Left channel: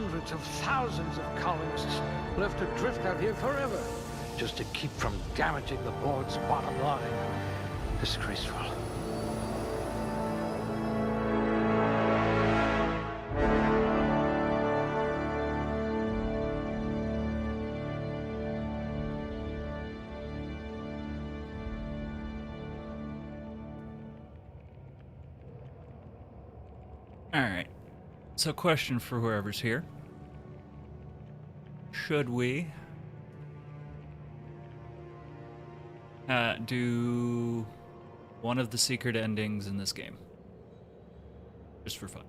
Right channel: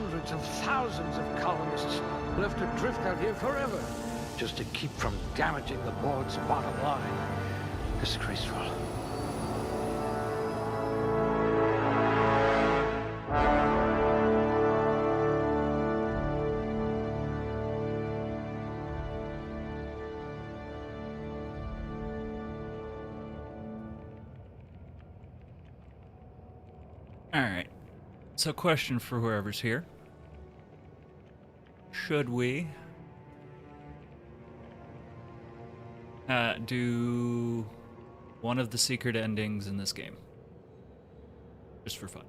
hundreds of thousands of colonists will have to drift out here forever, just to keep from damaging the board's bottom line. Disgraceful. Alright. So question for whoever's here. Should we do one of the secret endings in this game? Just for fun.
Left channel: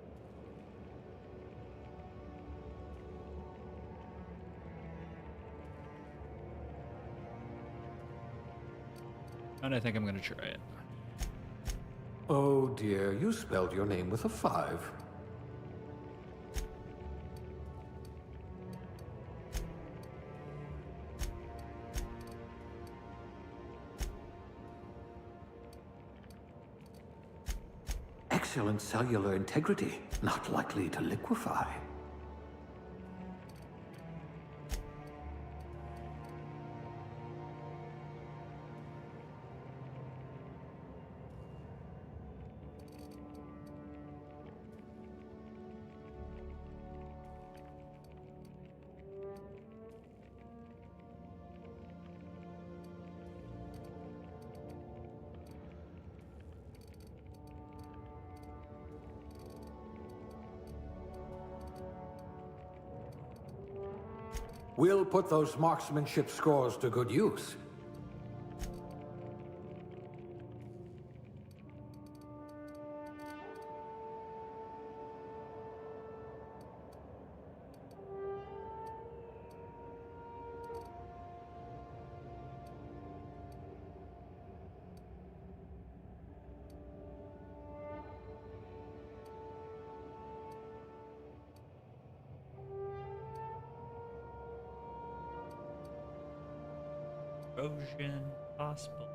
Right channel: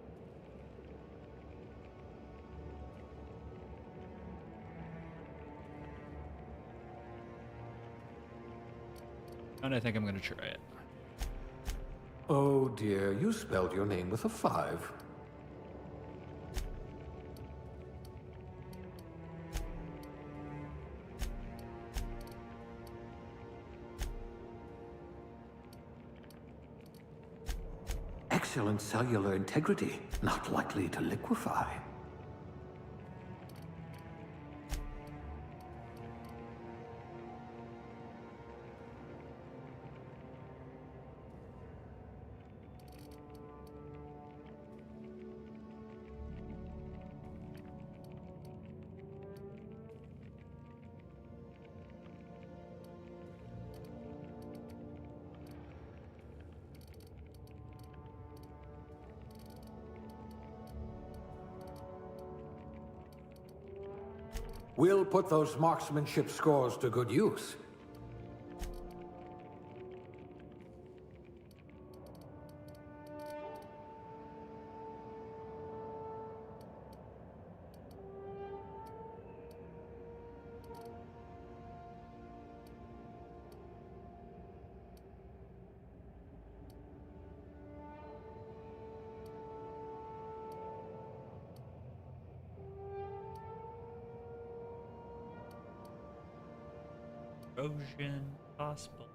And I think I'm going to try it. Oh dear, you spelled your name with a 5. Excellent cellular integrity, not likely to liquefy. We'll put those marksmanship scores to good use. Erosion possible.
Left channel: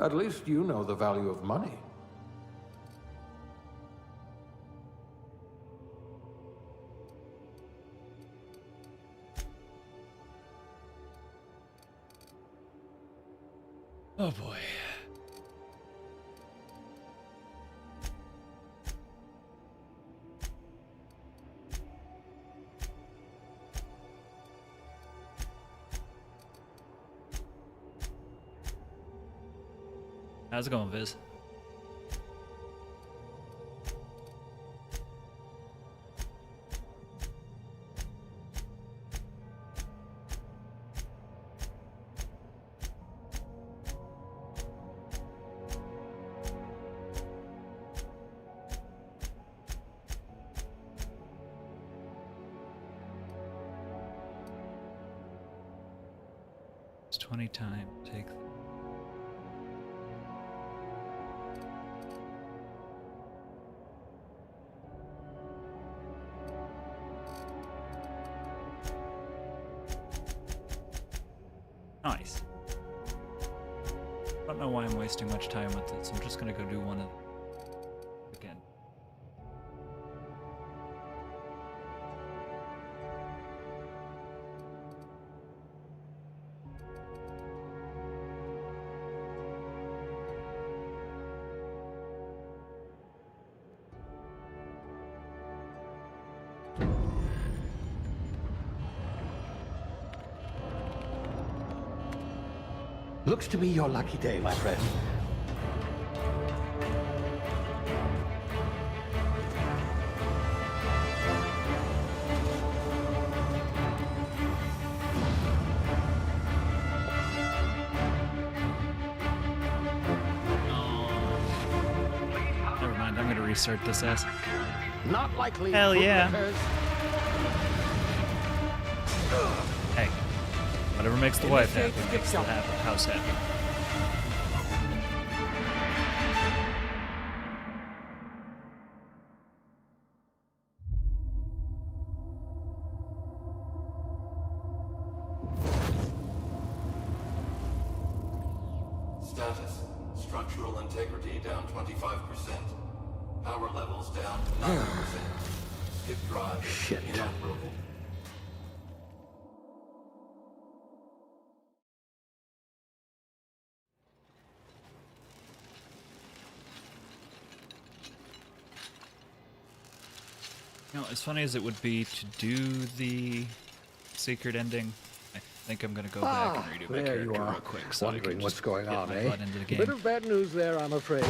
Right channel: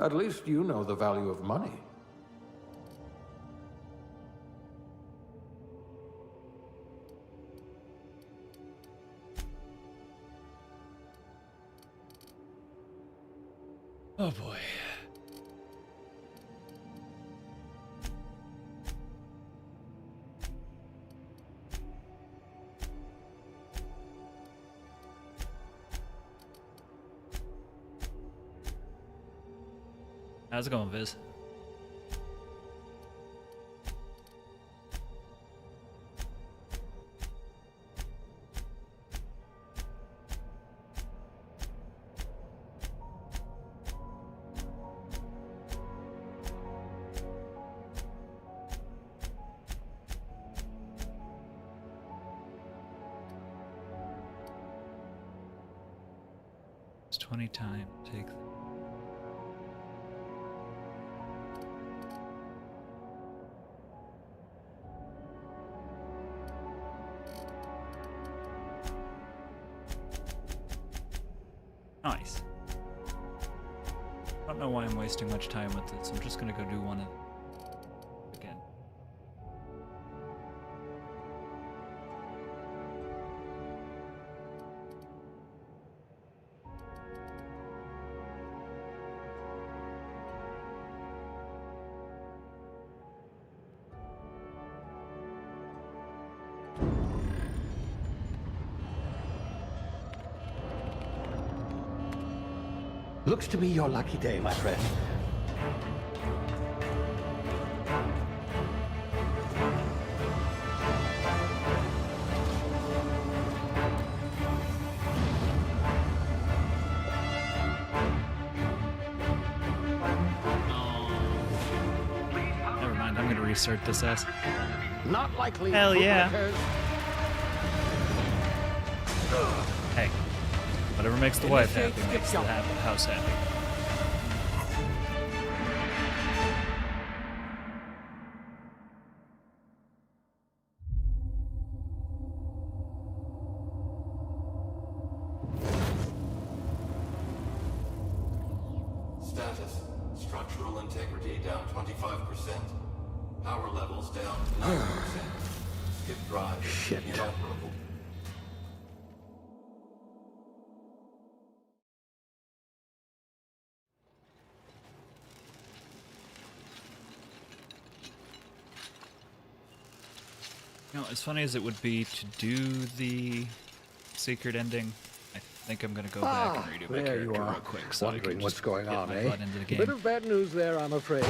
At least you know the value of money. Oh boy. How's it going, Viz? It's 20 times. Take the nice. I don't know why I'm wasting much time with this. I'm just gonna go do one of them again. Looks to be your lucky day, my friend. Never mind, I'm gonna restart this ass. Not likely. Hell yeah. bootlickers. Hey, whatever makes the wife Initiate happy skip makes the jump. house happy. integrity down 25%. Power levels down 11%. His drive is Shit. inoperable. You know, as funny as it would be to do the secret ending, I think I'm gonna go back and redo my there you character are. real quick so I Wondering can what's just going get on, my eh? butt into the Bit game. of bad news there, I'm afraid.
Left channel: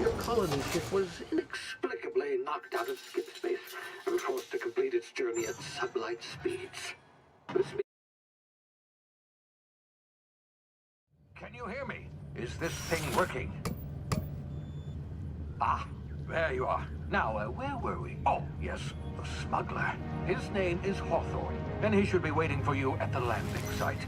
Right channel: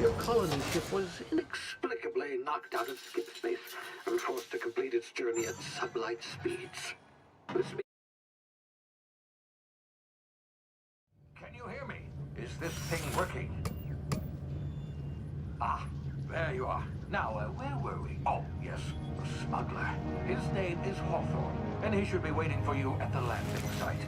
Your colony ship was inexplicably knocked out of skip space and forced to complete its journey at sublight speeds. This means... Can you hear me? Is this thing working? Ah, there you are. Now, where were we? Oh, yes, the smuggler. His name is Hawthorne, and he should be waiting for you at the landing site.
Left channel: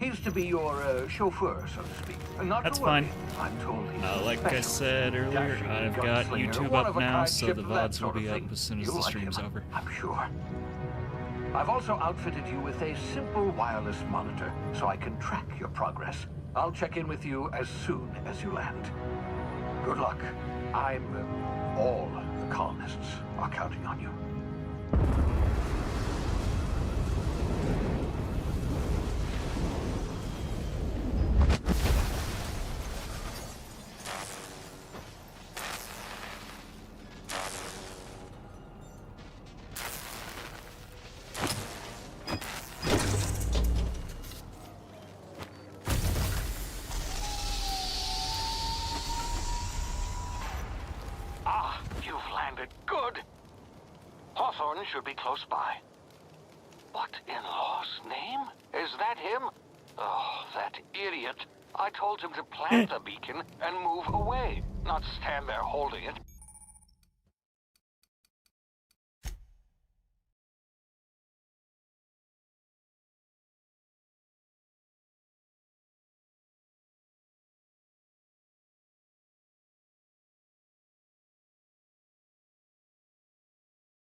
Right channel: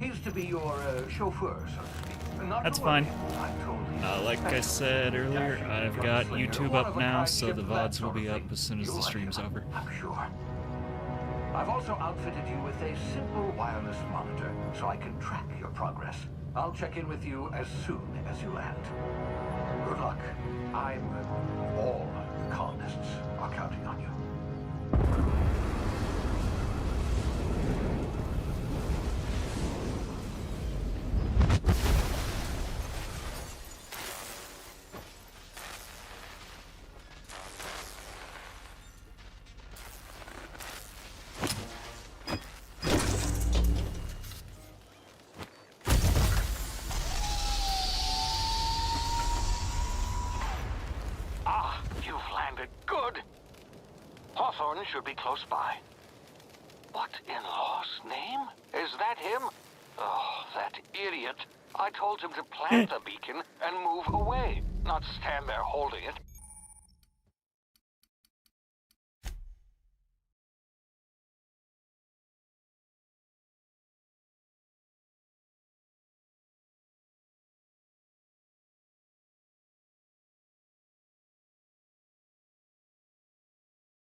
He's to be your chauffeur, so to speak. Not That's to worry. fine. I'm told he's Like I special, said earlier, dashing I've got gunslinger, YouTube one up of a now, kind so ship, the that VODs will sort of be up thing. as soon as You'll the like stream's him, over. I'm sure. I've also outfitted you with a simple wireless monitor, so I can track your progress. I'll check in with you as soon as you land. Good luck. All the colonists are counting on you. Ah, you've landed. Good. Hawthorne should be close by. What in law's name? Is that him? Oh, that idiot. I told him to plant the beacon and move away, not stand there holding it.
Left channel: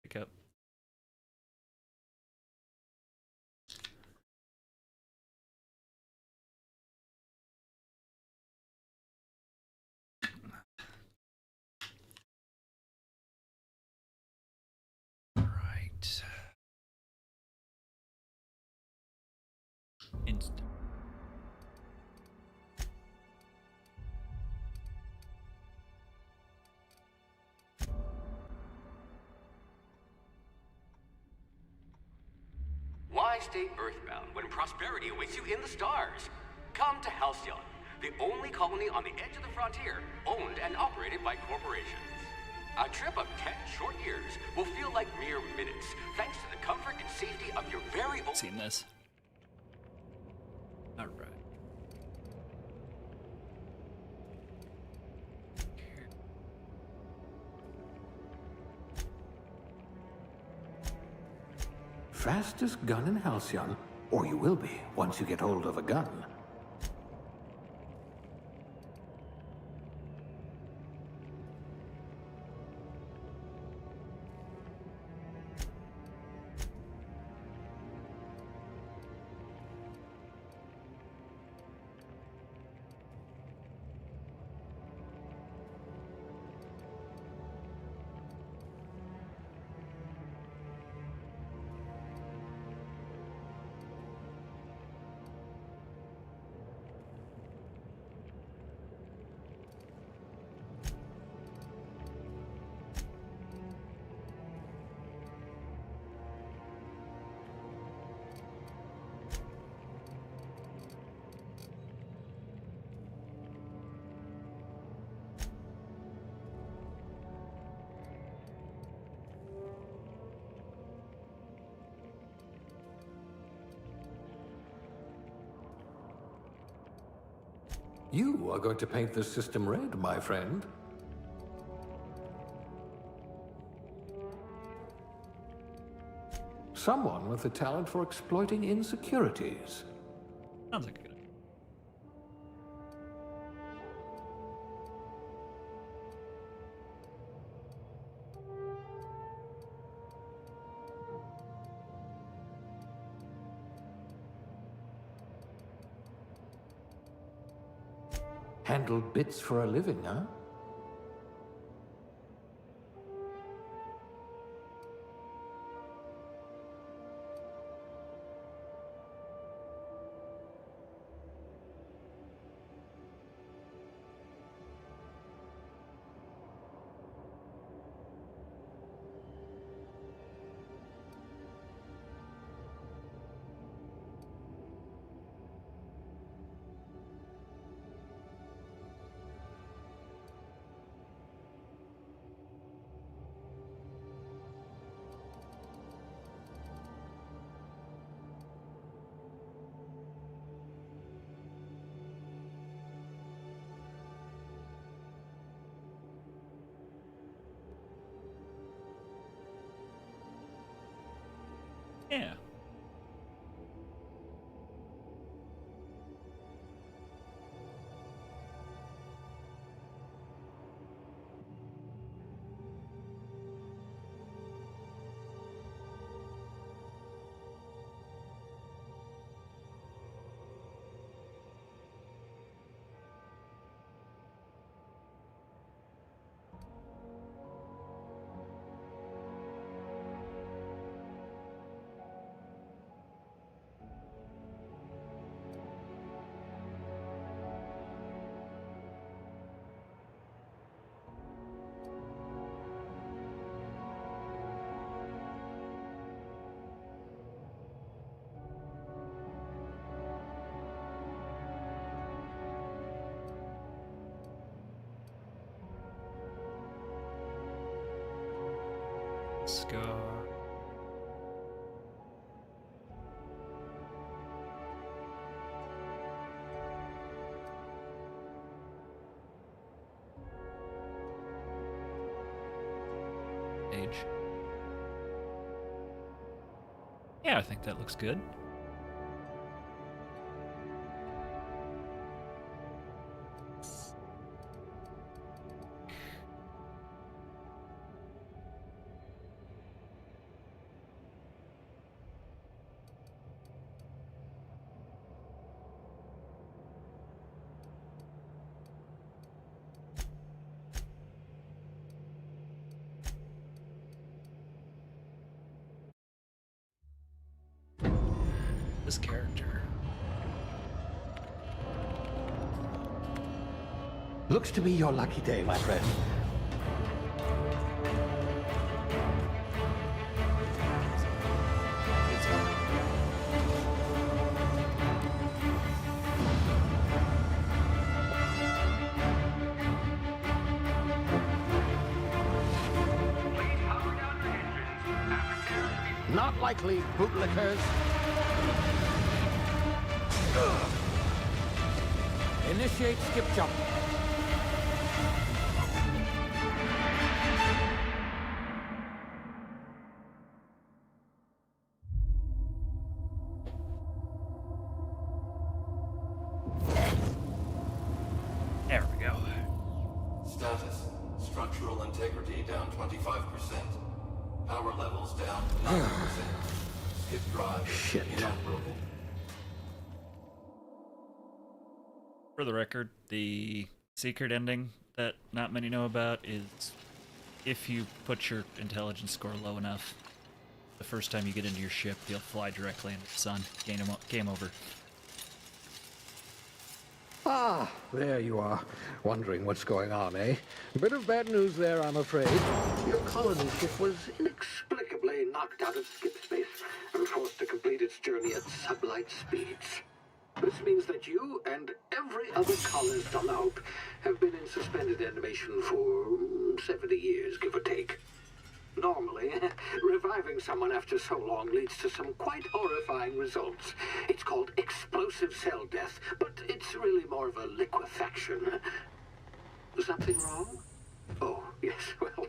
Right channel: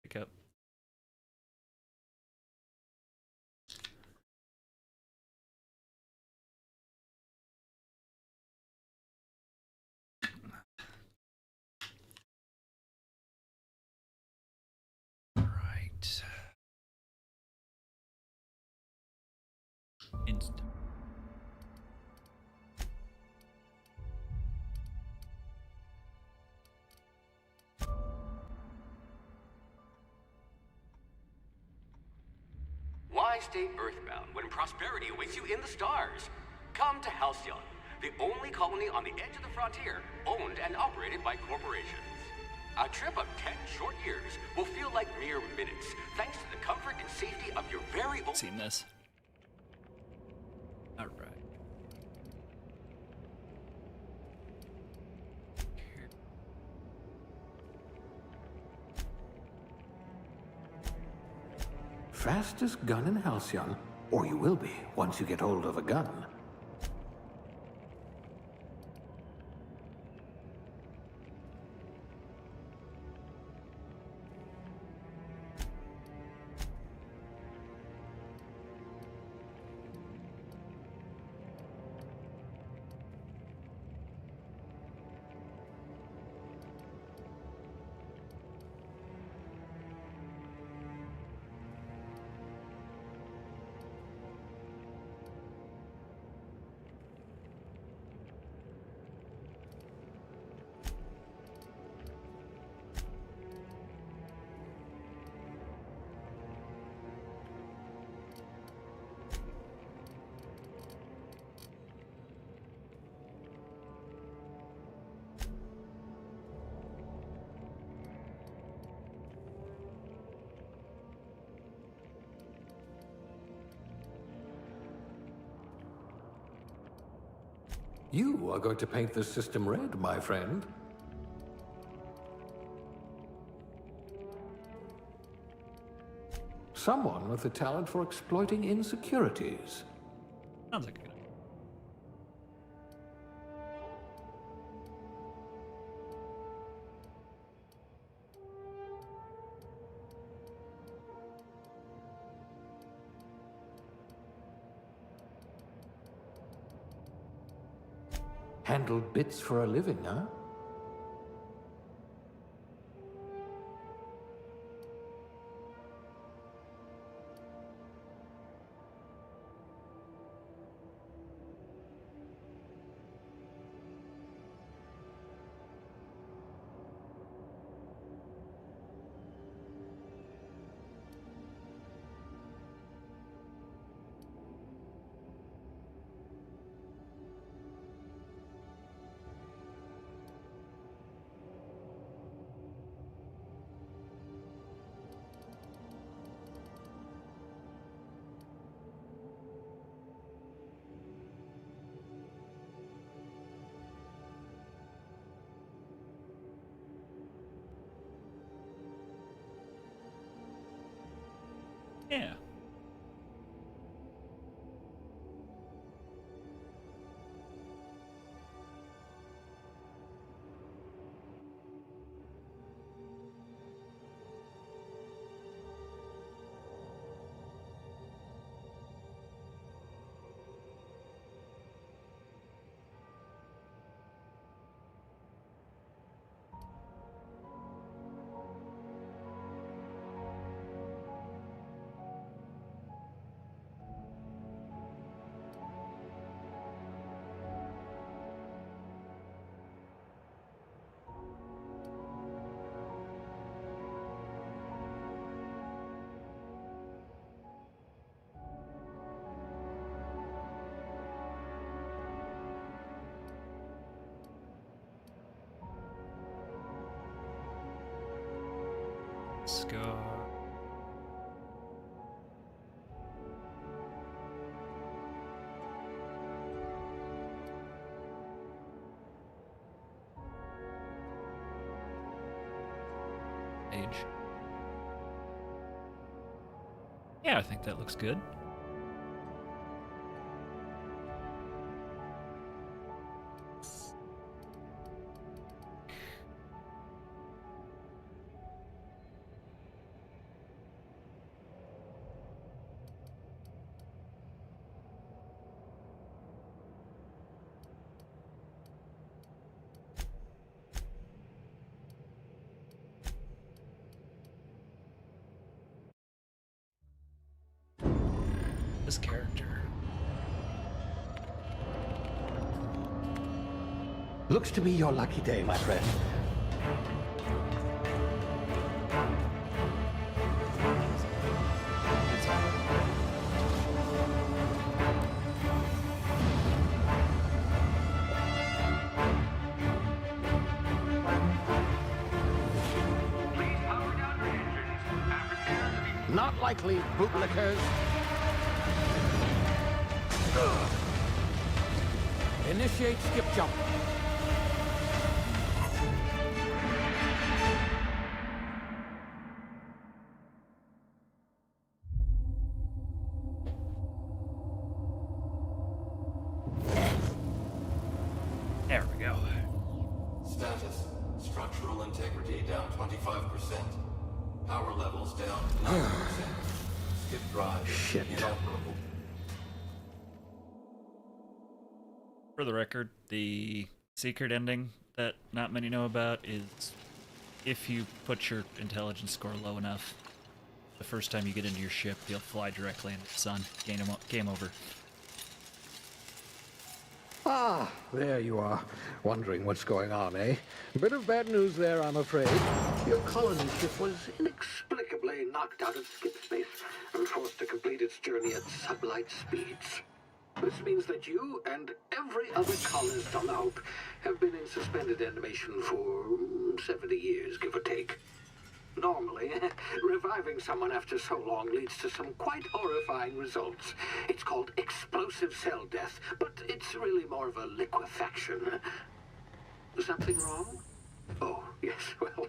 Pick up. Right. Instant. Why stay earthbound when prosperity awaits you in the stars? Come to Halcyon, the only colony on the edge of the frontier, owned and operated by corporations. A trip of 10 short years will feel like mere minutes, thanks to the comfort and safety of your very own... Seen this. All right. Fastest gun in Halcyon, or you will be once you get hold of a gun. You are going to paint this system red, my friend. Someone with a talent for exploiting insecurities. Sounds like a good idea. handle bits for a living, huh? Yeah. Scar. Age. Yeah, I think that looks good. This character. Looks to be your lucky day, my friend. It's Please power down your engines and prepare to be... Not likely, bootlickers. Initiate skip jump. There we go. Status. Structural integrity down 25%. Power levels down 11%. If drive is Shit. inoperable. For the record, the secret ending that not many know about is if you put your intelligence score low enough, the first time you get into your ship, you'll fly directly into the sun. Game over. Ah, there you are. Wondering what's going on, eh? Bit of bad news there, I'm afraid. Your colony ship was inexplicably knocked out of skip space and forced to complete its journey at sublight speeds. This means that you and every other colonist on the Hope have been in suspended animation for 70 years, give or take. Normally, reviving someone after so long leads to some quite horrifying results. It's called explosive cell death, but it's really more of a liquefaction. Something wrong? Oh, yes, well,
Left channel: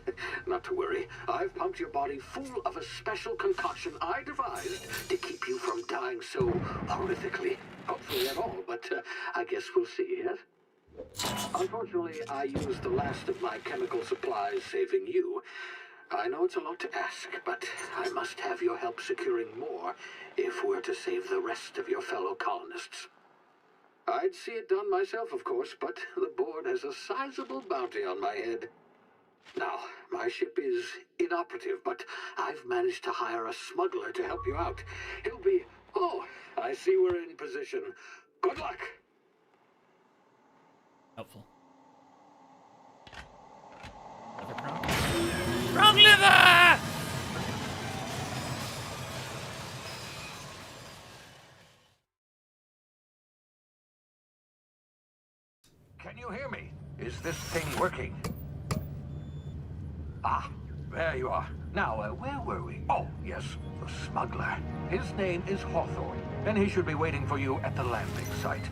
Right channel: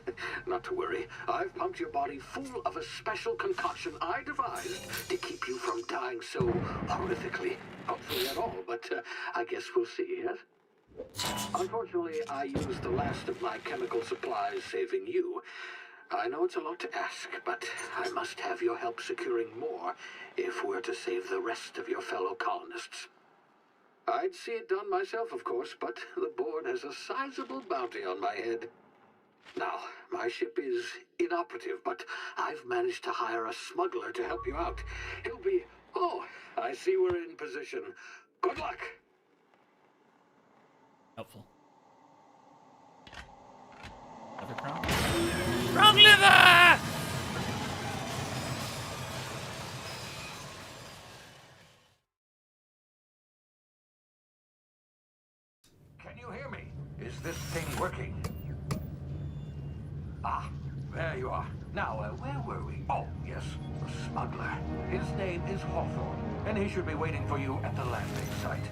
not to worry. I've pumped your body full of a special concoction I devised to keep you from dying so horrifically. Hopefully at all, but I guess we'll see, yes? Unfortunately, I used the last of my chemical supplies saving you. I know it's a lot to ask, but I must have your help securing more if we're to save the rest of your fellow colonists. I'd see it done myself, of course, but the board has a sizable bounty on my head. Now, my ship is inoperative, but I've managed to hire a smuggler to help you out. He'll be... Oh, I see we're in position. Good luck! Helpful. Liver crown? Wrong liver! Can you hear me? Is this thing working? Ah, there you are. Now, where were we? Oh, yes, the smuggler. His name is Hawthorne, and he should be waiting for you at the landing site.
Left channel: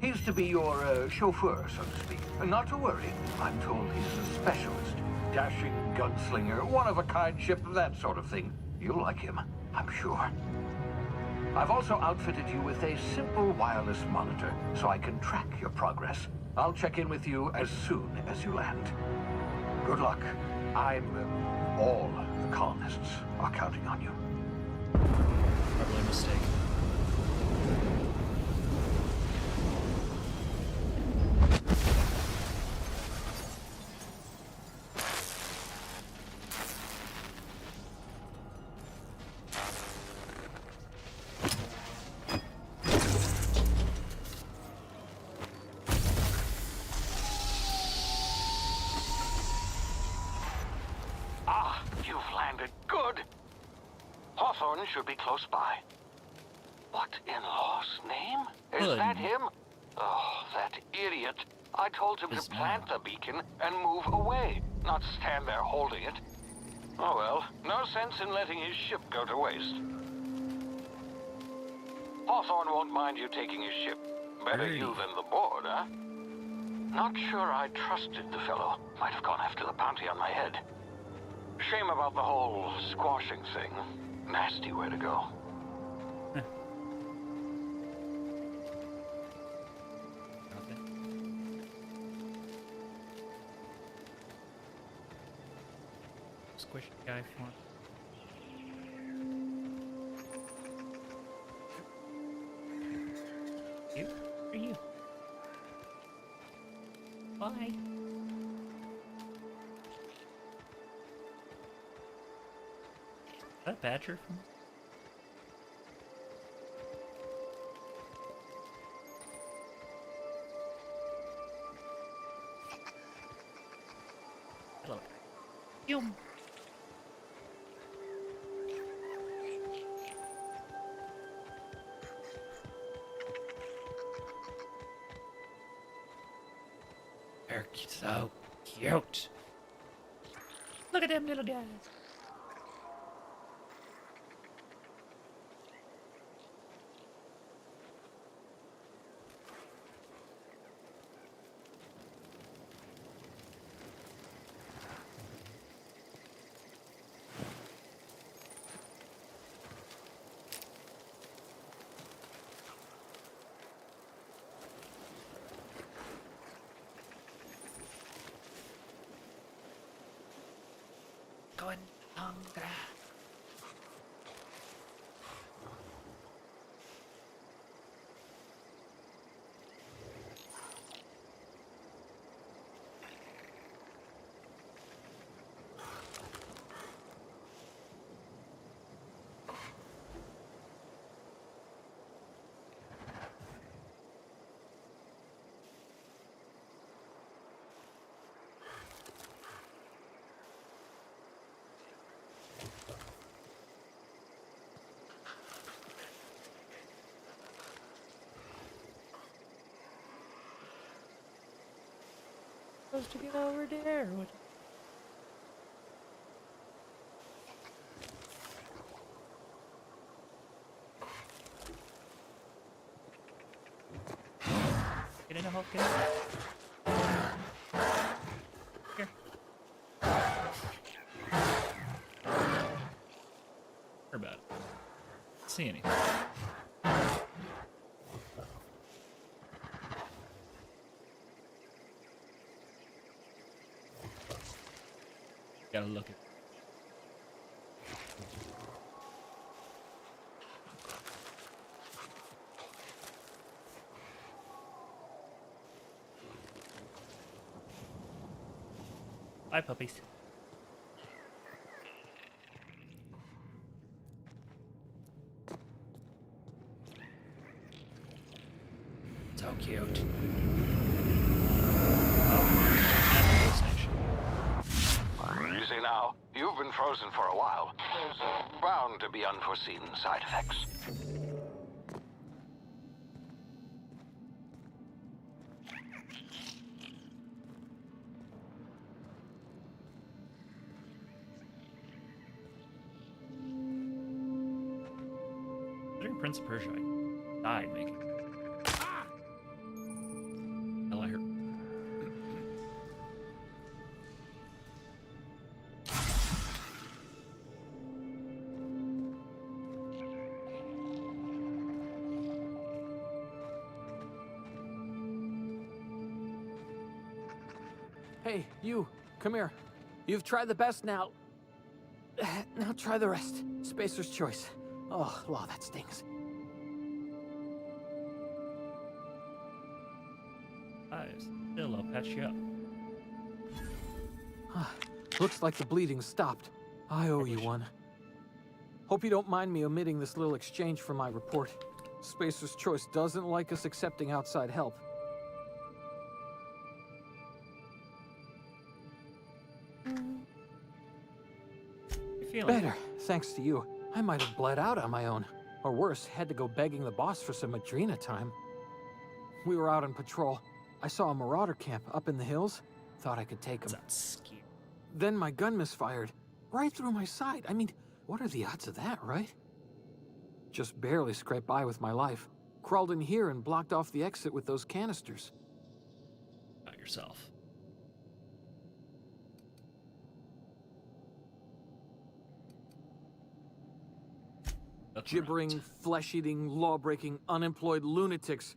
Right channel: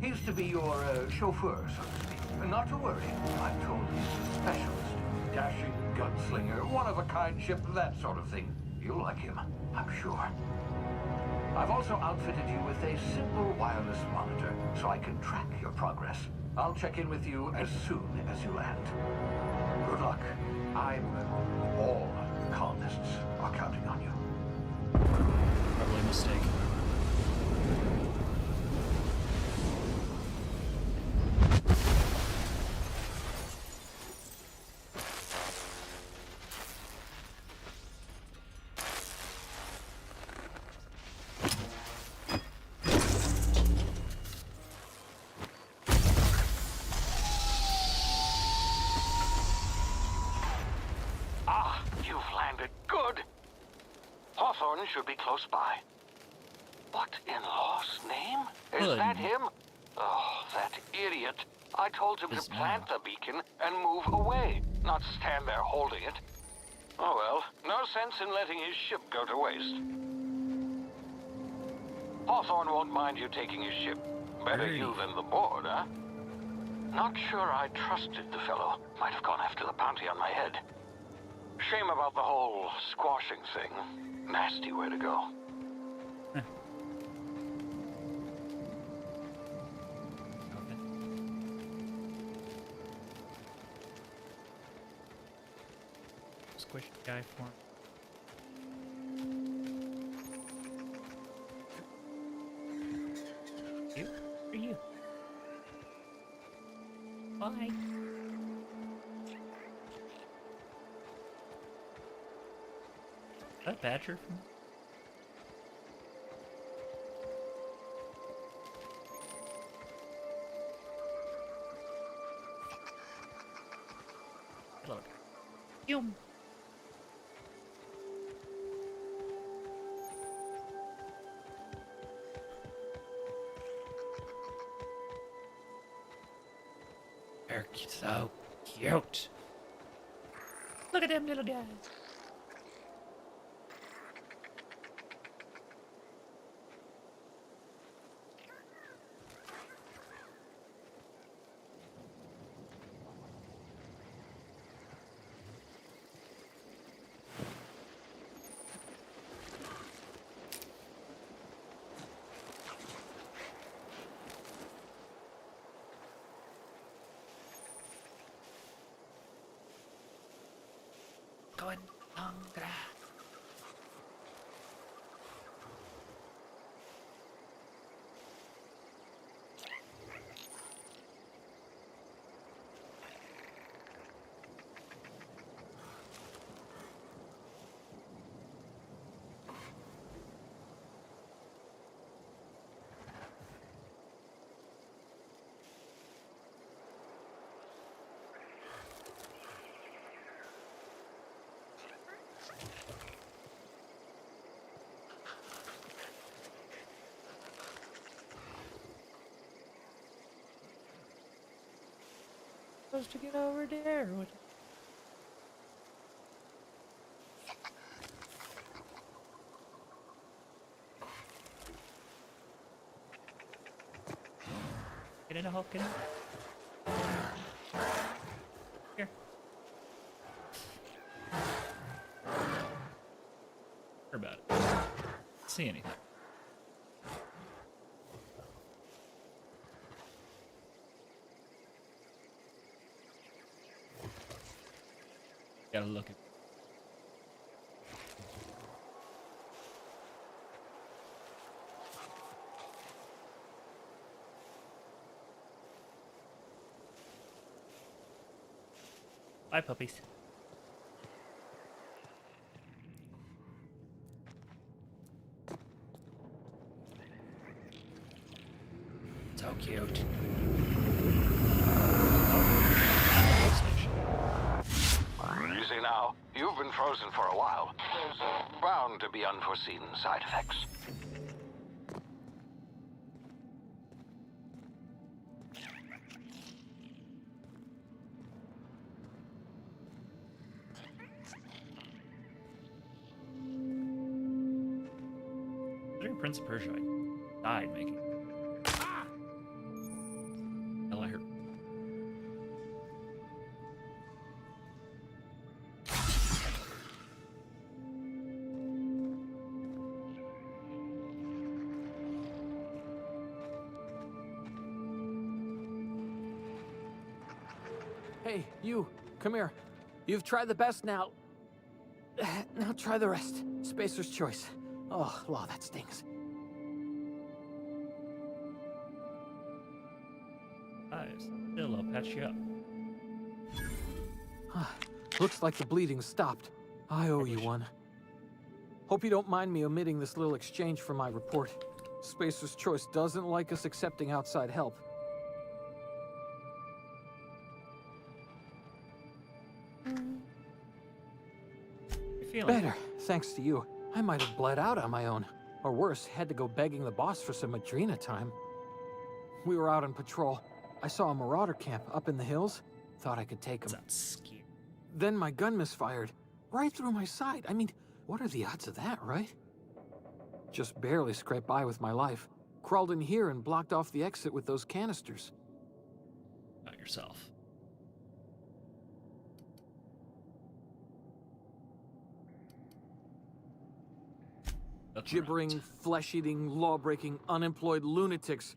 He's to be your chauffeur, so to speak. Not to worry, I'm told he's a specialist. Dashing gunslinger, one-of-a-kind ship, that sort of thing. You'll like him, I'm sure. I've also outfitted you with a simple wireless monitor, so I can track your progress. I'll check in with you as soon as you land. Good luck. All the colonists are counting on you. Probably a mistake. Ah, you've landed. Good. Hawthorne should be close by. What in law's name? Is Good. that him? Oh, that idiot. I told him Is to plant now. the beacon and move away, not stand there holding it. Oh well, no sense in letting his ship go to waste. Hawthorne won't mind you taking his ship. Better Alrighty. you than the board, huh? Not sure I trusted the fellow. Might have gone after the bounty on my head. Shame about the whole squashing thing. Nasty way to go. Okay. Squish the guy for him. You? Who are you? Bye. Is that a badger from? Hello. Yum. They're so cute. Look at them little guys. Going longer. Supposed to get over there. What? Get in the hole, get in. Here. Hear about it. See anything. Gotta look at. Bye, puppies. So cute. Oh, and the whole station. Easy now. You've been frozen for a while. There's bound to be unforeseen side effects. Prince of Persia died making. Hell, I hurt. Hey, you, come here. You've tried the best now. Now try the rest. Spacer's choice. Oh, law, that stings. Still, I'll patch you up. Looks like the bleeding stopped. I owe you one. Hope you don't mind me omitting this little exchange from my report. Spacer's Choice doesn't like us accepting outside help. You feeling Better, thanks to you. I might have bled out on my own. Or worse, had to go begging the boss for some Adrena time. We were out on patrol. I saw a marauder camp up in the hills. Thought I could take him. That's scary. Then my gun misfired. Right through my side. I mean, what are the odds of that, right? Just barely scraped by with my life. Crawled in here and blocked off the exit with those canisters. About yourself. That's Gibbering, right. flesh-eating, law-breaking, unemployed lunatics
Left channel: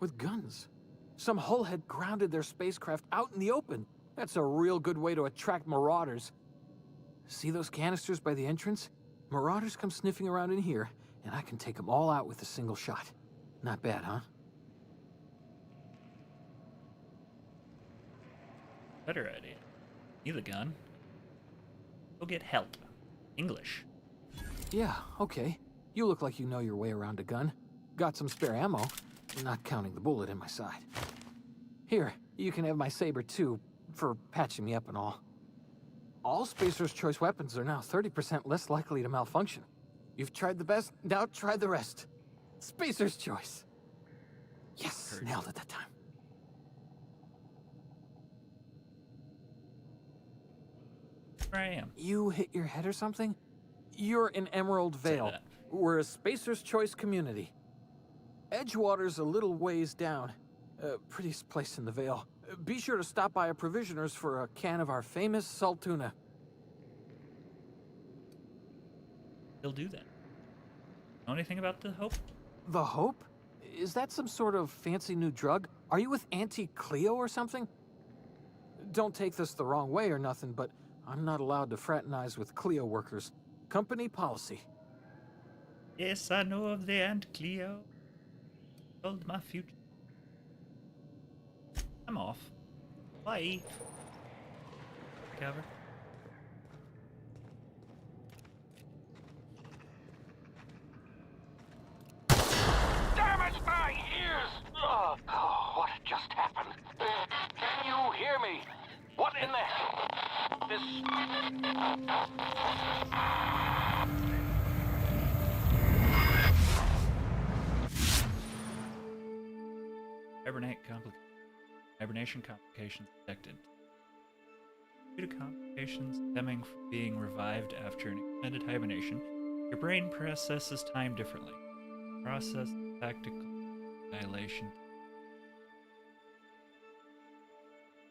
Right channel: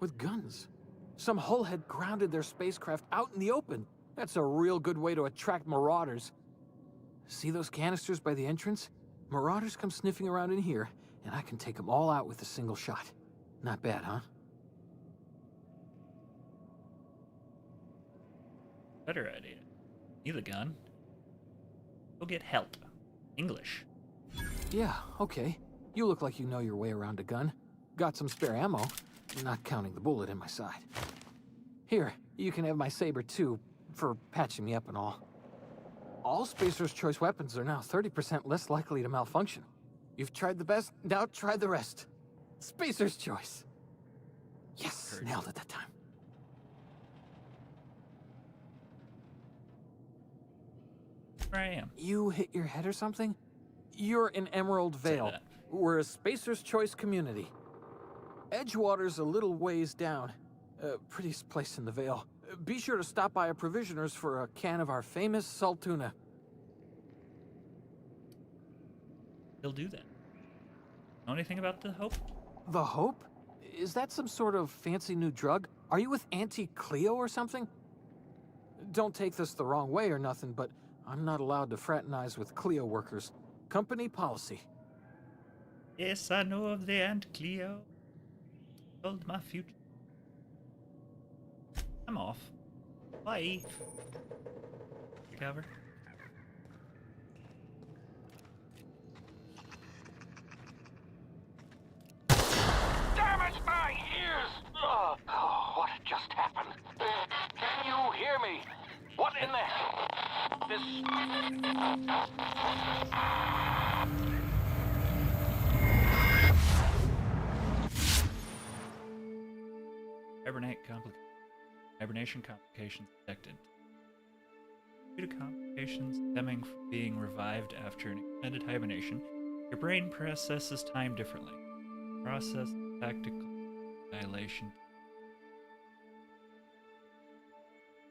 with guns. Some hullhead grounded their spacecraft out in the open. That's a real good way to attract marauders. See those canisters by the entrance? Marauders come sniffing around in here, and I can take them all out with a single shot. Not bad, huh? Better idea. Need a gun. Go get help. English. Yeah, okay. You look like you know your way around a gun. Got some spare ammo, not counting the bullet in my side. Here, you can have my saber too, for patching me up and all. All Spacer's Choice weapons are now 30% less likely to malfunction. You've tried the best, now try the rest. Spacer's Choice. Yes, nailed it that time. Where I am. You hit your head or something? You're in Emerald Vale. that. We're a Spacer's Choice community. Edgewater's a little ways down. Prettiest place in the Vale. Be sure to stop by a provisioner's for a can of our famous salt tuna. He'll do that. Know anything about the Hope? The Hope? Is that some sort of fancy new drug? Are you with Anti-Cleo or something? Don't take this the wrong way or nothing, but I'm not allowed to fraternize with Cleo workers. Company policy. Yes, I know of the Aunt Cleo. Told my future. I'm off. Bye. Recover. Damage my ears! Oh, what just happened? Can you hear me? What in the hell? Hibernation complications detected. Due to complications stemming from being revived after an extended hibernation, your brain processes time differently. Process tactical annihilation.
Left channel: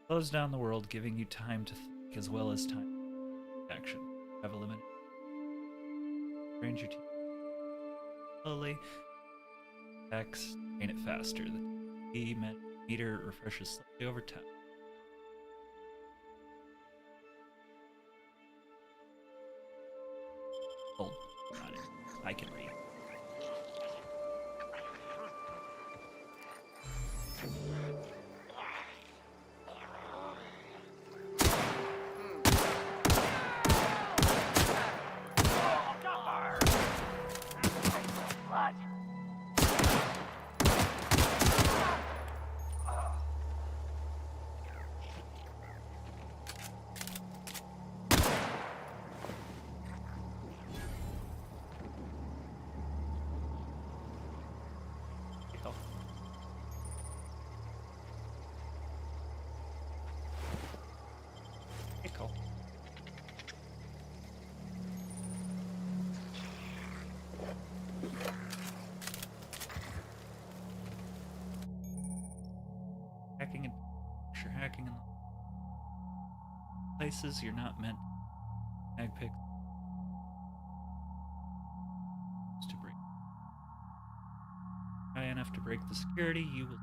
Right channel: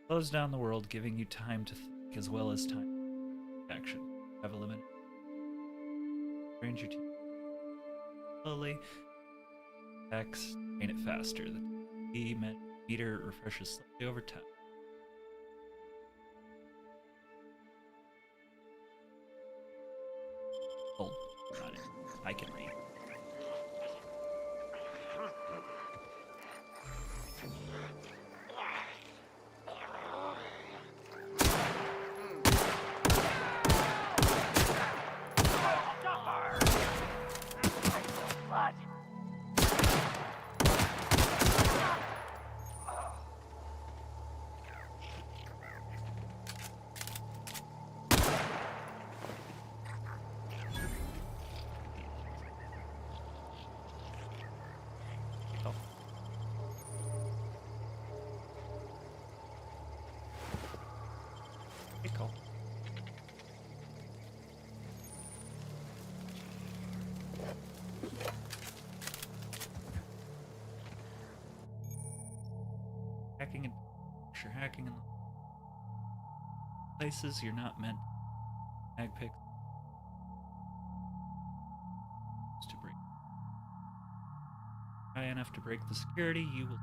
Slows down the world, giving you time to think as well as time to action. Have a limit. Range your team. Slowly. X, gain it faster. The T meter refreshes slightly over time. Hold. Got it. I can read. tracking in the places you're not meant to mag pick to break. Try enough to break the security, you will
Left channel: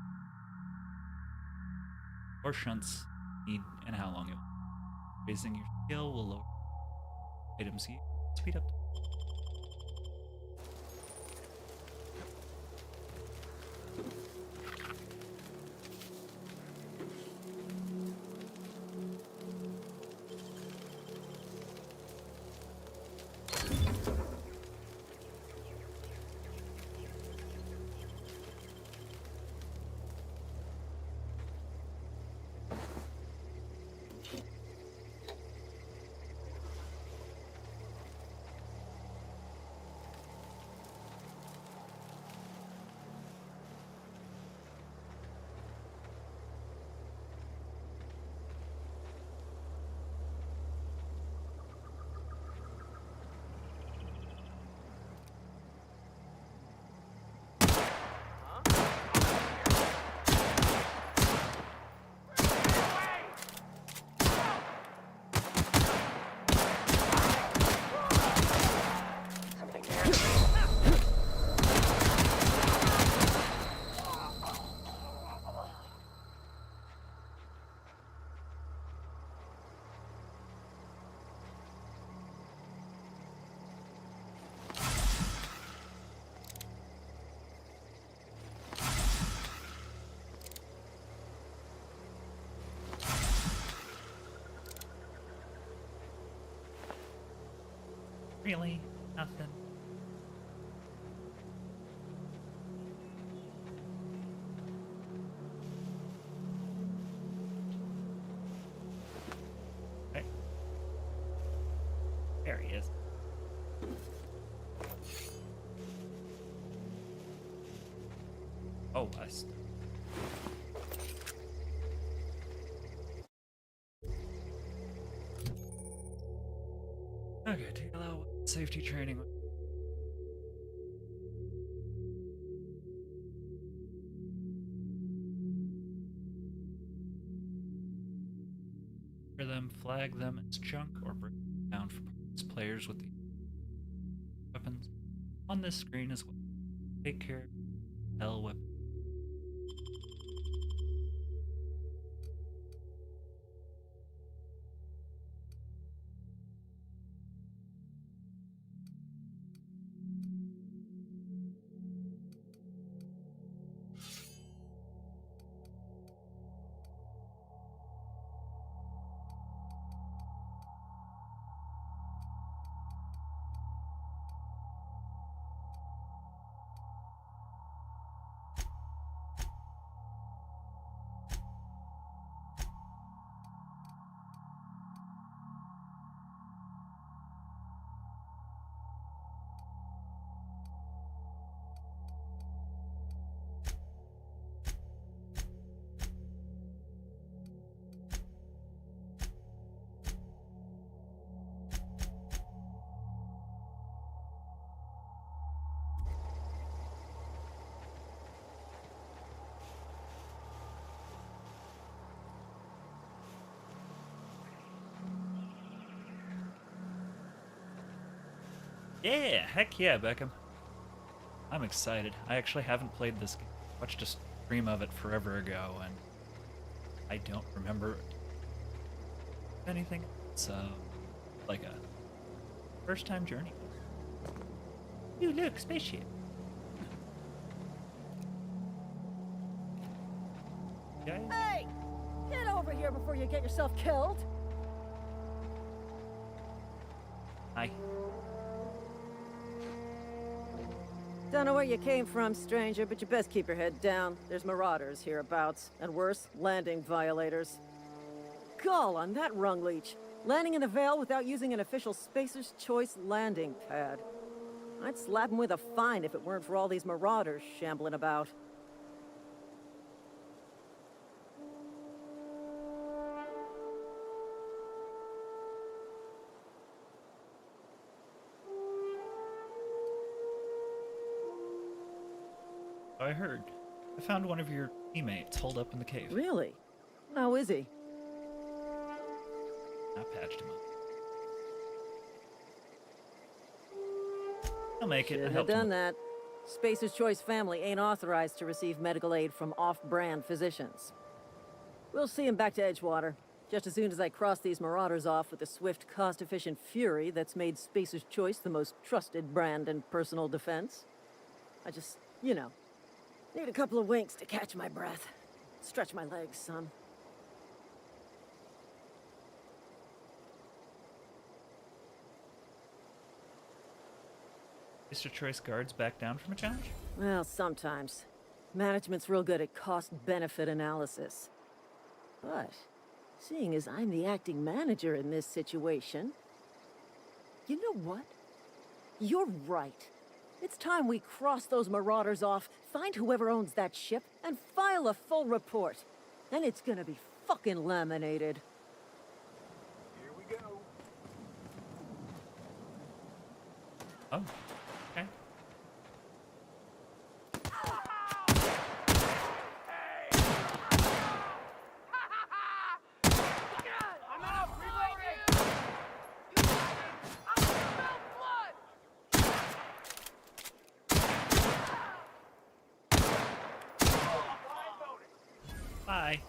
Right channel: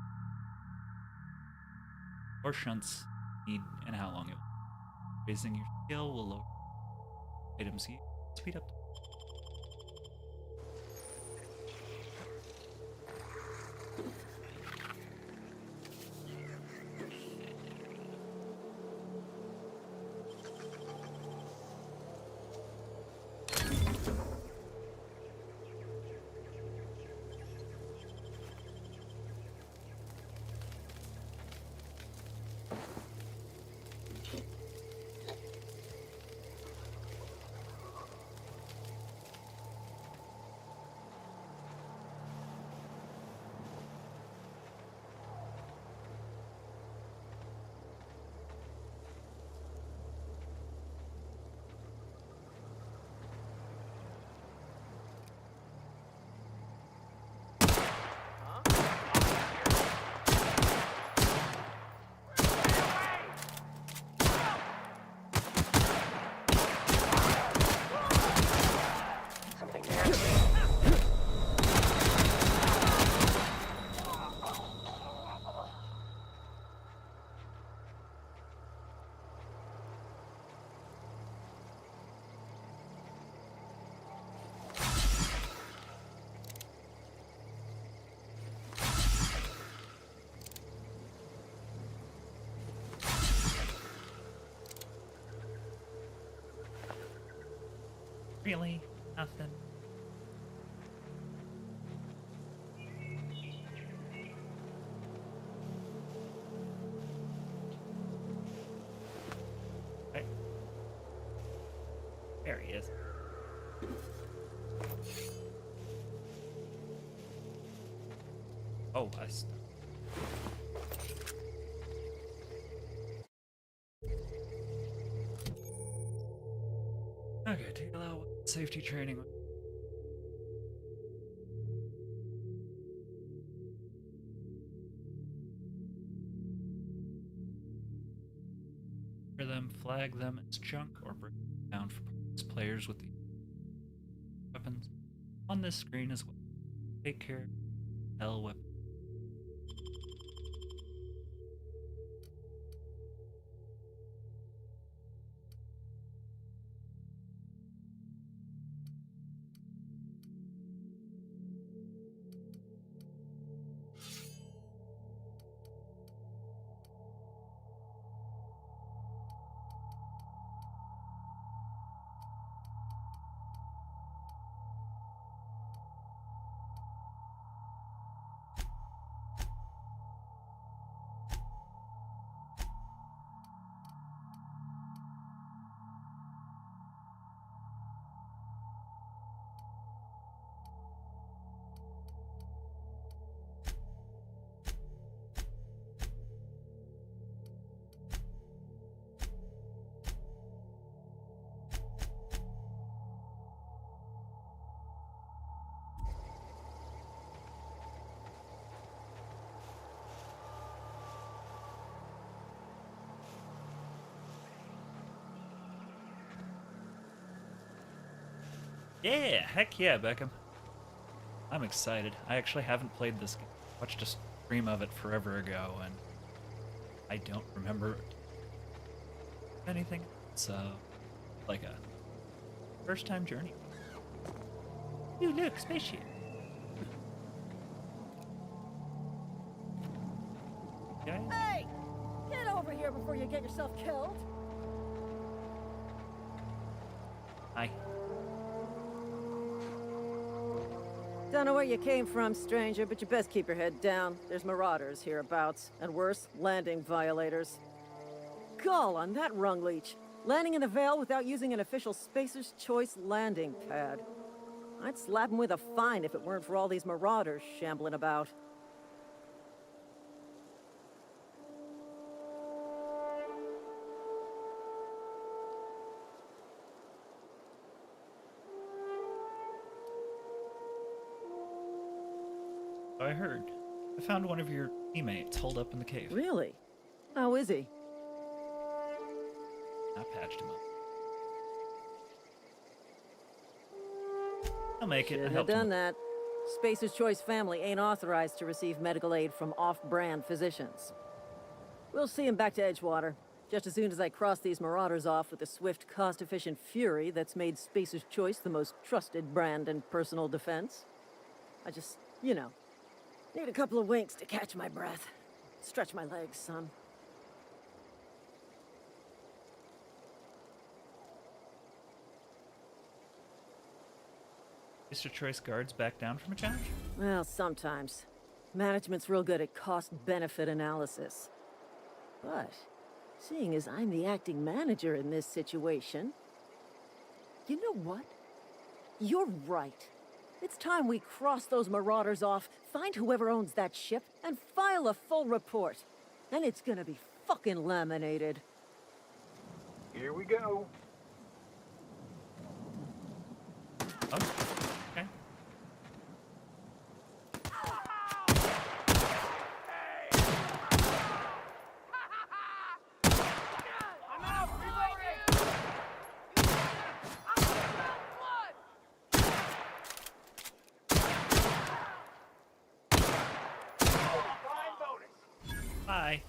or shunts need and how long it will. Raising your skill will lower items you speed up. Really? Nothing? Right. There he is. Oh, okay, take a little safety training. For them, flag them as junk or break them down for players with the weapons on this screen as well. Take care. L weapon. Yeah, heck yeah, Beckham. I'm excited. I actually haven't played this game. I watched a stream of it forever ago, and I don't remember anything. So, like a first-time journey. You look, spaceship. Guys? Hey! Get over here before you get yourself killed! Hi. Don't know where you came from, stranger, but you best keep your head down. There's marauders hereabouts, and worse, landing violators. Gall on that rung leech. Landing in the Vale without using an official Spacer's Choice landing pad. I'd slap him with a fine if it weren't for all these marauders shambling about. I heard. I found one of your teammates holed up in the cave. Really? How is he? I patched him up. I'll make it. I Should have helped him done up. that. Spacer's Choice family ain't authorized to receive medical aid from off-brand physicians. We'll see him back to Edgewater, just as soon as I cross these marauders off with the swift, cost-efficient fury that's made Spacer's Choice the most trusted brand in personal defense. I just, you know, need a couple of winks to catch my breath. Stretch my legs, son. Mr. Choice guards back down from a challenge? Well, sometimes. Management's real good at cost-benefit analysis. But, seeing as I'm the acting manager in this situation... You know what? You're right. It's time we cross those marauders off, find whoever owns that ship, and file a full report. Then it's gonna be fucking laminated. Here we go. Oh, okay. Bye.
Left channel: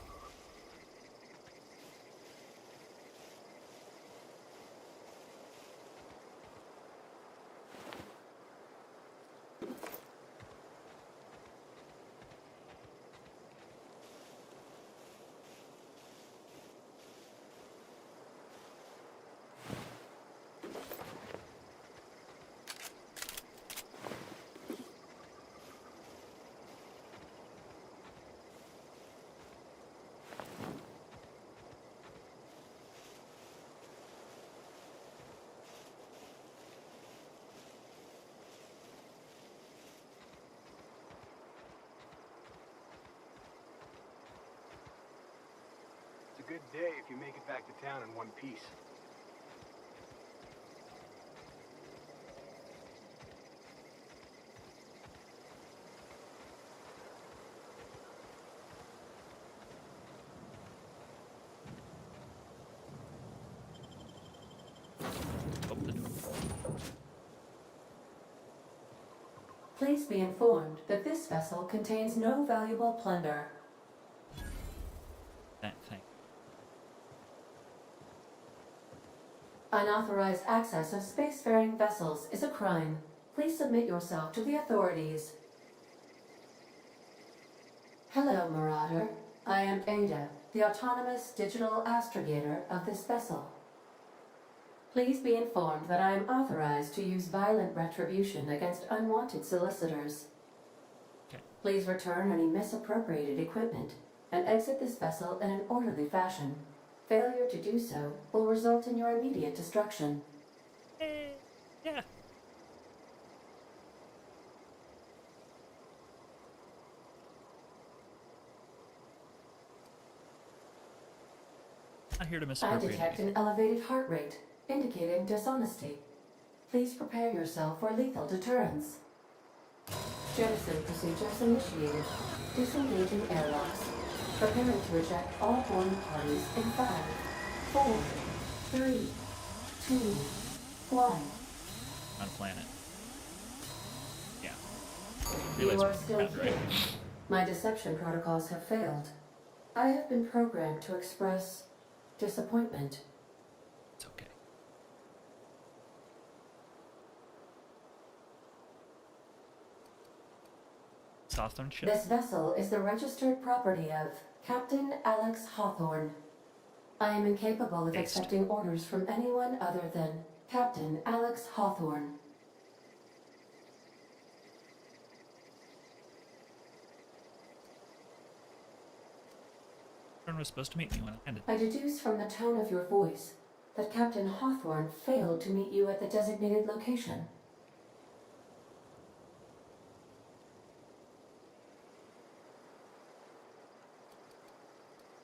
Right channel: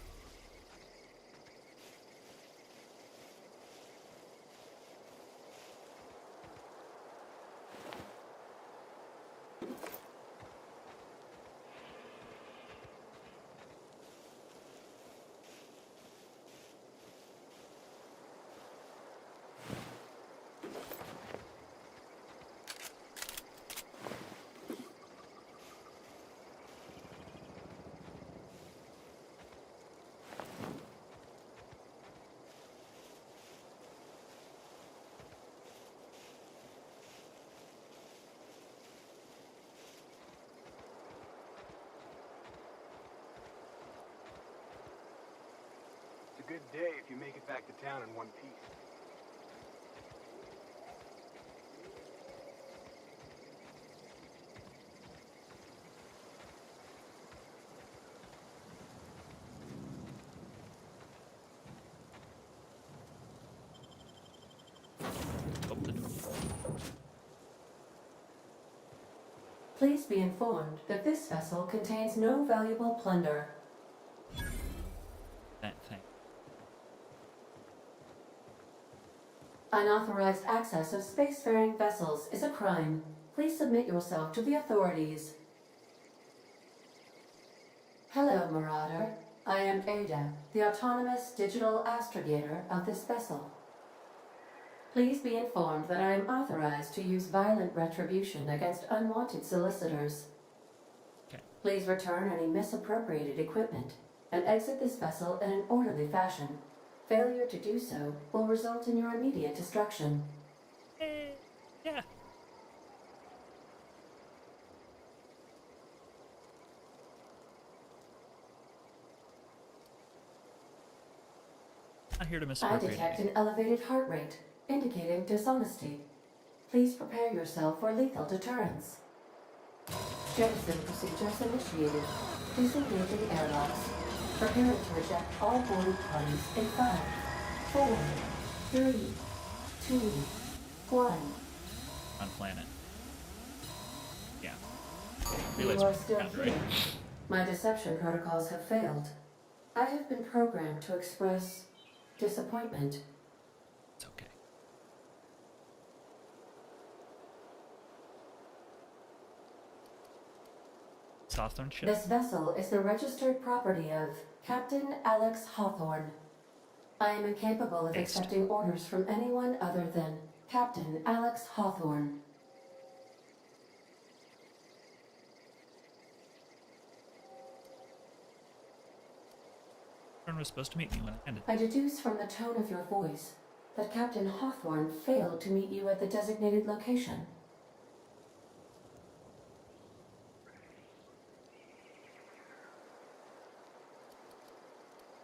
It's a good day if you make it back to town in one piece. Open the door. Please be informed that this vessel contains no valuable plunder. That thing. Unauthorized access of spacefaring vessels is a crime. Please submit yourself to the authorities. Hello, Marauder. I am Ada, the autonomous digital astrogator of this vessel. Please be informed that I am authorized to use violent retribution against unwanted solicitors. Okay. Please return any misappropriated equipment and exit this vessel in an orderly fashion. Failure to do so will result in your immediate destruction. Yeah. Not here to I misappropriate detect anything. an elevated heart rate, indicating dishonesty. Please prepare yourself for lethal deterrence. Jettison procedures initiated. Disengaging airlocks. Preparing to eject all boarding parties in 5, 4, 3, 2, 1. On planet. Yeah. You Relays are are still around, here. right? My deception protocols have failed. I have been programmed to express disappointment. It's okay. Southern ship. This vessel is the registered property of Captain Alex Hawthorne. I am incapable of Based. accepting orders from anyone other than Captain Alex Hawthorne. Everyone was supposed to meet me when I landed. I deduce from the tone of your voice that Captain Hawthorne failed to meet you at the designated location.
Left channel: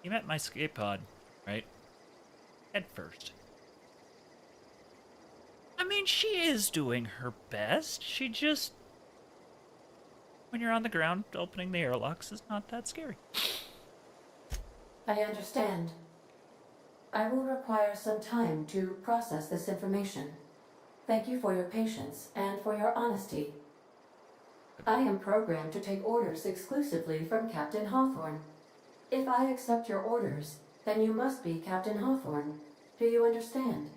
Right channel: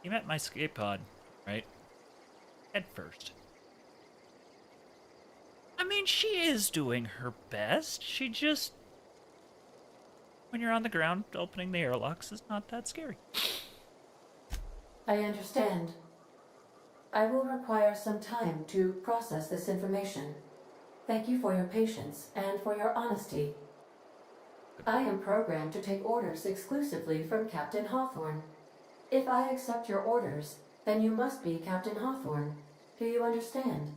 You met my escape pod, right? Head first. I mean, she is doing her best. She just... When you're on the ground, opening the airlocks is not that scary. I understand. I will require some time to process this information. Thank you for your patience and for your honesty. I am programmed to take orders exclusively from Captain Hawthorne. If I accept your orders, then you must be Captain Hawthorne. Do you understand?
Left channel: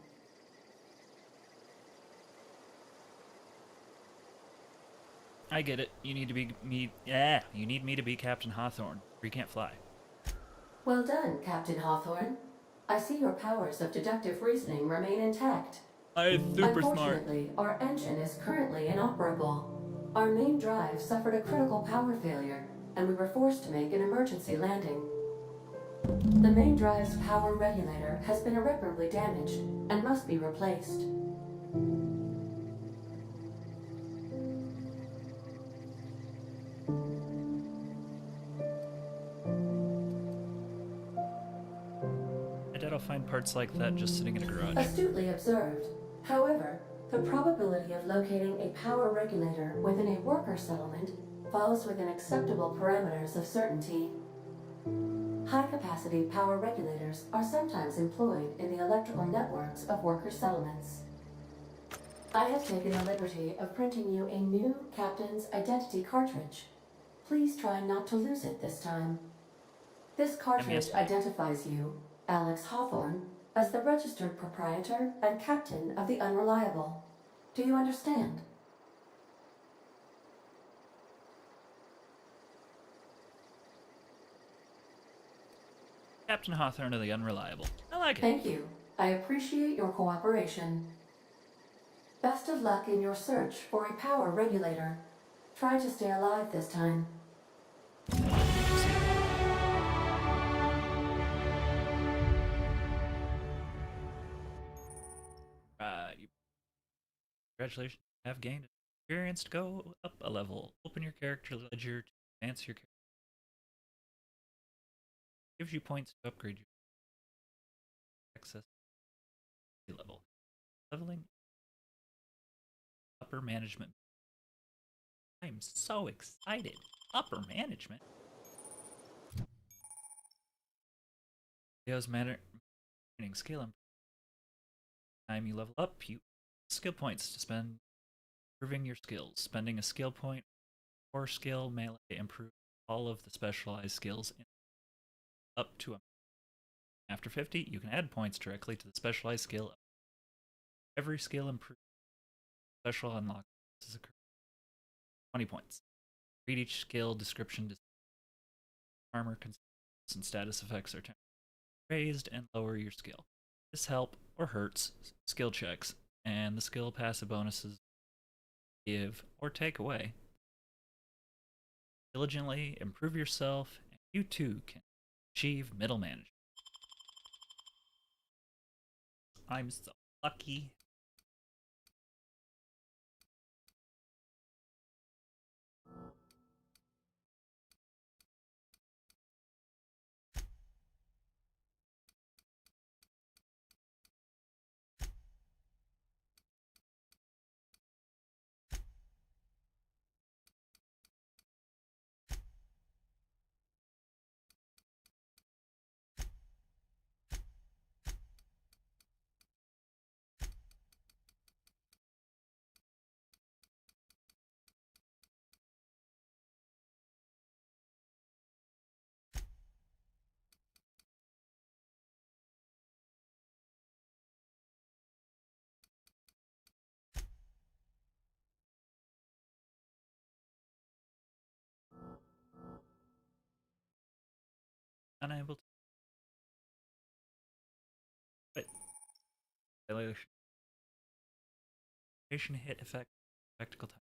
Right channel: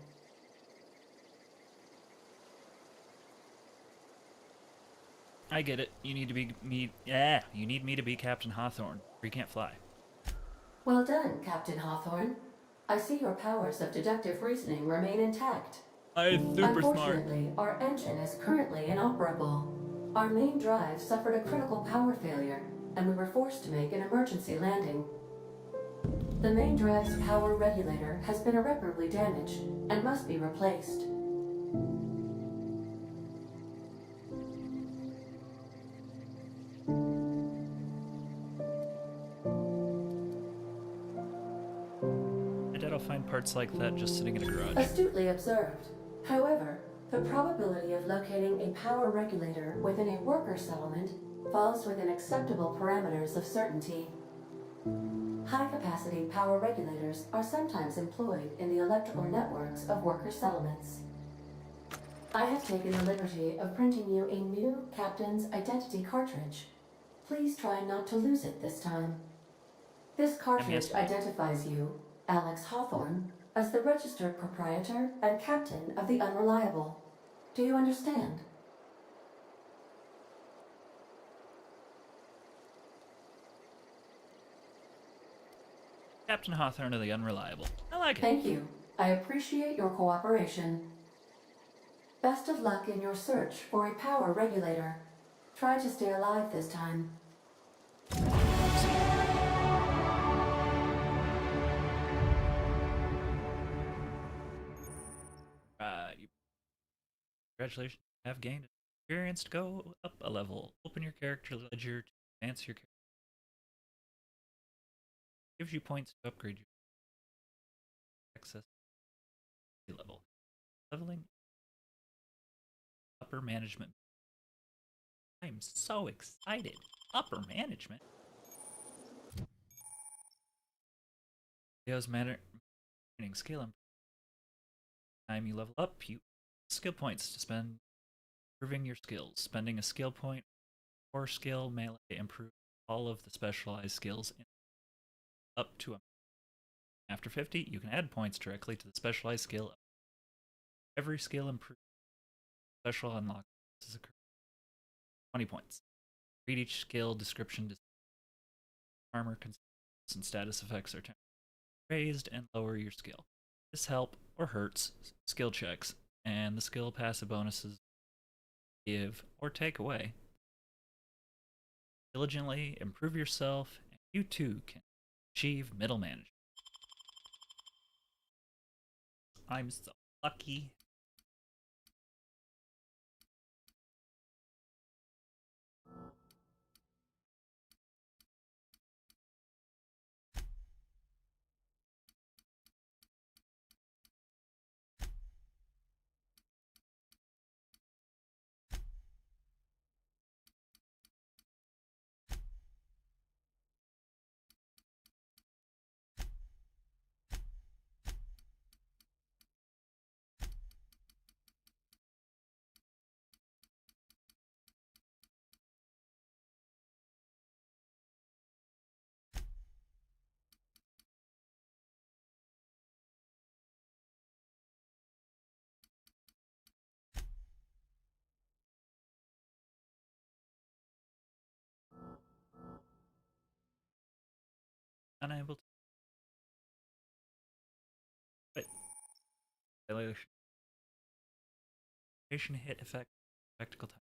I get it. You need to be me. Yeah, you need me to be Captain Hawthorne, or you can't fly. Well done, Captain Hawthorne. I see your powers of deductive reasoning remain intact. I'm super smart. Unfortunately, our engine is currently inoperable. Our main drive suffered a critical power failure, and we were forced to make an emergency landing. The main drive's power regulator has been irreparably damaged and must be replaced. I doubt I'll find parts like that just sitting in a garage. Astutely observed. However, the probability of locating a power regulator within a worker settlement falls within acceptable parameters of certainty. High-capacity power regulators are sometimes employed in the electrical networks of worker settlements. I have taken the liberty of printing you a new Captain's Identity cartridge. Please try not to lose it this time. This cartridge identifies you, Alex Hawthorne, as the registered proprietor and captain of the Unreliable. Do you understand? Captain Hawthorne of the Unreliable. I like it. Thank you. I appreciate your cooperation. Best of luck in your search for a power regulator. Try to stay alive this time. Congratulations. You have gained experience to go up a level. Open your character ledger to advance your character. Gives you points to upgrade your access level. Leveling upper management. I'm so excited. Upper management. Leo's manner skill. Time you level up, you skill points to spend improving your skills. Spending a skill point or skill melee improve all of the specialized skills up to a. After 50, you can add points directly to the specialized skill. Every skill improves. Special unlock is 20 points. Read each skill description. Armor consists and status effects are raised and lower your skill. This help or hurts skill checks, and the skill passive bonuses give or take away. Diligently improve yourself, and you too can achieve middle management. I'm so lucky. Unable to. But location hit effect spectacle time.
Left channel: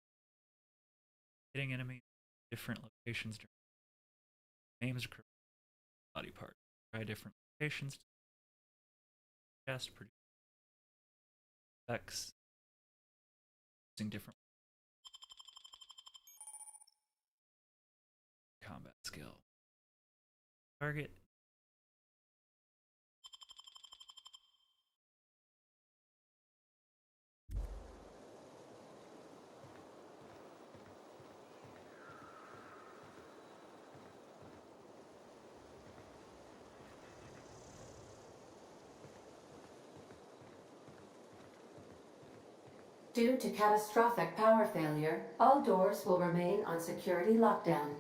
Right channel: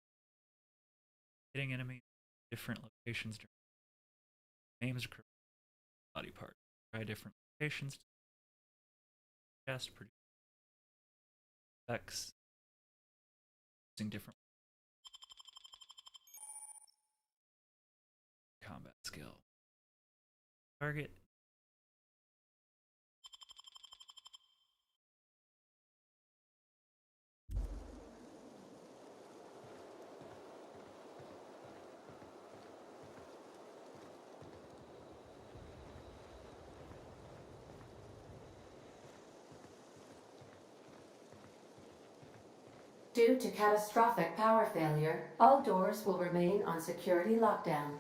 Hitting enemy different locations during names occur body part. Try different locations to cast produce effects using different combat skill. Target. Due to catastrophic power failure, all doors will remain on security lockdown.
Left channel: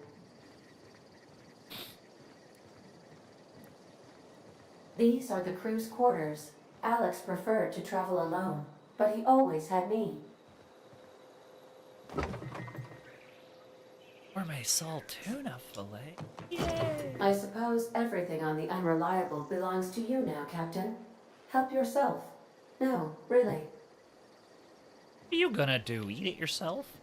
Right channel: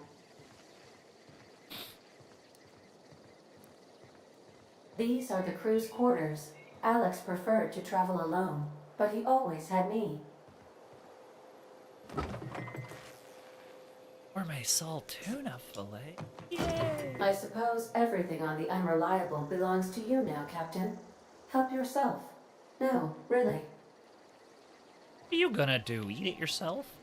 These are the crew's quarters. Alex preferred to travel alone, but he always had me. Gourmet salt tuna fillet. I suppose everything on the Unreliable belongs to you now, Captain. Help yourself. No, really. What are you gonna do? Eat it yourself?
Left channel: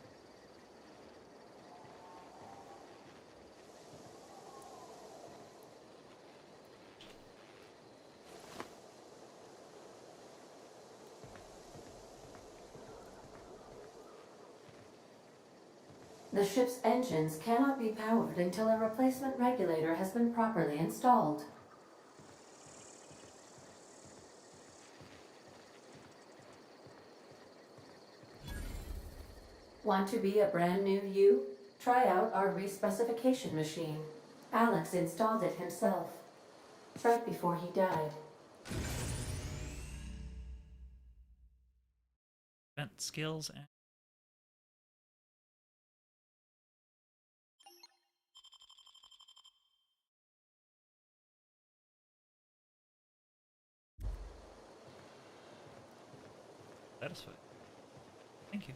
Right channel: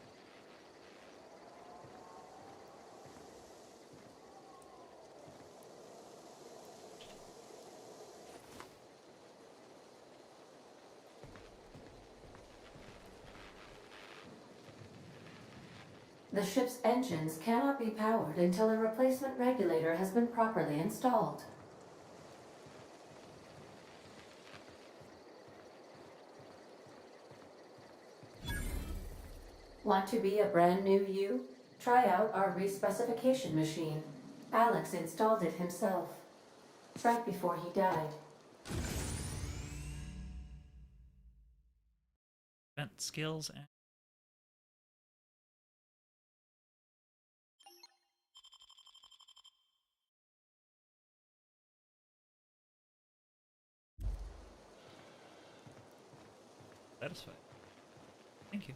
The ship's engines cannot be powered until a replacement regulator has been properly installed. Want to be a brand new you? Try out our respecification machine. Alex installed it himself, right before he died. Vent skills and satisfied. Thank you.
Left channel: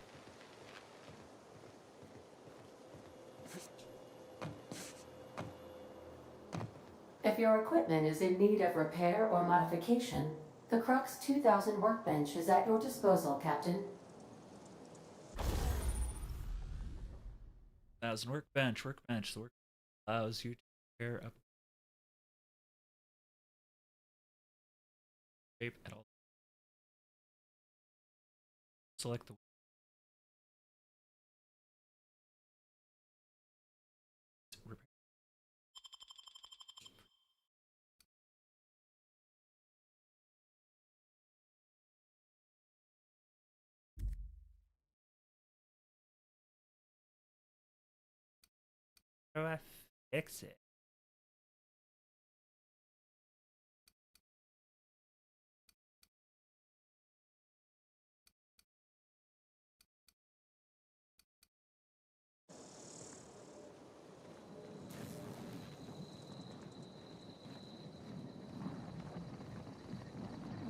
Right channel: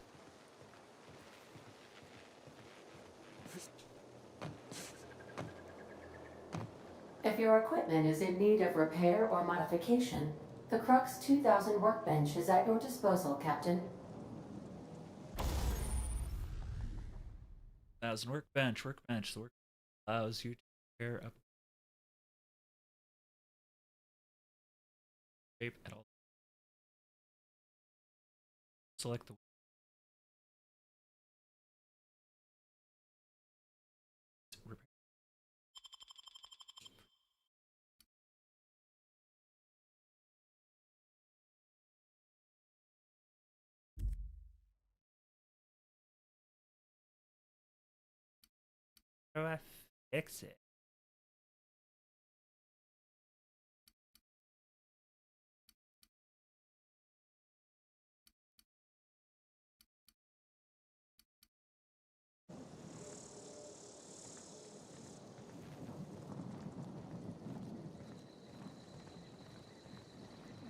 If your equipment is in need of repair or modification, the Crux 2000 workbench is at your disposal, Captain. 1000 workbench. The work allows you to repair up shape at all. Select the repair. How do I fix it?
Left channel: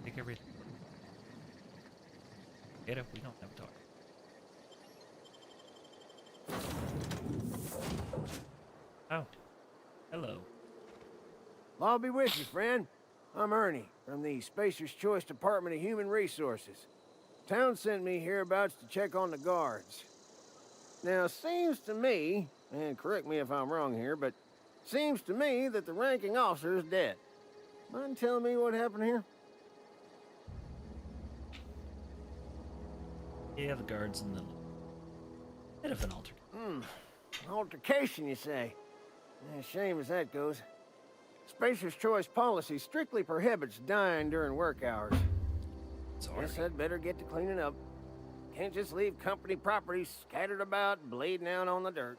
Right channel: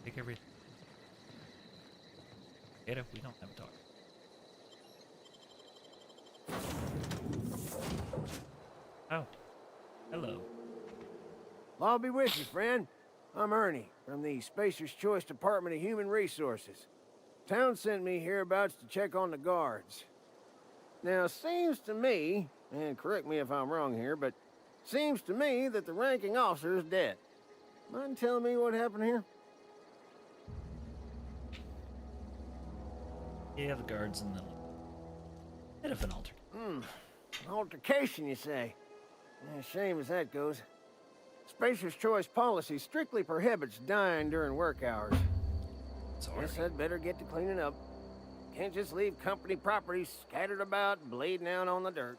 Take everything. Get up, we don't have a dog. Oh. Hello. I'll be with you, friend. I'm Ernie, from the Spacer's Choice Department of Human Resources. Town sent me hereabouts to check on the guards. Now, seems to me, and correct me if I'm wrong here, but seems to me that the ranking officer is dead. Mind telling me what happened here? Yeah, the guards in the bit of an altercation. Altercation, you say? Yeah, shame as that goes. Spacer's Choice policy strictly prohibits dying during work hours. Sorry. Guess I'd better get to cleaning up. Can't just leave company property scattered about, bleeding out on the dirt.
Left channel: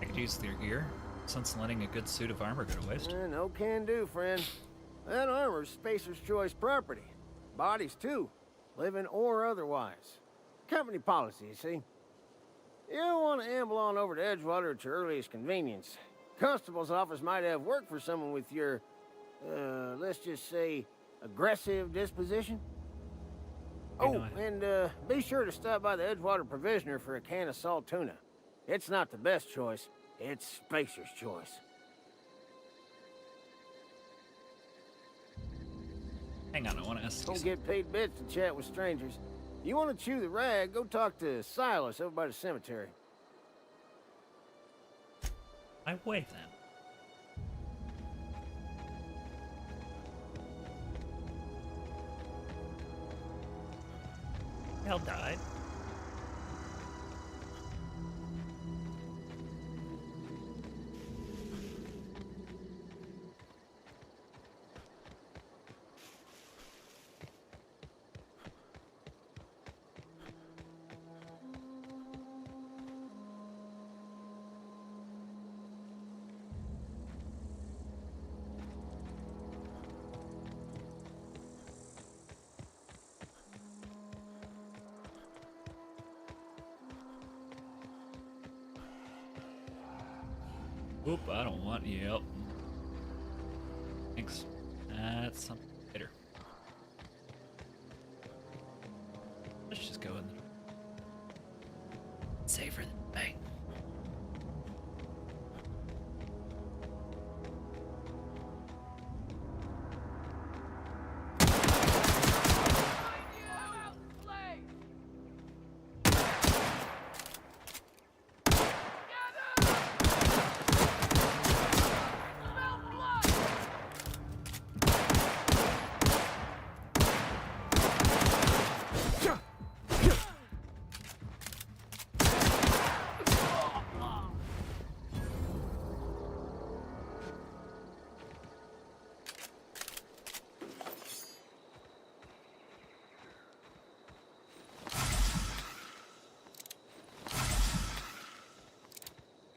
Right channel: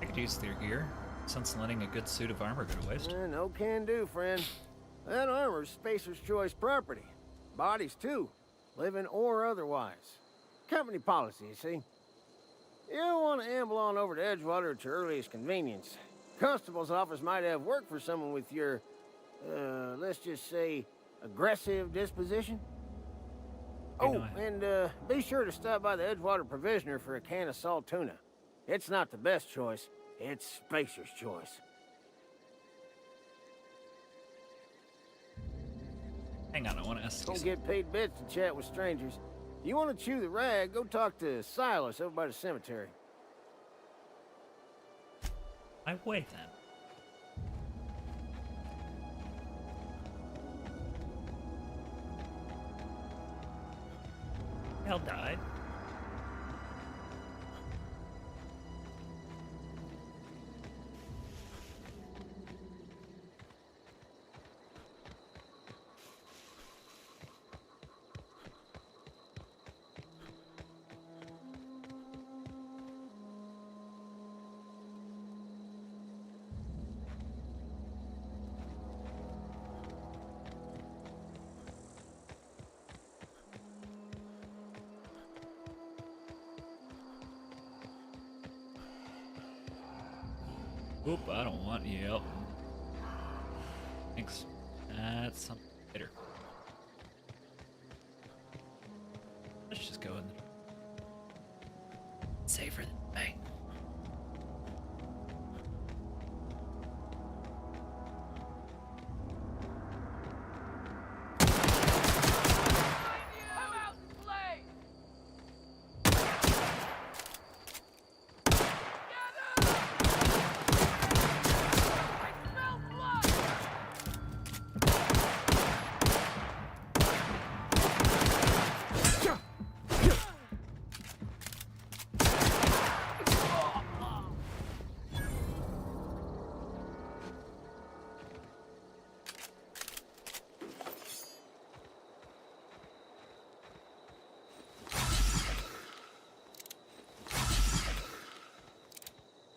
I could use their gear, since letting a good suit of armor go to waste. No can do, friend. That armor's Spacer's Choice property. Bodies, too. Living or otherwise. Company policy, you see. You don't want to amble on over to Edgewater at your earliest convenience. Constable's office might have work for someone with your, let's just say, aggressive disposition. Oh, and be sure to stop by the Edgewater Provisioner for a can of salt tuna. It's not the best choice. It's Spacer's Choice. Hang on, I want to ask you Don't get paid bits to chat with strangers. You want to chew the rag, go talk to Silas over by the cemetery. my way then. Hell died. Oop, I don't want you. Yep. Thanks. That's something later. Let's just go in the safer than bang.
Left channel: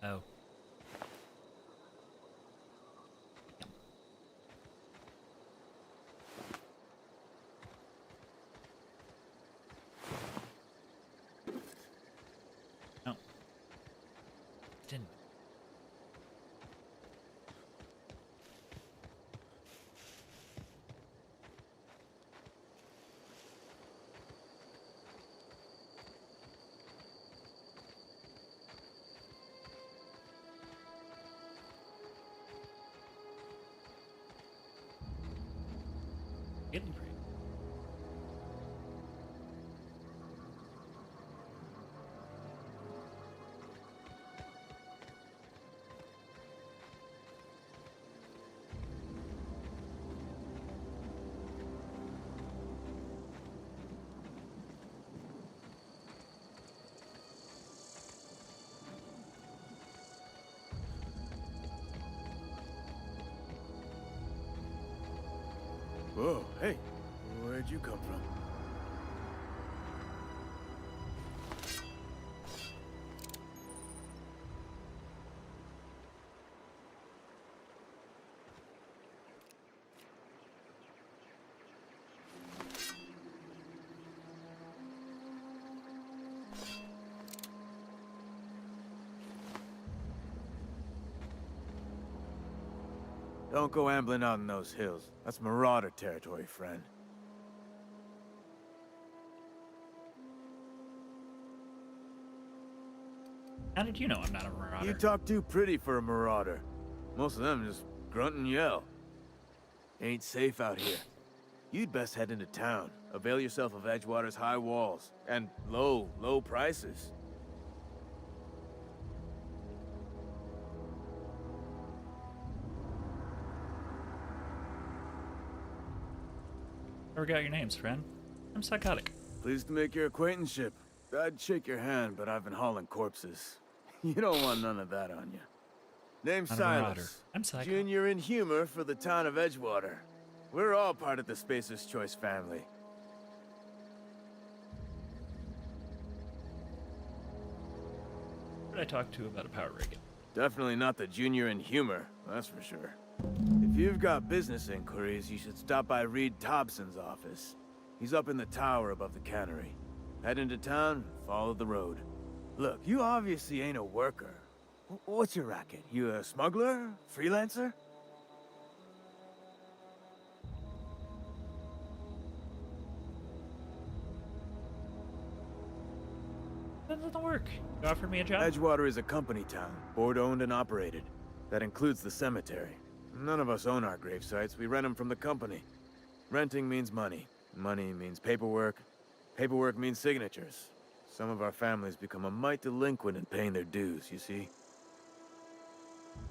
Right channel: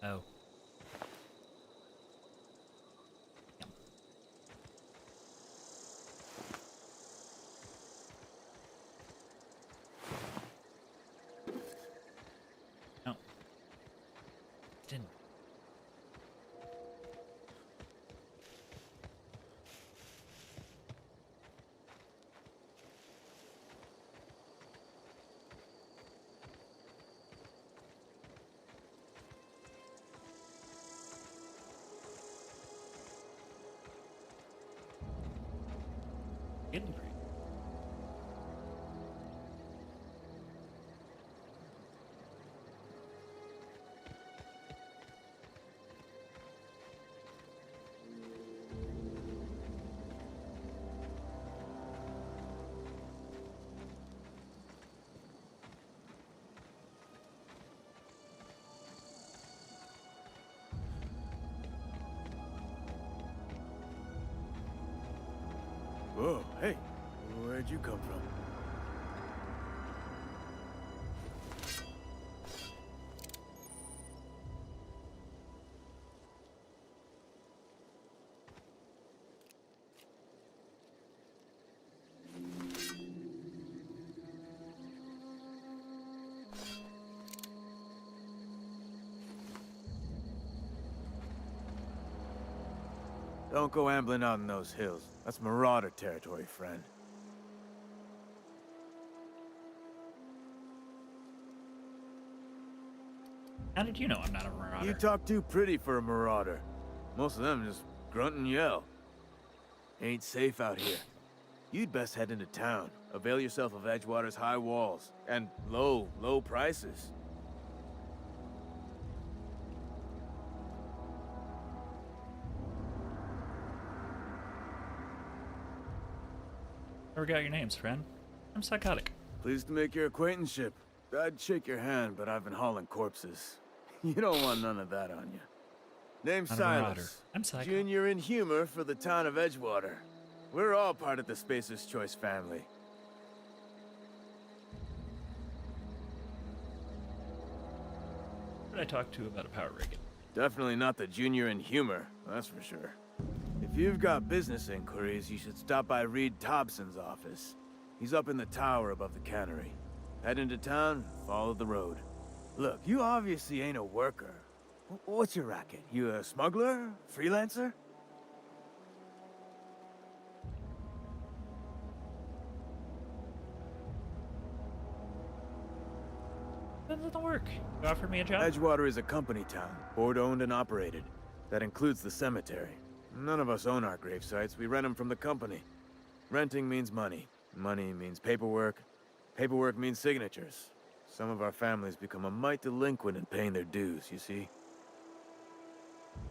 Oh. No. Didn't. Getting pretty. Whoa, hey, where'd you come from? Don't go ambling out in those hills. That's marauder territory, friend. How did you know I'm not a marauder? You talk too pretty for a marauder. Most of them just grunt and yell. Ain't safe out here. You'd best head into town. Avail yourself of Edgewater's high walls. And low prices. Never got your names, friend. I'm SciKotoc. Pleased to make your acquaintanceship. I'd shake your hand, but I've been hauling corpses. You don't want none of that on you. Name's Not a marauder. Silas. I'm Psycho. Junior in humor for the town of Edgewater. We're all part of the Spacer's Choice family. Who did I talk to about a power rig? Definitely not the junior in humor, that's for sure. If you've got business inquiries, you should stop by Reed Thompson's office. He's up in the tower above the cannery. Head into town, follow the road. Look, you obviously ain't a worker. What's your racket? You a smuggler? Freelancer? That doesn't work. You offered me a job? Edgewater is a company town, board-owned and operated. That includes the cemetery. None of us own our grave sites, we rent them from the company. Renting means money. Money means paperwork. Paperwork means signatures. Some of our families become a mite delinquent in paying their dues, you see?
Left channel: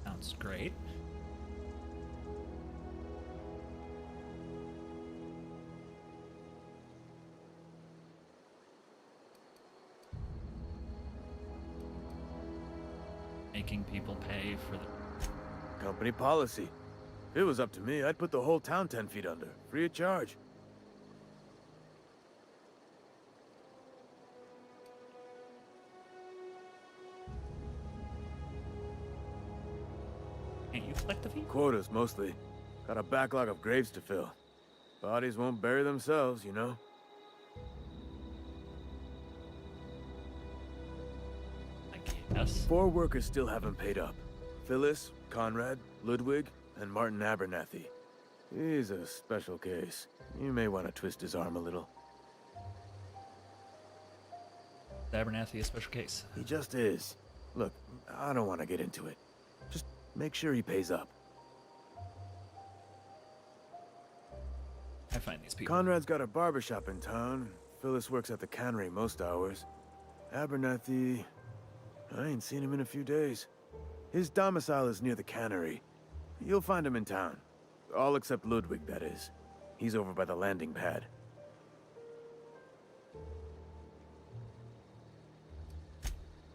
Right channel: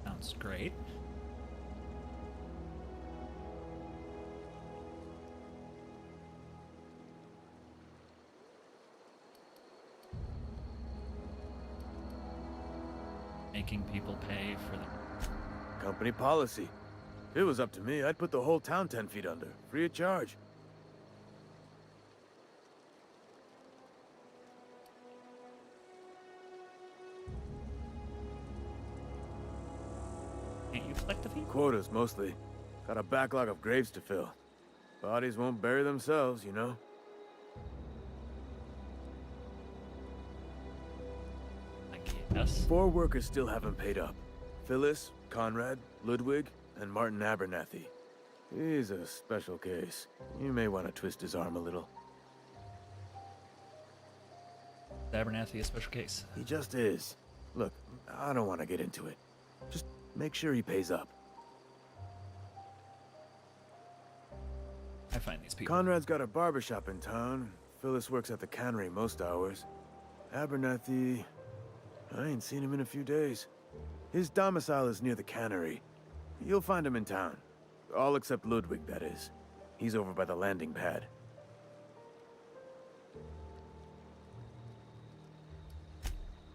Sounds great. Making people pay for the... Company policy. If it was up to me, I'd put the whole town 10 feet under, free of charge. Can't you collect the fee? Quotas, mostly. Got a backlog of graves to fill. Bodies won't bury themselves, you know? I guess. 4 workers still haven't paid up. Phyllis, Conrad, Ludwig, and Martin Abernathy. He's a special case. You may want to twist his arm a little. Abernathy, a special case. He just is. Look, I don't want to get into it. Just make sure he pays up. I find these people. Conrad's got a barbershop in town. Phyllis works at the cannery most hours. Abernathy... I ain't seen him in a few days. His domicile is near the cannery. You'll find him in town. All except Ludwig, that is. He's over by the landing pad.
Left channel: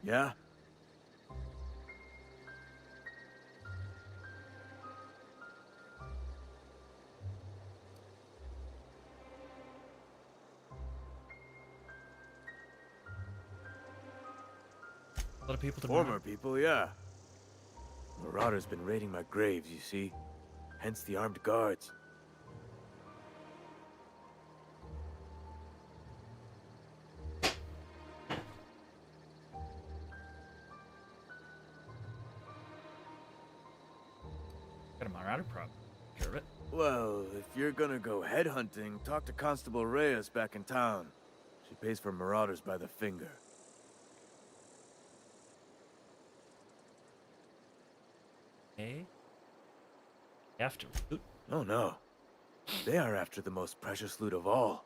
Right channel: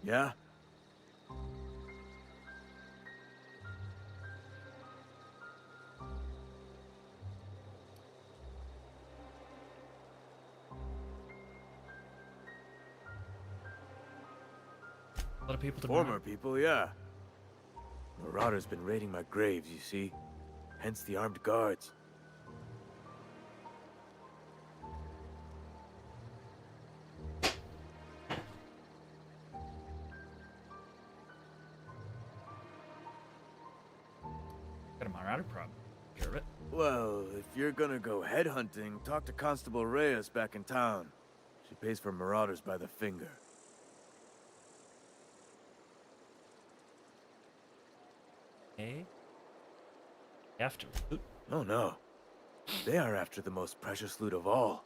Yeah? A lot of people to Former people, yeah. Marauders been raiding my graves, you see. Hence the armed guards. Got a Marauder problem. Care of it. Well, if you're gonna go headhunting, talk to Constable Reyes back in town. She pays for marauders by the finger. Hey? After loot? Oh no. They are after the most precious loot of all.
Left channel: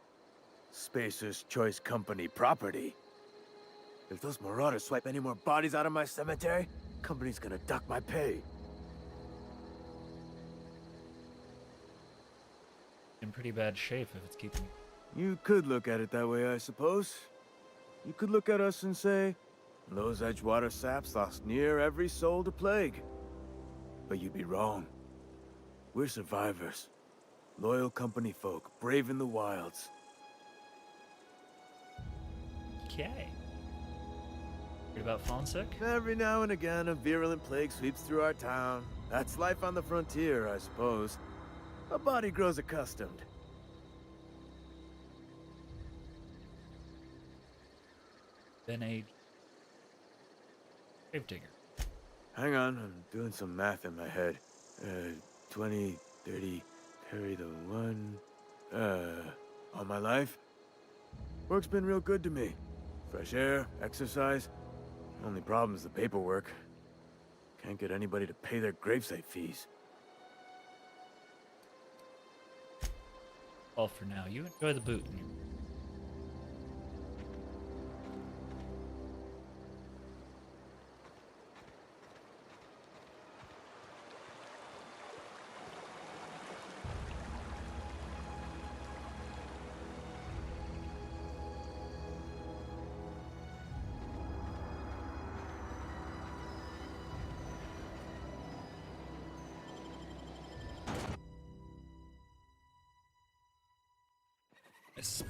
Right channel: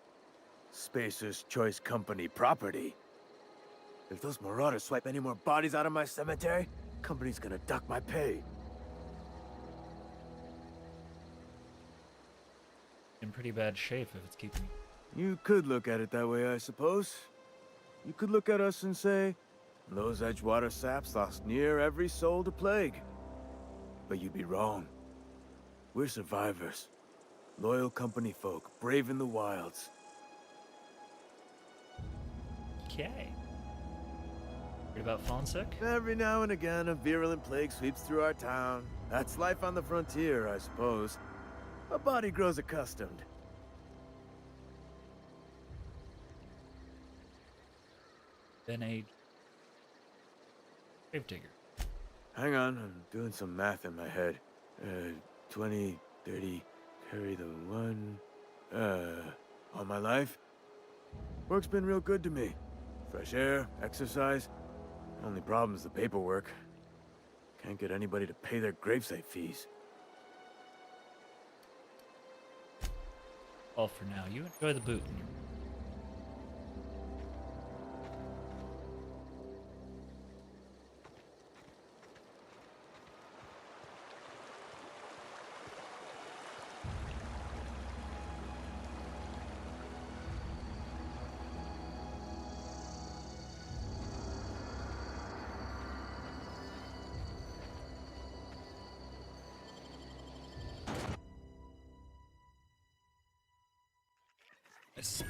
Spacer's Choice Company property. If those marauders swipe any more bodies out of my cemetery, company's gonna duck my pay. In pretty bad shape if it's keeping you. You could look at it that way, I suppose. You could look at us and say, those Edgewater saps lost near every soul to plague. But you'd be wrong. We're survivors. Loyal company folk, brave in the wilds. Okay. Worried about falling sick? Every now and again, a virulent plague sweeps through our town. That's life on the frontier, I suppose. A body grows accustomed. Been a gravedigger. Hang on, I'm doing some math in my head. 20, 30, carry the 1... all my life? Work's been real good to me. Fresh air, exercise. Only problem's the paperwork. Can't get anybody to pay their gravesite fees. All for now. You enjoy the boot. Nice.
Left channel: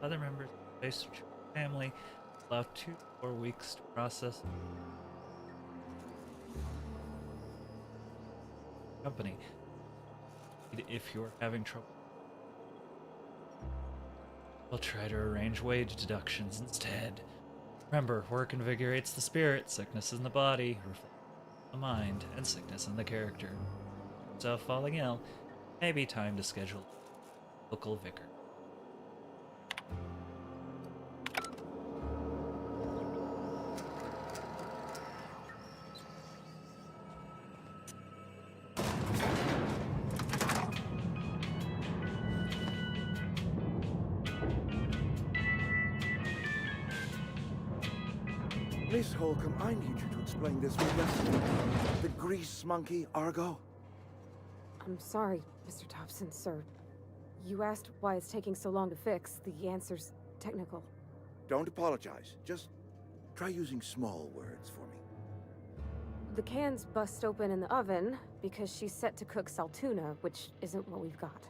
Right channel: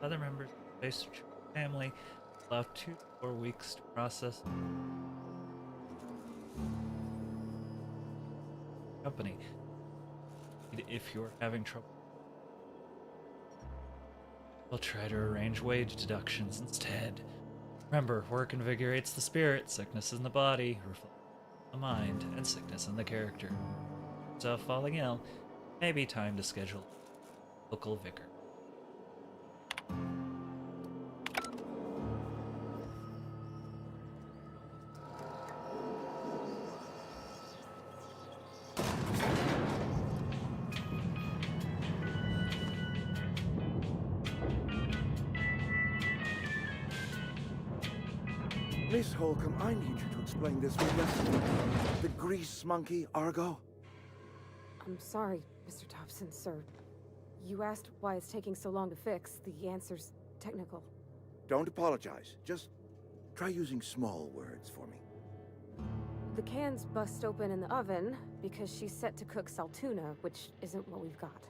Other members of the Spacer family allow 2 to 4 weeks to process. Company. If you're having trouble, we'll try to arrange wage deductions instead. Remember, work invigorates the spirit, sickness in the body, reflects the mind, and sickness in the character. So, falling ill, maybe time to schedule a local vicar. Miss Holcomb, I need you to explain this with us. The grease monkey, Argo? I'm sorry, Mr. Thompson, sir. You asked why it's taking so long to fix. The answer's technical. Don't apologize. Just try using small words for me. The can's bust open in the oven because she's set to cook saltuna, which isn't what we've got.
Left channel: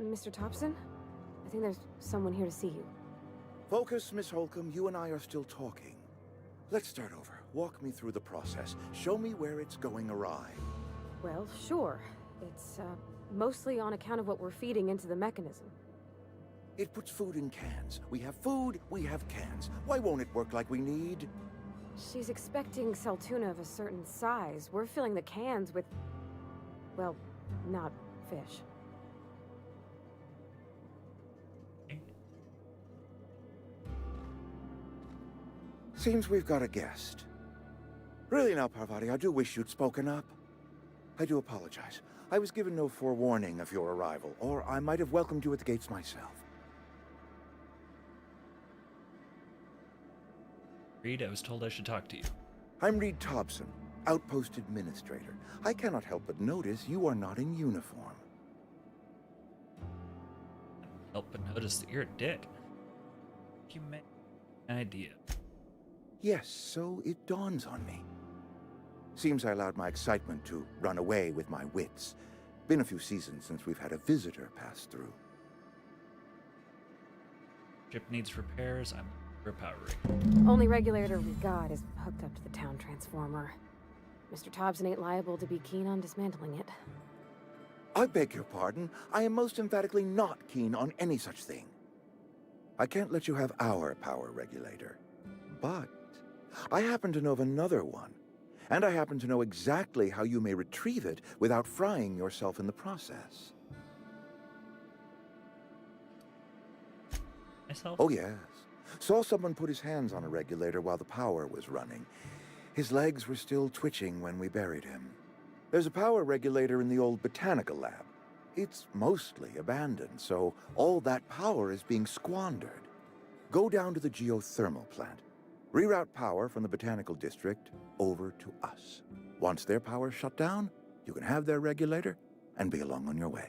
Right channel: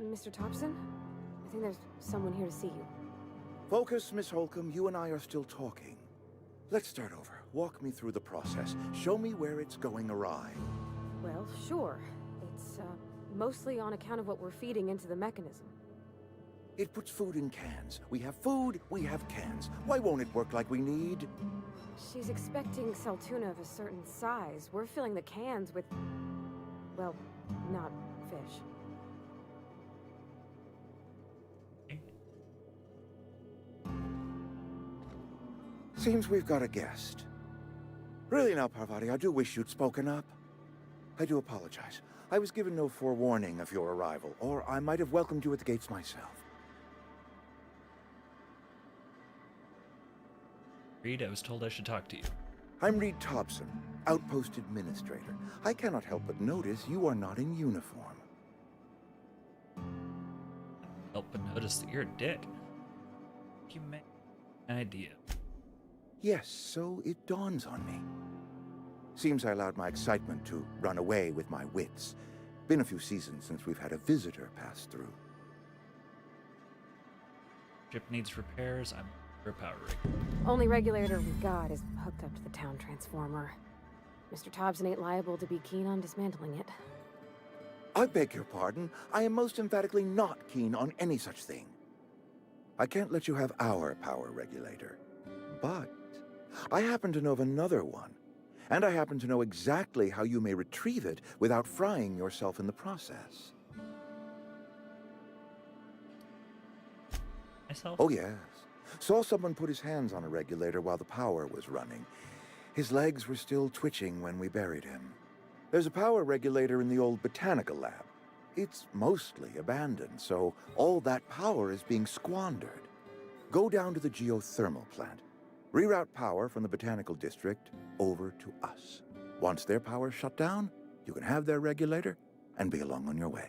Mr. Thompson? I think there's someone here to see you. Focus, Miss Holcomb. You and I are still talking. Let's start over. Walk me through the process. Show me where it's going awry. Well, sure. It's, mostly on account of what we're feeding into the mechanism. It puts food in cans. We have food, we have cans. Why won't it work like we need? She's expecting saltuna of a certain size. We're filling the cans with, well, not fish. Seems we've got a guest. Really now, Parvati, I do wish you'd spoken up. I do apologize. I was given no forewarning of your arrival, or I might have welcomed you at the gates myself. Reed, I was told I should talk to you. I'm Reed Thompson, Outpost Administrator. I cannot help but notice you are not in uniform. Help but notice that you're a dick. You may have an idea. Yes, so it dawns on me. Seems I allowed my excitement to run away with my wits. Been a few seasons since we've had a visitor pass through. Ship needs repairs. I'm for a power rig. Only regulator we got is hooked up to the town transformer. Mr. Thompson ain't liable to be keen on dismantling it. I beg your pardon. I am most emphatically not keen on any such thing. I can't let you have our power regulator. But I happen to know of another one. And I happen to know exactly how you may retrieve it without frying yourself in the process. Myself? Oh, yes. Saw someone put his hands on a regulator while the power was running. His legs were still twitching when we buried him. There's a power regulator in the old botanical lab. It's mostly abandoned, so all that power is being squandered. Go down to the geothermal plant. Reroute power from the botanical district over to us. Once their power's shut down, you can have their regulator and be along on your way.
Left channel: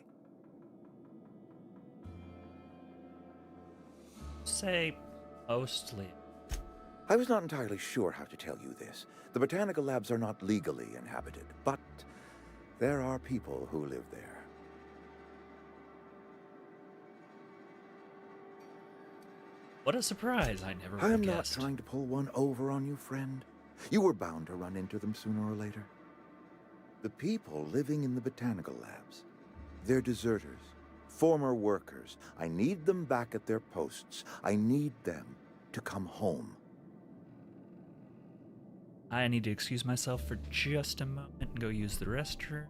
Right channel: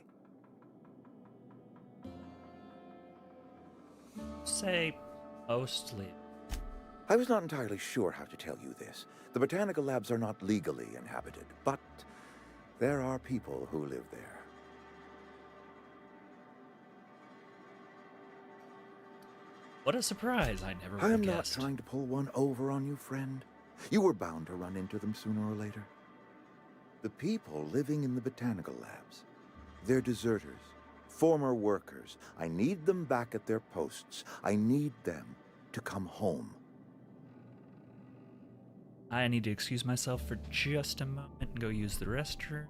Say, mostly. I was not entirely sure how to tell you this. The botanical labs are not legally inhabited, but there are people who live there. What a surprise. I never would have I'm not guessed. trying to pull one over on you, friend. You were bound to run into them sooner or later. The people living in the botanical labs, they're deserters, former workers. I need them back at their posts. I need them to come home. I need to excuse myself for just a moment and go use the restroom.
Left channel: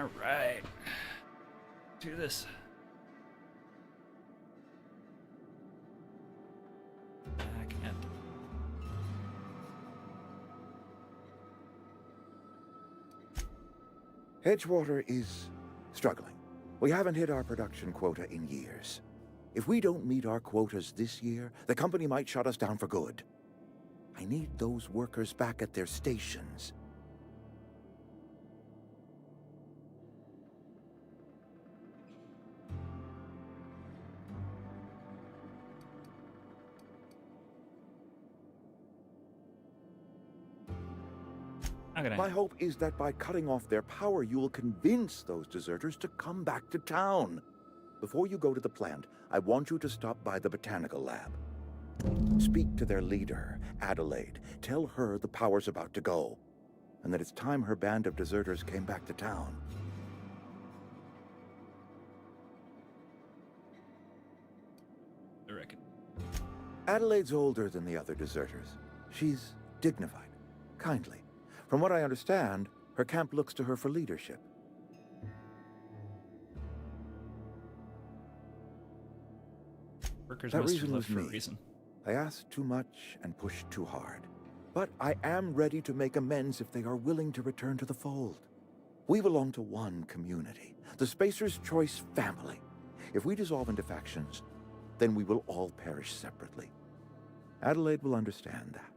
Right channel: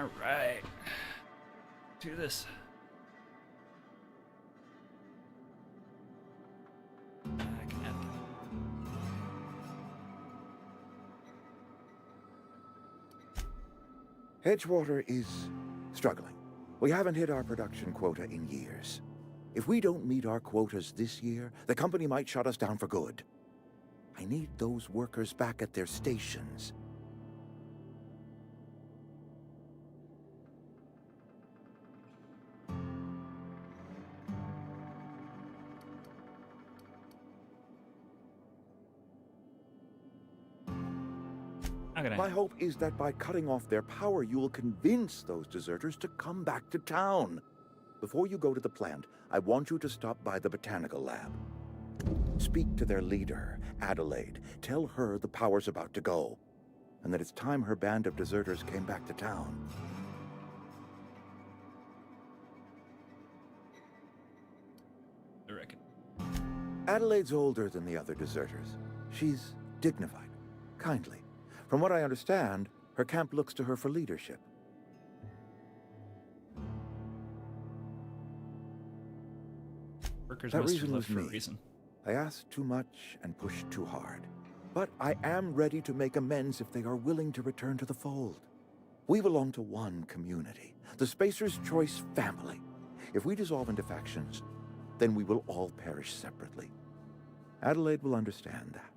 Alright. Do this. Back at the... Edgewater is struggling. We haven't hit our production quota in years. If we don't meet our quotas this year, the company might shut us down for good. I need those workers back at their stations. My hope is that by cutting off their power, you will convince those deserters to come back to town. Before you go to the plant, I want you to stop by the botanical lab. Speak to their leader, Adelaide. Tell her the power's about to go, and that it's time her band of deserters came back to town. I reckon. Adelaide's older than the other deserters. She's dignified, kindly. From what I understand, her camp looks to her for leadership. Workers That must have reason left was for me. a reason. I asked too much and pushed too hard. But I am ready to make amends if they are willing to return to the fold. We belong to one community, the Spacer's Choice family. If we dissolve into factions, then we will all perish separately. Adelaide will understand that.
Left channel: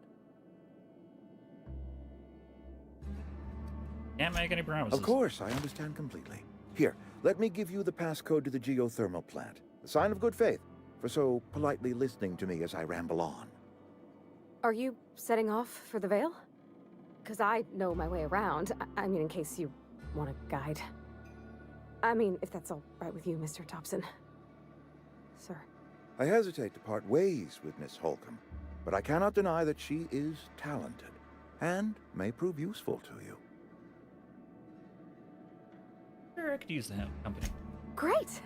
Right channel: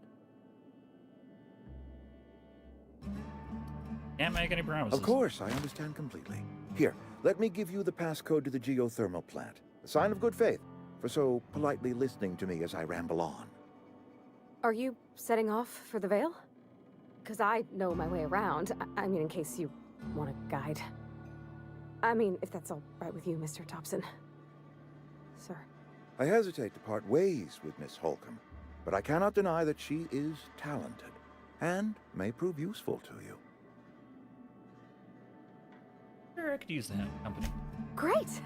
Can't make any promises. Of course, I understand completely. Here, let me give you the passcode to the geothermal plant. A sign of good faith, for so politely listening to me as I ramble on. Are you setting off for the Vale? Because I know my way around. I mean, in case you want a guide. I mean, if that's all right with you, Mr. Thompson. Sir. I hesitate to part ways with Miss Holcomb, but I cannot deny that she is talented, and may prove useful to you. Sure, I could use the company. Great!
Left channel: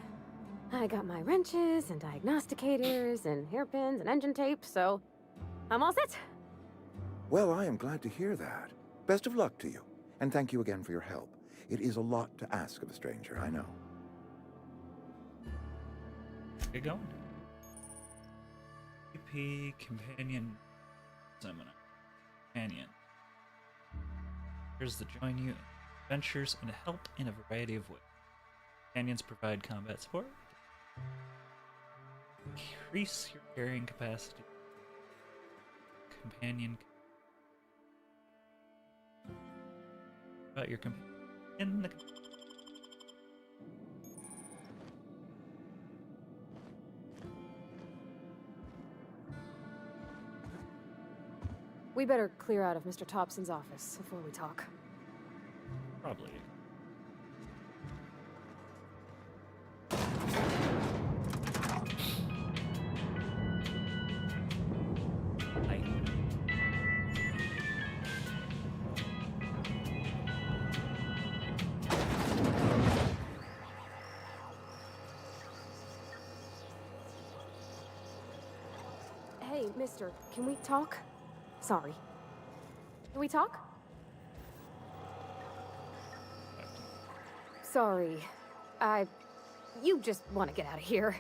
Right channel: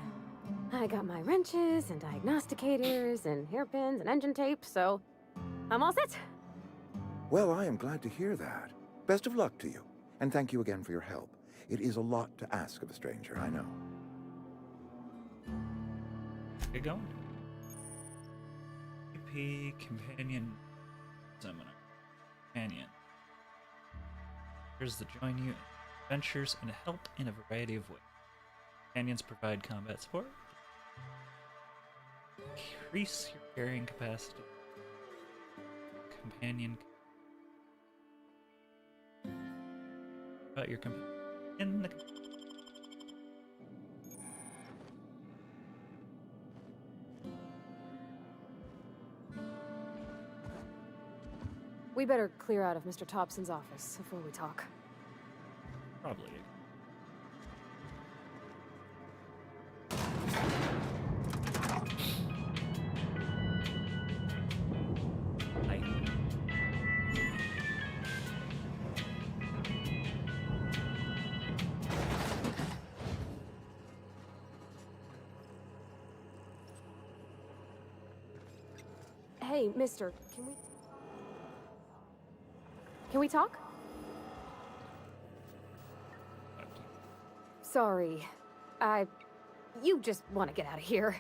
I got my wrenches and diagnosticators and hairpins and engine tape, so I'm all set. Well, I am glad to hear that. Best of luck to you, and thank you again for your help. It is a lot to ask of a stranger, I know. Get going. EP Companion Seminar. Companion. Here's the join you in adventures and help in a variety of ways. Companions provide combat support. Increase your carrying capacity. Companion. About your companion in the. We better clear out of Mr. Thompson's office before we talk. Probably. Hey, mister, can we talk? Sorry. Can we talk? Sorry. You just want to get out of here.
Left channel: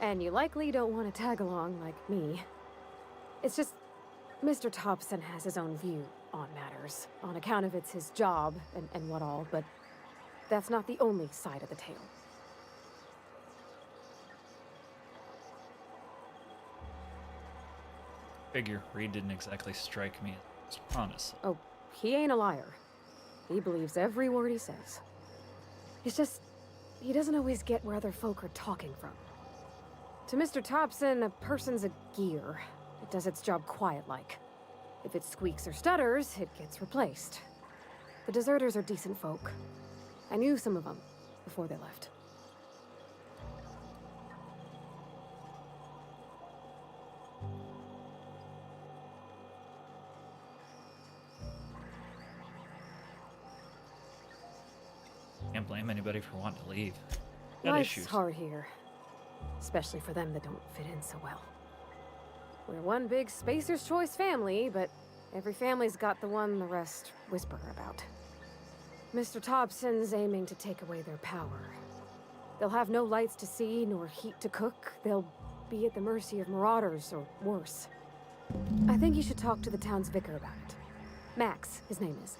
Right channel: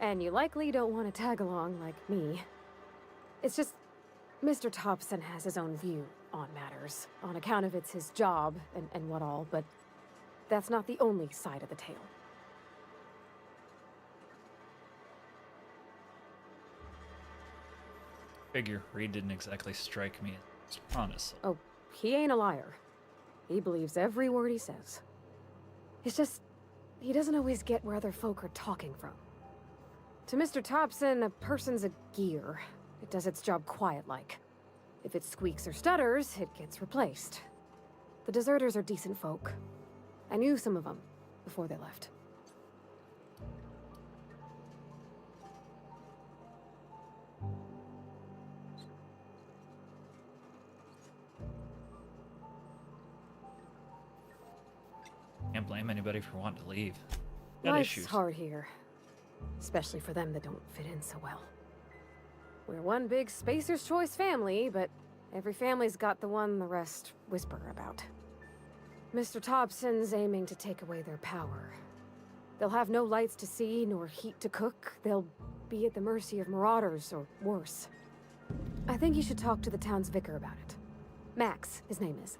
And you likely don't want to tag along like me. It's just, Mr. Thompson has his own view on matters, on account of it's his job and what all, but that's not the only side of the tale. Figure Reed didn't exactly strike me as honest. Oh, he ain't a liar. He believes every word he says. It's just, he doesn't always get where other folk are talking from. To Mr. Thompson, a person's a gear. It does its job quiet-like. If it squeaks or stutters, it gets replaced. The deserters are decent folk. I knew some of them before they left. Can't blame anybody for wanting to leave. Got Life's issues. hard here. Especially for them that don't fit in so well. We're one big Spacer's Choice family, but every family's got the one the rest whisper about. Mr. Thompson's aiming to take away their power. They'll have no lights to see, nor heat to cook. They'll be at the mercy of marauders, or worse. I think you should talk to the town's vicar about it. Max, his name is.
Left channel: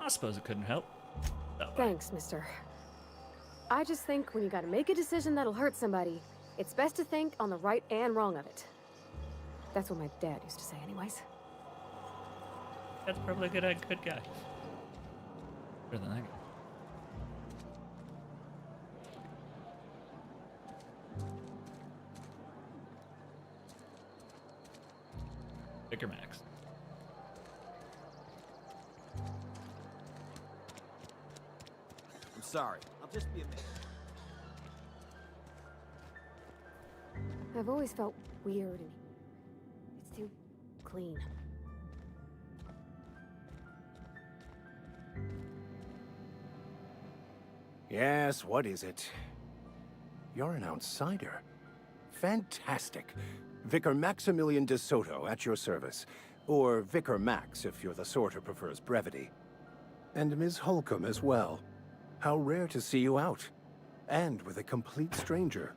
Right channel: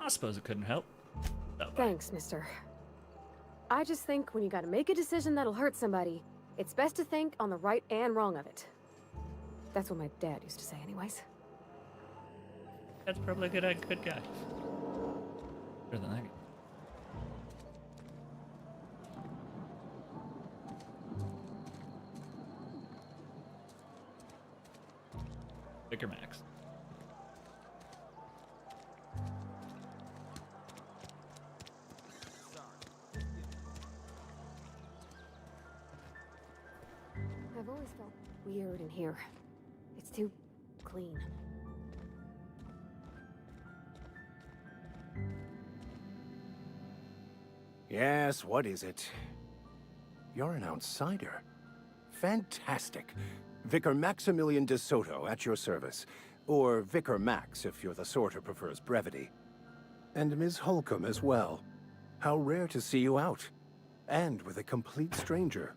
I suppose it couldn't help. Thanks, mister. I just think when you gotta make a decision that'll hurt somebody, it's best to think on the right and wrong of it. That's what my dad used to say anyways. That's probably a good guy. Better than that guy. Vicar Max. I'm sorry. I'll just be a minute. I've always felt weird in here. It's too clean. Yes, what is it? You're an outsider. Fantastic. Vicar Maximilian de Soto at your service. Or Vicar Max if you're the sort who prefers brevity. And Ms. Holcomb as well. How rare to see you out. And with a complete stranger.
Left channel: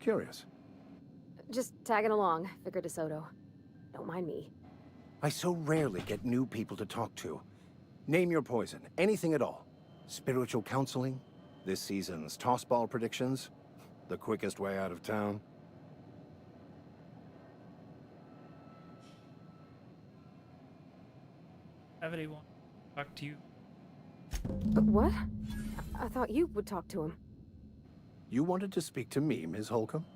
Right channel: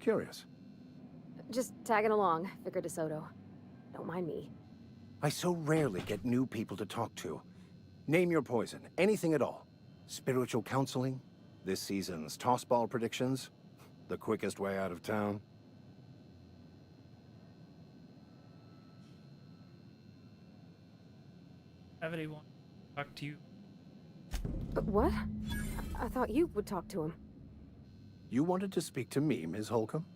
Curious. Just tagging along, Vicar de Soto. Don't mind me. I so rarely get new people to talk to. Name your poison, anything at all. Spiritual counseling? This season's tossball predictions? The quickest way out of town? Have anyone talk to you? What? I thought you would talk to him. You wanted to speak to me, Ms. Holcomb?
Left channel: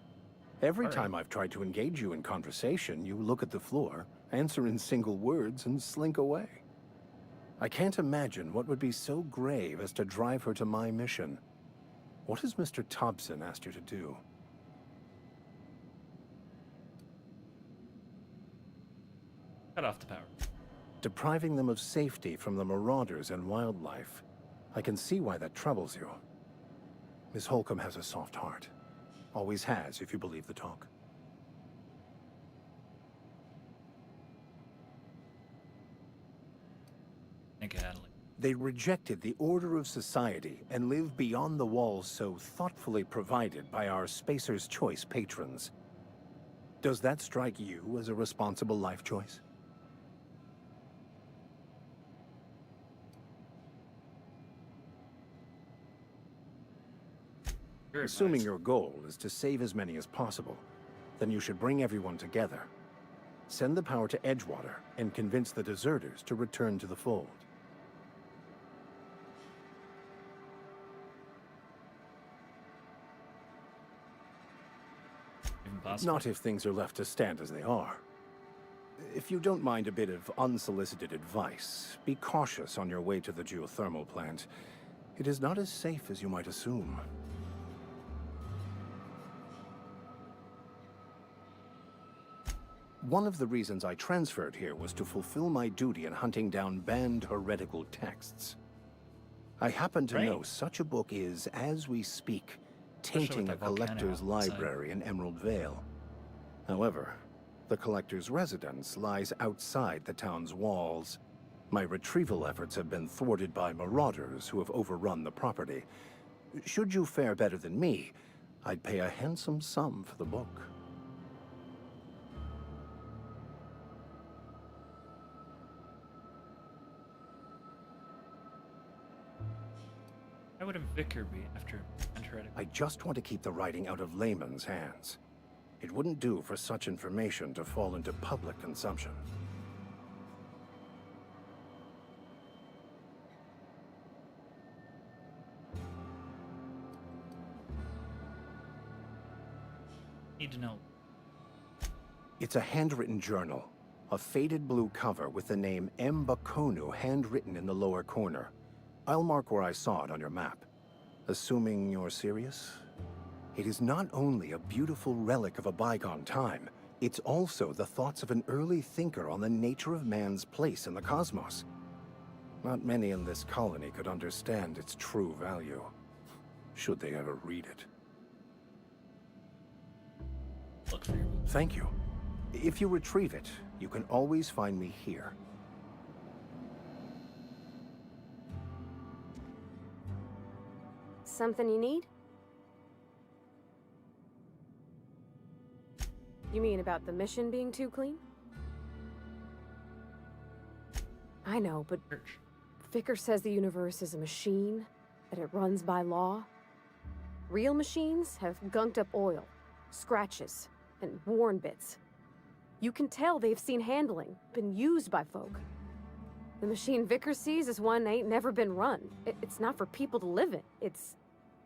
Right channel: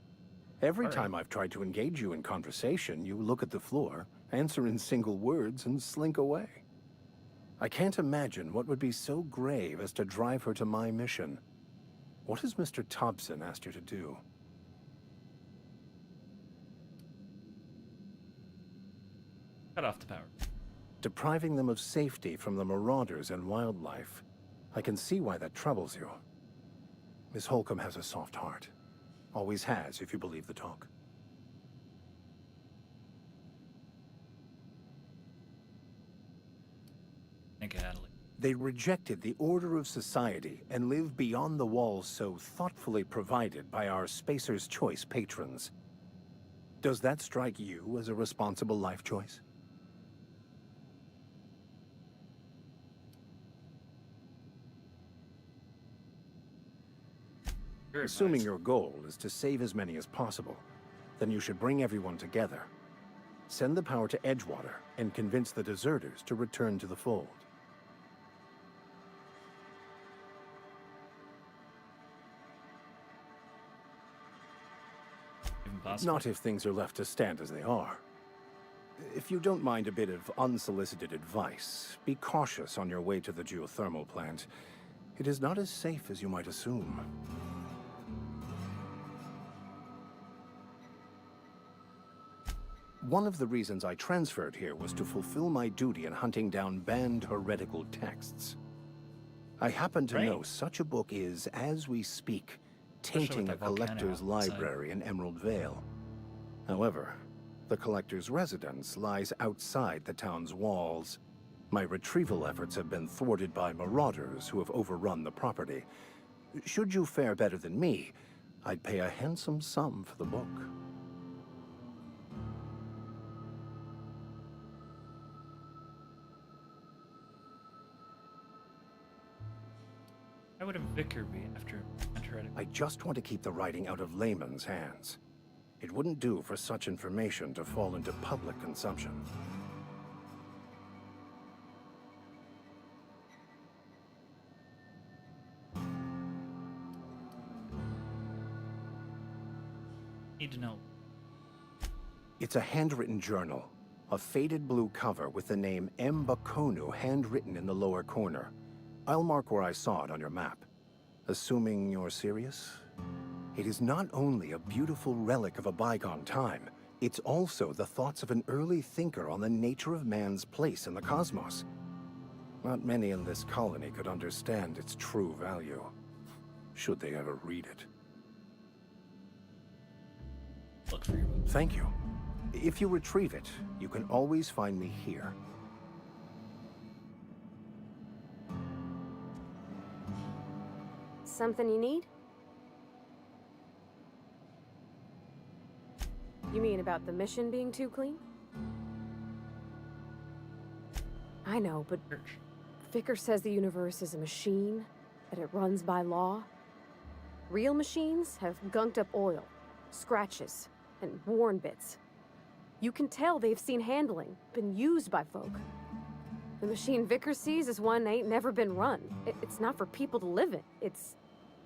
Every All right. time I've tried to engage you in conversation, you look at the floor, answer in single words, and slink away. I can't imagine what would be so grave as to drive her to my mission. What has Mr. Thompson asked you to do? Cut off the power. Depriving them of safety from the marauders and wildlife. I can see why that troubles you. Miss Holcomb has a soft heart. Always has, if you believe the talk. Think Adelaide. They rejected the order of society and live beyond the walls so thoughtfully provided by our Spacer's Choice patrons. Does that strike you as a responsible life choice? Assuming your goal is to save as many as possible, then you should bring everyone together. Send the power to Edgewater and convince the deserters to return to the fold. Even possible? Not if things are left to stand as they are. If you don't mind a bit of unsolicited advice, be cautious on your way to the geothermal plant. It is not as safe as you might assume. One of the reasons I transferred here was to fulfill my duty in hunting down banned heretical texts. I happen to know such a book is, as we speak, tainting a collector's library in Emerald Vale. However, the collector's residence lies outside the town's walls. My retrieval efforts have been thwarted by marauders who have overrun the property. Should you fare better than me, I'd pay a handsome sum for the book. Why would a vicar be after heretical? I just want to keep the writing out of layman's hands. It wouldn't do for such information to fall into public consumption. Need to know. It's a handwritten journal. A faded blue cover with the name M. Bakonu handwritten in the lower corner. I'll mark where I saw it on your map. Assuming you're serious? It is not only a beautiful relic of a bygone time, it's also the thoughts of an early thinker on the nature of man's place in the cosmos. Not many in this colony could understand its true value, should they ever read it. look for your book. Thank you. If you retrieve it, you can always find me here. Something you need? You mean about the mission being too clean? I know, but Vicker says the universe is a machine, that it runs by law. Real machines have gunked up oil, scratches, and worn bits. You can tell they've seen handling, been used by folk. The machine Vicker sees is one ain't never been run. It's not for people to live in. It's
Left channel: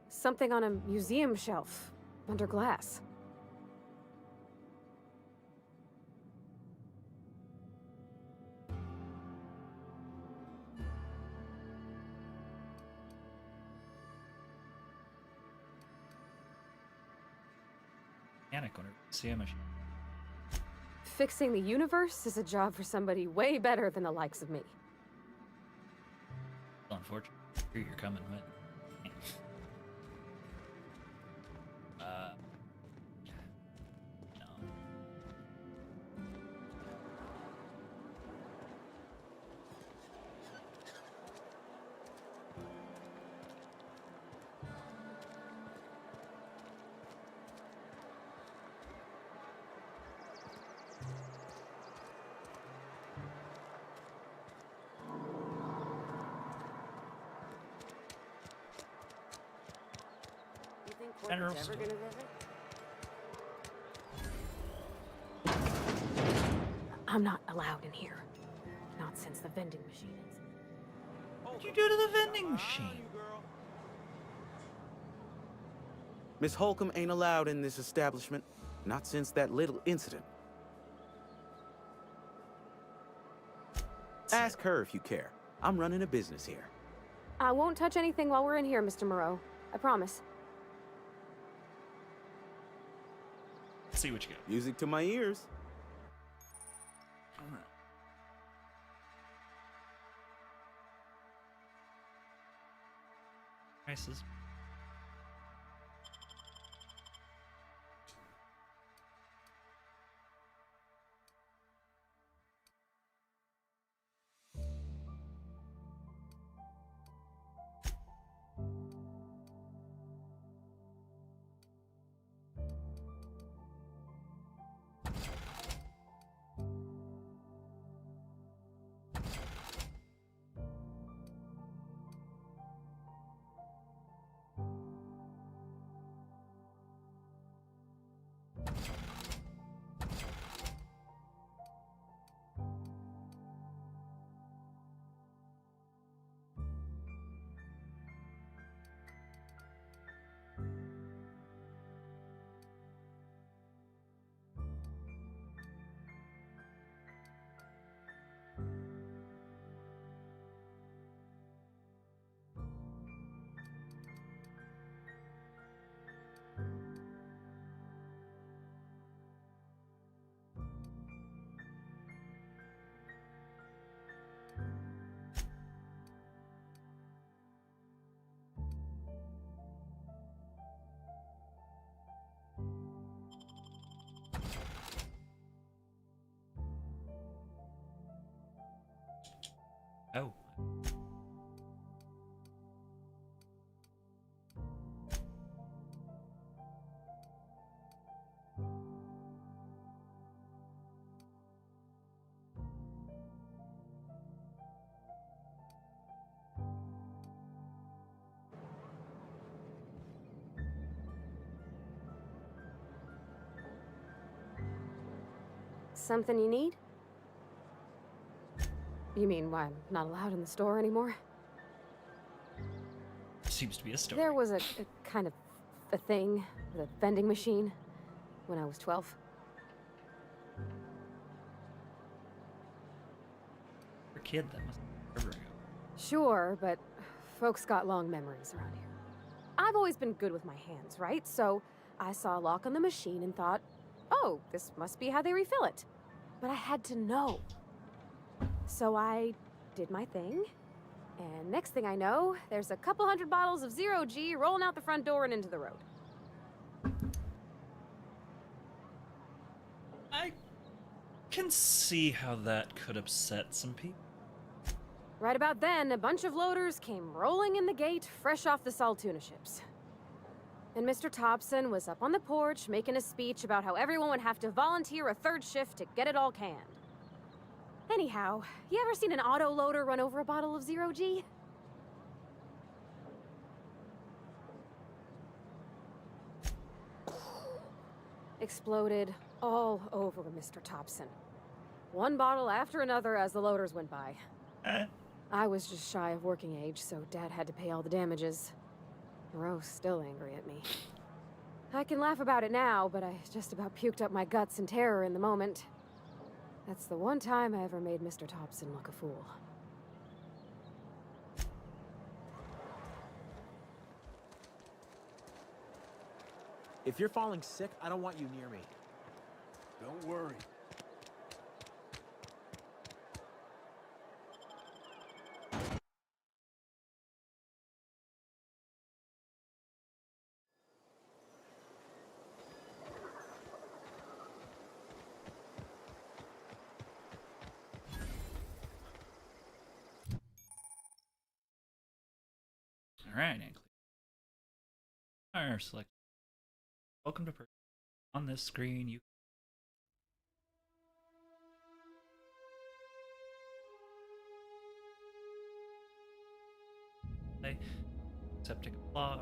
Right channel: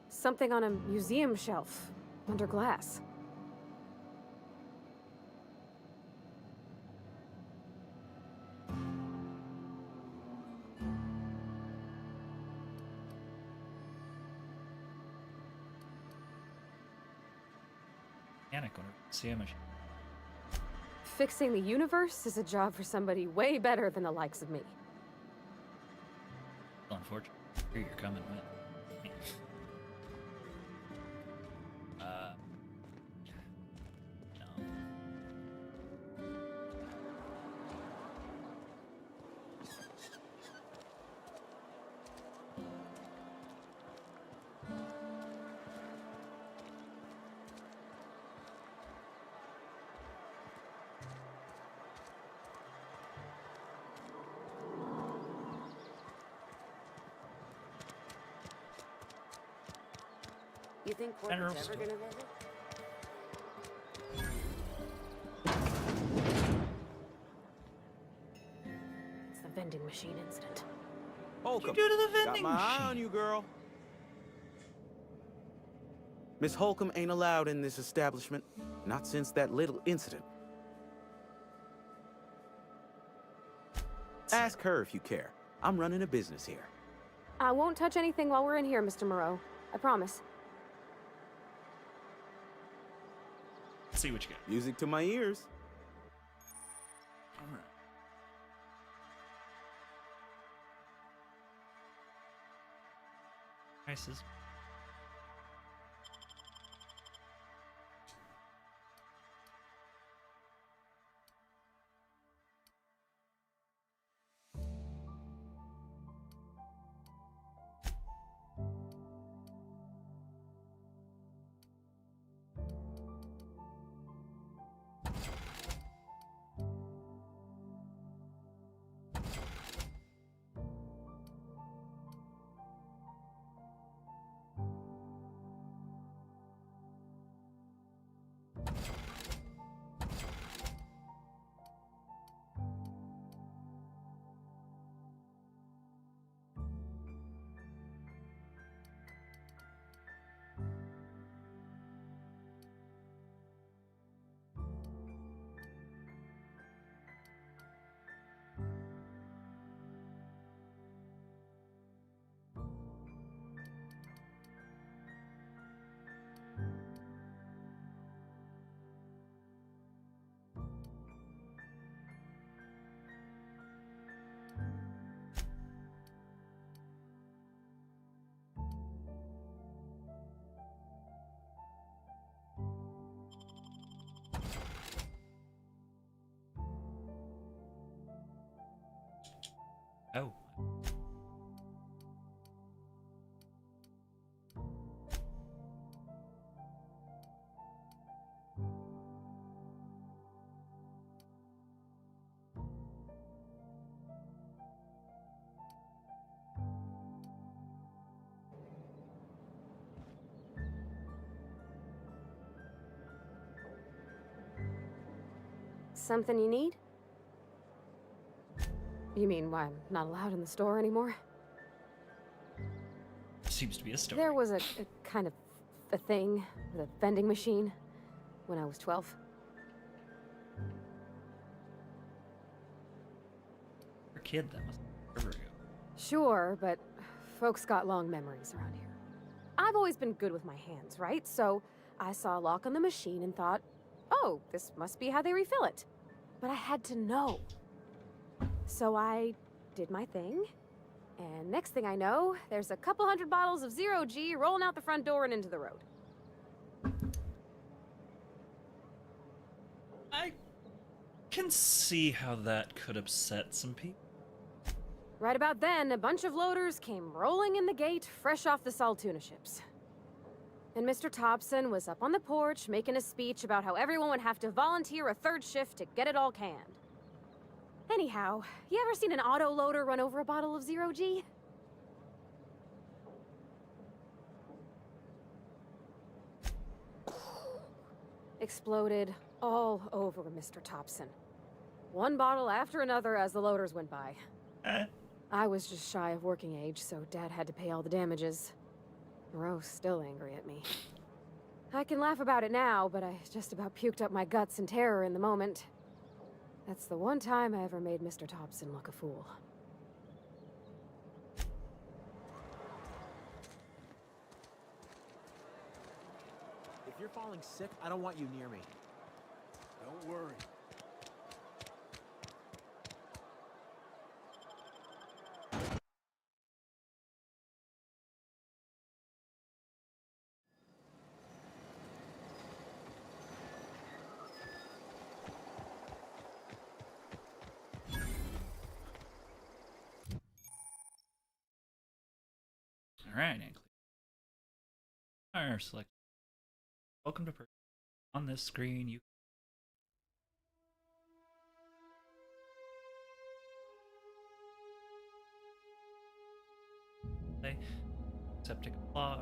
something on a museum shelf, under glass. Mechanic whenever you see a machine. Fixing the universe is a job for somebody way better than the likes of me. Well, unfortunately, here you're coming with. No. You think General Corpo's ever store. gonna visit? I'm not allowed in here. Not since the vending machine incident. What you do to the vending Got my eye machine? on you, girl. Miss Holcomb ain't allowed in this establishment. Not since that little incident. Ask her if you care. I'm running a business here. I won't touch anything while we're in here, Mr. Moreau. I promise. Let's see what you got. Music to my ears. All right. Prices. Oh. Something you need? You mean why I'm not allowed in the store anymore? Seems to be a story. There was a kind of a thing with a vending machine when I was 12. For a kid, that must be forever ago. Sure, but folks got long memories around here. I've always been good with my hands, right? So I saw a lock on the machine and thought, oh, this must be how they refill it. But I had to know. So I did my thing, and next thing I know, there's a couple hundred bottles of 0 G rolling out the front door and into the road. can see how that could upset some people. Right about then, a bunch of loaders came rolling in the gate, fresh off the Saltuna ships. And Mr. Thompson was up on the porch making a speech about how everyone would have to volunteer a third shift to get it all canned. Anyhow, you ever seen an auto loader run over a bottle of Zero G? Exploded all over Mr. Thompson. One bottle after another as the loaders went by. I was just shy of working age, so Dad had to pay all the damages. Rose still angry at me. I can laugh about it now, but I just about puked up my guts in terror in the moment. That's the one time I ever made Mr. Thompson look a fool. If you're falling sick, I don't want you near me. Don't worry. Alright, and our select. Welcome to person. On this screen, you play accepting a flaw,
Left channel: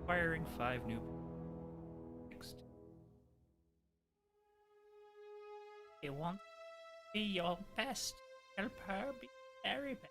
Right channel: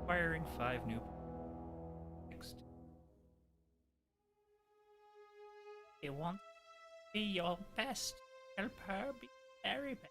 requiring 5 new. Next. You want to be your best. Help her be very best.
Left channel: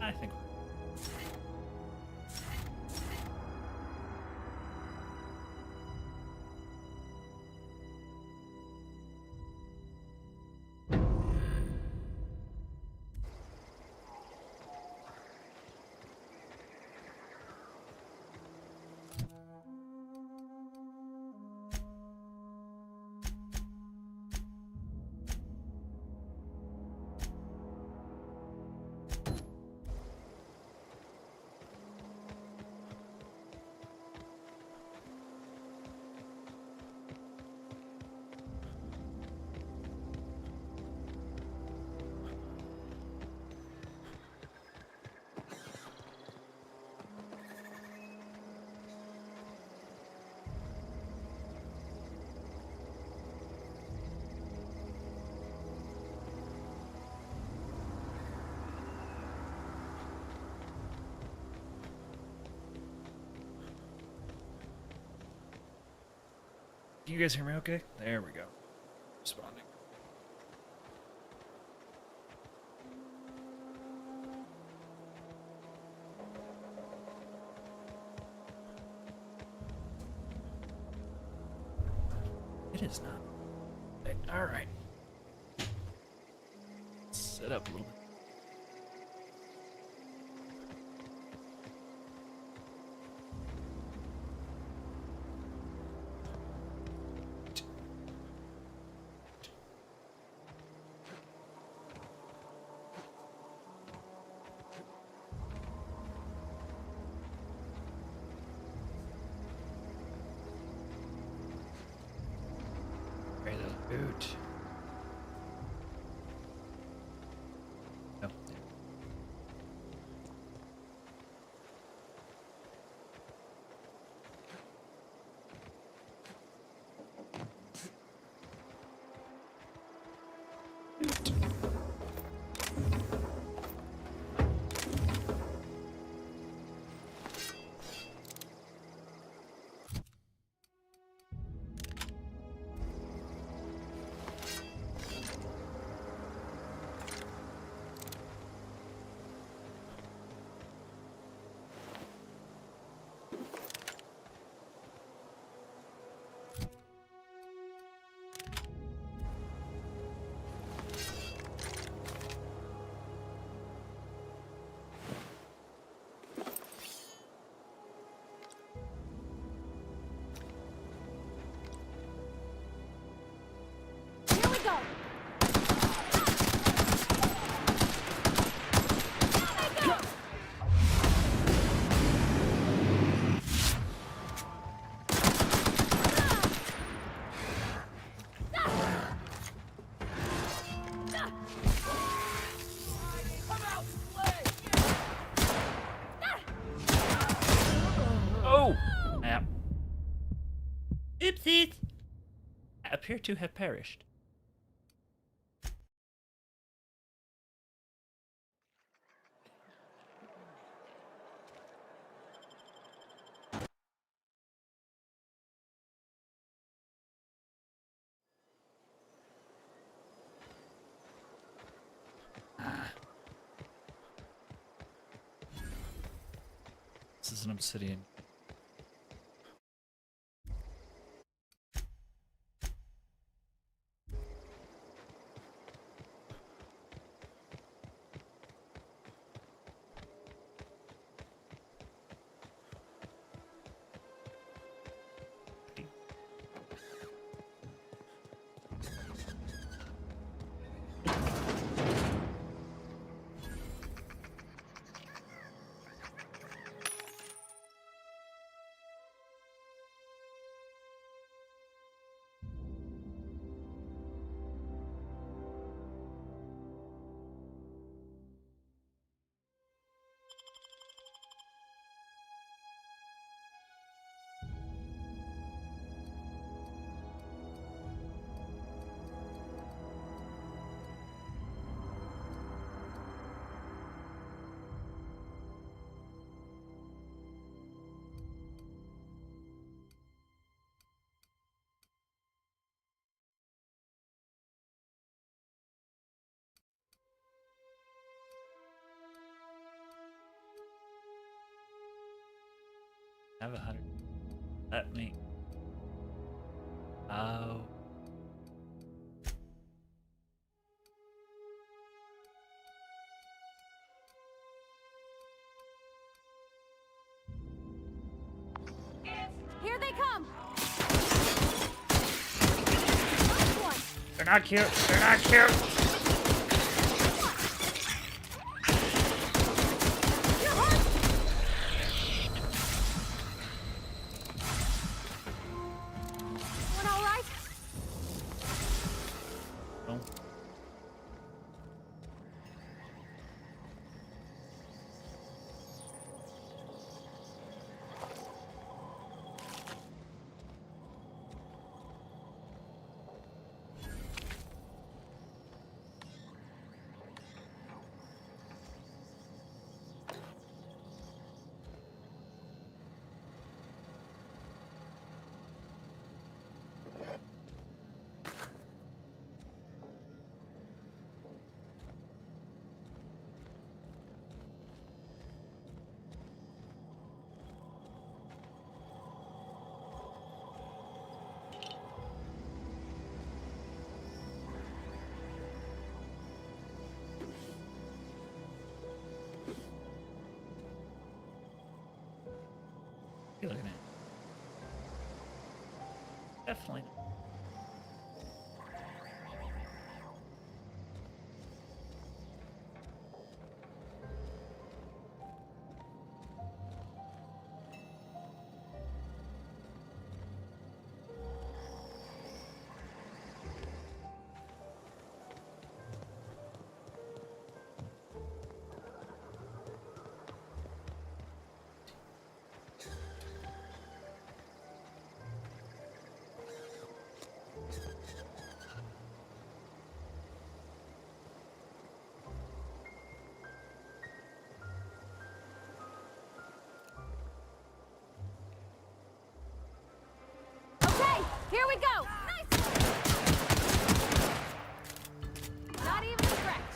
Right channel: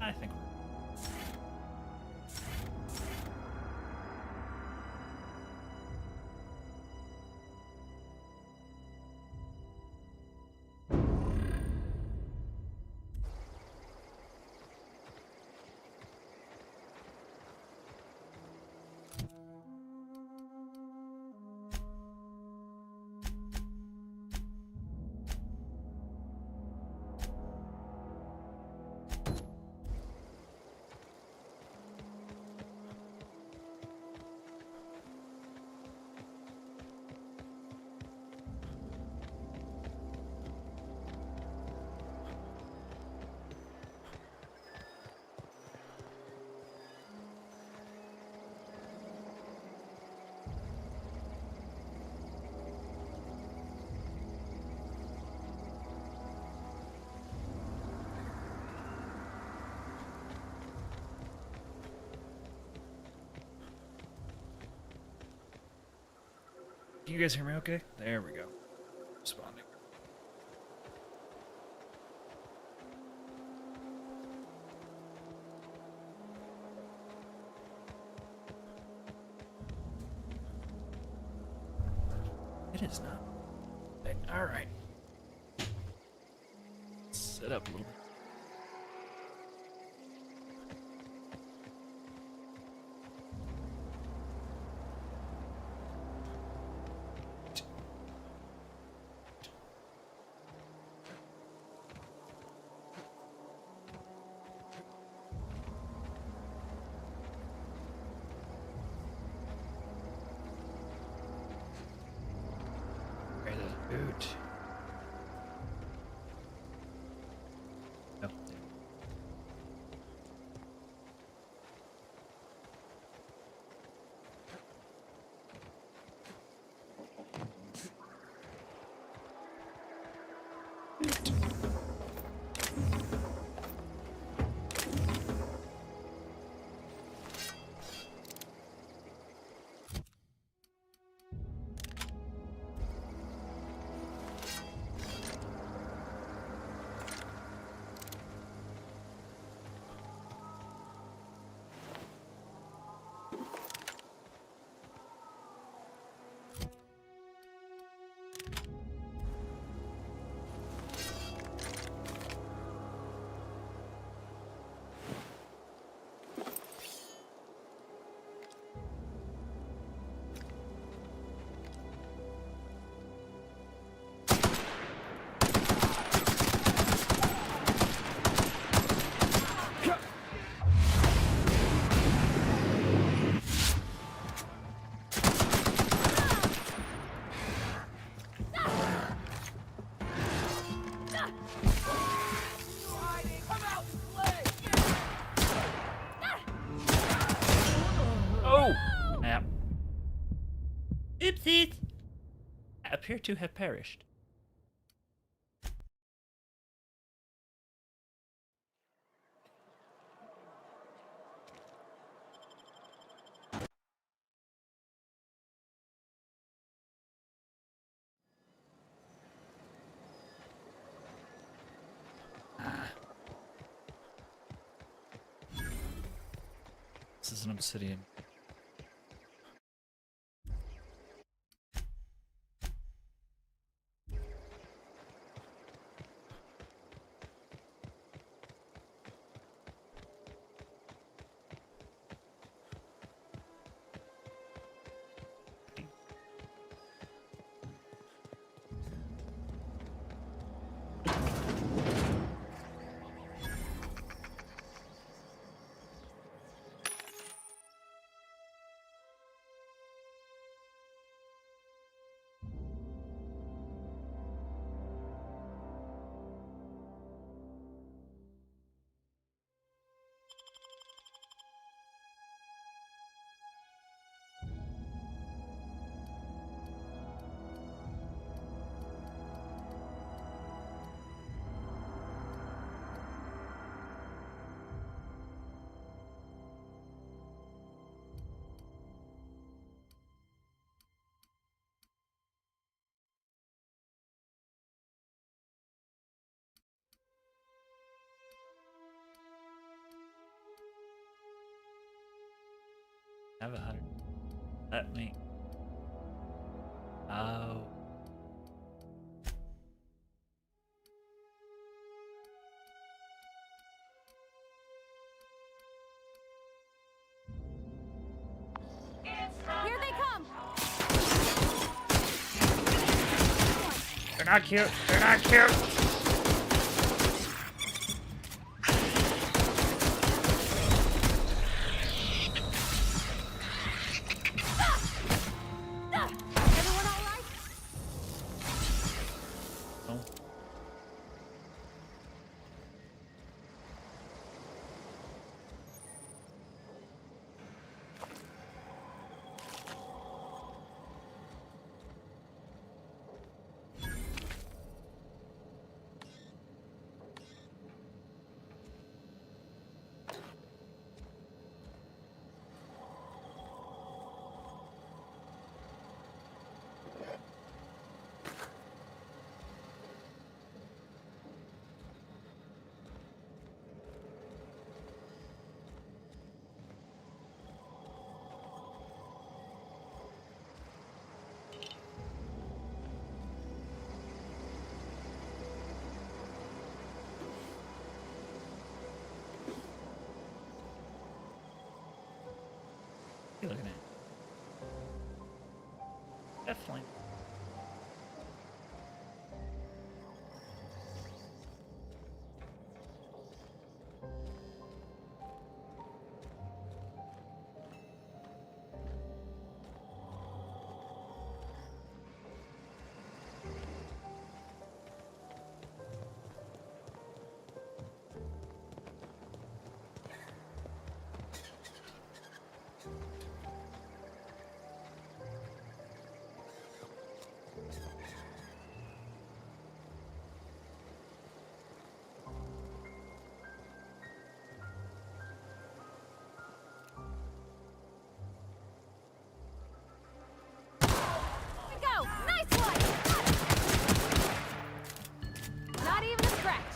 I think we're Can you guys hear me okay? There we go. Responding. It is not. Alright. Set up a little bit. Boot. Oh, there. Oopsies! Appear to have perished. This is an obsidian. I have 100. Let me. Oh. Here they come! They're not cute. They're not cute. Everyone all right? No. You looking at? Definitely. go! Nice one! Not even a scratch.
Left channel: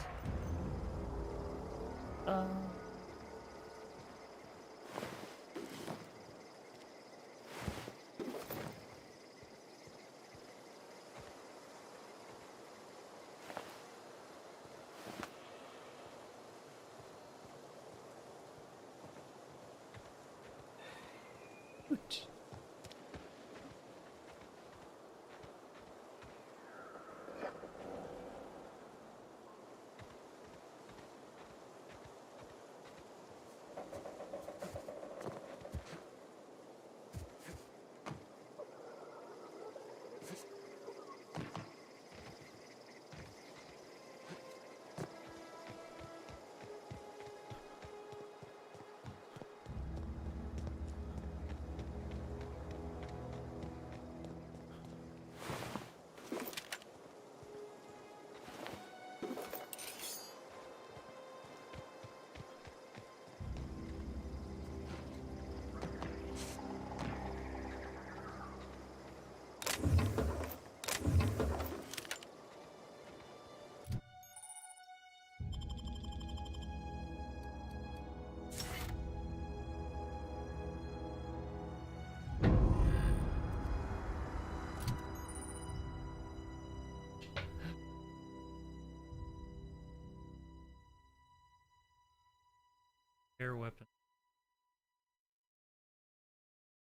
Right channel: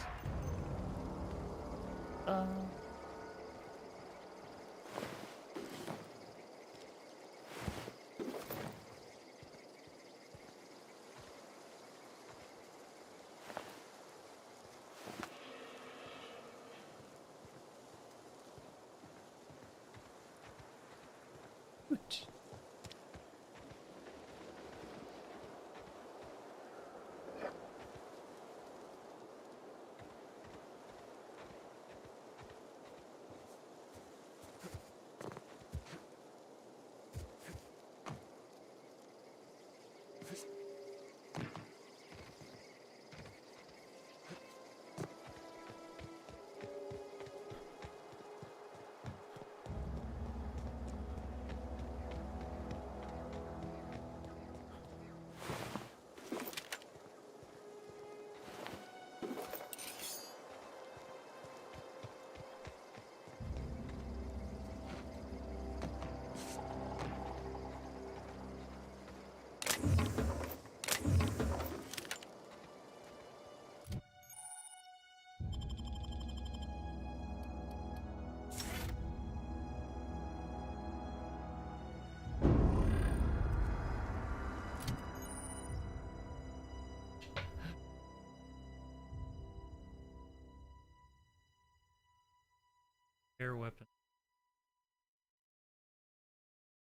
Air weapon.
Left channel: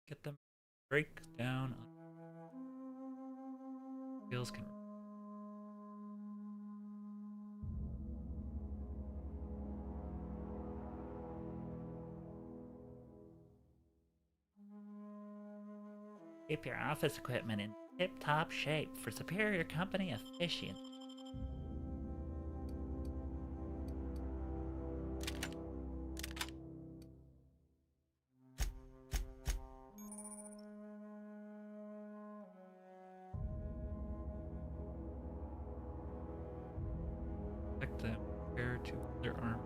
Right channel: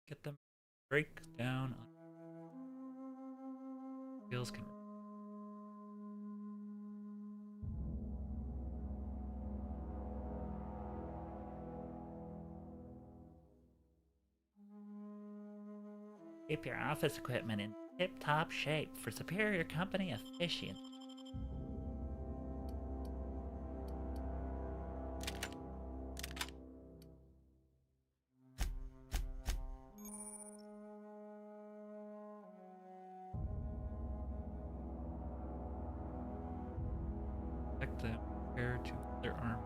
Get them. Break down. Skills can. Keep your office equipment in tip-top shape for superior company efficiency. Protect them compared to their arm.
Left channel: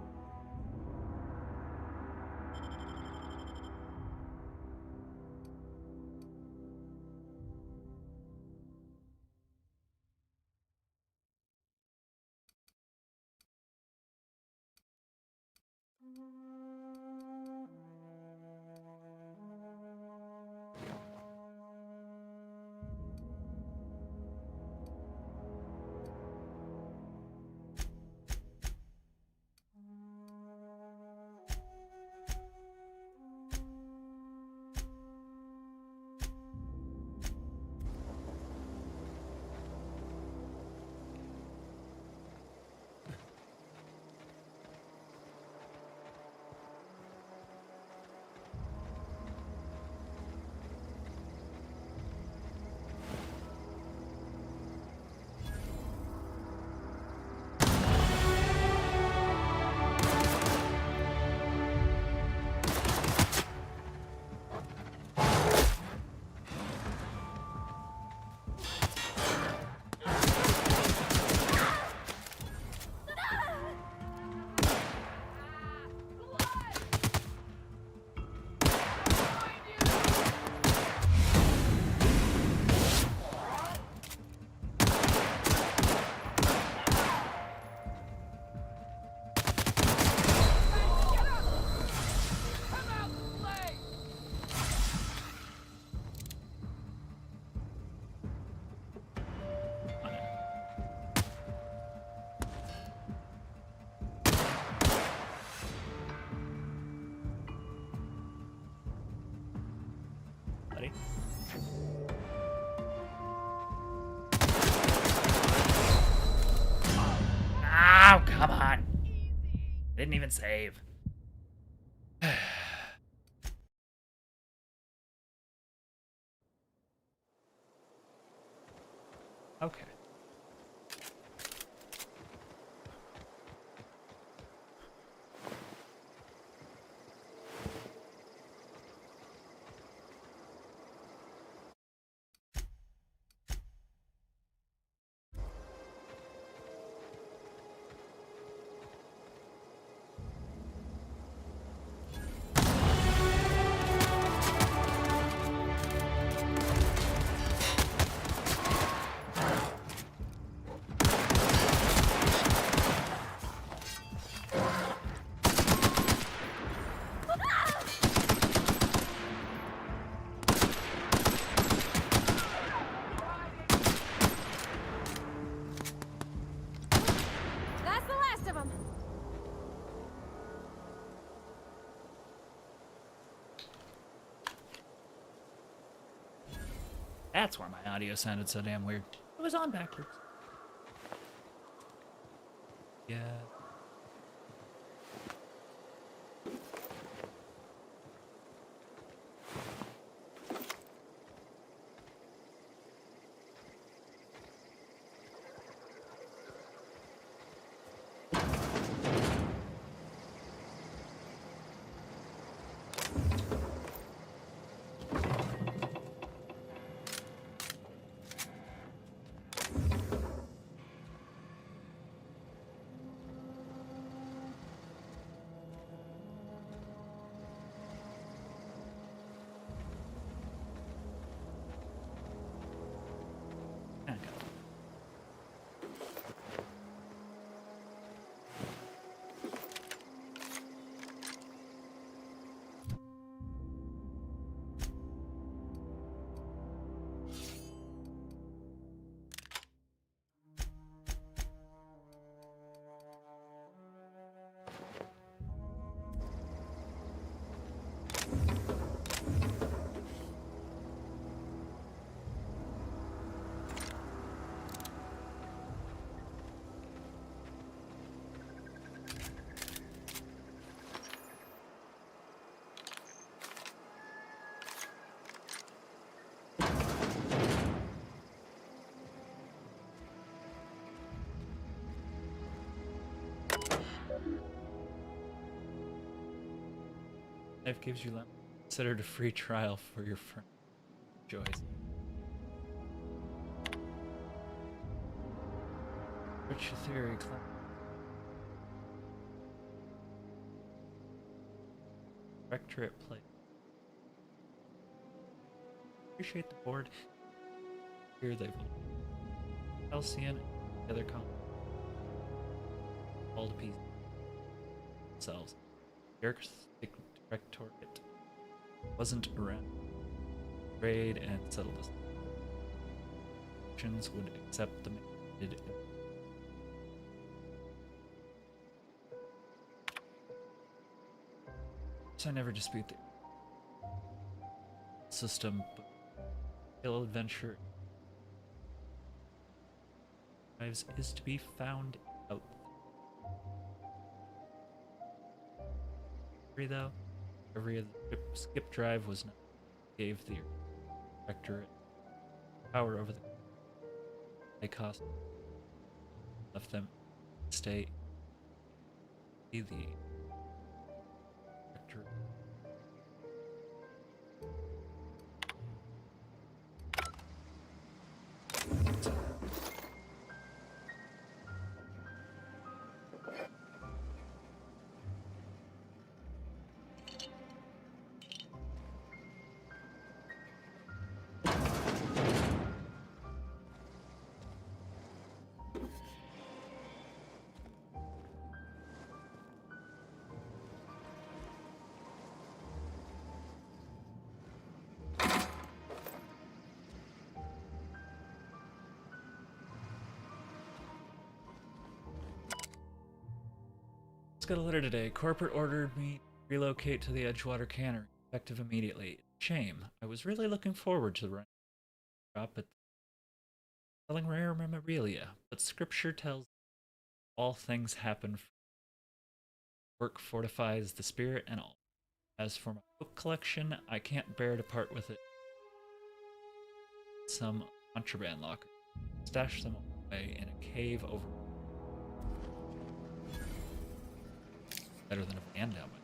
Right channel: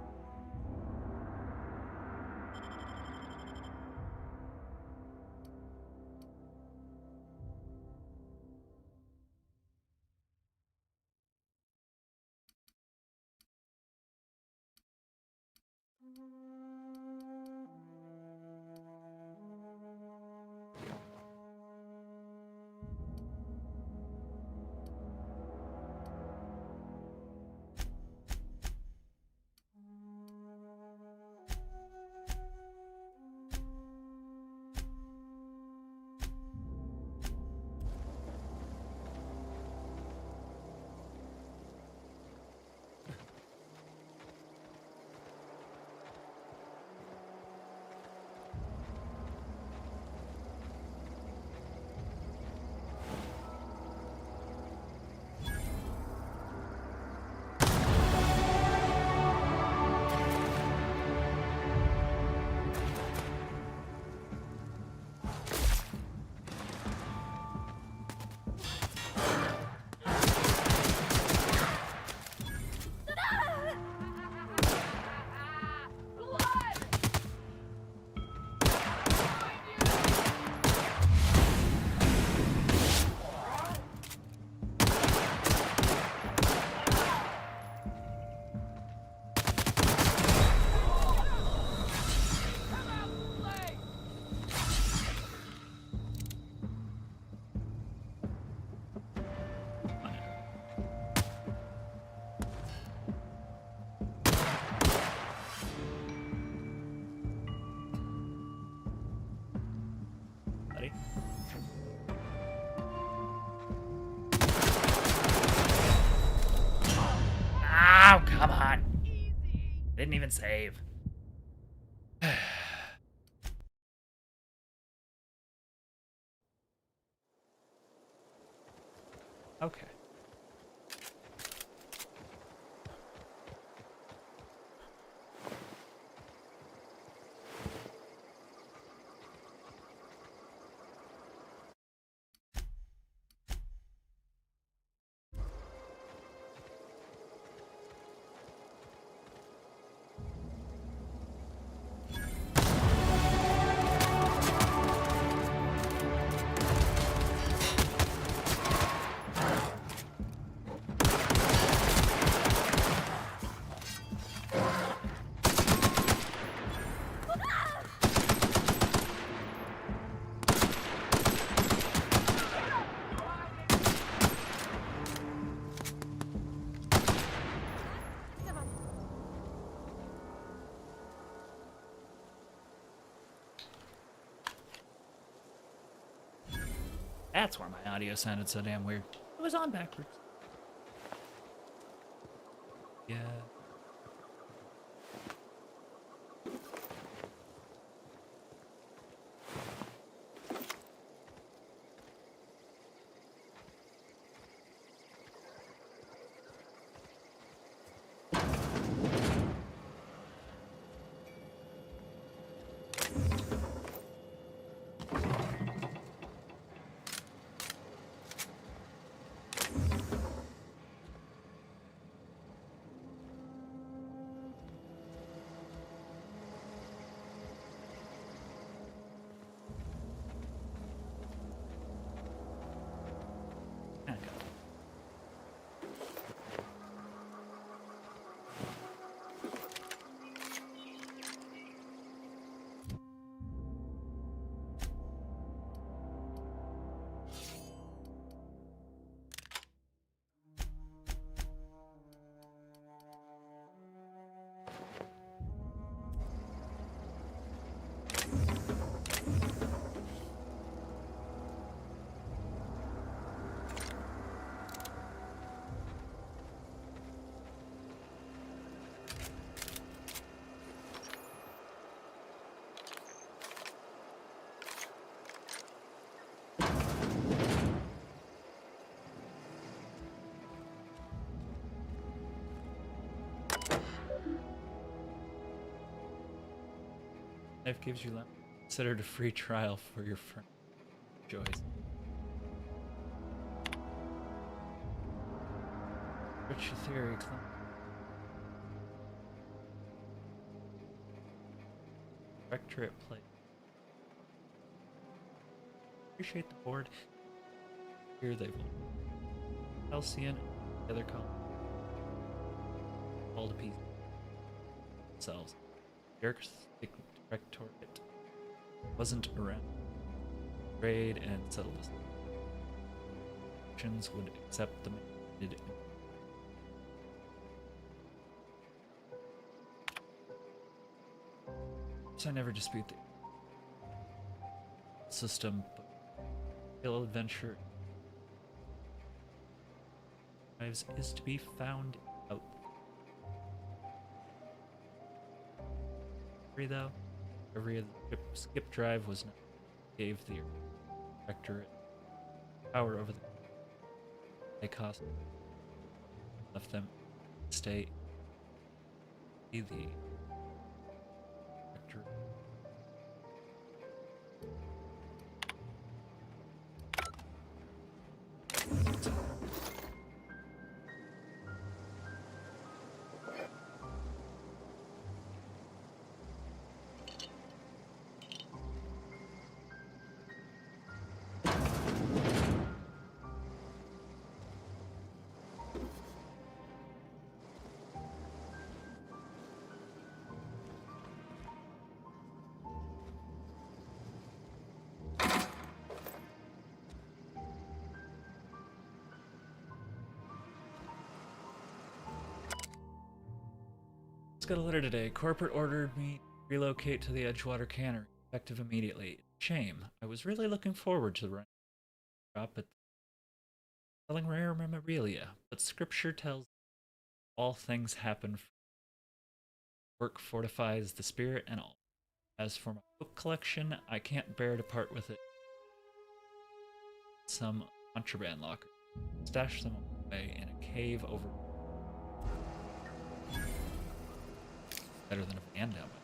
Buddy. Oh, come on. Didn't even save. Okay. That's why my audio sounded so damn weird. It was on backwards. Yeah. Life gives you lemon. Considered a free trial for your friend. Joyce. What's your theory, Clem? Rectorate play. Appreciate the board. Here they will. Halcyon and the other column. All to pieces. Themselves. Dirk's Directorate wasn't around. Trade and settle this. Actions would accept the mandated. So I never dispute the system, but real adventure is to be found out. Though every skip drive was not gave the Directorate power over the they cost left them stay be the Directorate. Got a letter today. Corporate ordered me to relocate to the Edgewater Cannery, effective immediately. Shame. I was really looking forward to the run drop at selling rare memorabilia, but scripture tells all things happen. Work fortifies the spirit and all. As for my book collection, I can't bear to part with it. Some contraband locker. Stash them away in a cave over. Better than a van down with.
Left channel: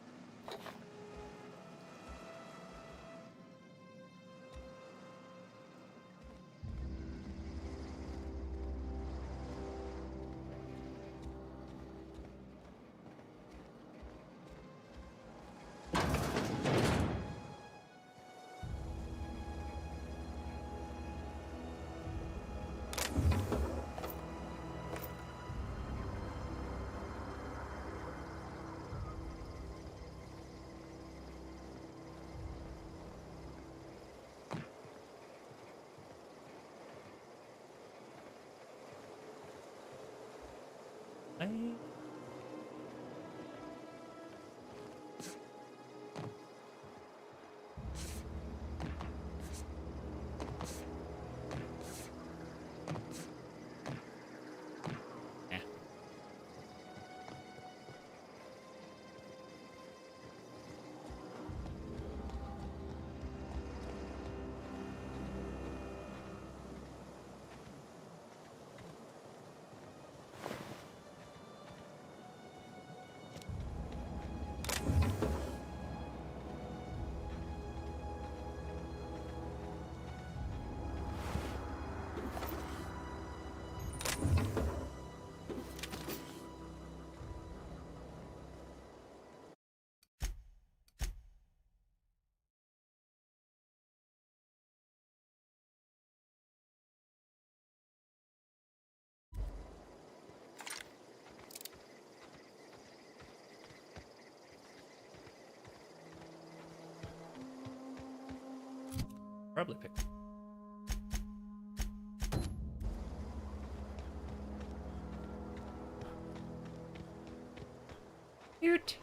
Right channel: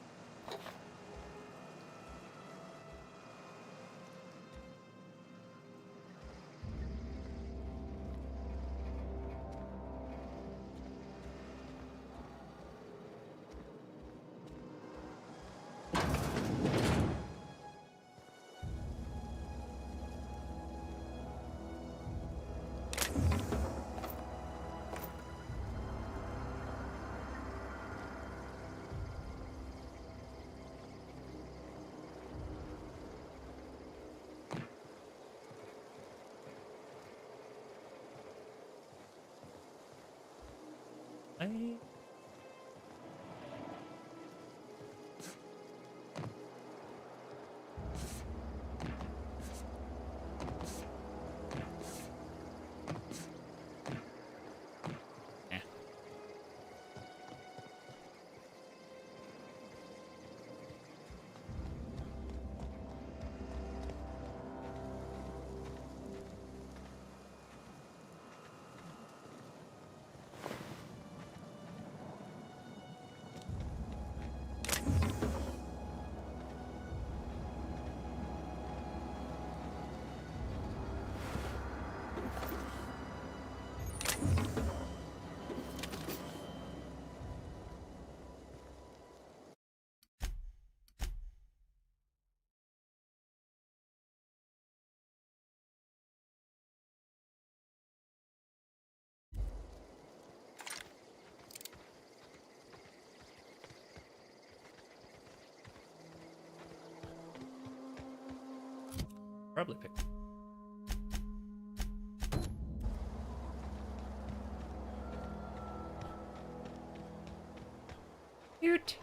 Probably picked. Cute.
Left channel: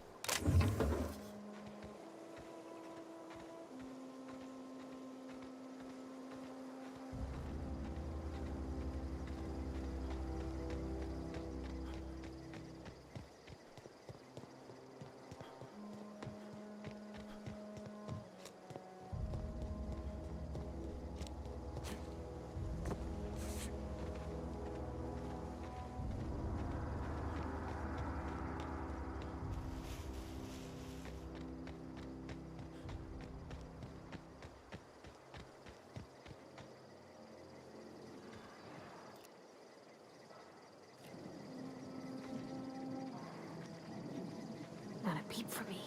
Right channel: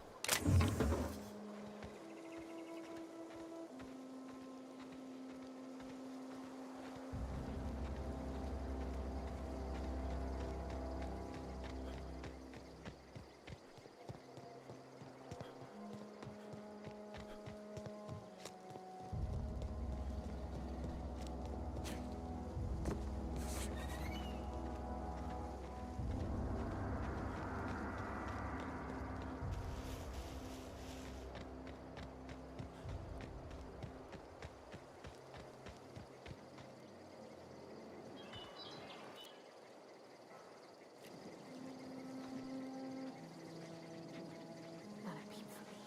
Not a peep for me.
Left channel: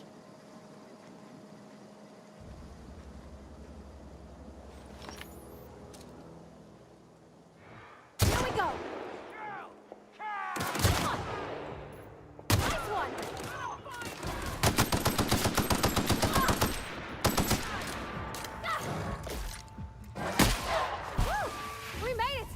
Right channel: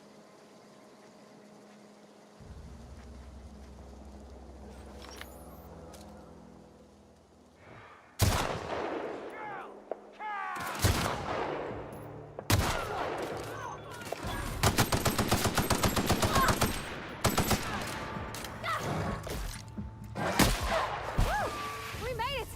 We made it!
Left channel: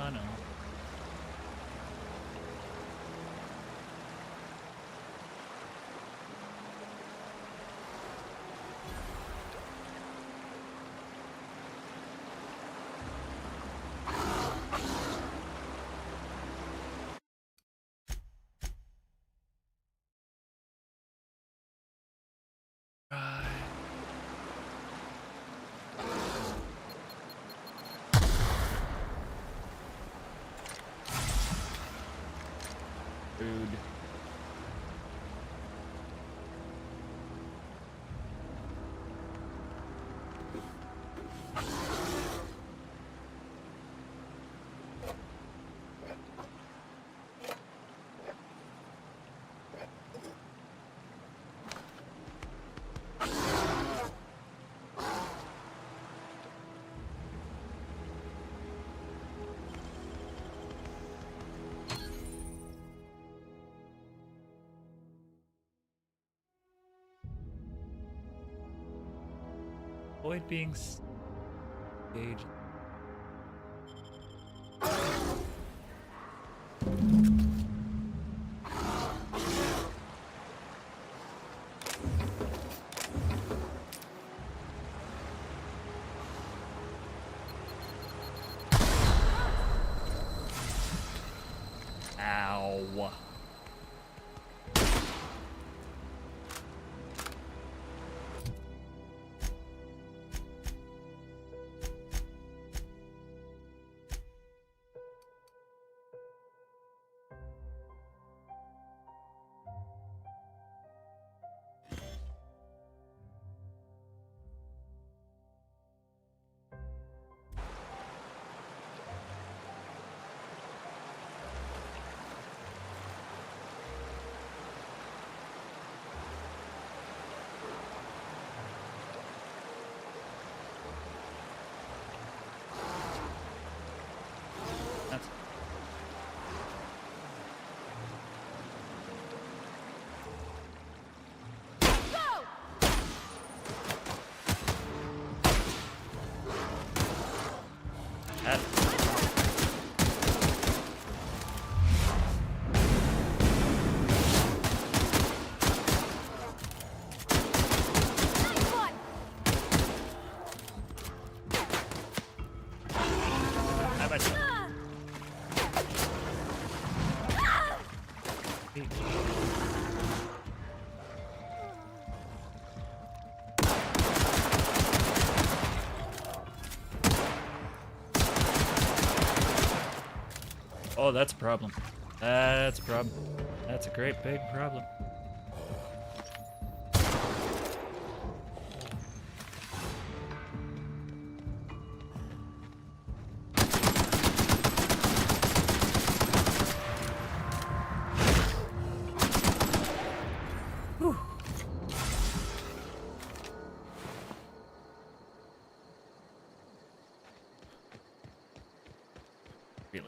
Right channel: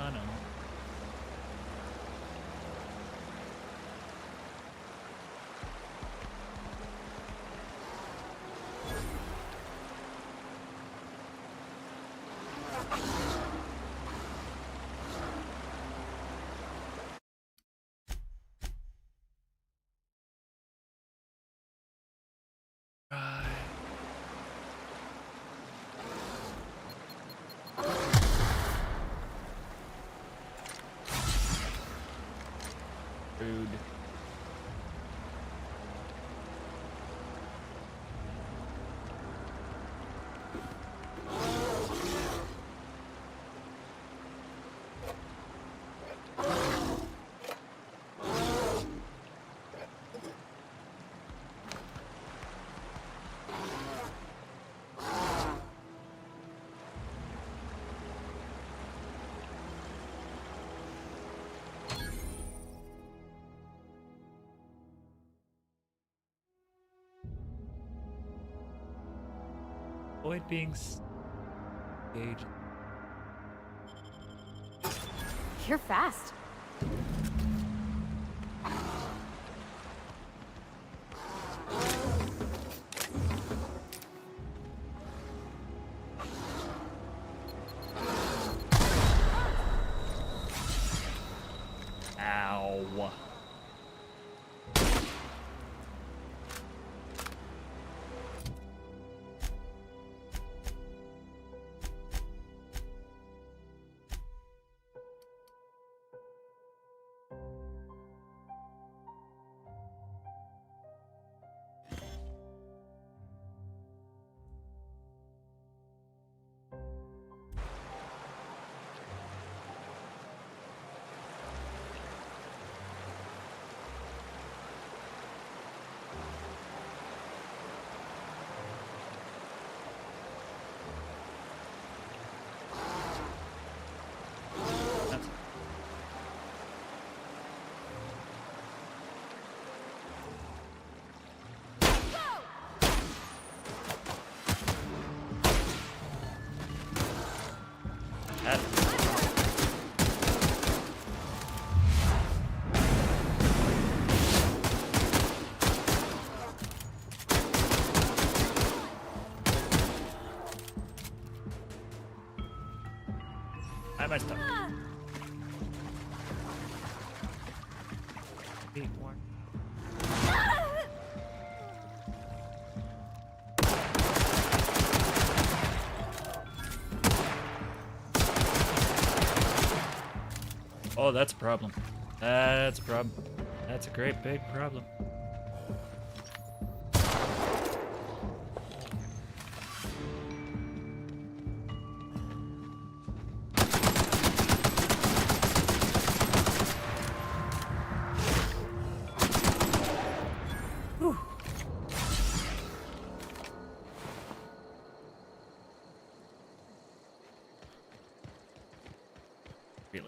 I know. Rude. Avoid being engaged. You're fast. Ow. That's I myself. Oh, that's a problem. That's a problem. That's a great big problem. Whew. Really?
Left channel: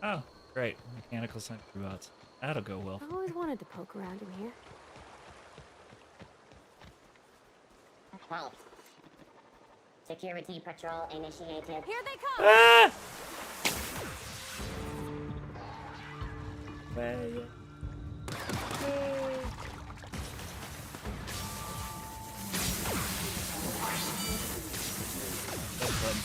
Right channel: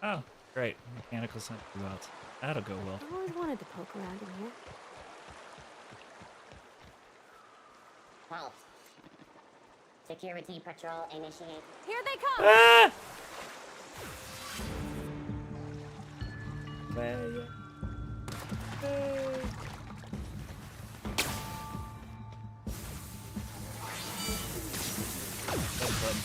Oh, great. Mechanical sentry bots. That'll go well. I've always wanted to poke around in here. Halt. Security patrol initiated. Here they come! Ah! Well, that's fun.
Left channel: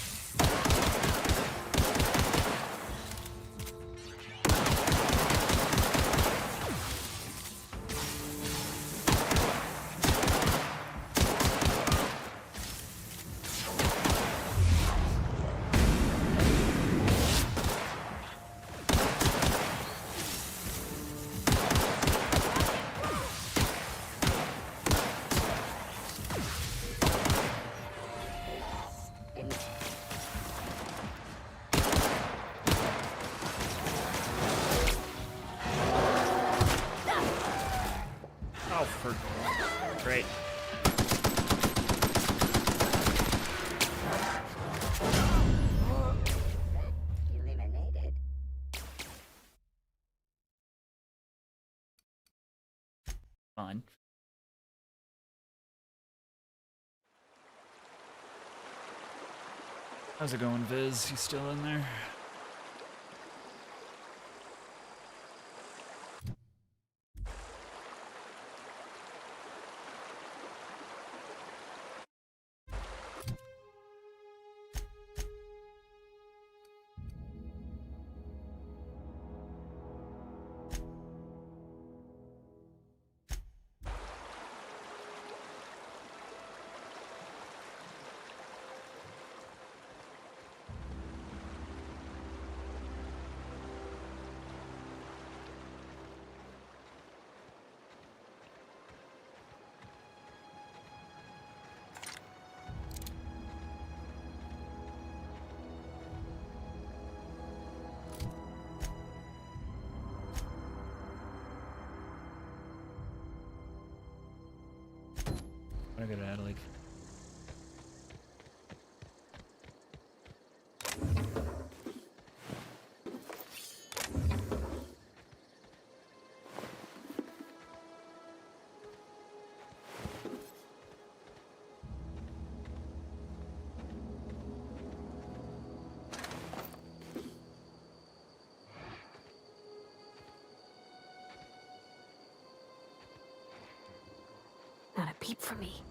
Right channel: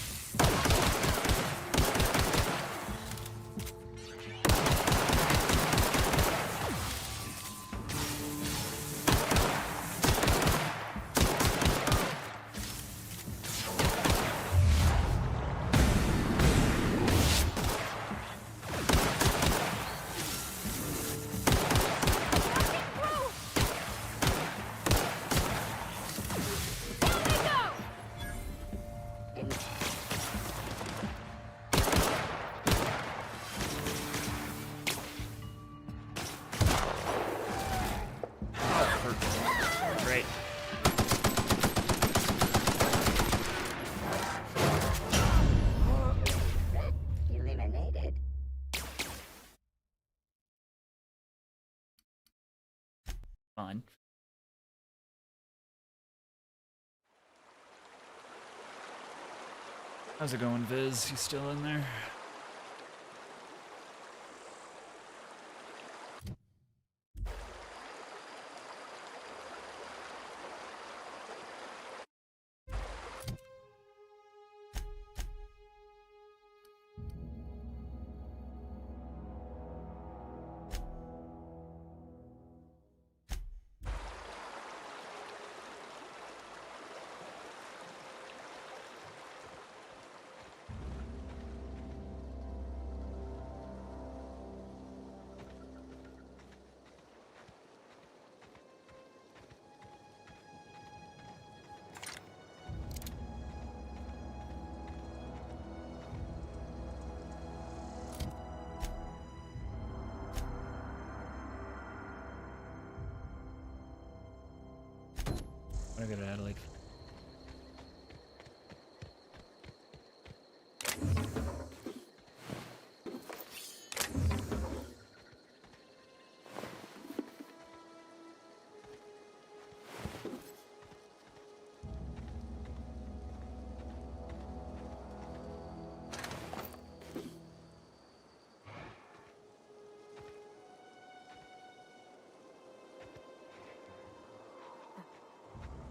Great. Eliminated. Fine. How's it going, Viz? You still in there? I gotta add like peep from me.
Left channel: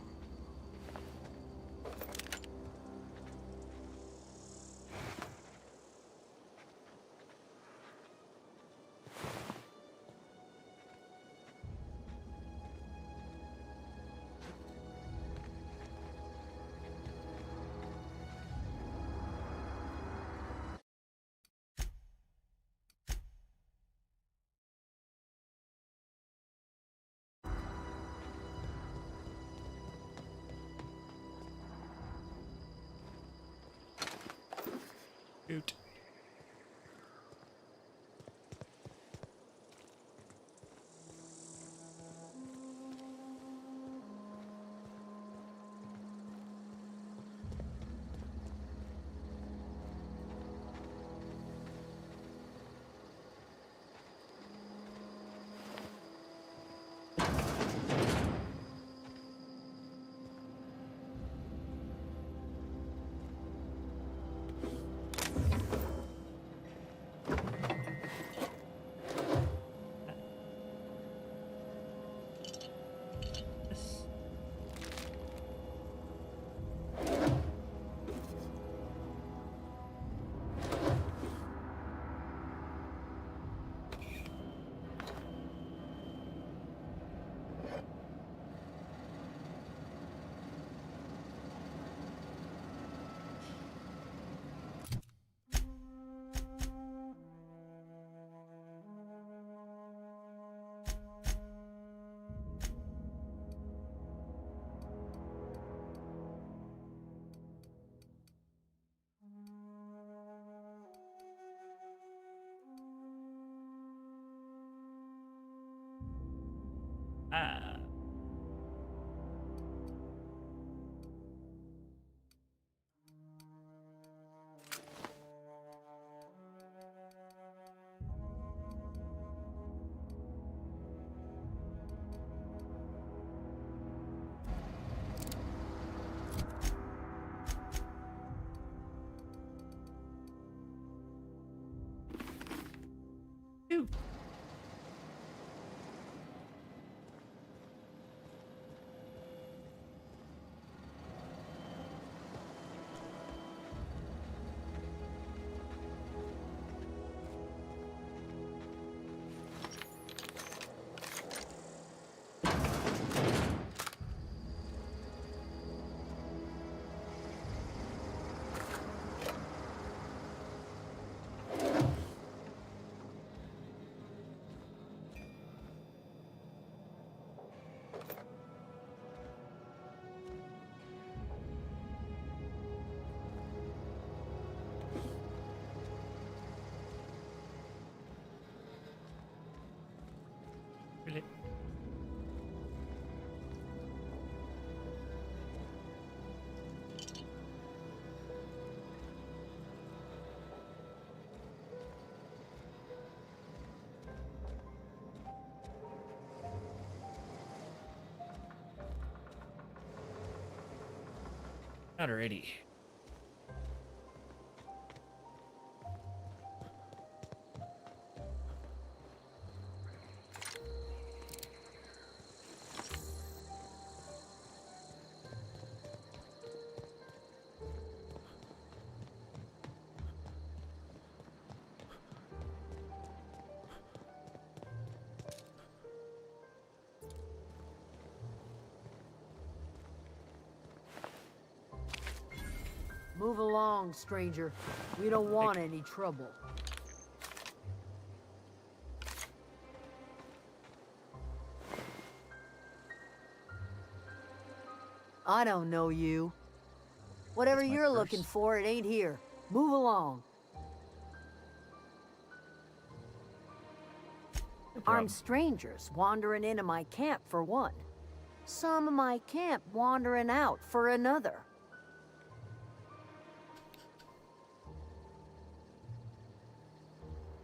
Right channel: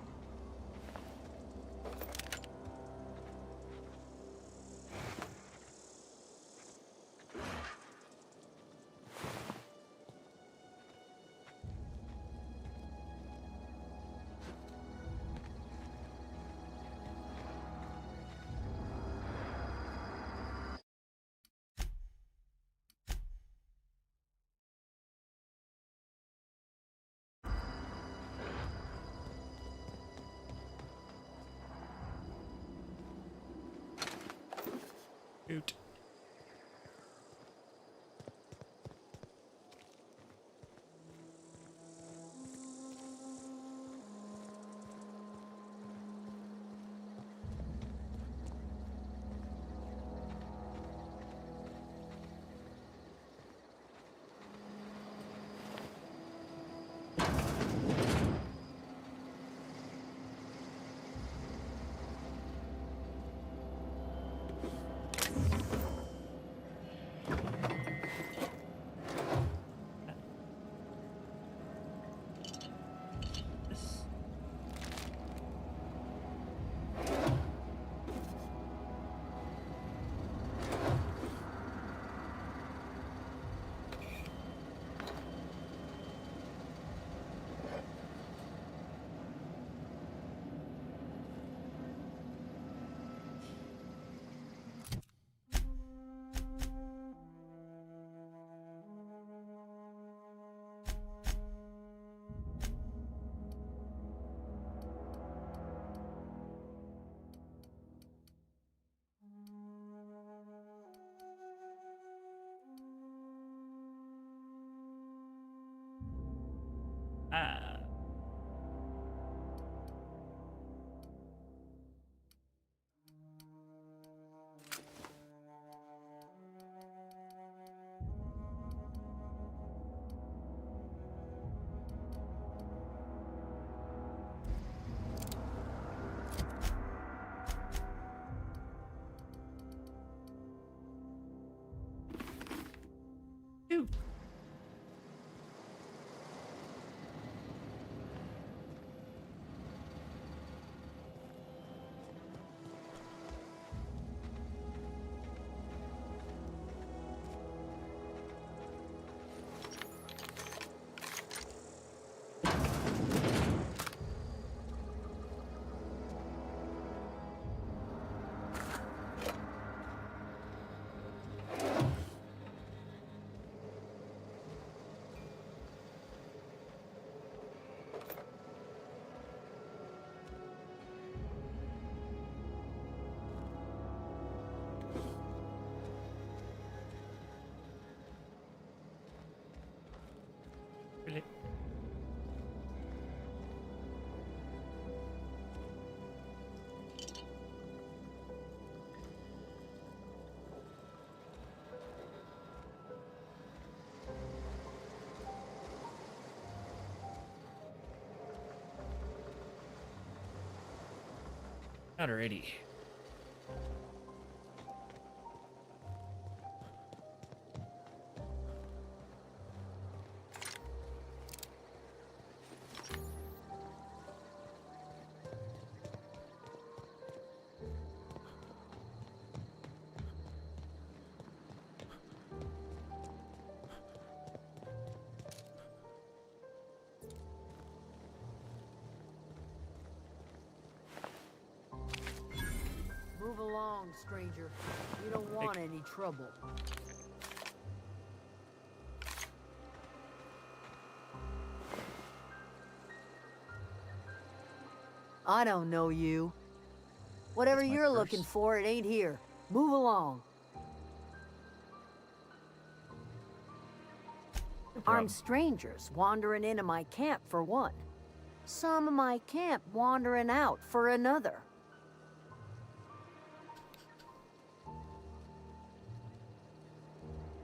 Shoot. Ah. Ew. Really? Alrighty. Move along, stranger. We don't want any trouble. I don't know you. Whatever you're looking for, it ain't here. Move along. Armed strangers wandering into my camp for one. Some of my camp wandering out for another.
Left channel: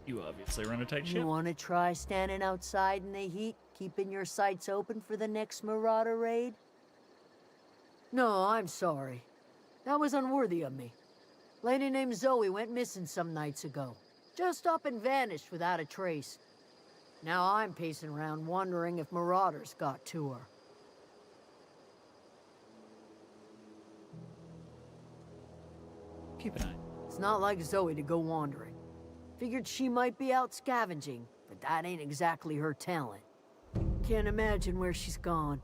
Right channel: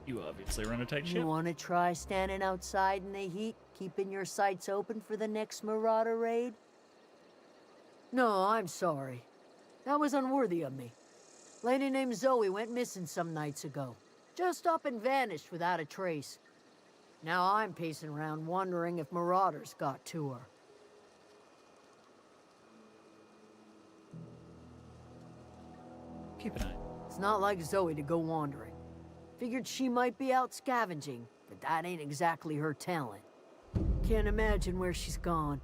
You obviously run a tight ship. You want to try standing outside in the heat, keeping your sights open for the next Marauder raid? No, I'm sorry. That was unworthy of me. Lady named Zoe went missing some nights ago. Just up and vanished without a trace. Now I'm pacing around wondering if Marauders got to her. Keep an eye. It's not like Zoe to go wandering. Figured she might be out scavenging, but that ain't exactly her talent. Can't imagine where she's gone.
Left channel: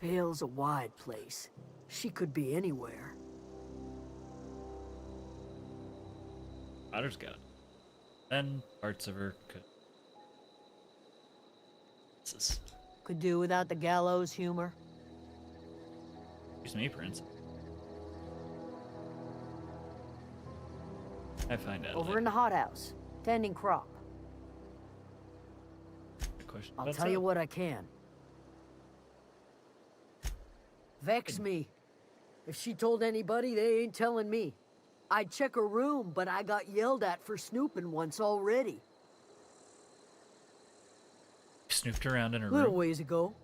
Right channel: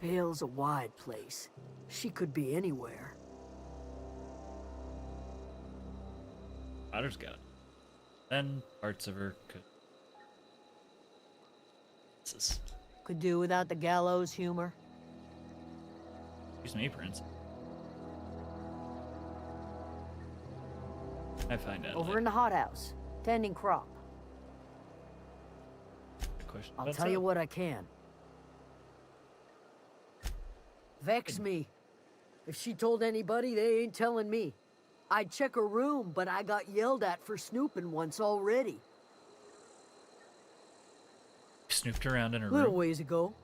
Vale's a wide place. She could be anywhere. Otter's got it. Then parts of her could. Could do without the gallows humor. Excuse me, Prince. I find out. Over in the hothouse, tending crop. Good question. I'll tell you what I can. Vex me. If she told anybody, they ain't telling me. I'd check her room, but I got yelled at for snooping once already. Snooped around in her Little room. ways ago.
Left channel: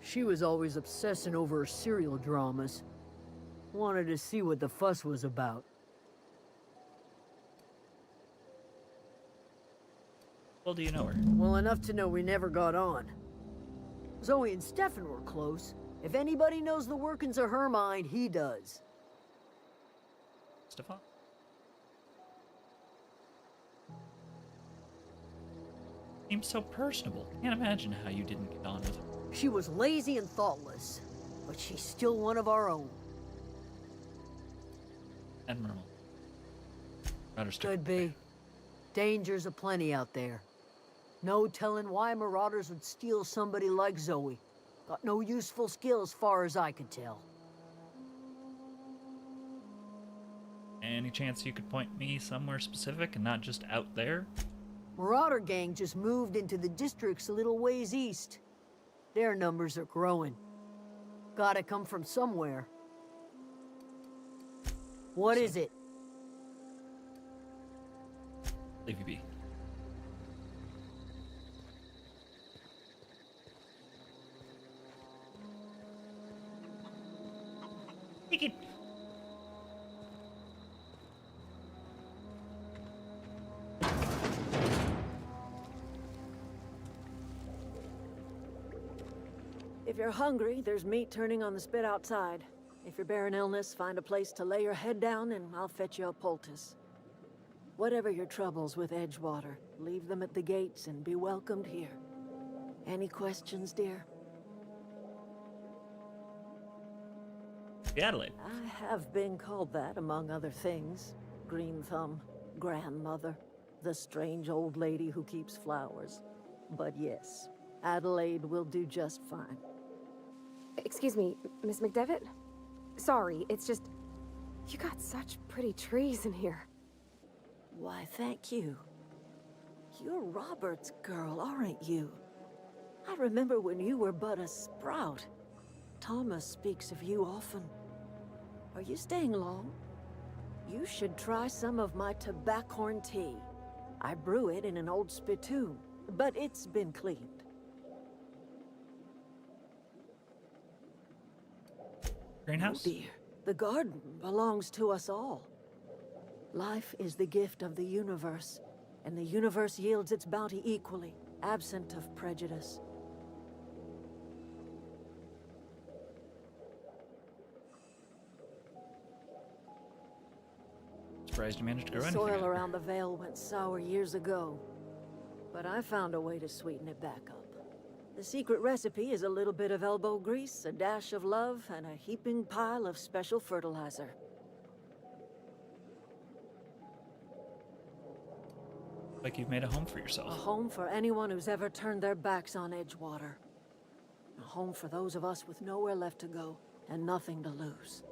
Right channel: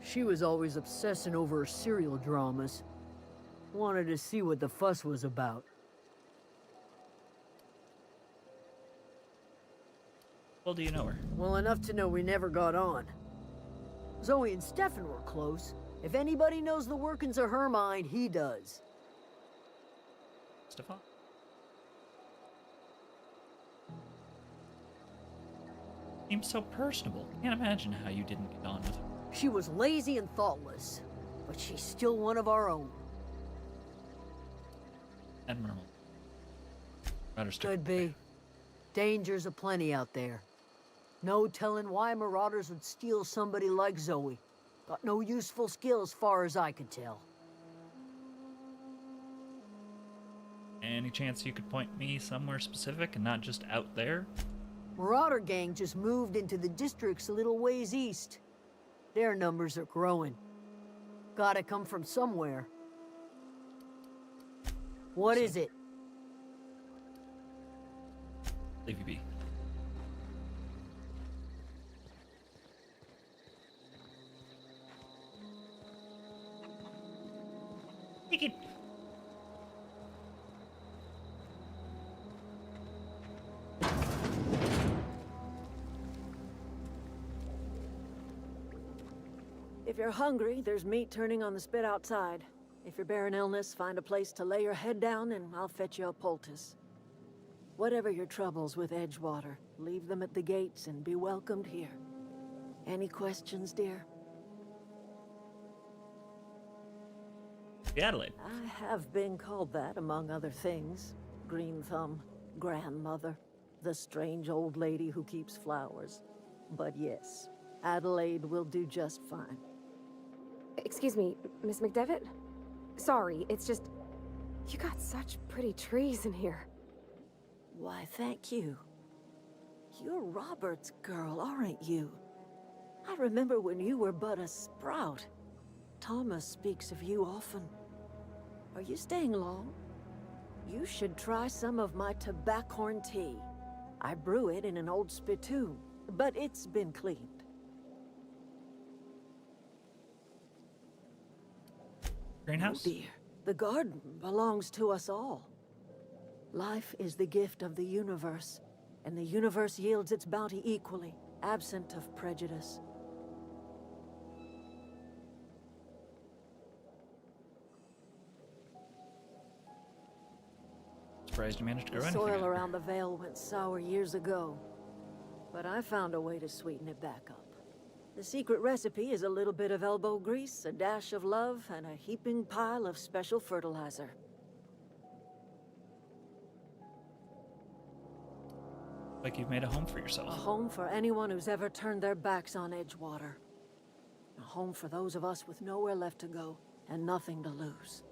She was always obsessing over her serial dramas. Wanted to see what the fuss was about. Well, do you know her? Well enough to know we never got on. Zoe and Stefan were close. If anybody knows the workings of her mind, he does. Stefan? Seems so personable. Can't imagine how you didn't get on with her. She was lazy and thoughtless, but she's still one of our own. Admirable. Could be. Dangers aplenty out there. No telling why marauders would steal somebody like Zoe. Got no useful skill as far as I could tell. Any chance you could point me somewhere specific and not just out there? Marauder gang just moved into the districts a little ways east. Their numbers are growing. Gotta come from somewhere. What is it? Leave you be. Take it. If you're hungry, there's meat turning on the spit outside. If you're bearing illness, find a place to lay your head down and I'll fetch you a poultice. Whatever your troubles with Edgewater, leave them at the gates and be welcomed here. Any questions, dear? Adelaide. I have been called that, among other things. Green Thumb, grandmother, the strange old lady who keeps flowers. But yes, Adelaide will do just fine. Excuse me, Miss McDevitt? Sorry, it's just... You got such pretty trees in here. Why, thank you. You're Robert's girl, aren't you? I remember when you were but a sprout. Thomas speaks of you often. Are you staying long? You should try some of my tobaccorn tea. I brew it in an old spittoon, but it's been cleaned. Greenhouse? Oh dear, the garden belongs to us all. Life is the gift of the universe, and the universe yields its bounty equally, absent of prejudice. Surprised you managed to grow The anything soil out there. around the Vale went sour years ago, but I found a way to sweeten it back up. The secret recipe is a little bit of elbow grease, a dash of love, and a heaping pile of special fertilizer. Like you've made a home for A yourself. home for anyone who's ever turned their backs on Edgewater. A home for those of us with nowhere left to go and nothing to lose.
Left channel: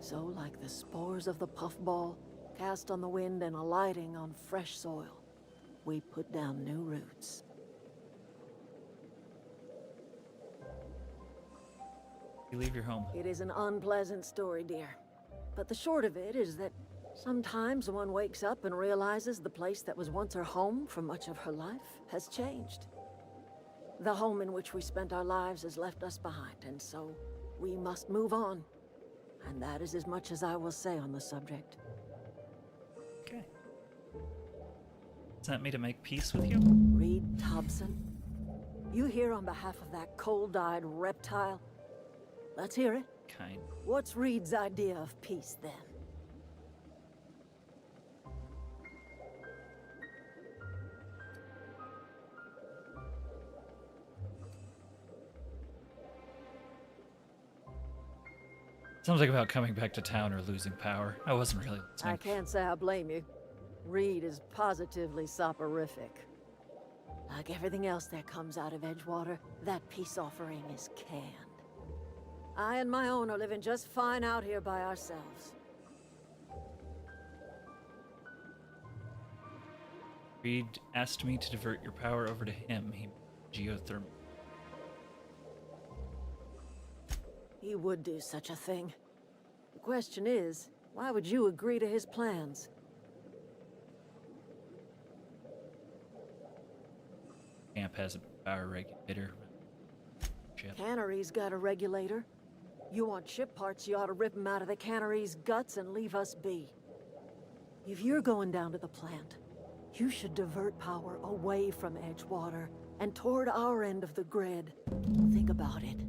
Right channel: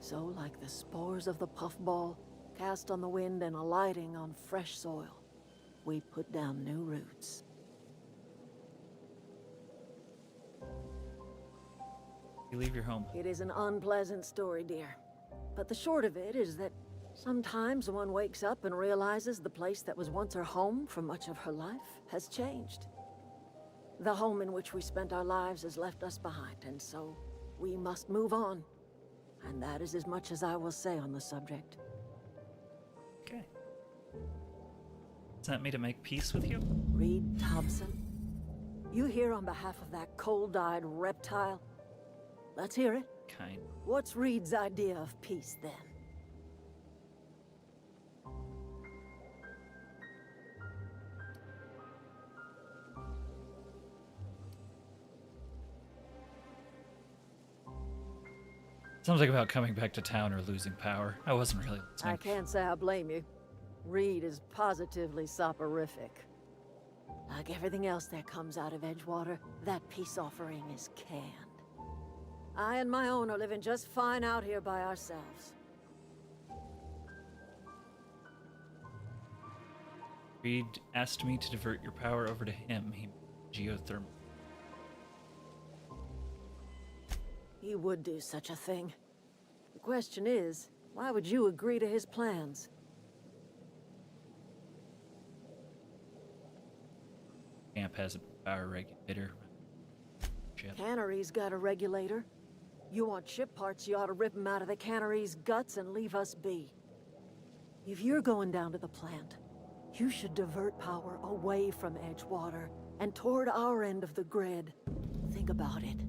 So, like the spores of the puffball, cast on the wind and alighting on fresh soil, we put down new roots. You leave your home. It is an unpleasant story, dear. But the short of it is that sometimes one wakes up and realizes the place that was once her home for much of her life has changed. The home in which we spent our lives has left us behind, and so we must move on. And that is as much as I will say on the subject. Okay. Sent me to make peace with you? Reed Thompson, you here on behalf of that cold-eyed reptile? Let's hear it. Kind. What's Reed's idea of peace, then? Something about coming back to town or losing power. I wasn't really listening. I can't say I blame you. Reed is positively soporific. Like everything else that comes out of Edgewater, that peace offering is canned. I and my own are living just fine out here by ourselves. Reed asked me to divert your power over to him. He geothermal. He would do such a thing. The question is, why would you agree to his plans? Camp has a power regulator. Ship. Cannery's got a regulator. You want ship parts, you ought to rip them out of the cannery's guts and leave us be. If you're going down to the plant, you should divert power away from Edgewater and toward our end of the grid. Think about it.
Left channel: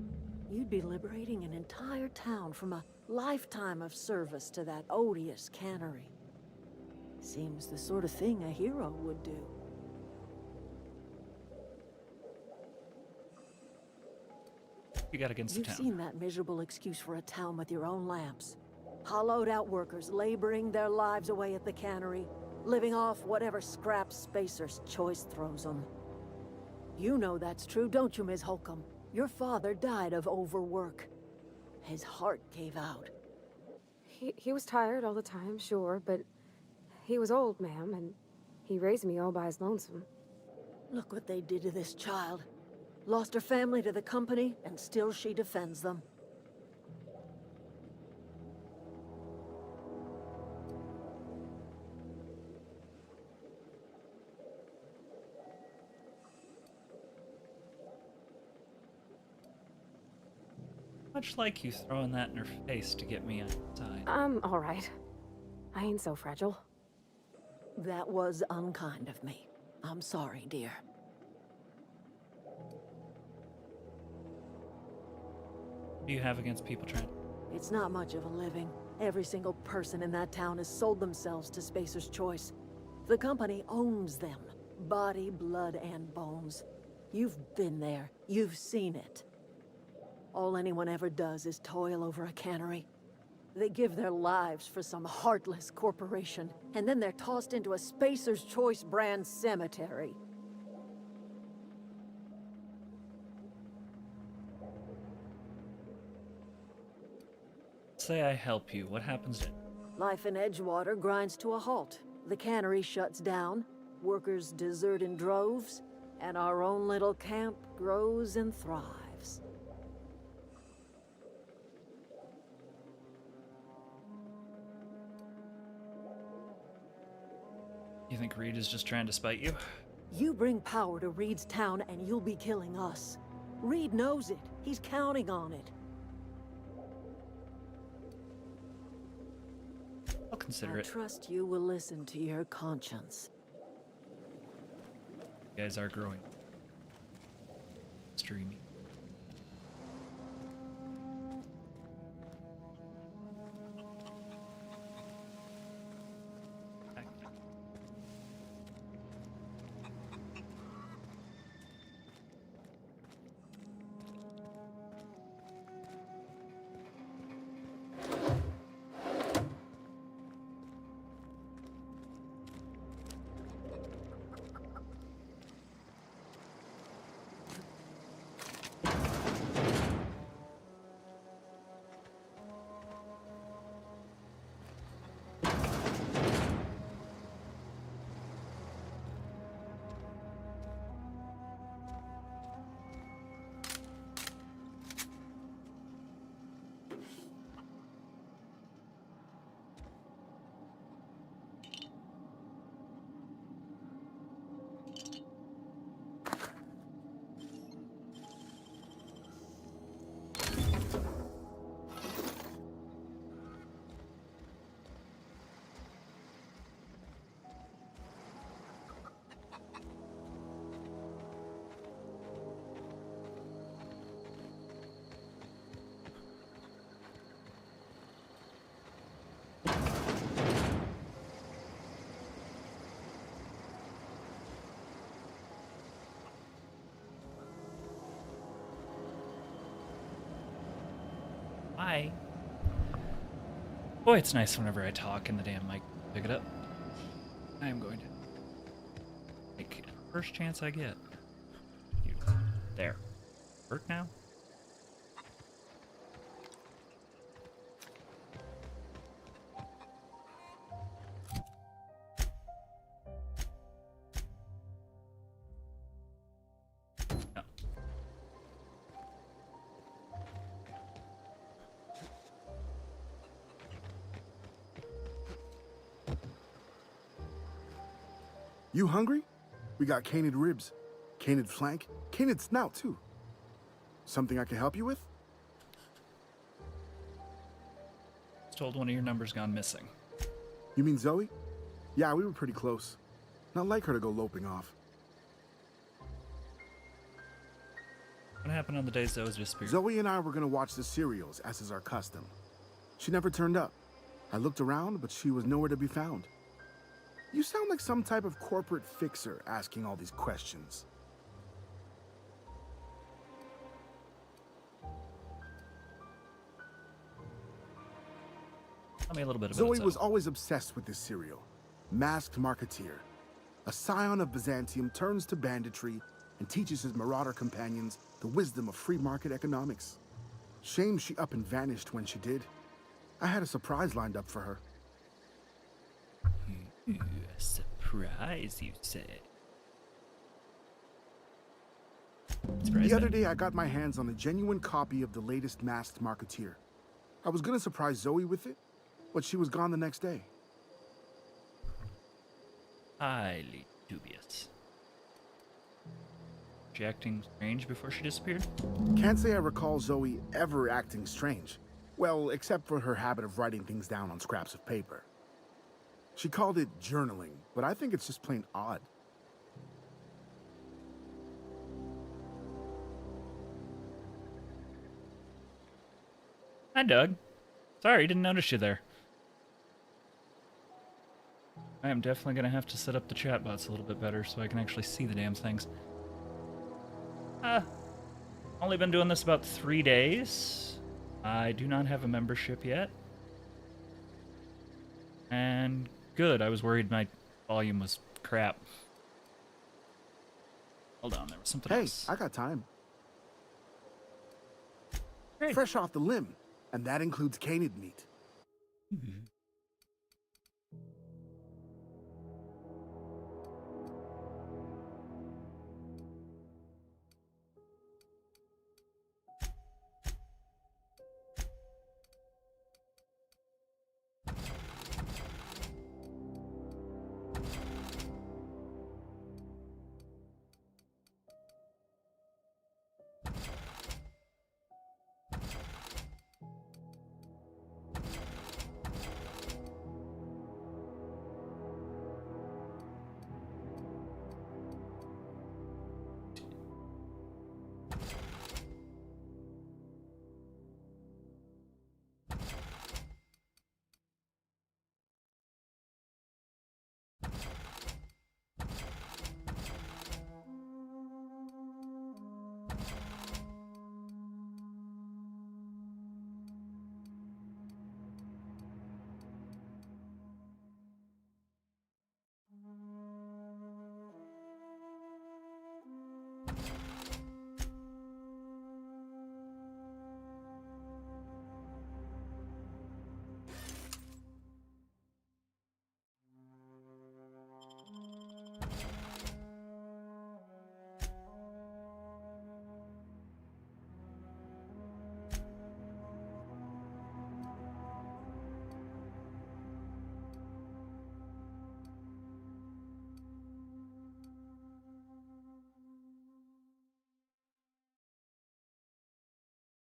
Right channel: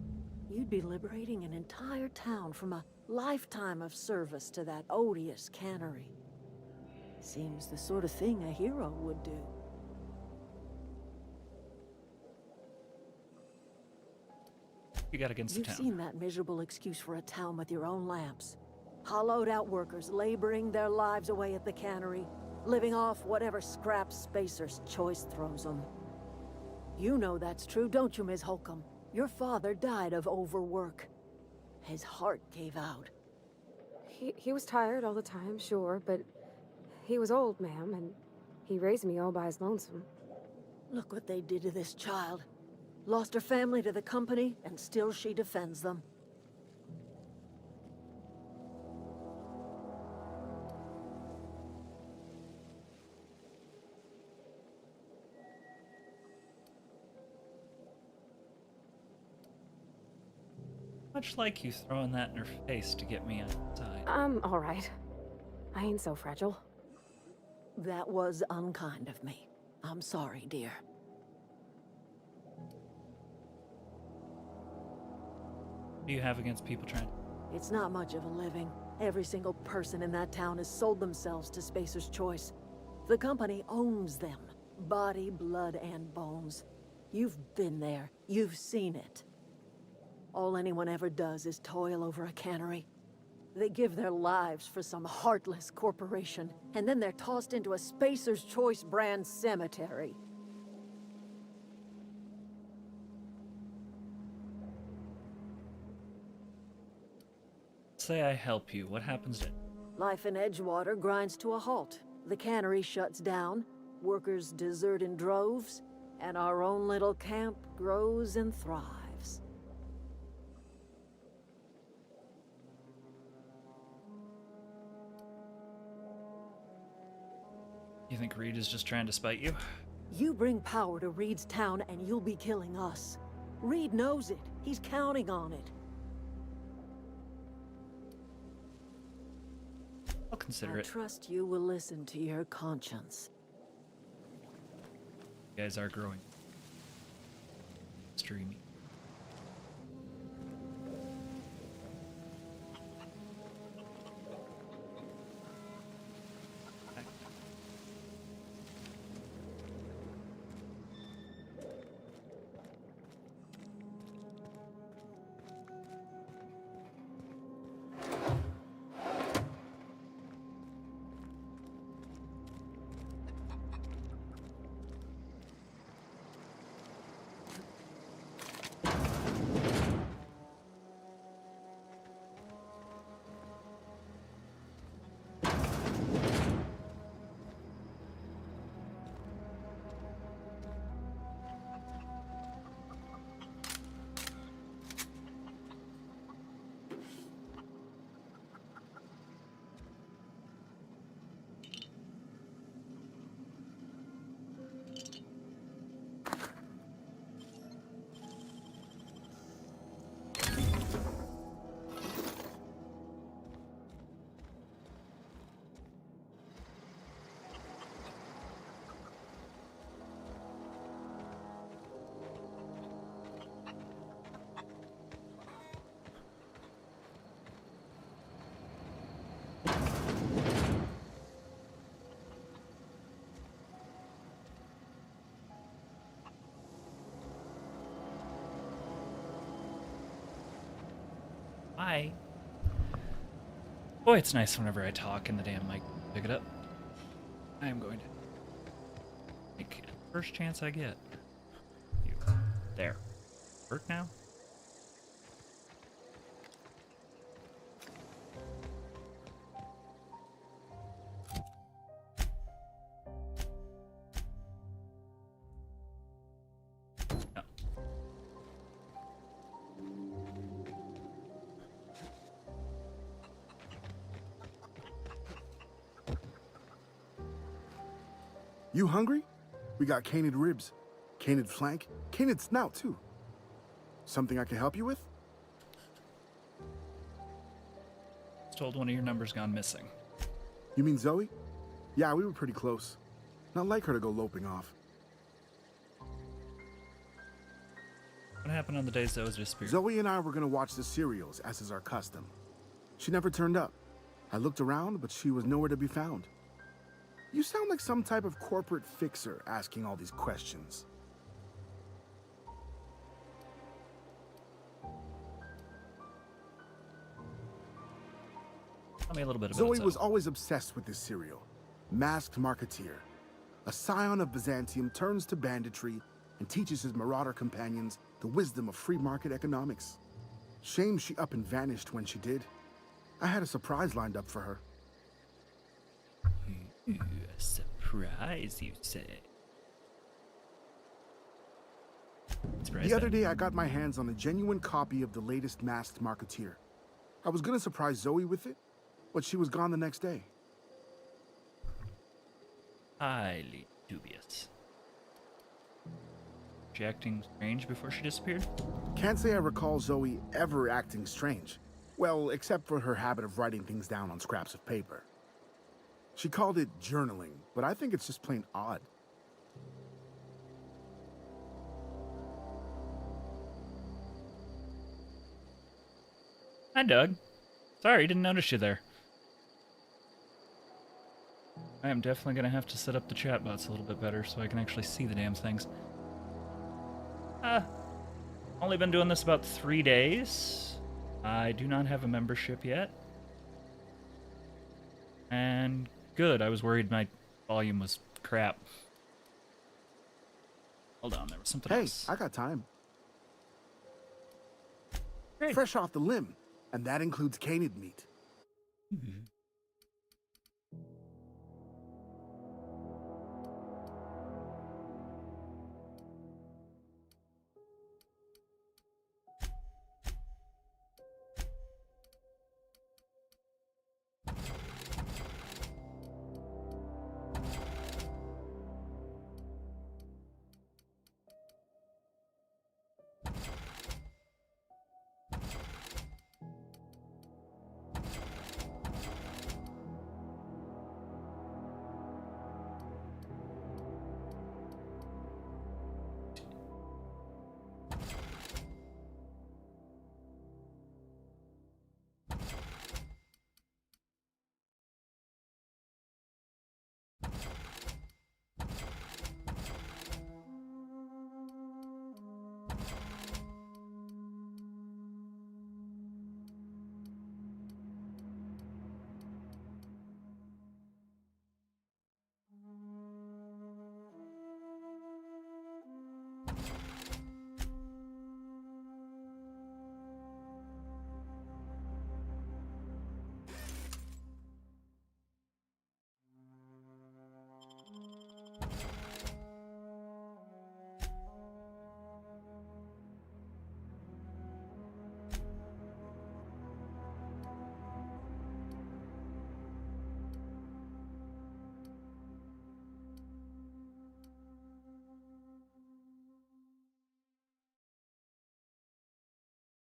You'd be liberating an entire town from a lifetime of service to that odious cannery. Seems the sort of thing a hero would do. You got against the You've town. seen that miserable excuse for a town with your own lamps. Hollowed out workers laboring their lives away at the cannery, living off whatever scraps Spacer's Choice throws them. You know that's true, don't you, Ms. Holcomb? Your father died of overwork. His heart gave out. He was tired all the time, sure, but he was old, ma'am, and he raised me all by his lonesome. Look what they did to this child. Lost her family to the company, and still she defends them. Much like you throwing that in her face to get me on your side. I'm all right. I ain't so fragile. That was unkind of me. I'm sorry, dear. What do you have against people trying? It's not much of a living. Every single person in that town has sold themselves to Spacer's Choice. The company owns them. Body, blood, and bones. You've been there. You've seen it. All anyone ever does is toil over a cannery. They give their lives for some heartless corporation, and then they're tossed into a Spacer's Choice brand cemetery. Say I help you. What happens then? Life in Edgewater grinds to a halt. The cannery shuts down, workers desert in droves, and our own little camp grows and thrives. You think Reed is just trying to spite you? You bring power to Reed's town and you'll be killing us. Reed knows it. He's counting on it. I'll consider I it. trust you will listen to your conscience. You guys are growing. Streamy. Why? Boy, it's nice whenever I talk and the damn mic pick it up. I am going to take it first chance I get. You. There. Hurt now? No. You hungry? We got canid ribs, canid flank, canid snout too. Something I can help you with? Was told one of your numbers gone missing. You mean Zoe? Yeah, we were pretty close. Not like her to go loping off. What happened on the days that was disappeared? Zoe and I were gonna watch the serials, as is our custom. She never turned up. I looked around, but she was nowhere to be found. You sound like some type of corporate fixer asking all these questions. Tell me a little bit about Zoe it. was always obsessed with this serial. Masked Marketeer. A scion of Byzantium turns to banditry and teaches his marauder companions the wisdom of free market economics. Shame she up and vanished when she did. I had a surprise lined up for her. Ooh, a surprise, you say? Surprise The other day, I got my hands on a genuine copy of the latest Masked Marketeer. I was gonna surprise Zoe with it, but she was gone the next day. Highly dubious. She acting strange before she disappeared? Can't say I recall Zoe ever acting strange. Well, except for her habit of writing things down on scraps of paper. She called it journaling, but I think it's just plain odd. Hi, Doug. Sorry, didn't notice you there. I am definitely going to have to set up the chatbots a little bit better so I can actually see the damn things. Only been doing this about 3 days. I do not have a membership yet. And good, I was worried my volume was crap. Hold on, there was something else. Hey, I got time. Great. Fresh off the limb, and that includes canid meat. Mm-hmm.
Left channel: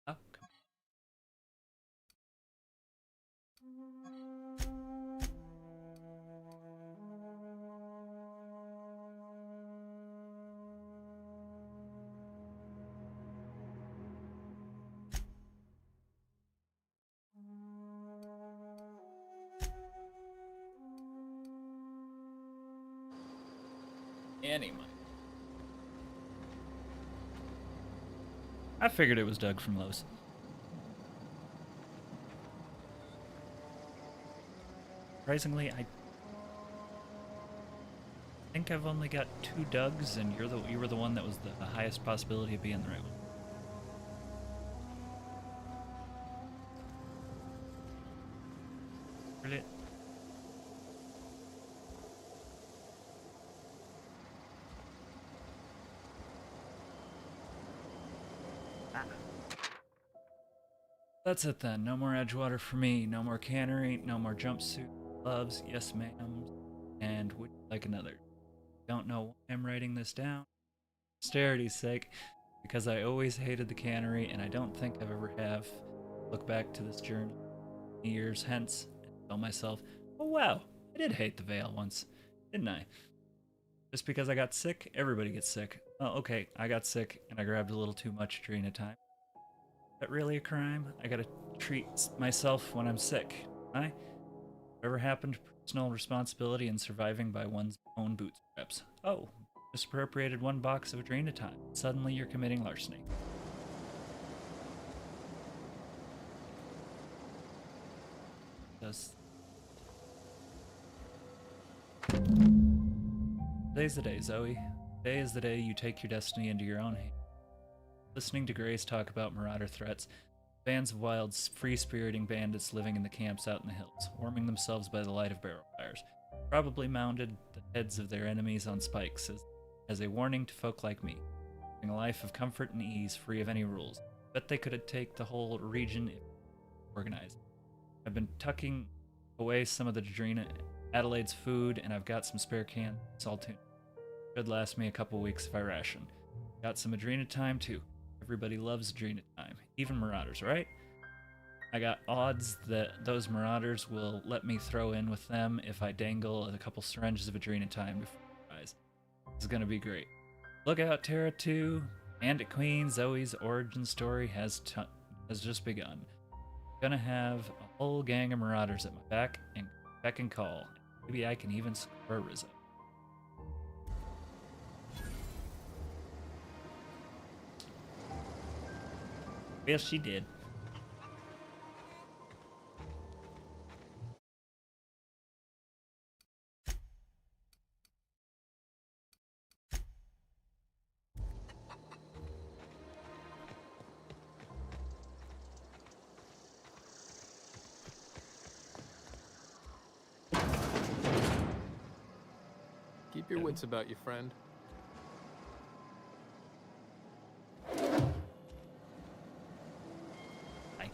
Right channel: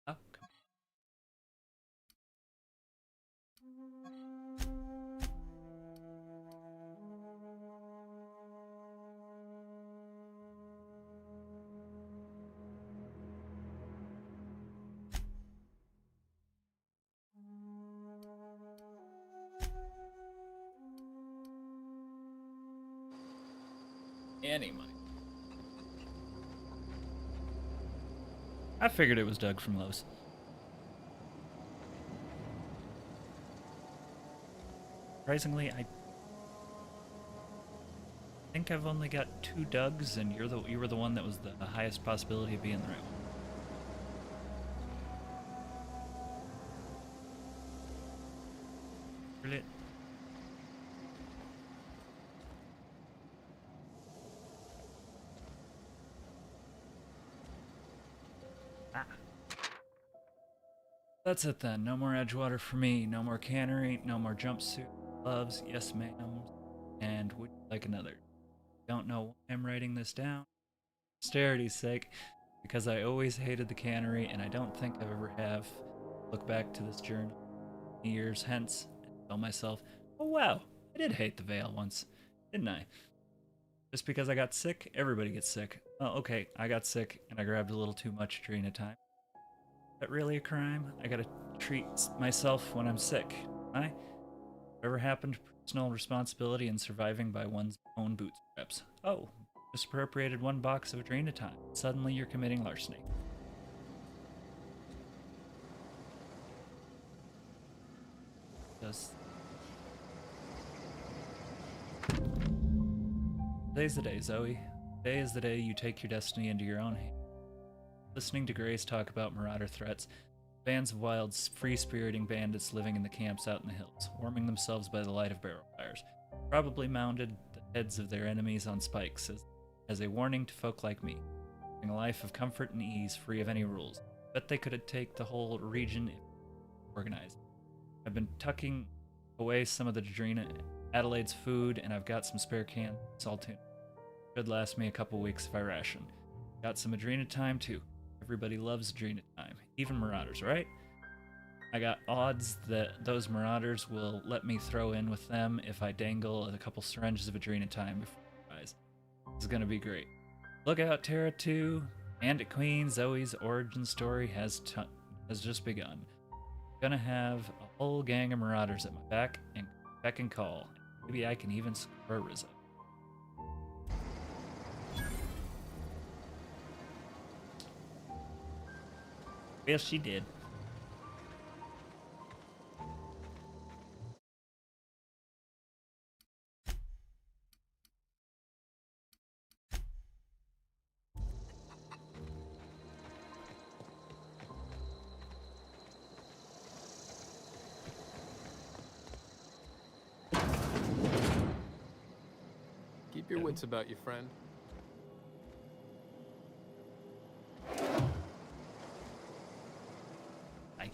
Oh, come on. Anyway. I figured it was Doug from Lowe's. Surprisingly, I think I've only got 2 Dougs, and you were the one that was the highest possibility of being the right one. Brilliant. That's it then. No more Edgewater for me. No more cannery. No more jumpsuit. Gloves. Yes, ma'am. And would you like another? Don't know why I'm writing this down. Posterity's sake, because I always hated the cannery, and I don't think I've ever have. Look back to this journal years hence and tell myself, oh wow, I did hate the Veil once, didn't I? Just because I got sick, everybody gets sick. Oh, okay, I got sick and I grabbed a little too much during a time. Is that really a crime? I gotta treat myself when I'm sick, don't I? Whatever happened to personal responsibility and surviving by one's own bootstraps? Oh, misappropriated 1 box of Adrenatime. Suddenly you're committing larceny. Today's the day, Zoe. Today is the day you take your destiny into your own hands. Listening to Grace talk about marauder threats, bands of wild, free-spiriting bandits living in the camps out in the hills, warming themselves by the light of barrel fires, probably mounted the heads of their enemies on spikes as a warning to folk like me, living a life of comfort and ease, free of any rules. Bet they could take the whole region if organized. I've been tucking away some of the Drina Adelaide's food, and I've got some spare cans of saltine. Should last me a couple weeks if I ration. Got some Adrenatime too. Everybody loves Adrenatime, even Marauders, right? I got odds that those Marauders will let me throw in with them if I dangle a couple syringes of Adrenatime before their eyes. This is gonna be great. Look out, Terra 2. Bandit Queen Zoe's origin story has just begun. Gonna have a whole gang of Marauders at my back and beck and call. Maybe I can even score a Rizzo. Well, she did. Keep your wits about you, friend. Hi.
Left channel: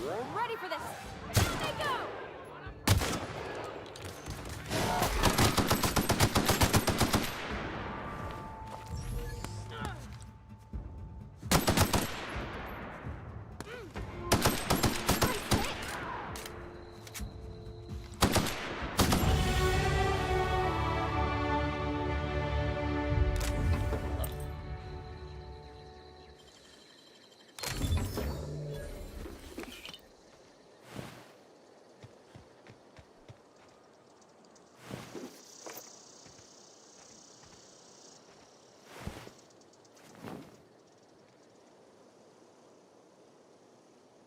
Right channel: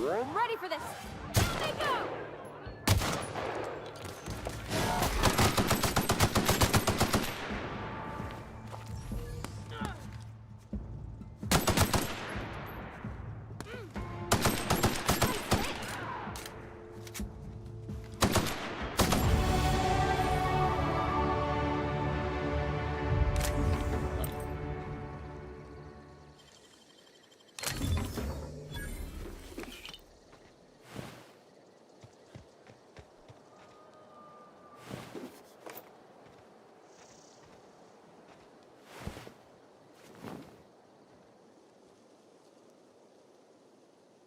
Ready for this! Down they go!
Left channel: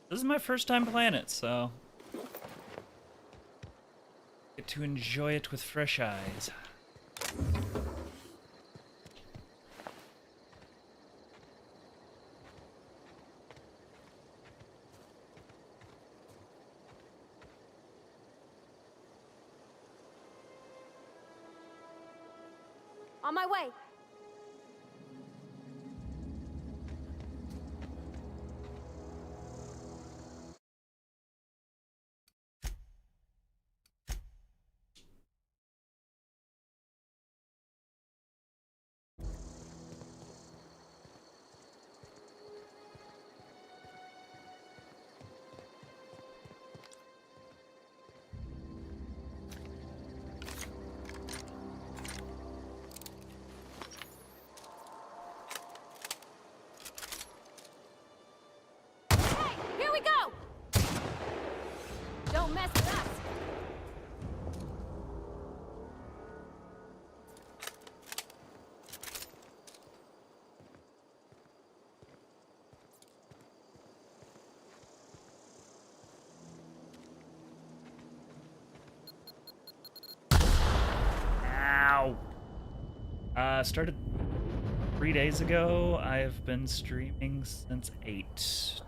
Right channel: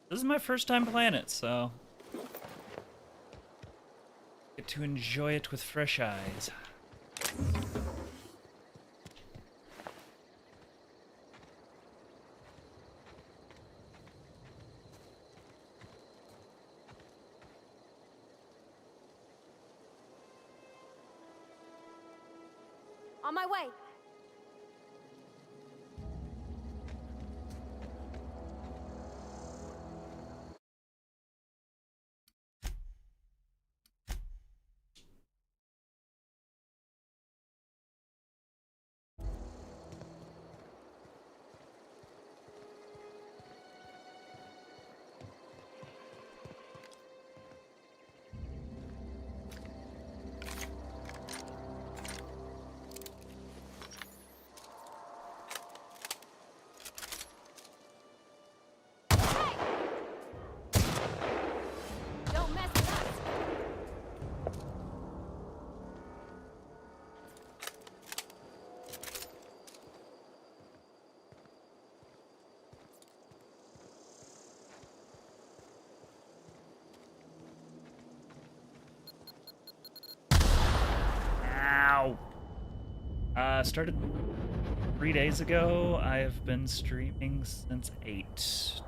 This is my first time playing it, so get to enjoy it with fresh eyes. On my way. Hey, here we go. Don't mess with us. Ow! Started 3 days ago. I've been streaming since 8.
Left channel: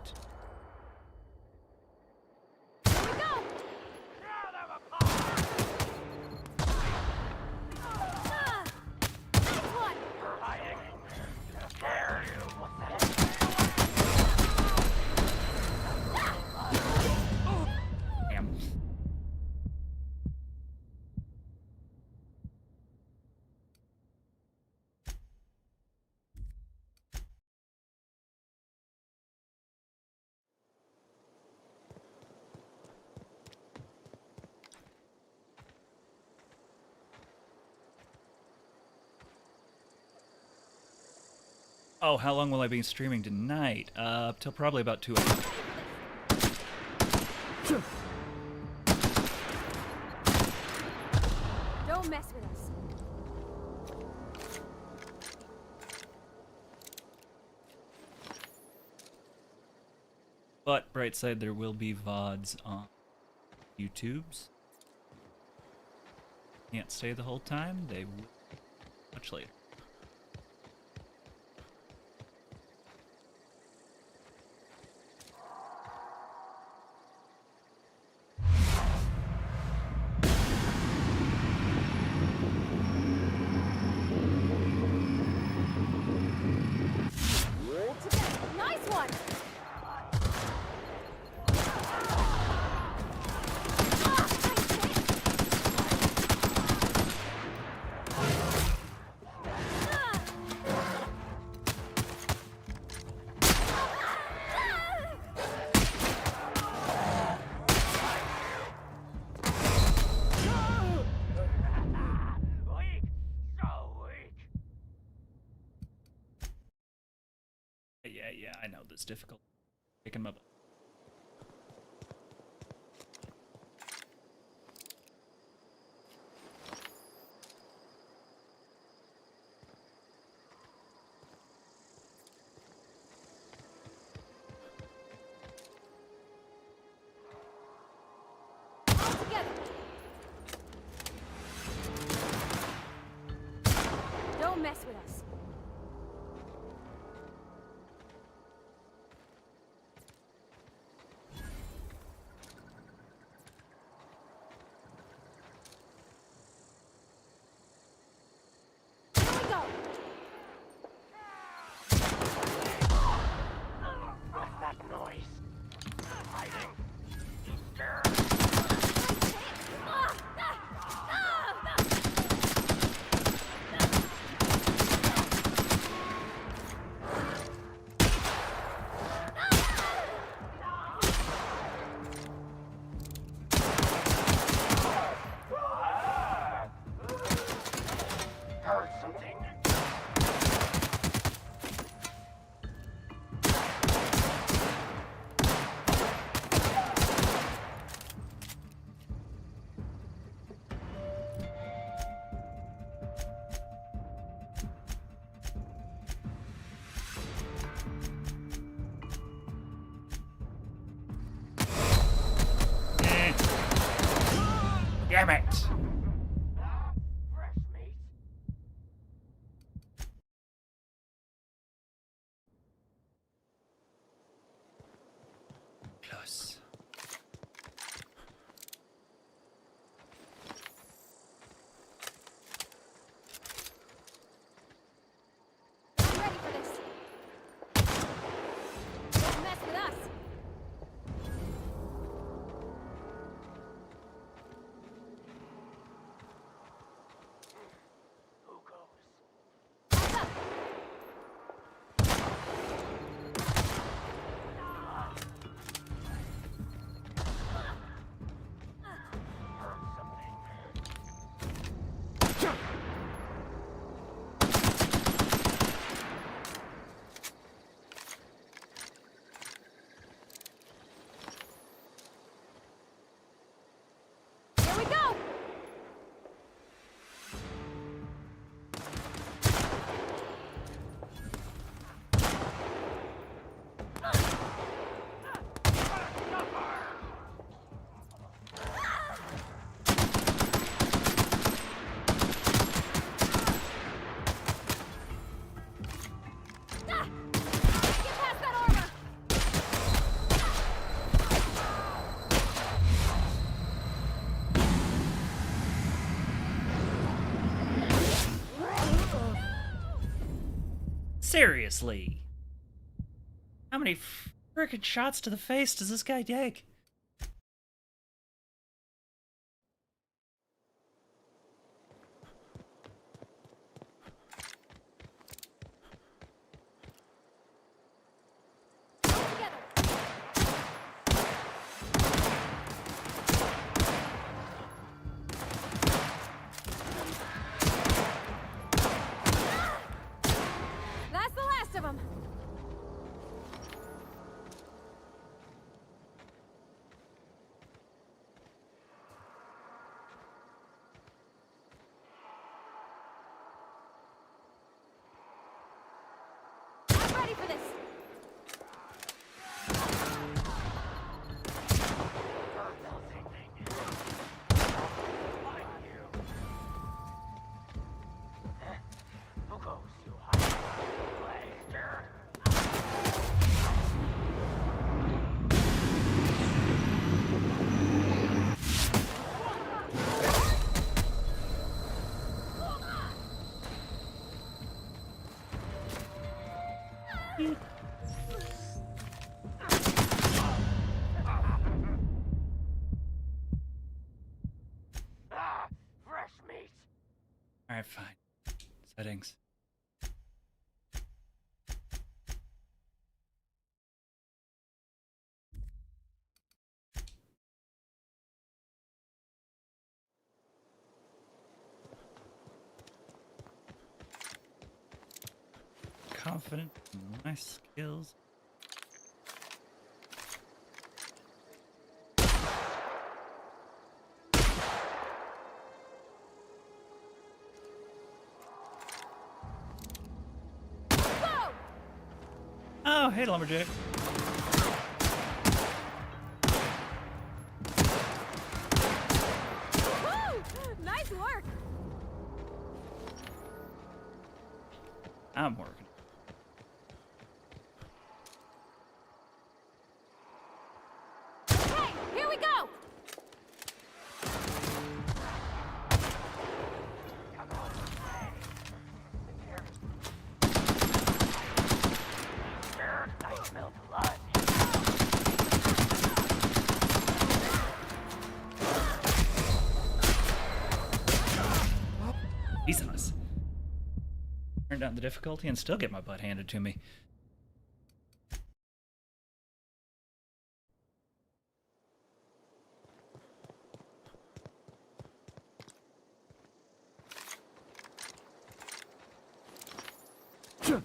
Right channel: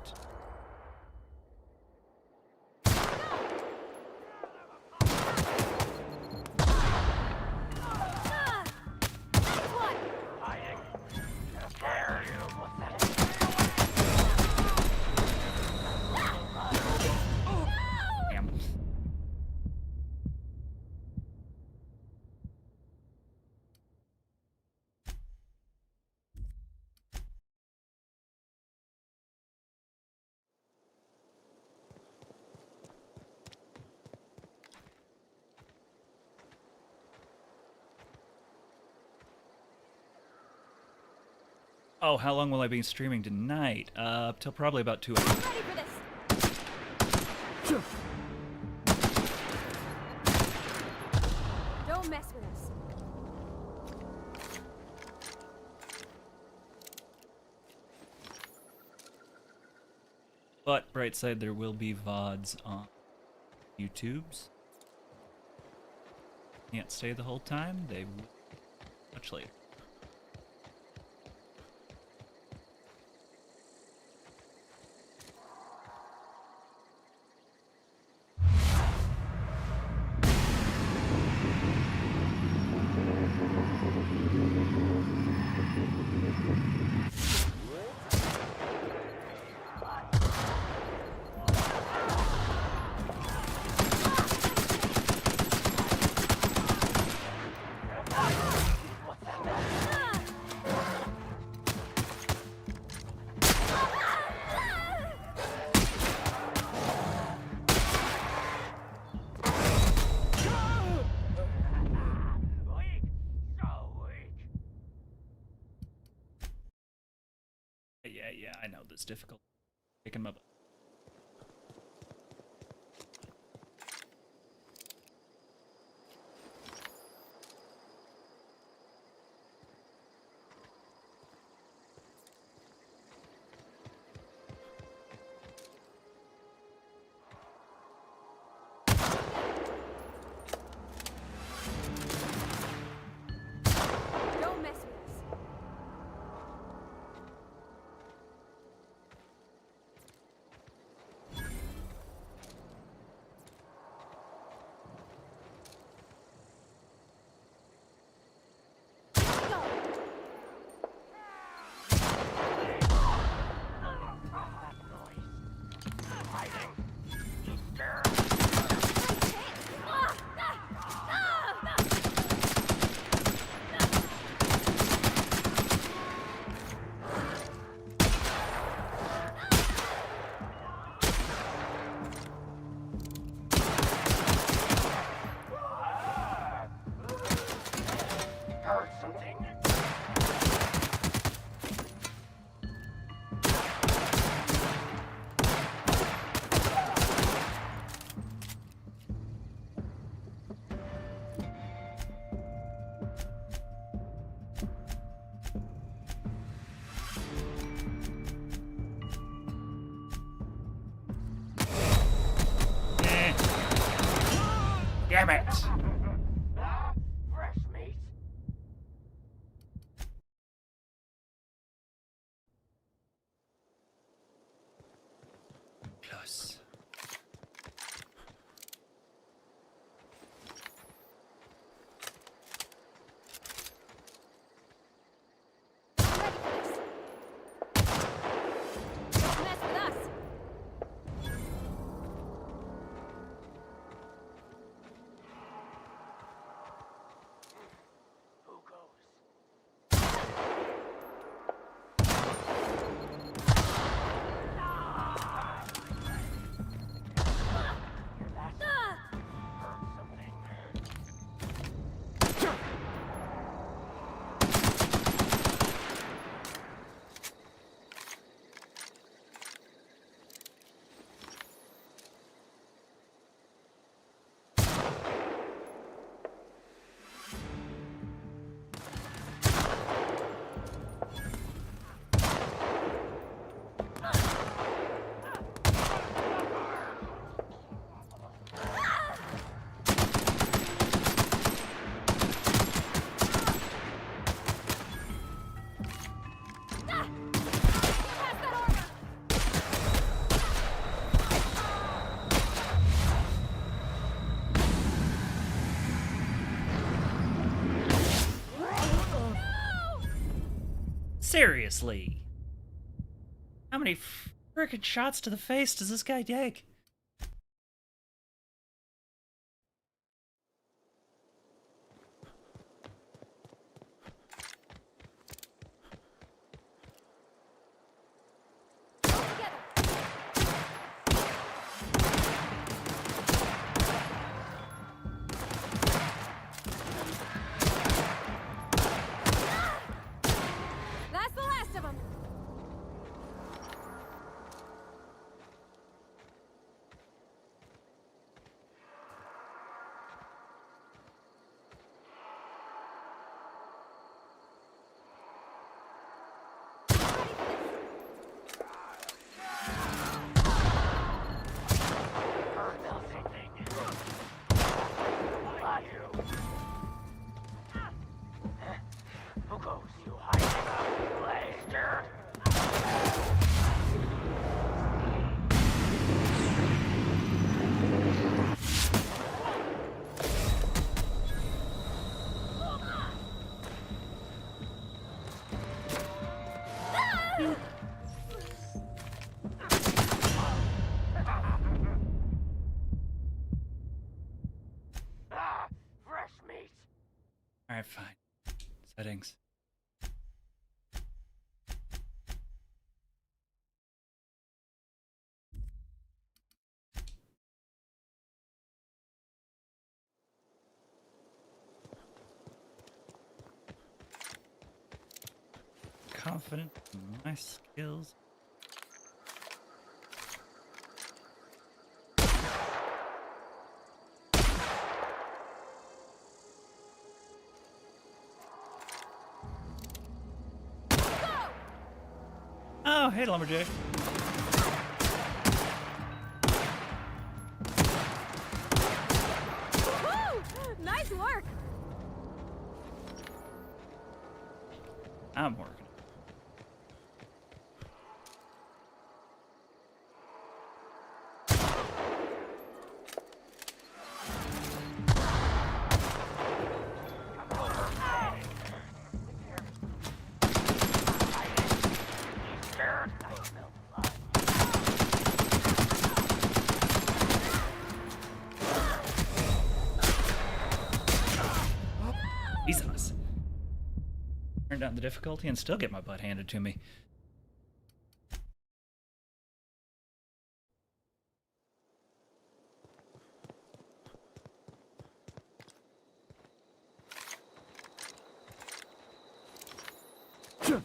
Damn. Oh, how long will I be streaming tonight? Till probably about 2 hours. Don't mess with us. But, bright side, there will be VODs on YouTube's. Can't stay the whole time, they will much later. Nice one. Yeah, I know this difficult. Picking them up. Don't mess with us. Here we go. What's that noise? Hiding. You scared? Heard something? Damn it! Fresh meat. Plus. Seriously. How many frickin' shots to the face does this guy take? That's the last of them. I'm ready for this. Who goes, you hiding blaster? Fresh meat. Alright, fine. Settings. Confident in my skills. Oh, hey, Lumberjack. Woo! Nice work. I'm working. Hey, here we go. I smell blood. Jesus. Turn down the difficulty and still get my butt handed to me. Don't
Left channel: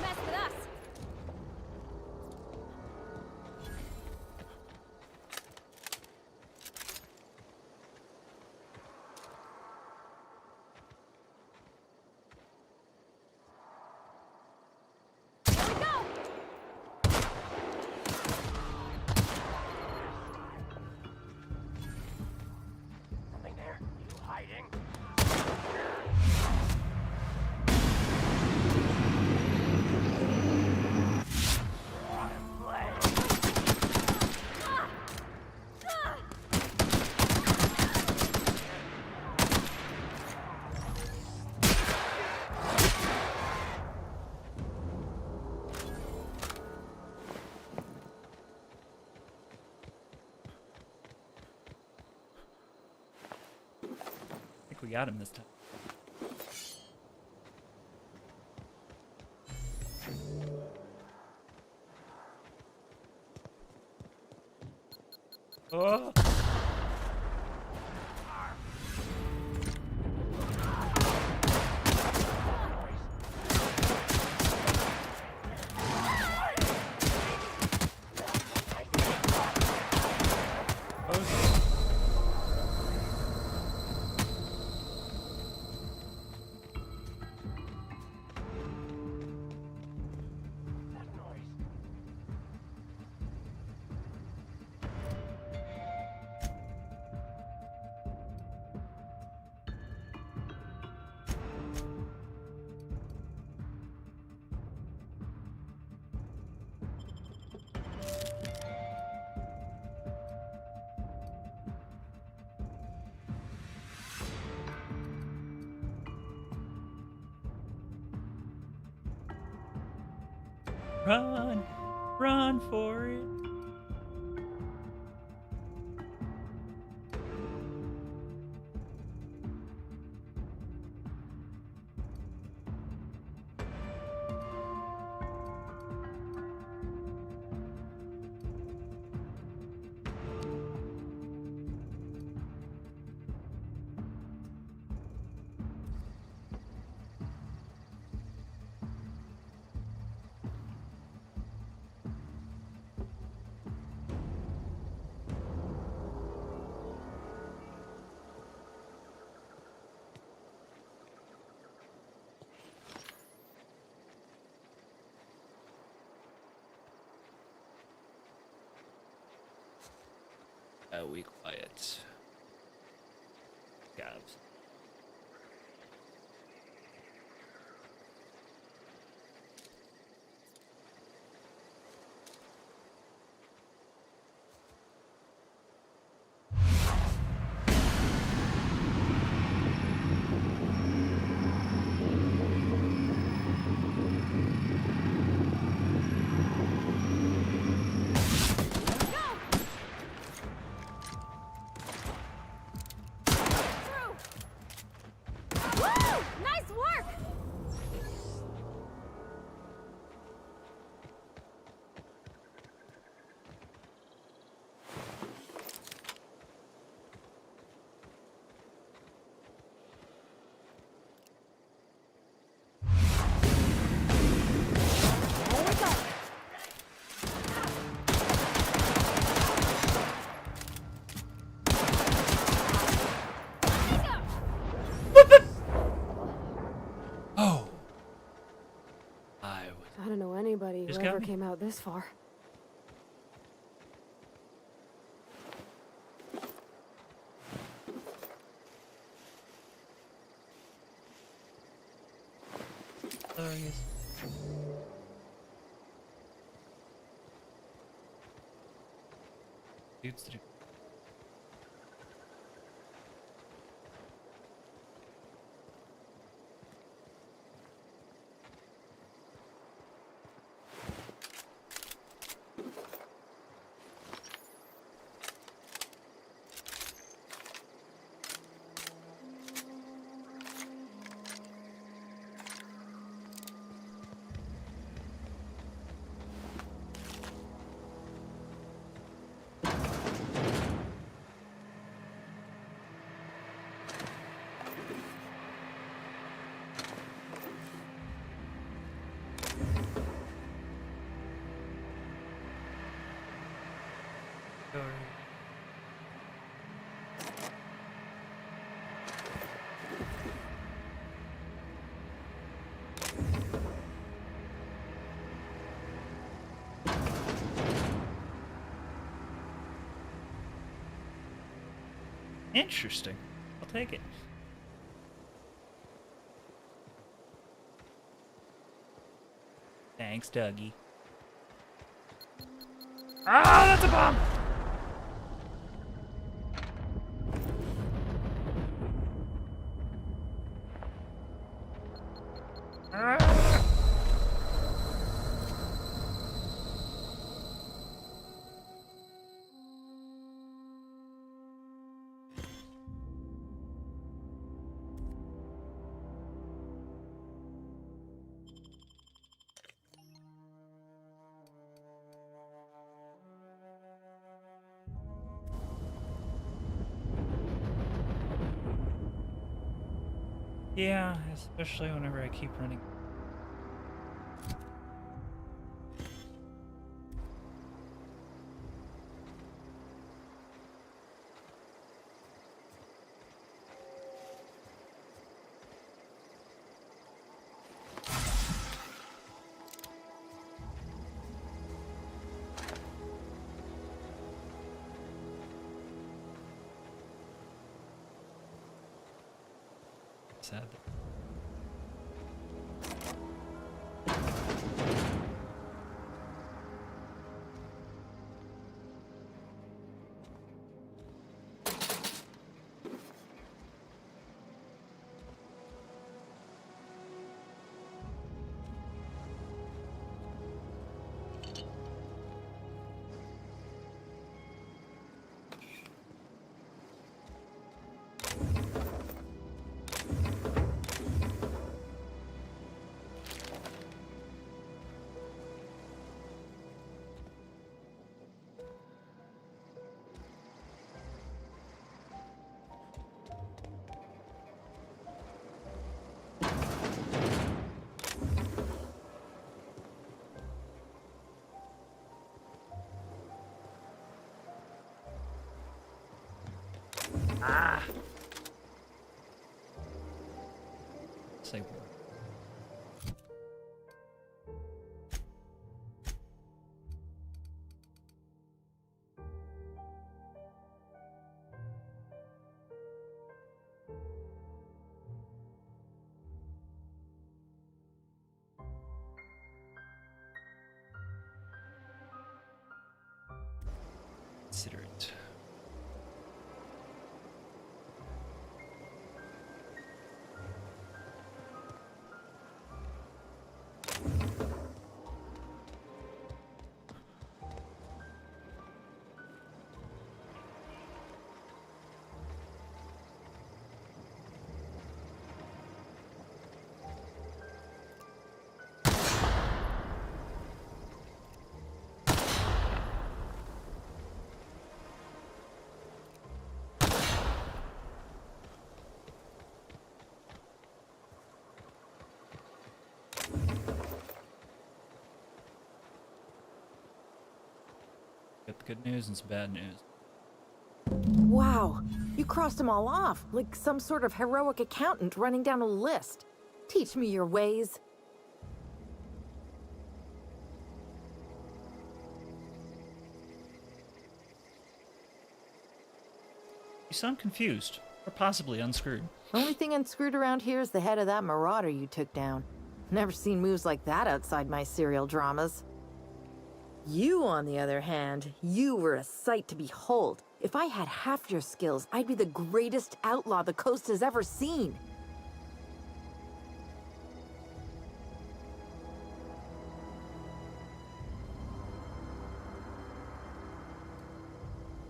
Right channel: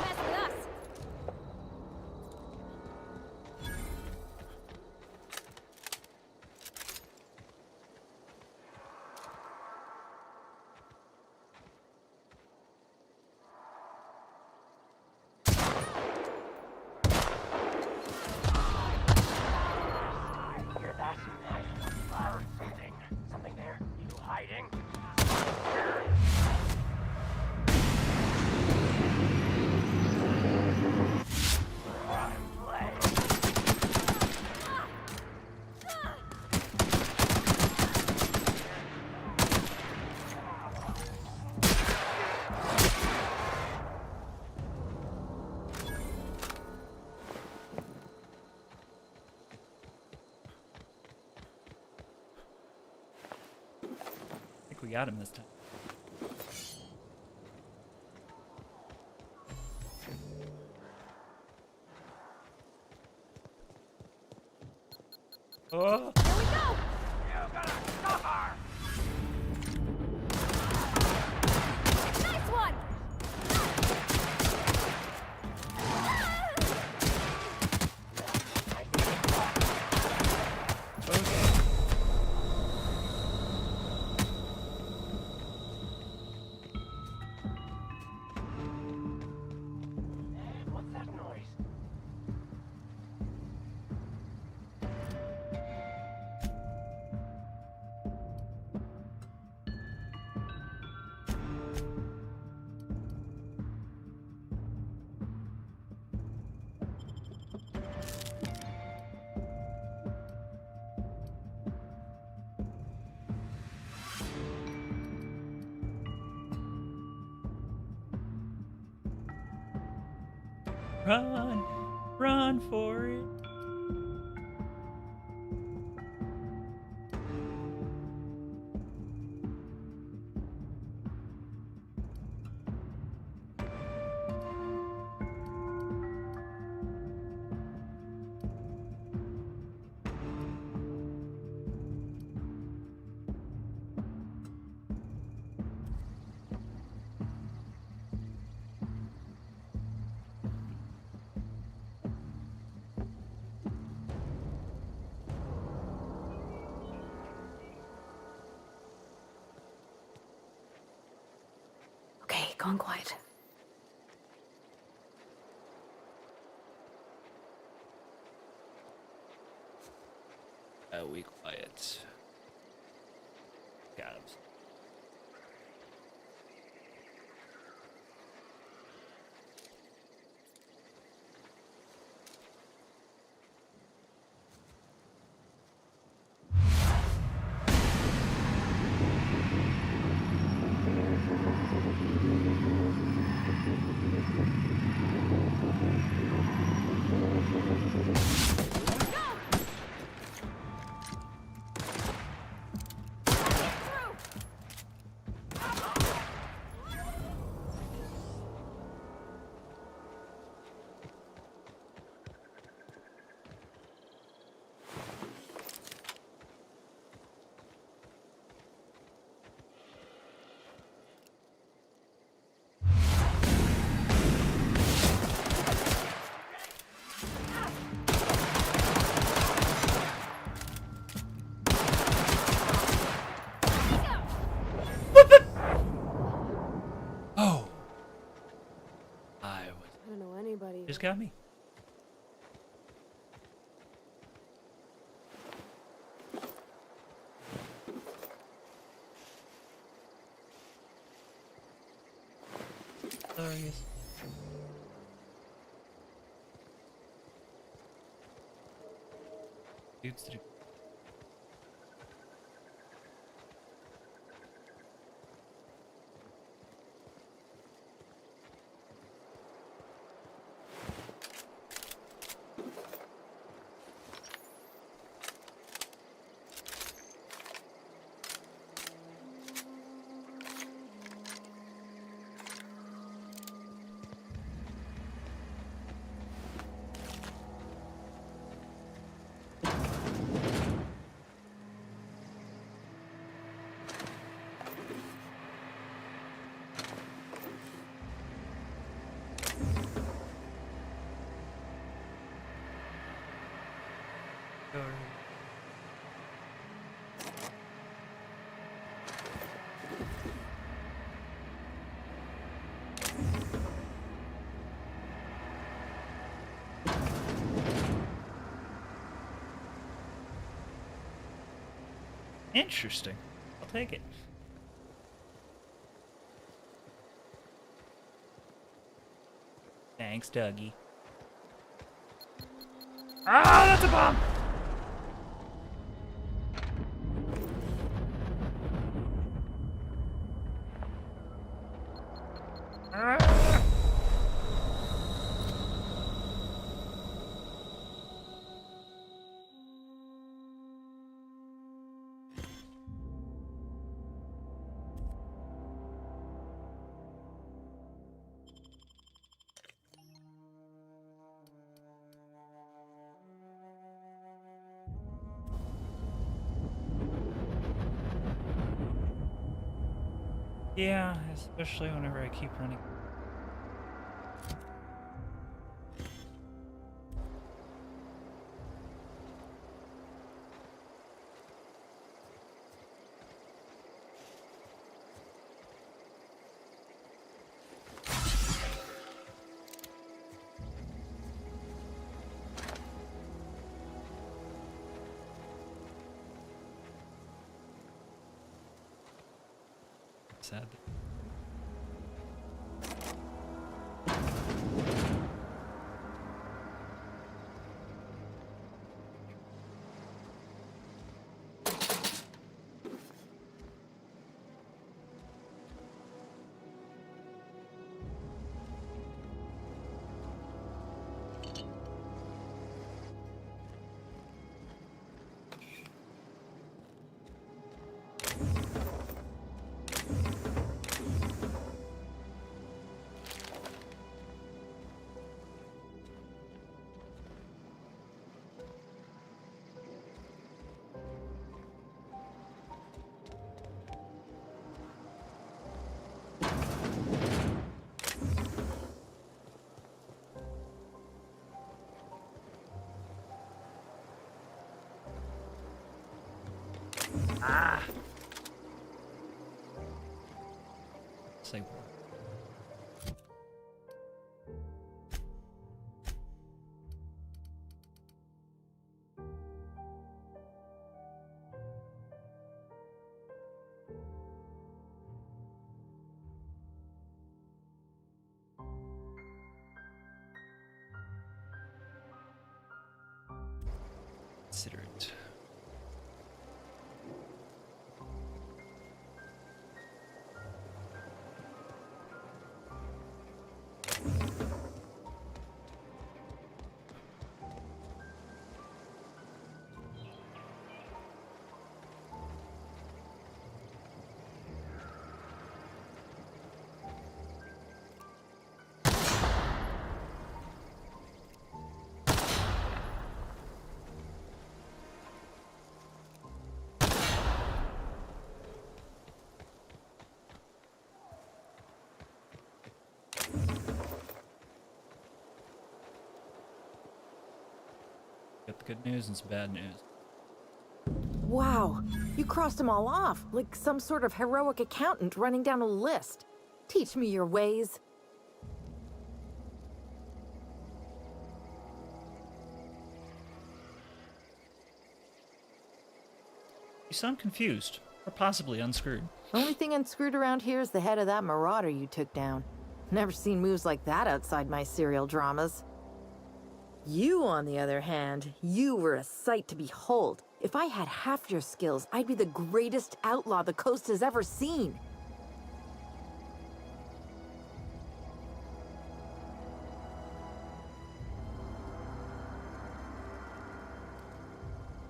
mess with us. Hear that? Something there. You hiding? I think we got him this time. Oh! What's that noise? Run! Run for it! Okay, gone quiet. We quiet. Calves. Nice work! Oh! I don't know anybody who Just got ever me. came out this far. There he is. Dude's the Interesting. I'll take it. Thanks, Dougie. Ah, that's a bomb! Ah! Yeah, especially whenever I keep running. Sad. say one. Consider it. Got the good news and some bad news. Wow, you crossed them all off, like some sort of heroic accountant running down a list. Teach me your ways. You sound confused, or possibly unscrewed. Only thing unscrewed around here is the head of that marauder you took down. Never seen moves like that outside my serial dramas. You, on the other hand, you were a sight to behold. If I had half your skills, I'd be the greatest outlaw the coast has ever seen.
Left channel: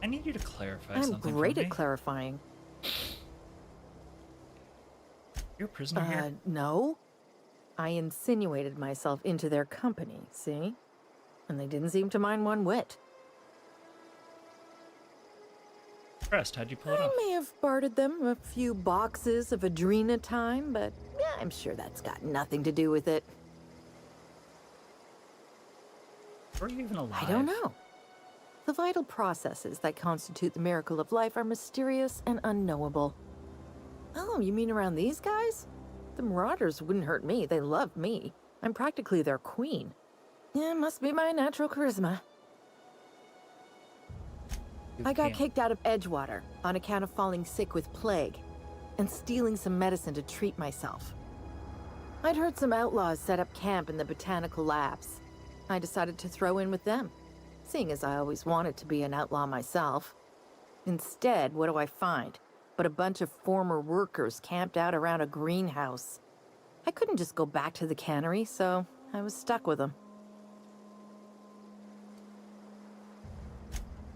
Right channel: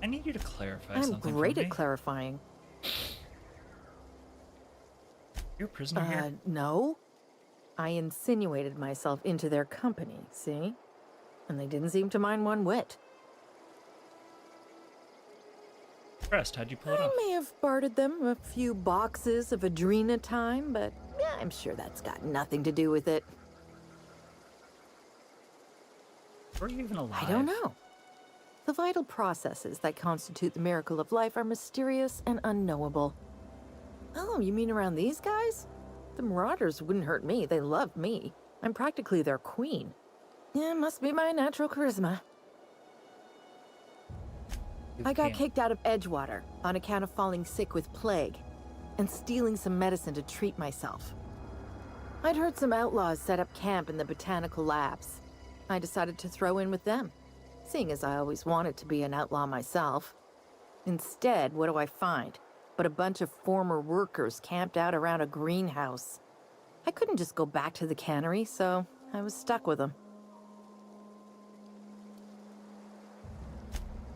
I need you to clarify I'm something great for me. at clarifying. You're a prisoner here? No. I insinuated myself into their company, see? And they didn't seem to mind one whit. Impressed. How'd you pull it I off? may have bartered them a few boxes of Adrena time, but yeah, I'm sure that's got nothing to do with it. Were you even alive? I don't know. The vital processes that constitute the miracle of life are mysterious and unknowable. Oh, you mean around these guys? The Marauders wouldn't hurt me. They love me. I'm practically their queen. Yeah, must be my natural charisma. I got kicked out of Edgewater on account of falling sick with plague and stealing some medicine to treat myself. I'd heard some outlaws set up camp in the botanical labs. I decided to throw in with them, seeing as I always wanted to be an outlaw myself. Instead, what do I find? But a bunch of former workers camped out around a greenhouse. I couldn't just go back to the cannery, so I was stuck with them.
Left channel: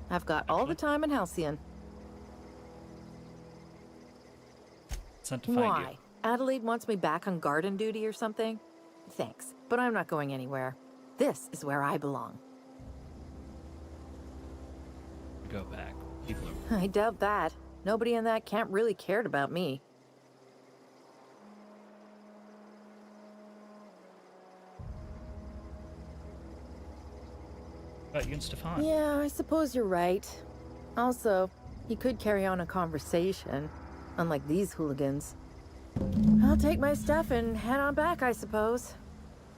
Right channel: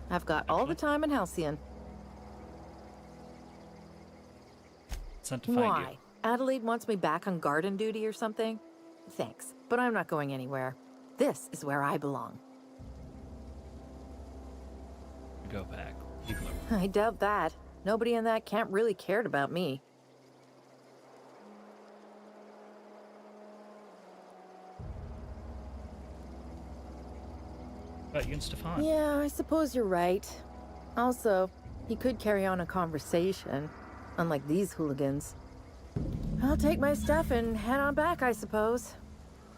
I've got all the time in Halcyon. Sent to find Why? you. Adelaide wants me back on garden duty or something? Thanks, but I'm not going anywhere. This is where I belong. Go back. People are... I doubt that. Nobody in that camp really cared about me. About you and Stefan. Yeah, I suppose you're right. Also, he could carry on a conversation, unlike these hooligans. I'll take my stuff and head on back, I suppose.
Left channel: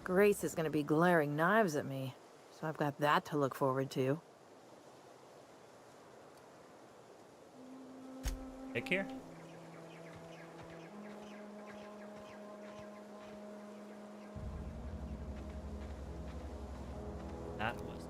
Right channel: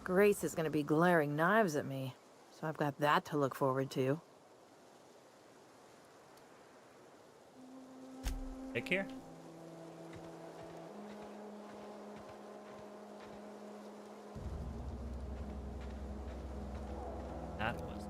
Grace is gonna be glaring knives at me, so I've got that to look forward to. Take care. That was...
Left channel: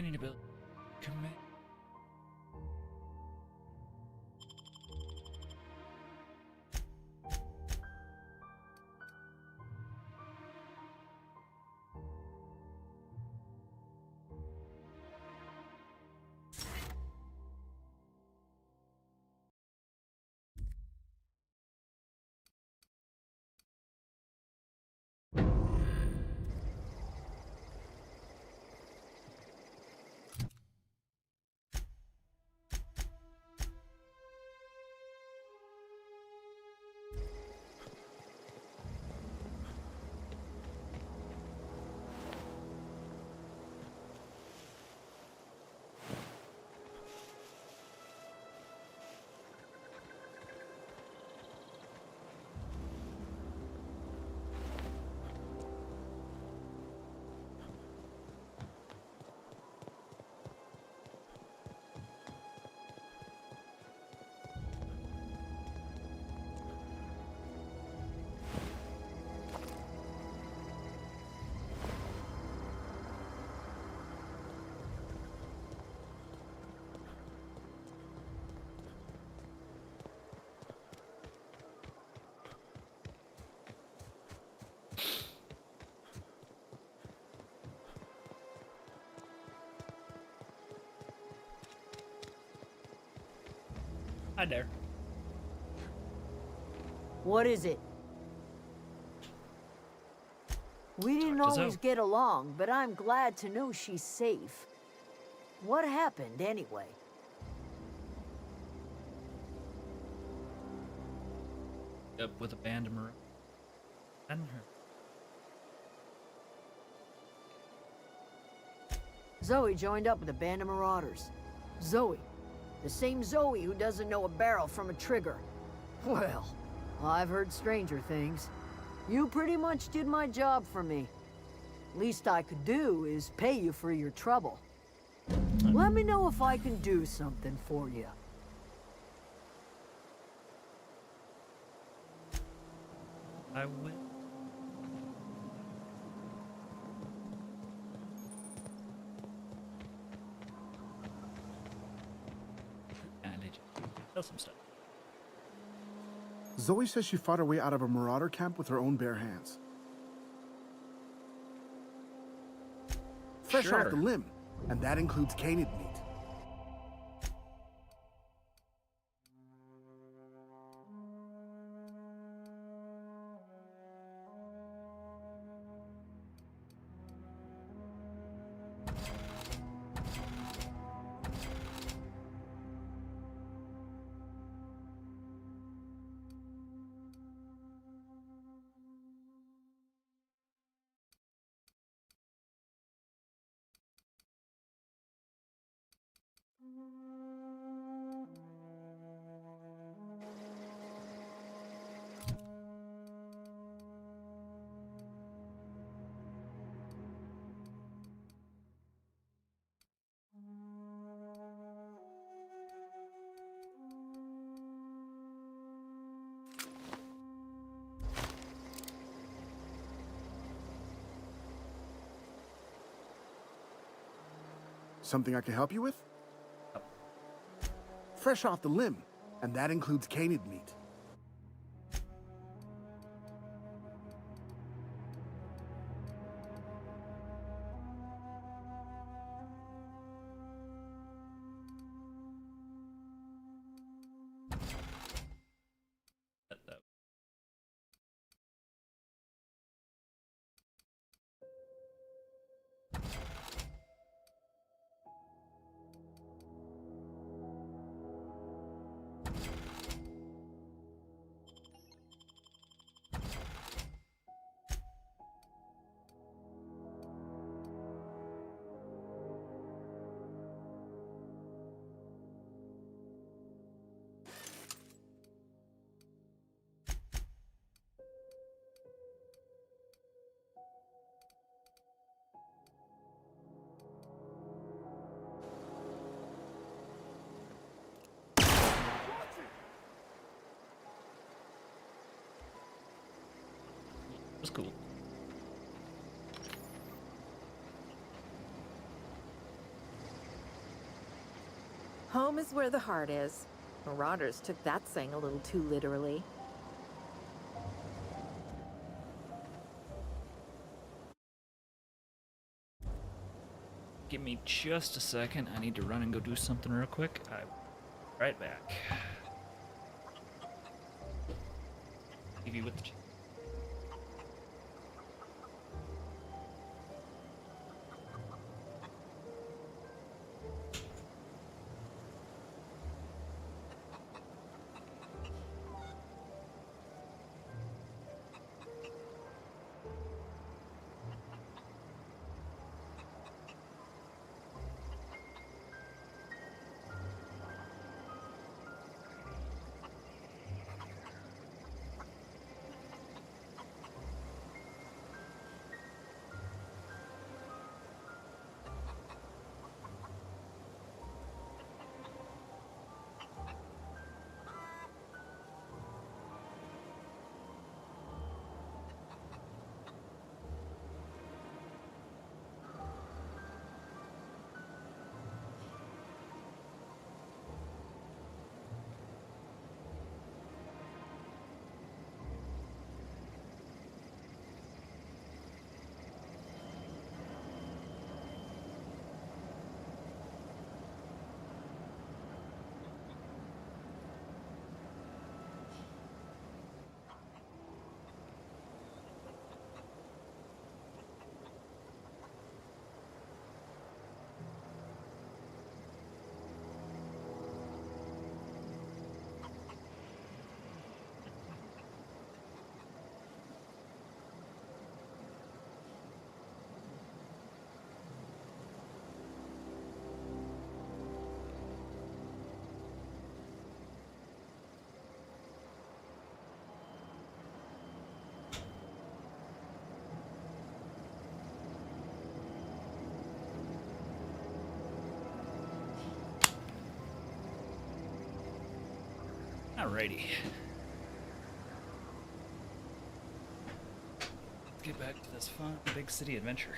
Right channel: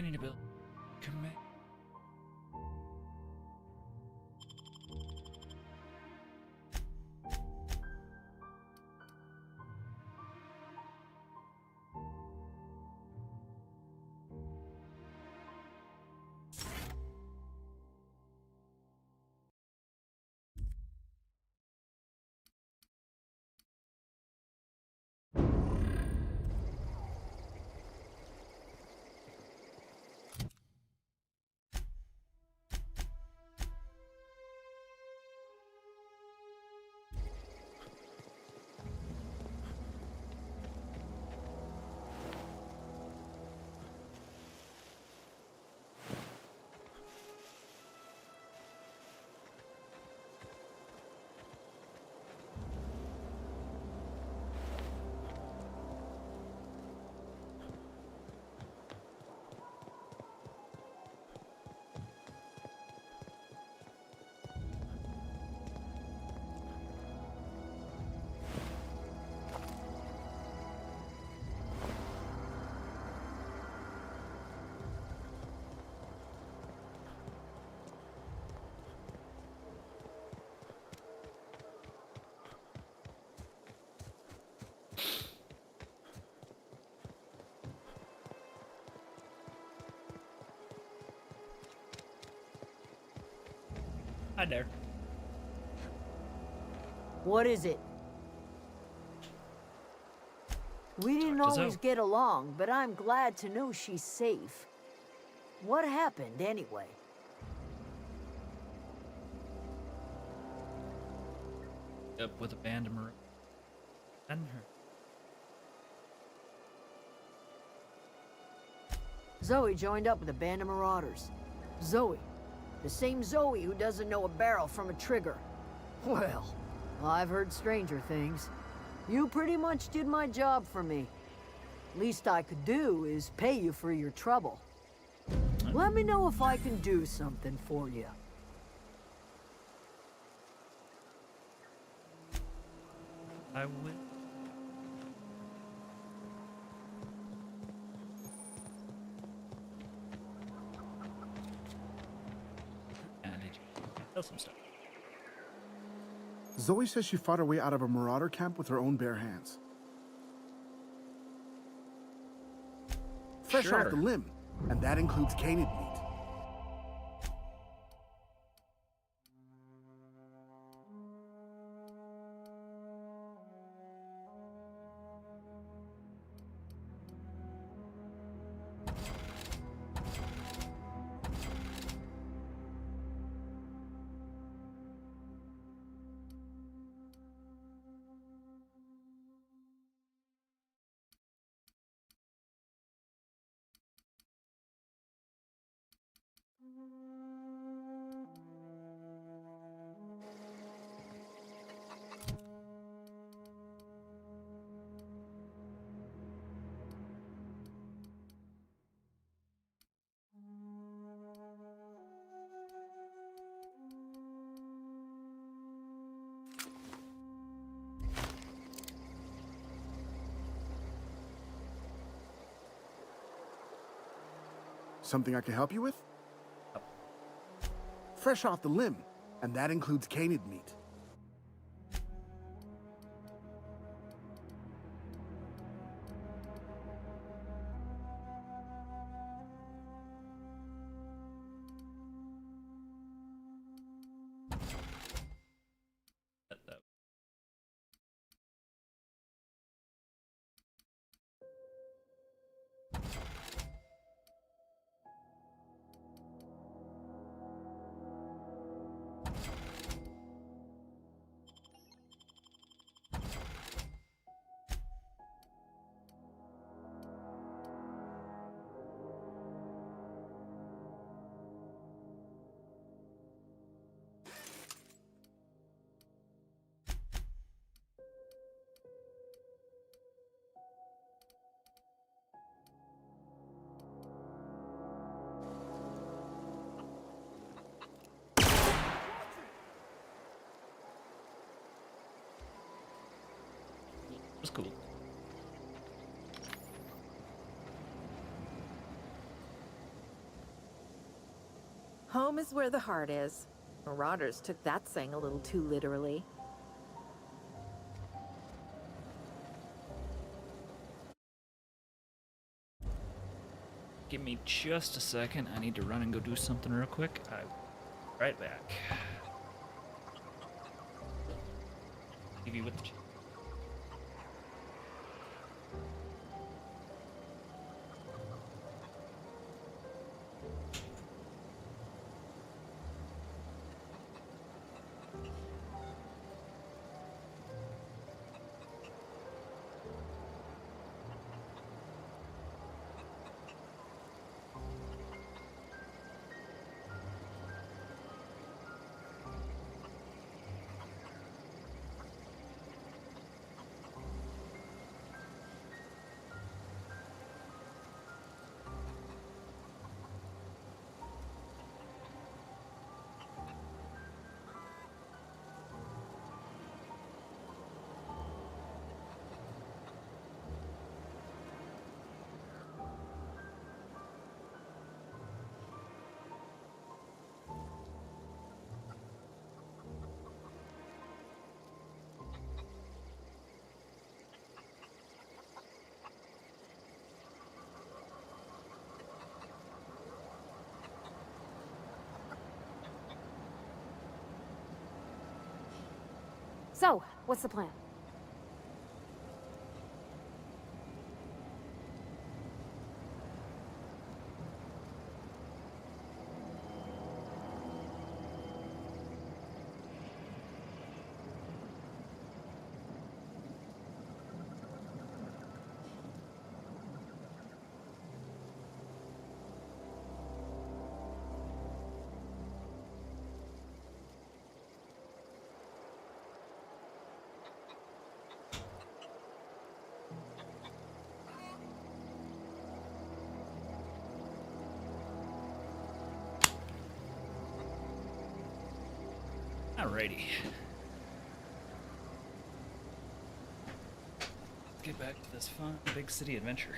Companion ability. Command. Hi there. What is it? We didn't always get along, but I'm glad to know she's safe. What happened, anyway? Up with a band of Marauders. And her. Zoe joined up with a band of marauders. Zoe. The same Zoe who doesn't know a barrel from a trigger. Well, I've heard stranger things. You pretty much did my job for me. Least I could do is pay you for your trouble. Let me know if I can do something for you. I will. Some stuff. Zoe says she fought her way out of a marauder camp with her own bare hands. Fresh off the limb, and that includes canid meat. Something I can help you with? Fresh off the limb, and that includes canid meat. It was cool. Home is where the heart is. Marauders took that saying a little too literally. Give me just a second. I need to run and go do something real quick. I'm right back. Leave you with the... So, what's the plan? Alrighty. Let's get back to this fun big city adventure.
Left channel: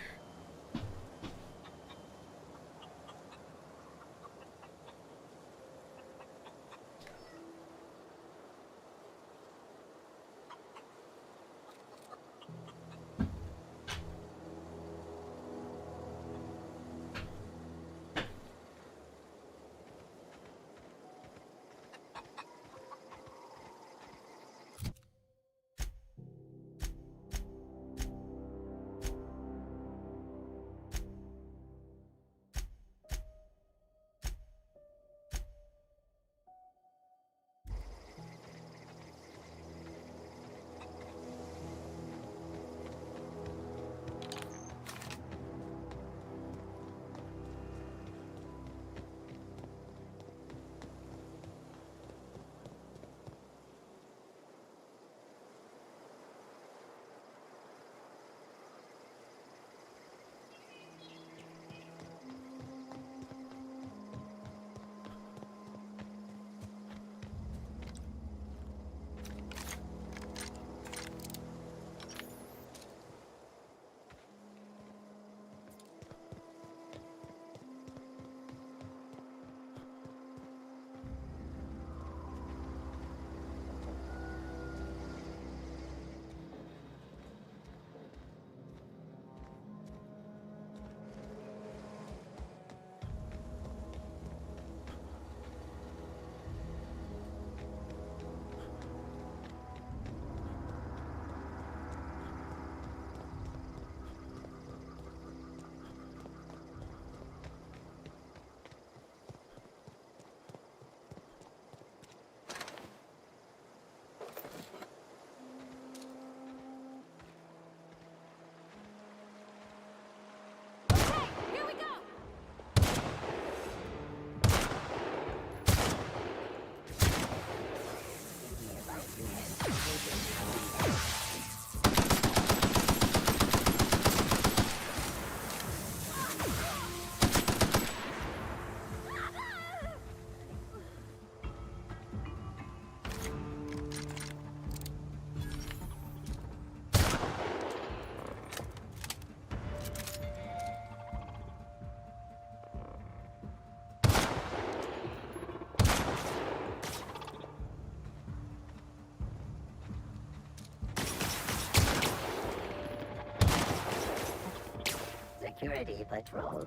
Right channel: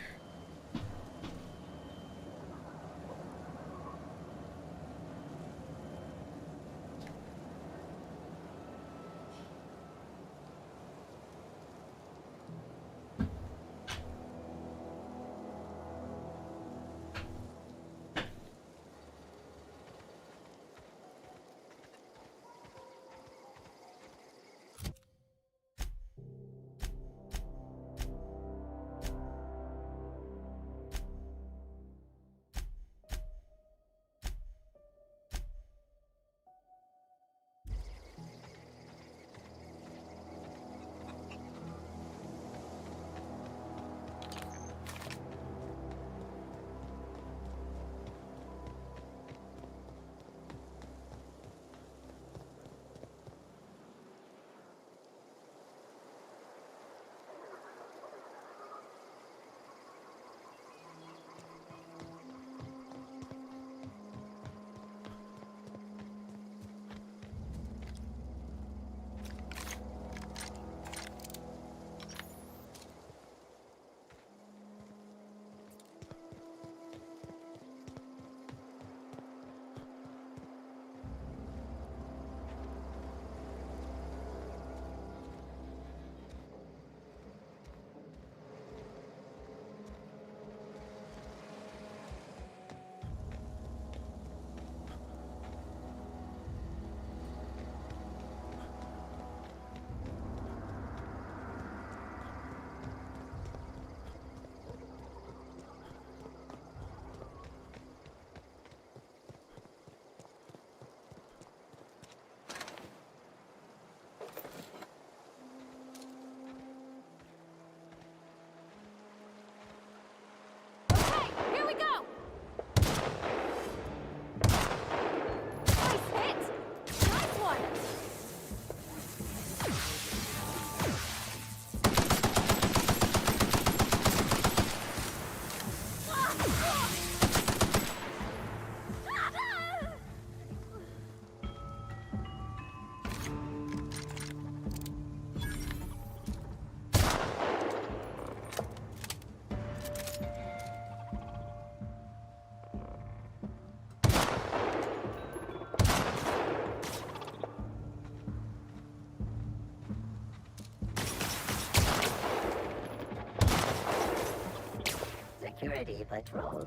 Ready patrol.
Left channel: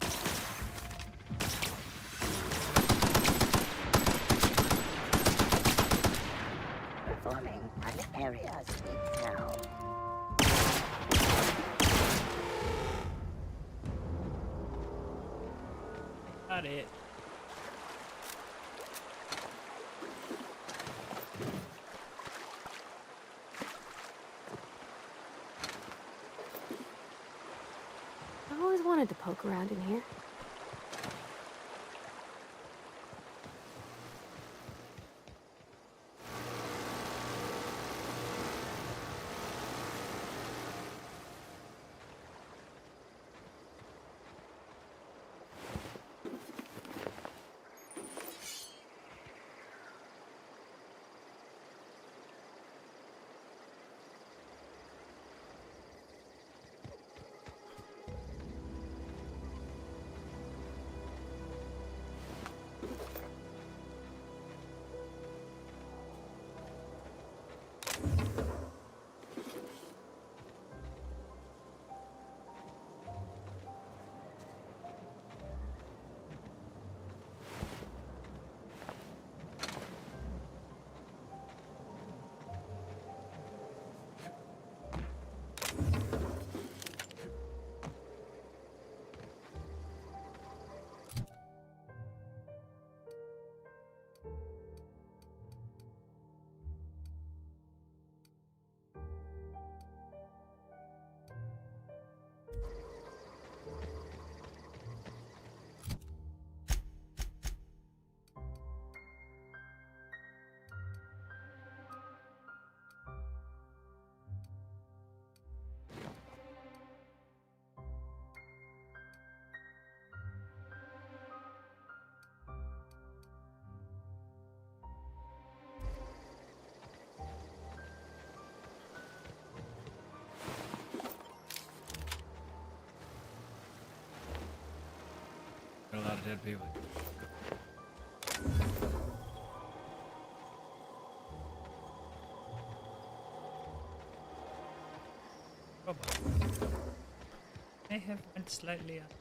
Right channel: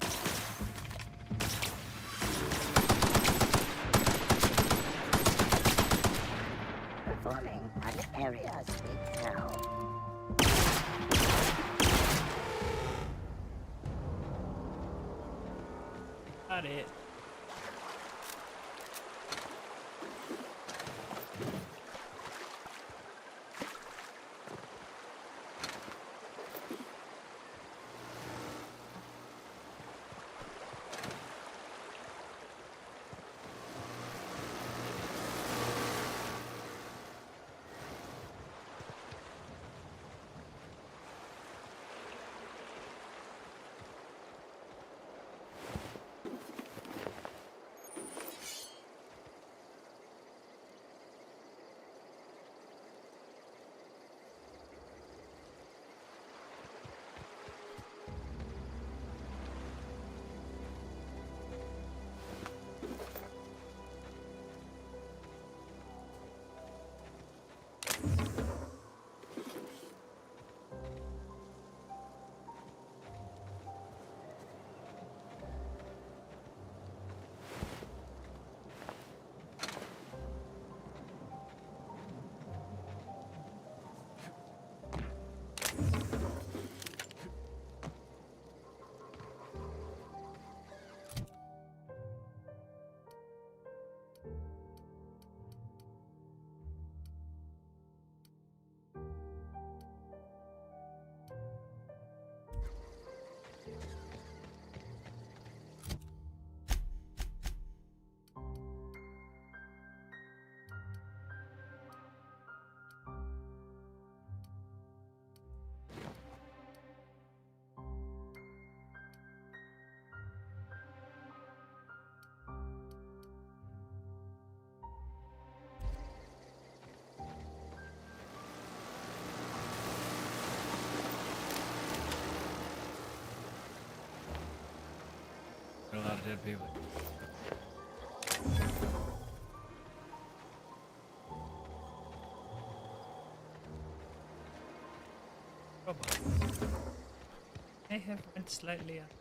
Performing an area sweep now. Got it. I always wanted to poke around in here. A lot of dead people. Robot. I have went slightly up.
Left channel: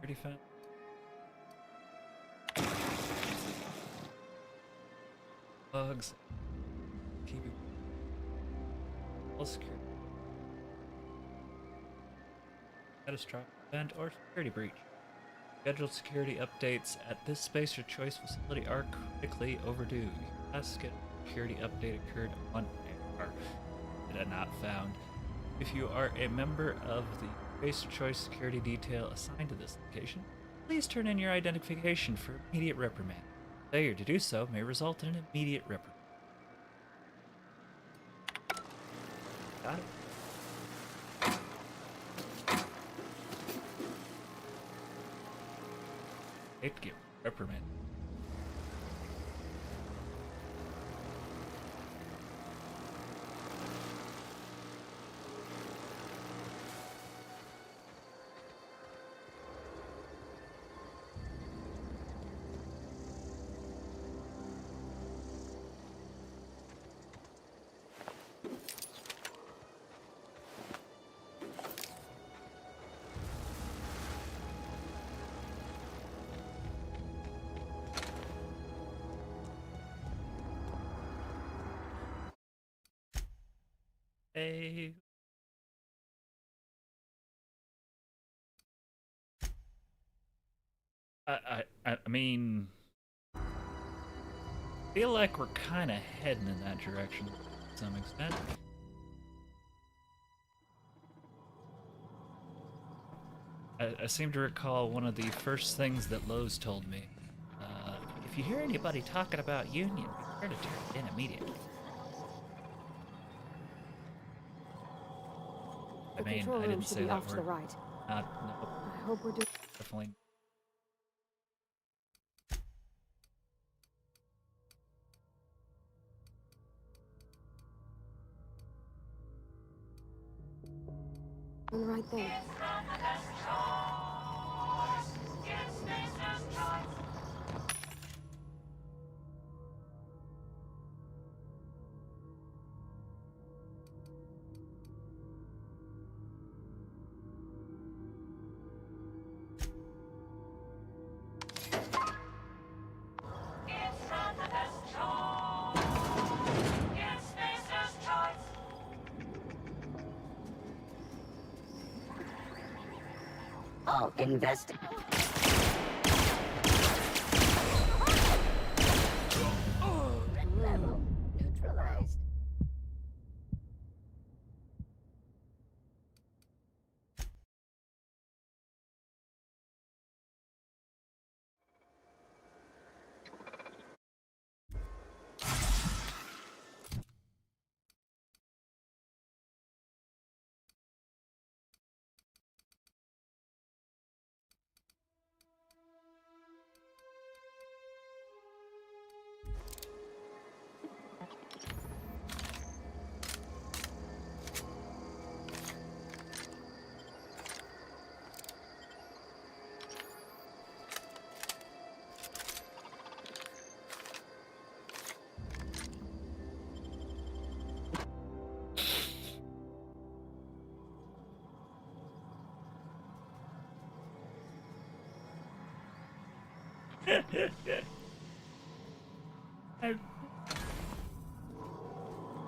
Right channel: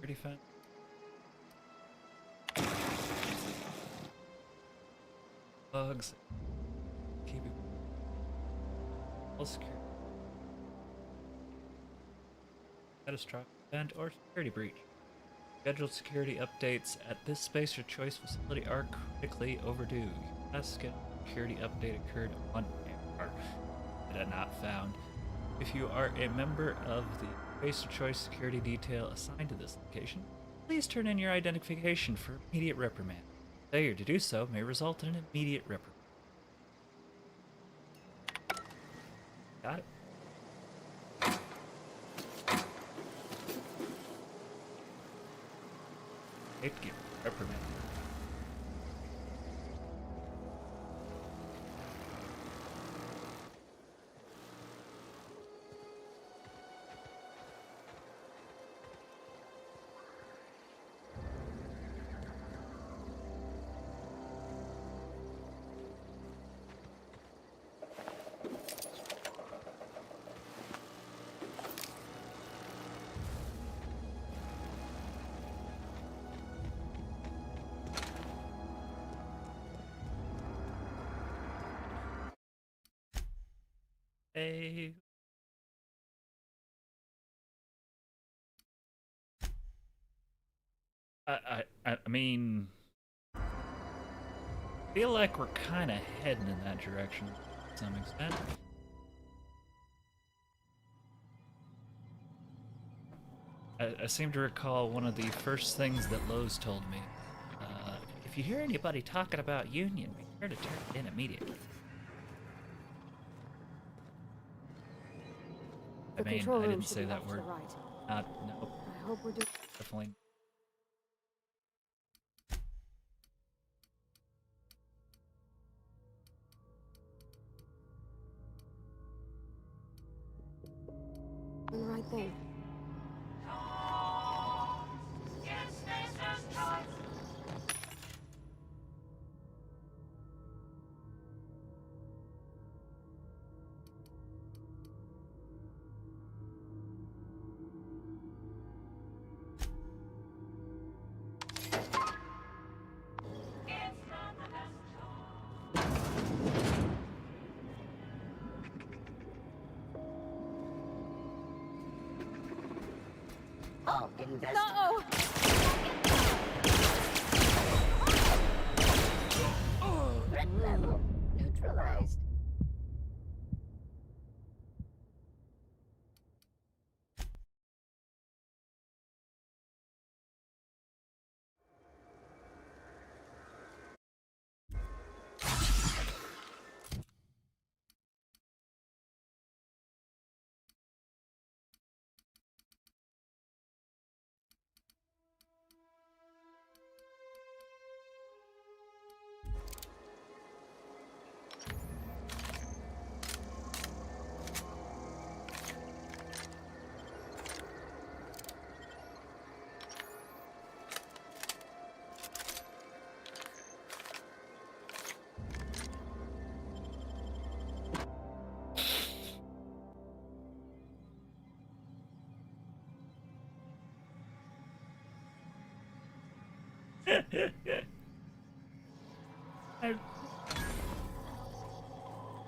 Pretty fun. Bugs. Keep it. All security. Catastrophic event or security breach. Scheduled security updates at this space or choice facility are critically overdue. Your last scheduled security update occurred on air. Did not found. If you are a member of the Space or Choice security detail assigned to this location, please turn in your identification for immediate reprimand. Failure to do so may result in an immediate reprimand. Got it. Hate to get reprimanded. Hey. I mean, feel like we're kind of heading in that direction to some extent. I seem to recall one of the first things that Lowe's told me. If you hear anybody talking about Union, be sure to turn it in immediately. I The mean, control I room didn't should say be that off to word. the right. No. I hope we're doing. Definitely. Doing the right thing. I'll investigate. Threat level neutralized.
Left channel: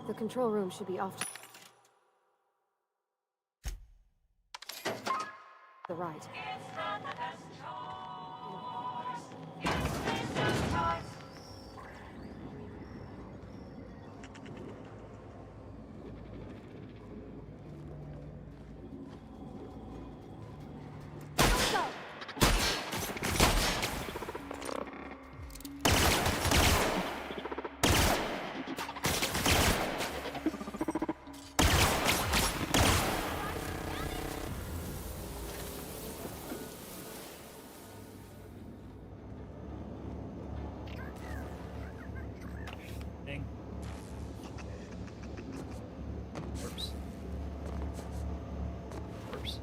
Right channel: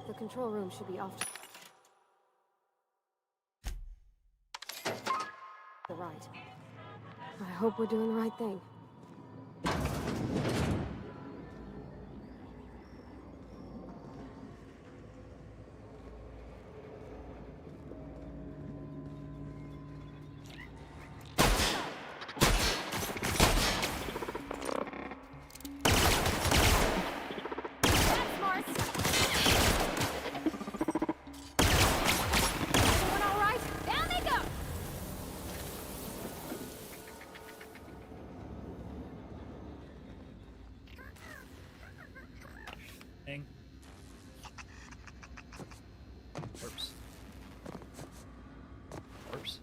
The control room should be off to the right. I hope we're doing the right thing. Thing. Oops. Oops.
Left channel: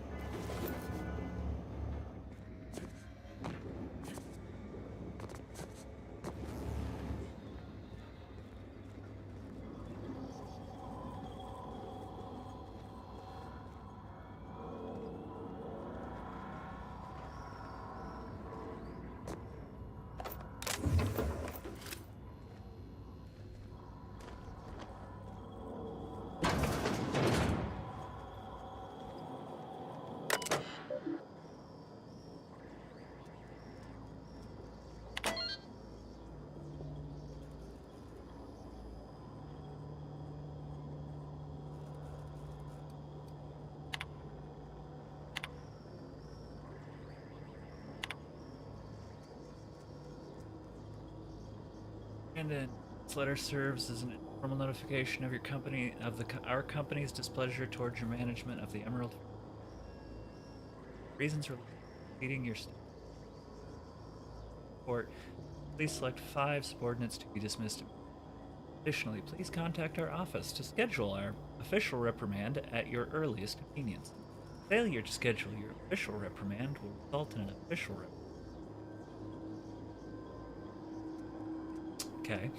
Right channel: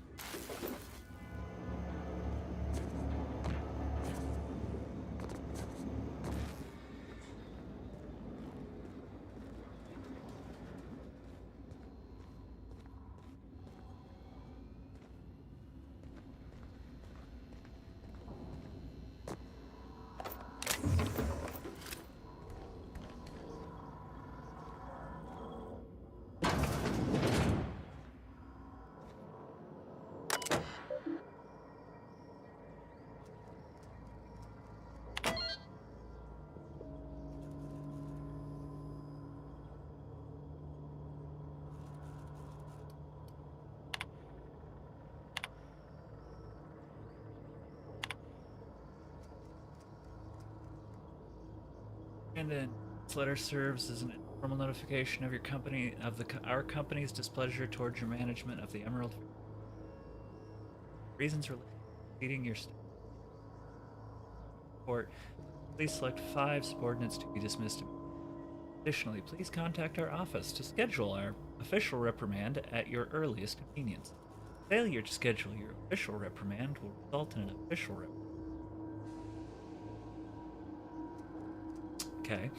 And then this letter serves as an informal notification of your company our company's displeasure towards your management of the Emerald. Reasons for leading your report. Please select 5 subordinates to be dismissed. Additionally, please contact our office to schedule our official reprimand at your earliest convenience. Failure to schedule your official reprimand will result in an official reprimand. Okay.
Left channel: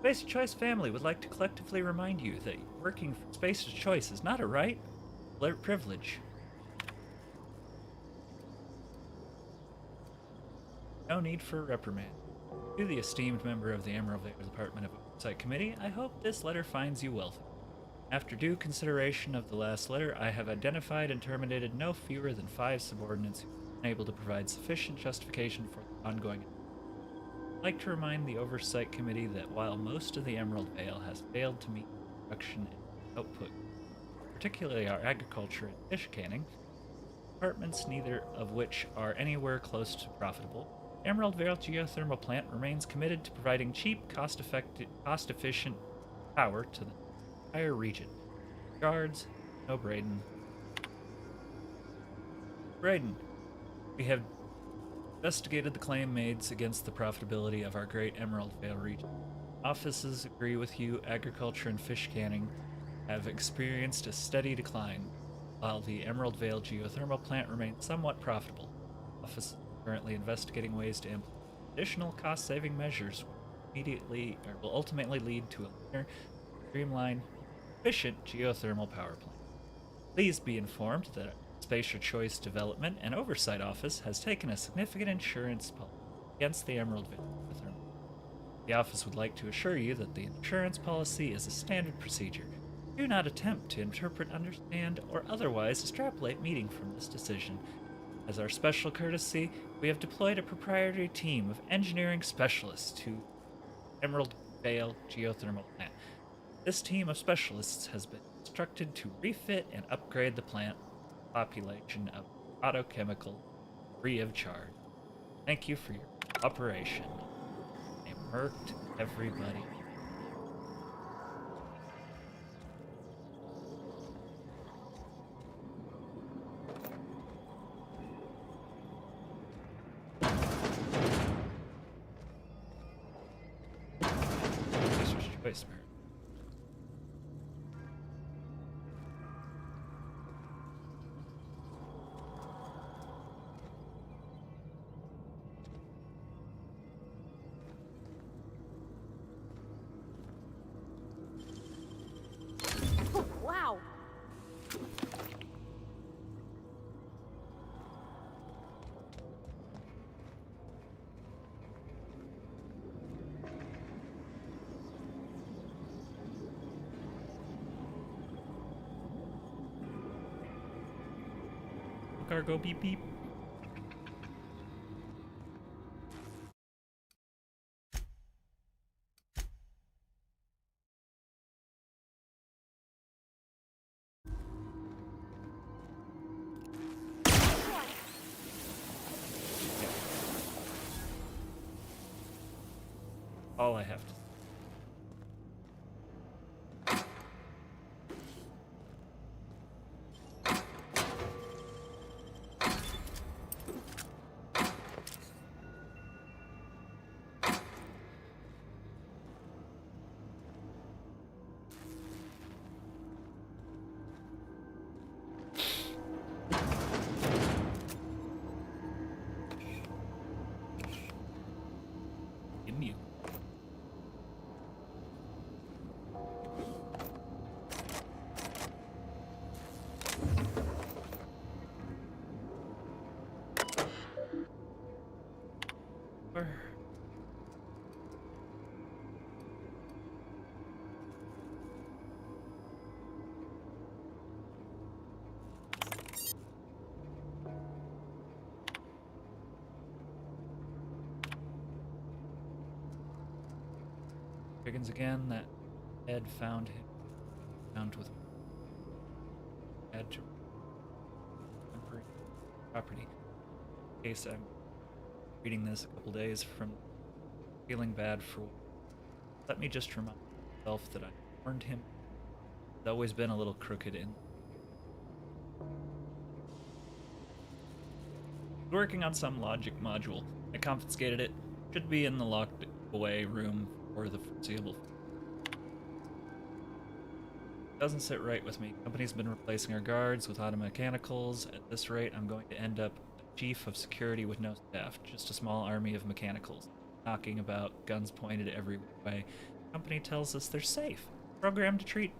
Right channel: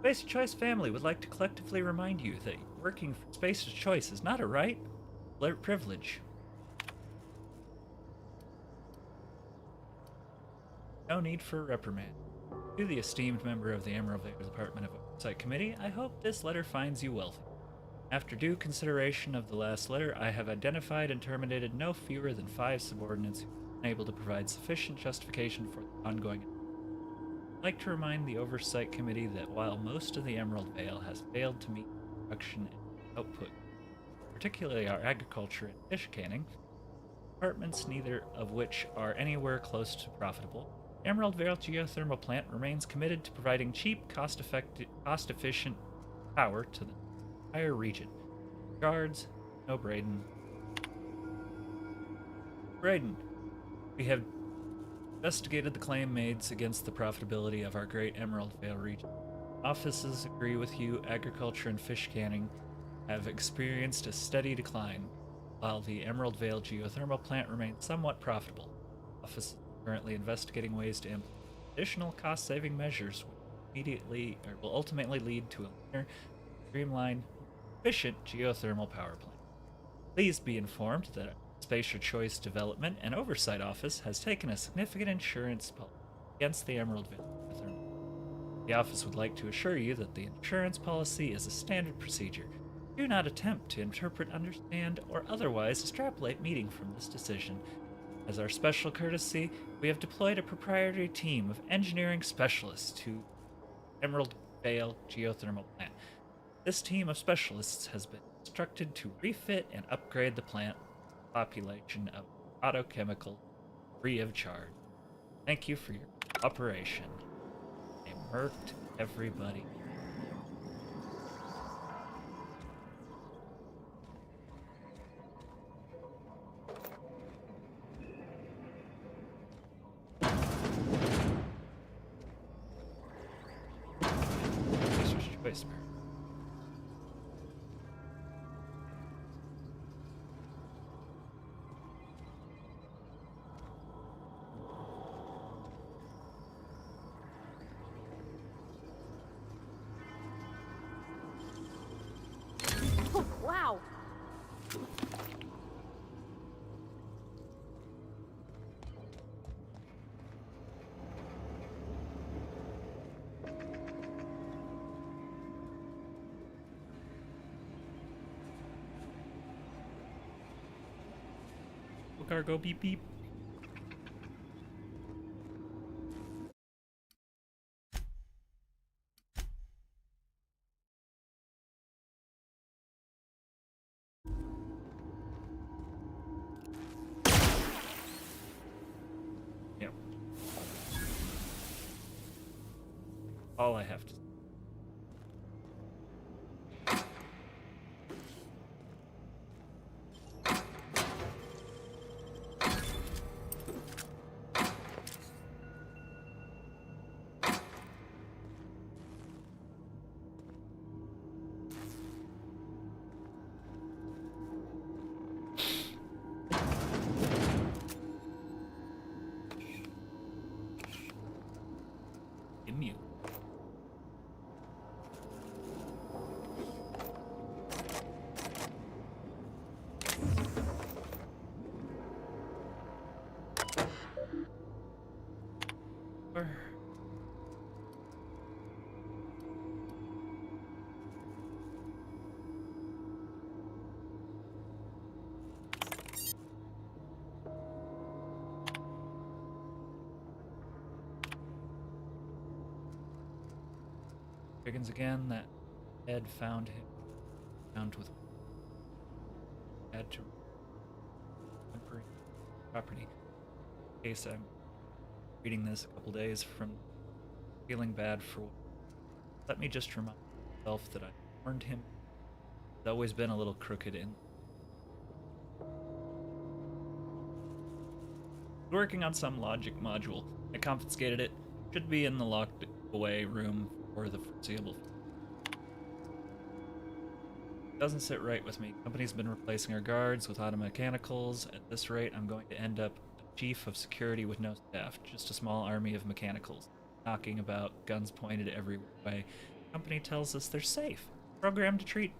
Spacer's Choice family would like to collectively remind you that working for Spacer's Choice is not a right, but a privilege. No need for a reprimand. To the esteemed member of the Emerald Vale Department of Oversight Committee, I hope this letter finds you wealthy. After due consideration of the last letter, I have identified and terminated no fewer than 5 subordinates who are unable to provide sufficient justification for the ongoing. I'd like to remind the Oversight Committee that while most of the Emerald Vale has failed to meet production and output, particularly our agriculture and fish canning, departments neither of which are anywhere close to profitable, Emerald Vale Geothermal Plant remains committed to providing cheap, cost-efficient power to the entire region. Regards, no Braden. Braden, we have investigated the claim made against the profitability of our great Emerald Vale region. Offices agree with you, agriculture and fish canning have experienced a steady decline. while the Emerald Vale geothermal plant remains somewhat profitable. The office is currently investigating ways to implement additional cost-saving measures which will ultimately lead to a leaner, streamlined, efficient geothermal power plant. Please be informed that Spacer Choice Development and Oversight Office has taken a significant insurance policy against the Emerald Vale geothermal. The office would like to assure you that the insurance policy is a standard procedure. Do not attempt to interpret, understand, or otherwise extrapolate meaning from this decision. As our special courtesy, we have deployed a proprietary team of engineering specialists to Emerald Vale geothermal plant. This team of specialists has been instructed to refit and upgrade the plant population of autochemical free of charge. Thank you for your cooperation. I murked everybody. Choice, man. Wow. Cargo beep beep. Yep. All I have to. Immune. Chickens again. That Ed found him. Found with Ed to temporary property. In case I'm reading this a couple days from feeling bad for. Let me just remind myself that I warned him. He's always been a little crooked in. Working on some logic module. I confiscated it. Should be in the locked away room for the foreseeable. Doesn't sit right with me. Company's been replacing our guards with automechanicals. At this rate, I'm going to end up a chief of security with no staff. Just a small army of mechanicals. Knocking about, guns pointed every way. Company tells us they're safe. Programmed to treat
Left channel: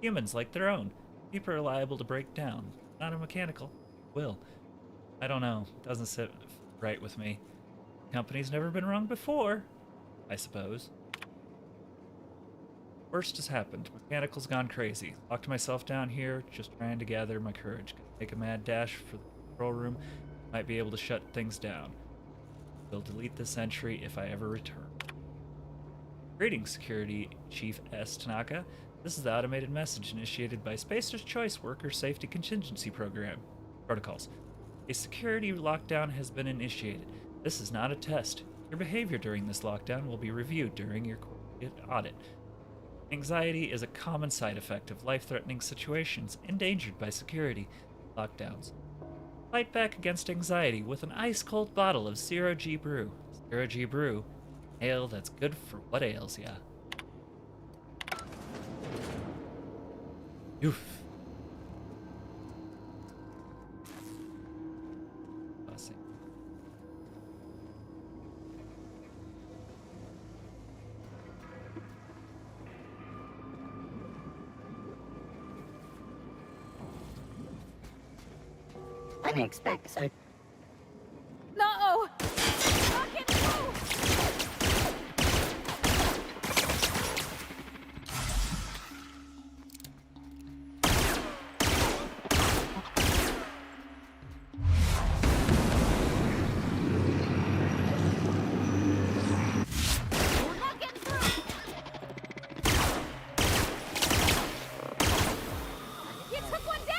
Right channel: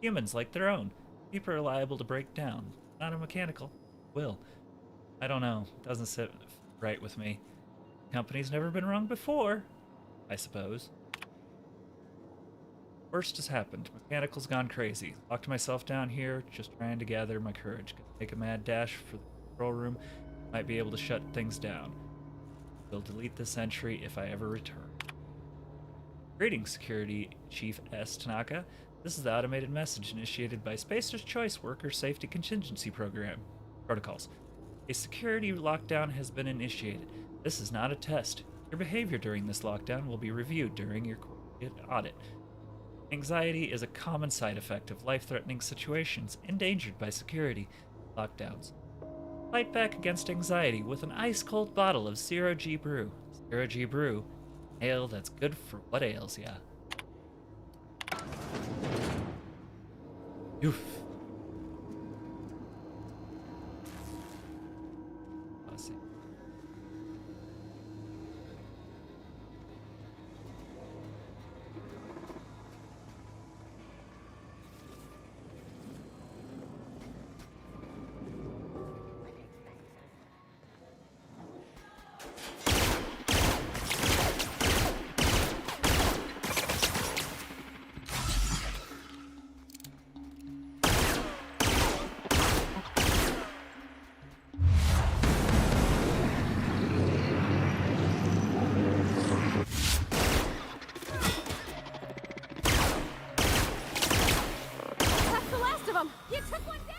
humans like their own. People are liable to break down. Not a mechanical. Will. I don't know. Doesn't sit right with me. Company's never been wrong before, I suppose. Worst has happened. Mechanical's gone crazy. Locked myself down here, just trying to gather my courage. Gonna make a mad dash for the control room. Might be able to shut things down. Will delete this entry if I ever return. Greetings, Security Chief S. Tanaka. This is the automated message initiated by Spacer's Choice Worker Safety Contingency Program. Protocols. A security lockdown has been initiated. This is not a test. Your behavior during this lockdown will be reviewed during your audit. Anxiety is a common side effect of life-threatening situations endangered by security lockdowns. Fight back against anxiety with an ice-cold bottle of Zero G Brew. Zero G Brew. Ale that's good for what ails ya. Oof. see. Unexpected. No! That's the last of them! You took one down!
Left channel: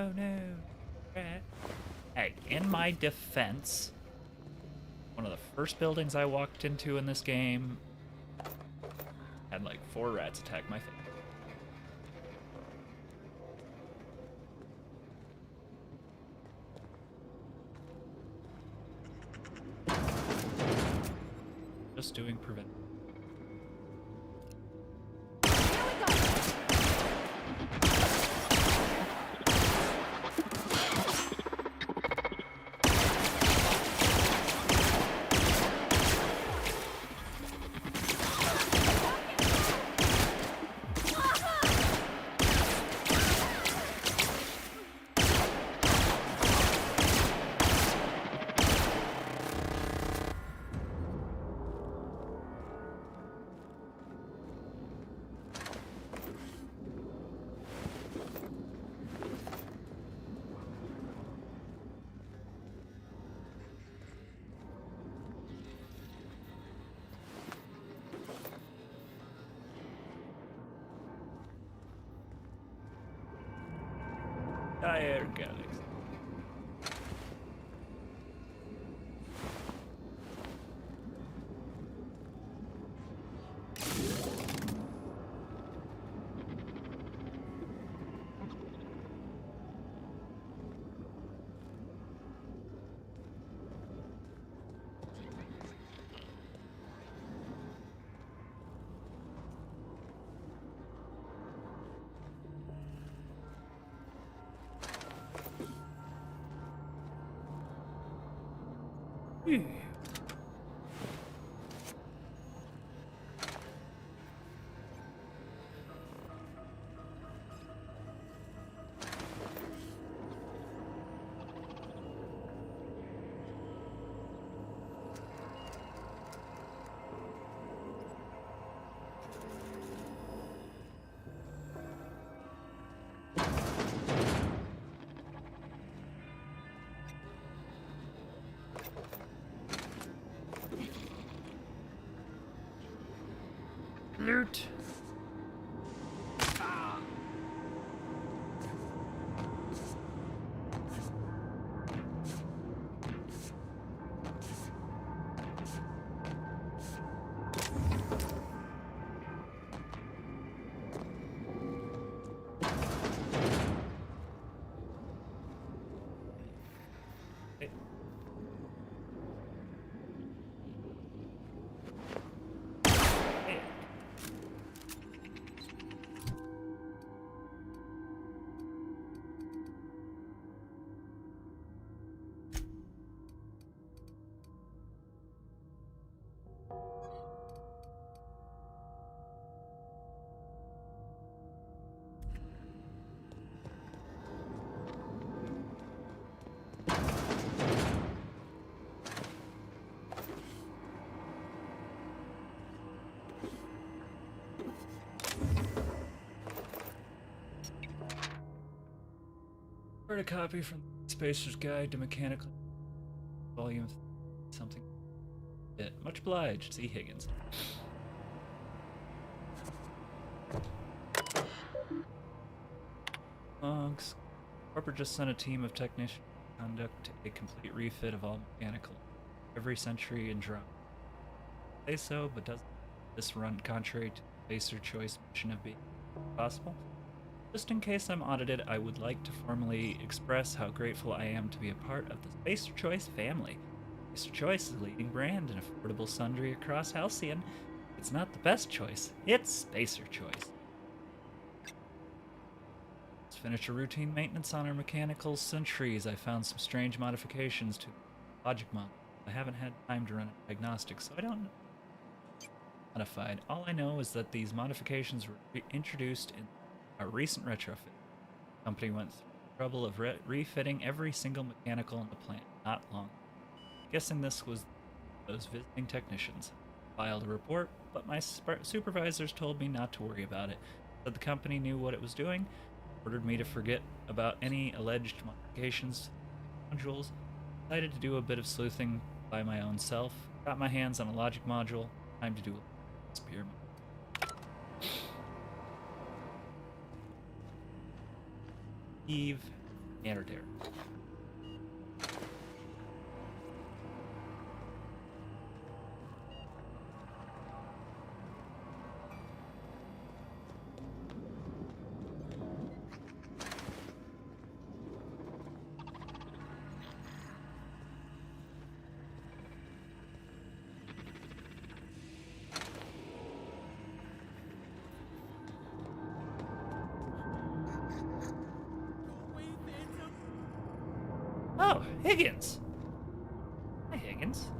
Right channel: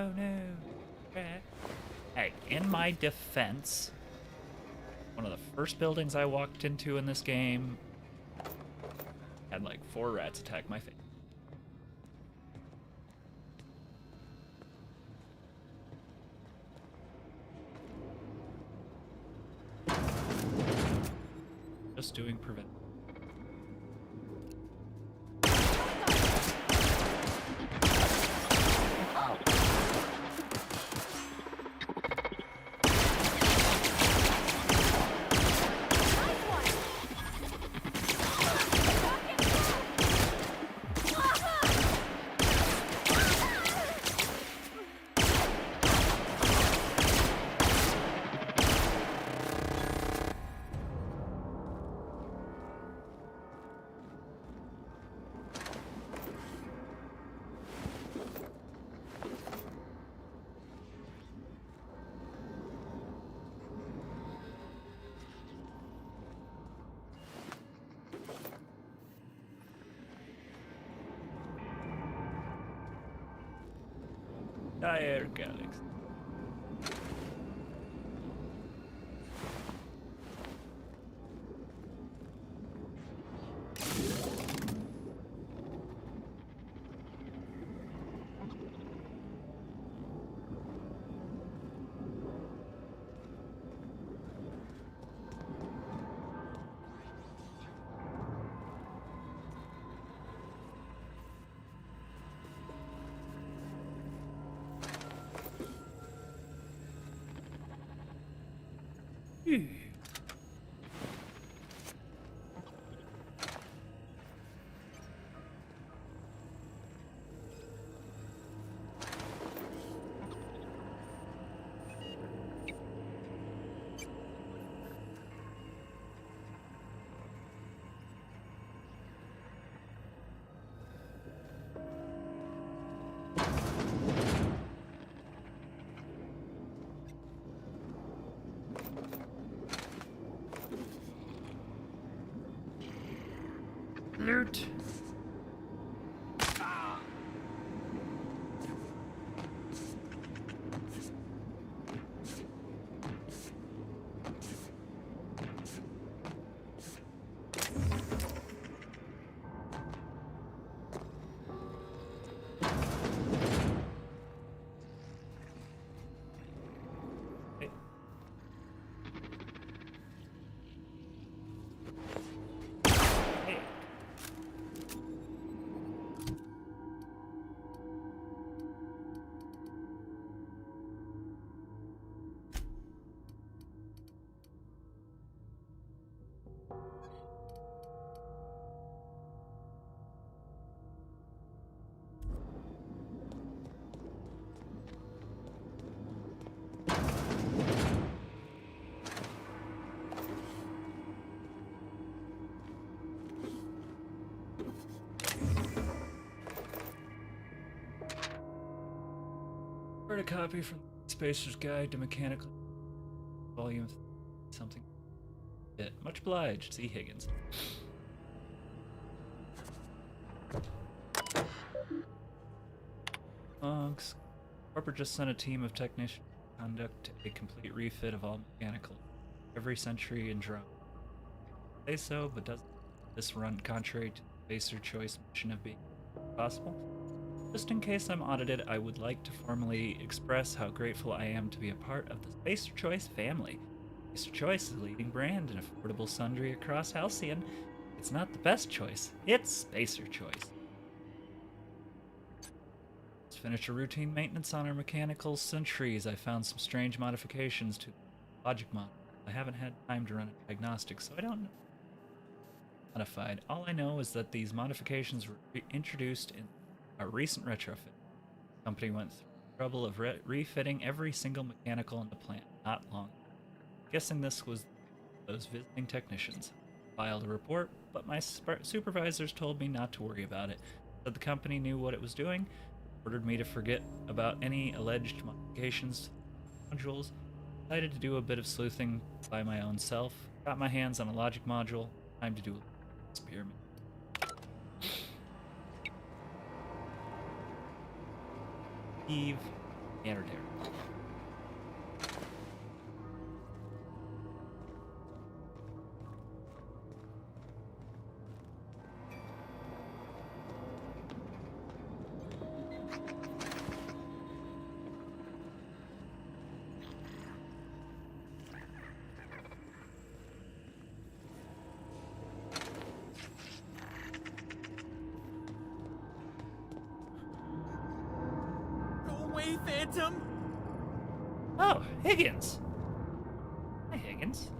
Oh no. Rat. Hey, in my defense, one of the first buildings I walked into in this game had like 4 rats attack my face. Just doing prevent. Dire Galaxy. Loot. Read a copy from Spacer's Guide to Mechanical Volume something. Yeah, much obliged, C. Higgins. Monks. Corporate just sent a team of technicians conduct a complete refit of all mechanical every century and drone. Say so, but does this run contrary to the baser choice mission of being possible? Just in case I'm audited, I would like to formally express how grateful I am to be a part of the Spacer Choice family. Spacer Choice is a leading brand and affordable sundry across Halcyon. It's not the best choice, it's Spacer Choice. Let's finish a routine maintenance on our mechanical sentries. I found some strange modifications to the logic model. I haven't had time to run a diagnostic, so I don't know. Modified. All I know is that these modifications were introduced in a recent retrofit. The company went through the trouble of refitting every single mechanical in the plant not long. Guessing this was those visiting technicians. Filed a report, but my supervisors told me not to worry about it. Said the company knew what it was doing, ordered me to forget about any alleged modifications to modules. Decided to do a bit of sleuthing by my own self. Got my hands on a logic module. Time to do a experiment. Eve Anderter. Phantom? Oh, Higgins. Hi, Higgins.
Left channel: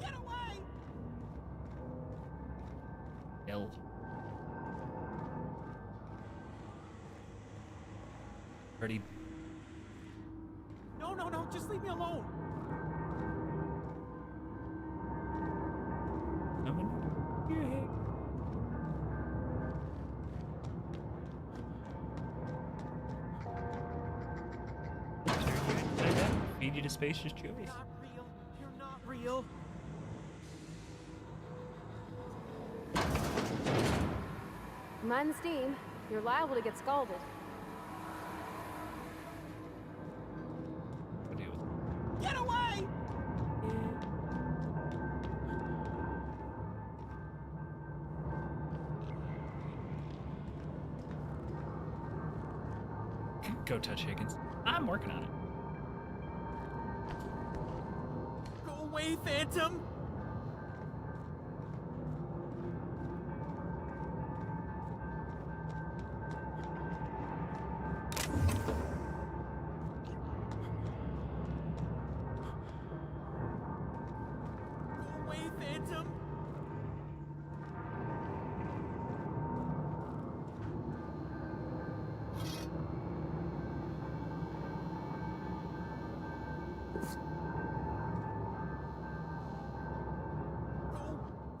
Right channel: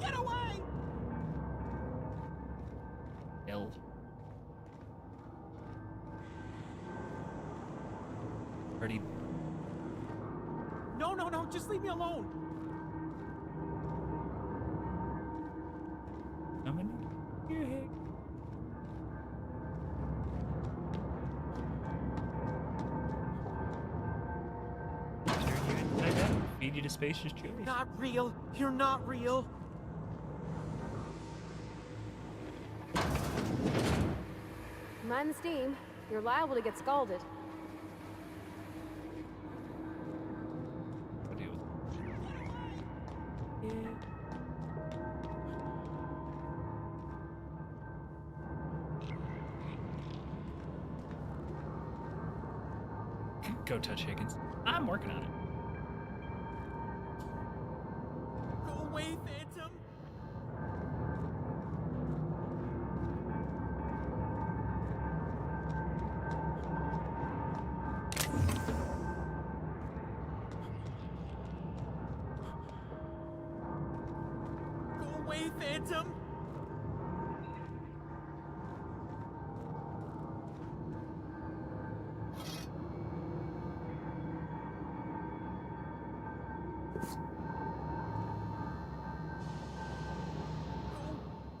Get away! Ill. Ready? No, no, no, just leave me alone. Coming here, Higgins. Turn you inside out, feed you to Spacer's Choice. Not real. You're not real. Mind the steam. You're liable to get scalded. Get away! Go touch Higgins. I'm working on it. Go away, Phantom! Go away, Phantom!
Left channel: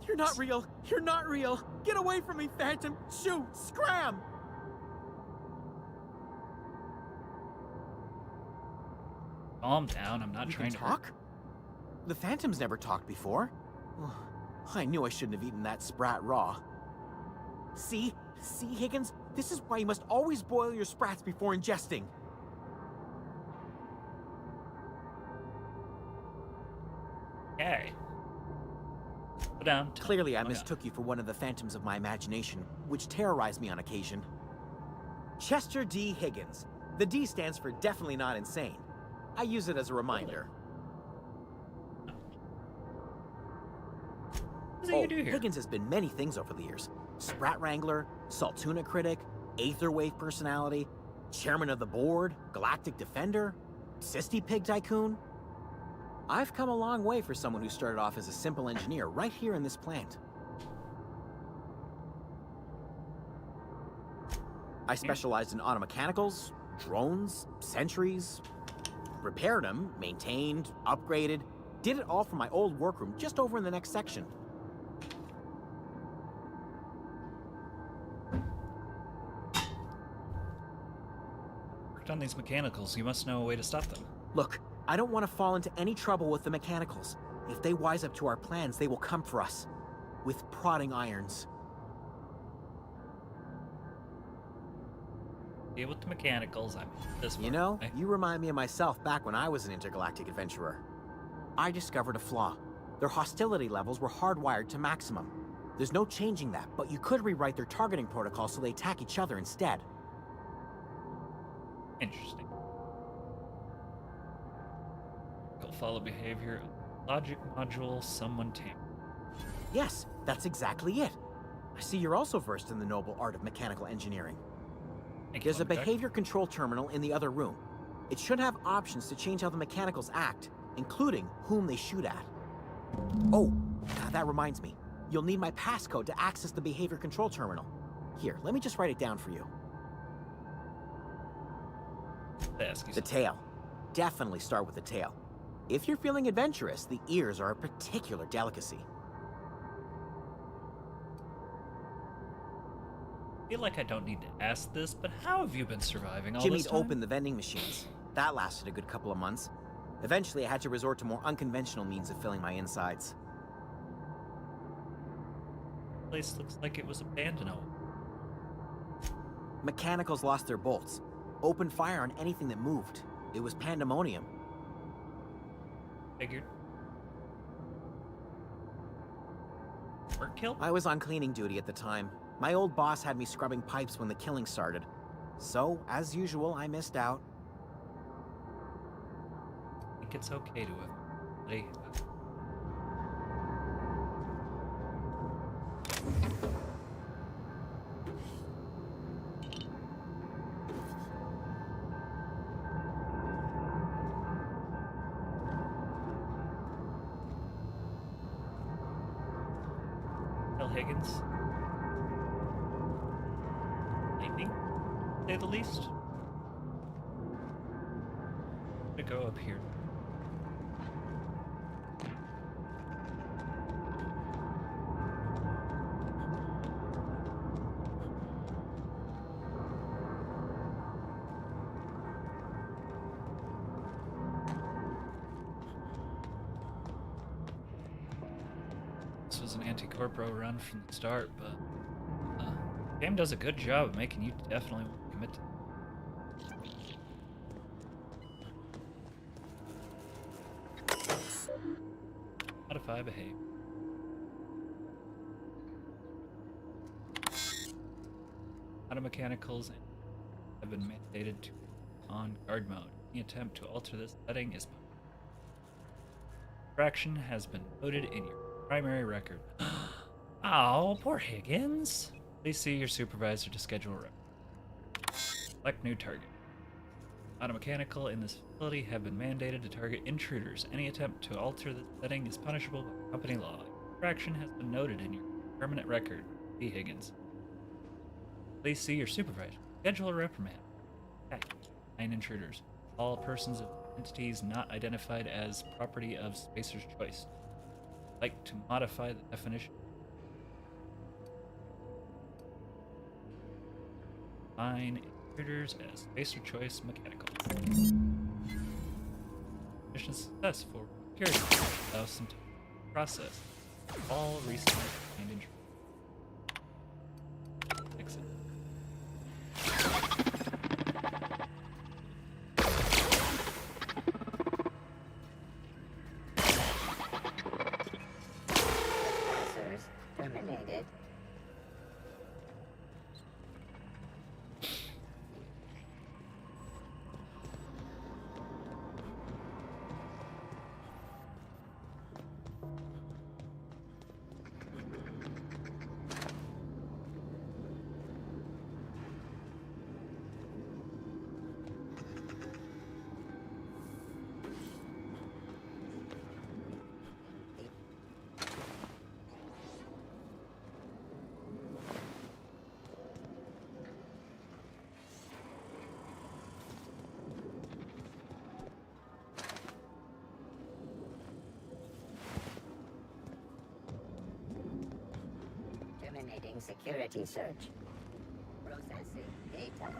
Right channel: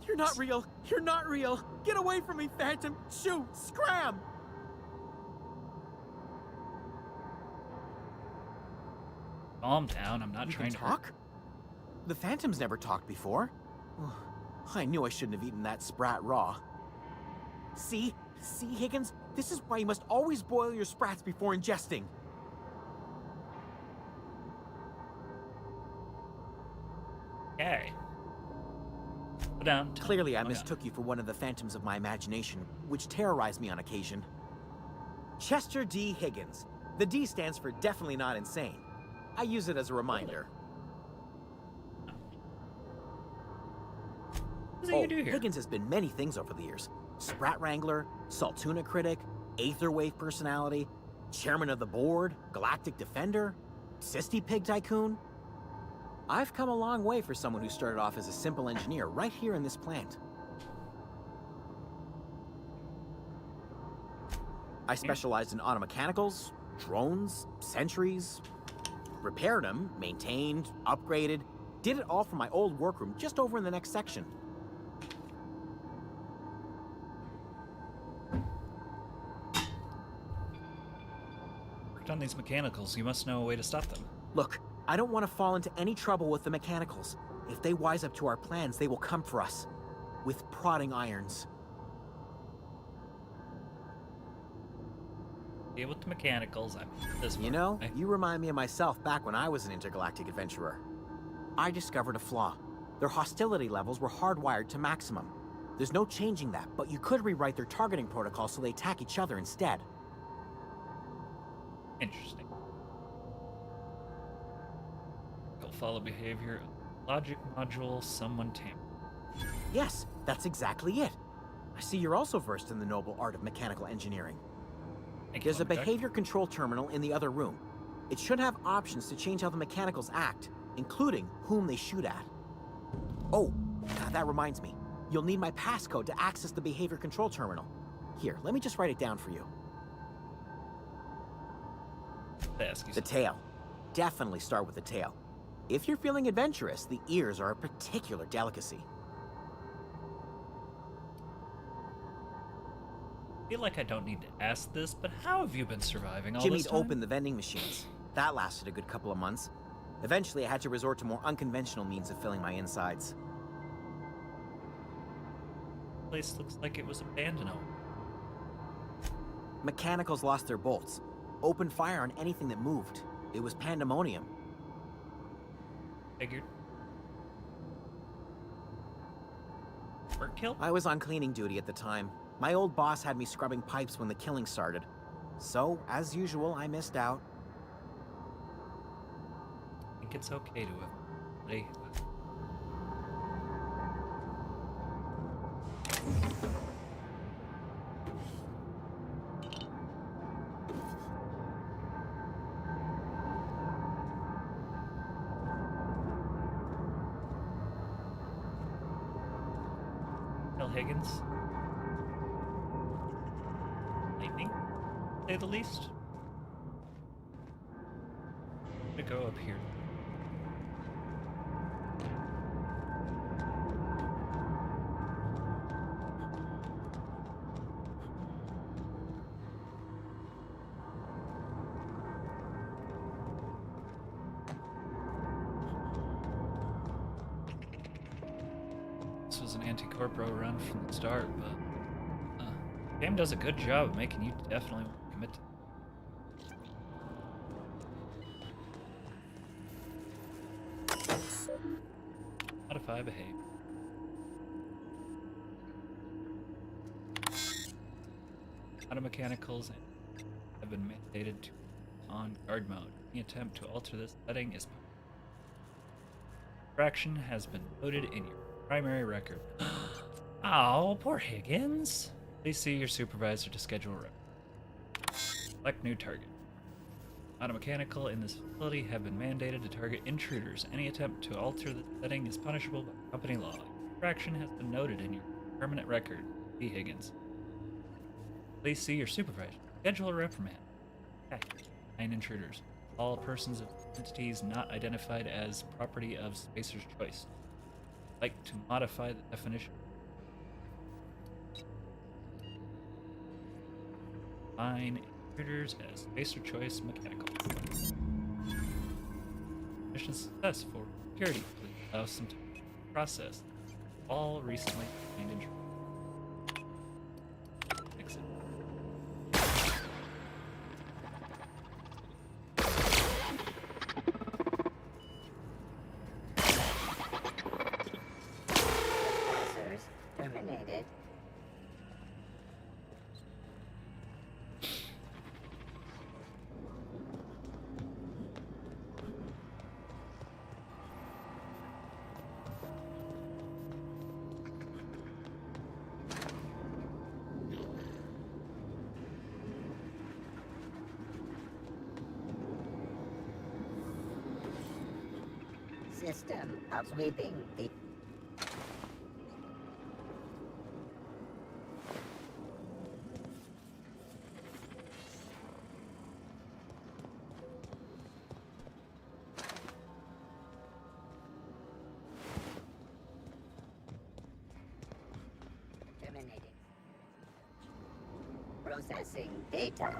You're not real! You're not real! Get away from me, Phantom! Shoot! Scram! Calm down, I'm not You trying can to talk? The Phantom's never talked before. I knew I shouldn't have eaten that sprat raw. See? See, Higgins? This is why you must always boil your sprats before ingesting. Okay. Put down. Clearly, I mistook you for one of the phantoms of my imagination, which terrorized me on occasion. Chester D. Higgins. The D stands for definitely not insane. I use it as a reminder. What do you do here? Higgins has been many things over the years. Sprat Wrangler, Saltuna Critic, Aetherwave Personality, Chairman of the Board, Galactic Defender, Sisty Pig Tycoon. I've come a long way for someone who started off as a simple engineer right here in this plant. I specialized in automechanicals, drones, sentries, repaired them, maintained, upgraded, did it all from my old workroom just over in the next section. Worked on these mechanicals, you must know a way to stop them. Look, I don't want to fall into any trouble with the mechanicals. If they wise up to our plans, they will come for us. with prodding irons. Deal with the mechanicals. I'm this far You know, away. you remind me of myself back when I was an intergalactic adventurer. I discovered a flaw. Their hostility levels were hardwired to maximum. There's no changing that, but you could rewrite their targeting protocol so they attack each other instead. Interesting. Follow behavior. Logic module, someone tampered. Yes, that's exactly it. I see you're also versed in the noble art of mechanical engineering. There's a behavior control terminal in the other room. It should have options to change how the mechanicals act, including whom they shoot at. Oh, that reminds me. You'll need my passcode to access the behavior control terminal. Here, let me just write it down for you. The tail. Definitely start with the tail. If you're feeling adventurous, the ears are a particular delicacy. I feel like I don't need to ask this, but how have you been surviving all Jimmy'd this time? opened the vending machines. That lasted a good couple of months. Eventually, I had to resort to more unconventional means of filling my insides. The place looks like it was abandoned. Mechanicals lost their bolts. Opened fire on anything that moved. It was pandemonium. Figured. Weren't killed? I was on cleaning duty at the time. My old boss had me scrubbing pipes when the killing started. So, as usual, I missed out. I think it's okay to have. Higgins. Lightning, to say the least. I'm gonna go up here. This was an Anti-Corpo run from the start, but the game does a good job of making you definitely want to commit to modify behavior. Auto mechanicals have been mandated to on guard mode. Any attempt to alter this setting is infraction has been noted in your primary record. Oh, poor Higgins. Please see your supervisor to schedule a record. Select new target. Automechanical in this facility have been mandated to target intruders. Any attempt to alter the setting is punishable by company law. Infraction has been noted in your permanent record. B. Higgins. Please see your supervisor. Schedule a reprimand. Okay. 9 intruders. All persons of entities not identified as property of Spacer's choice. Like to modify the definition. Define intruders as Spacer choice mechanical. Mission success for security. Allow some time to process all recently defined intruders. Exit. Terminated. System of sweeping the terminating security search. Processing data.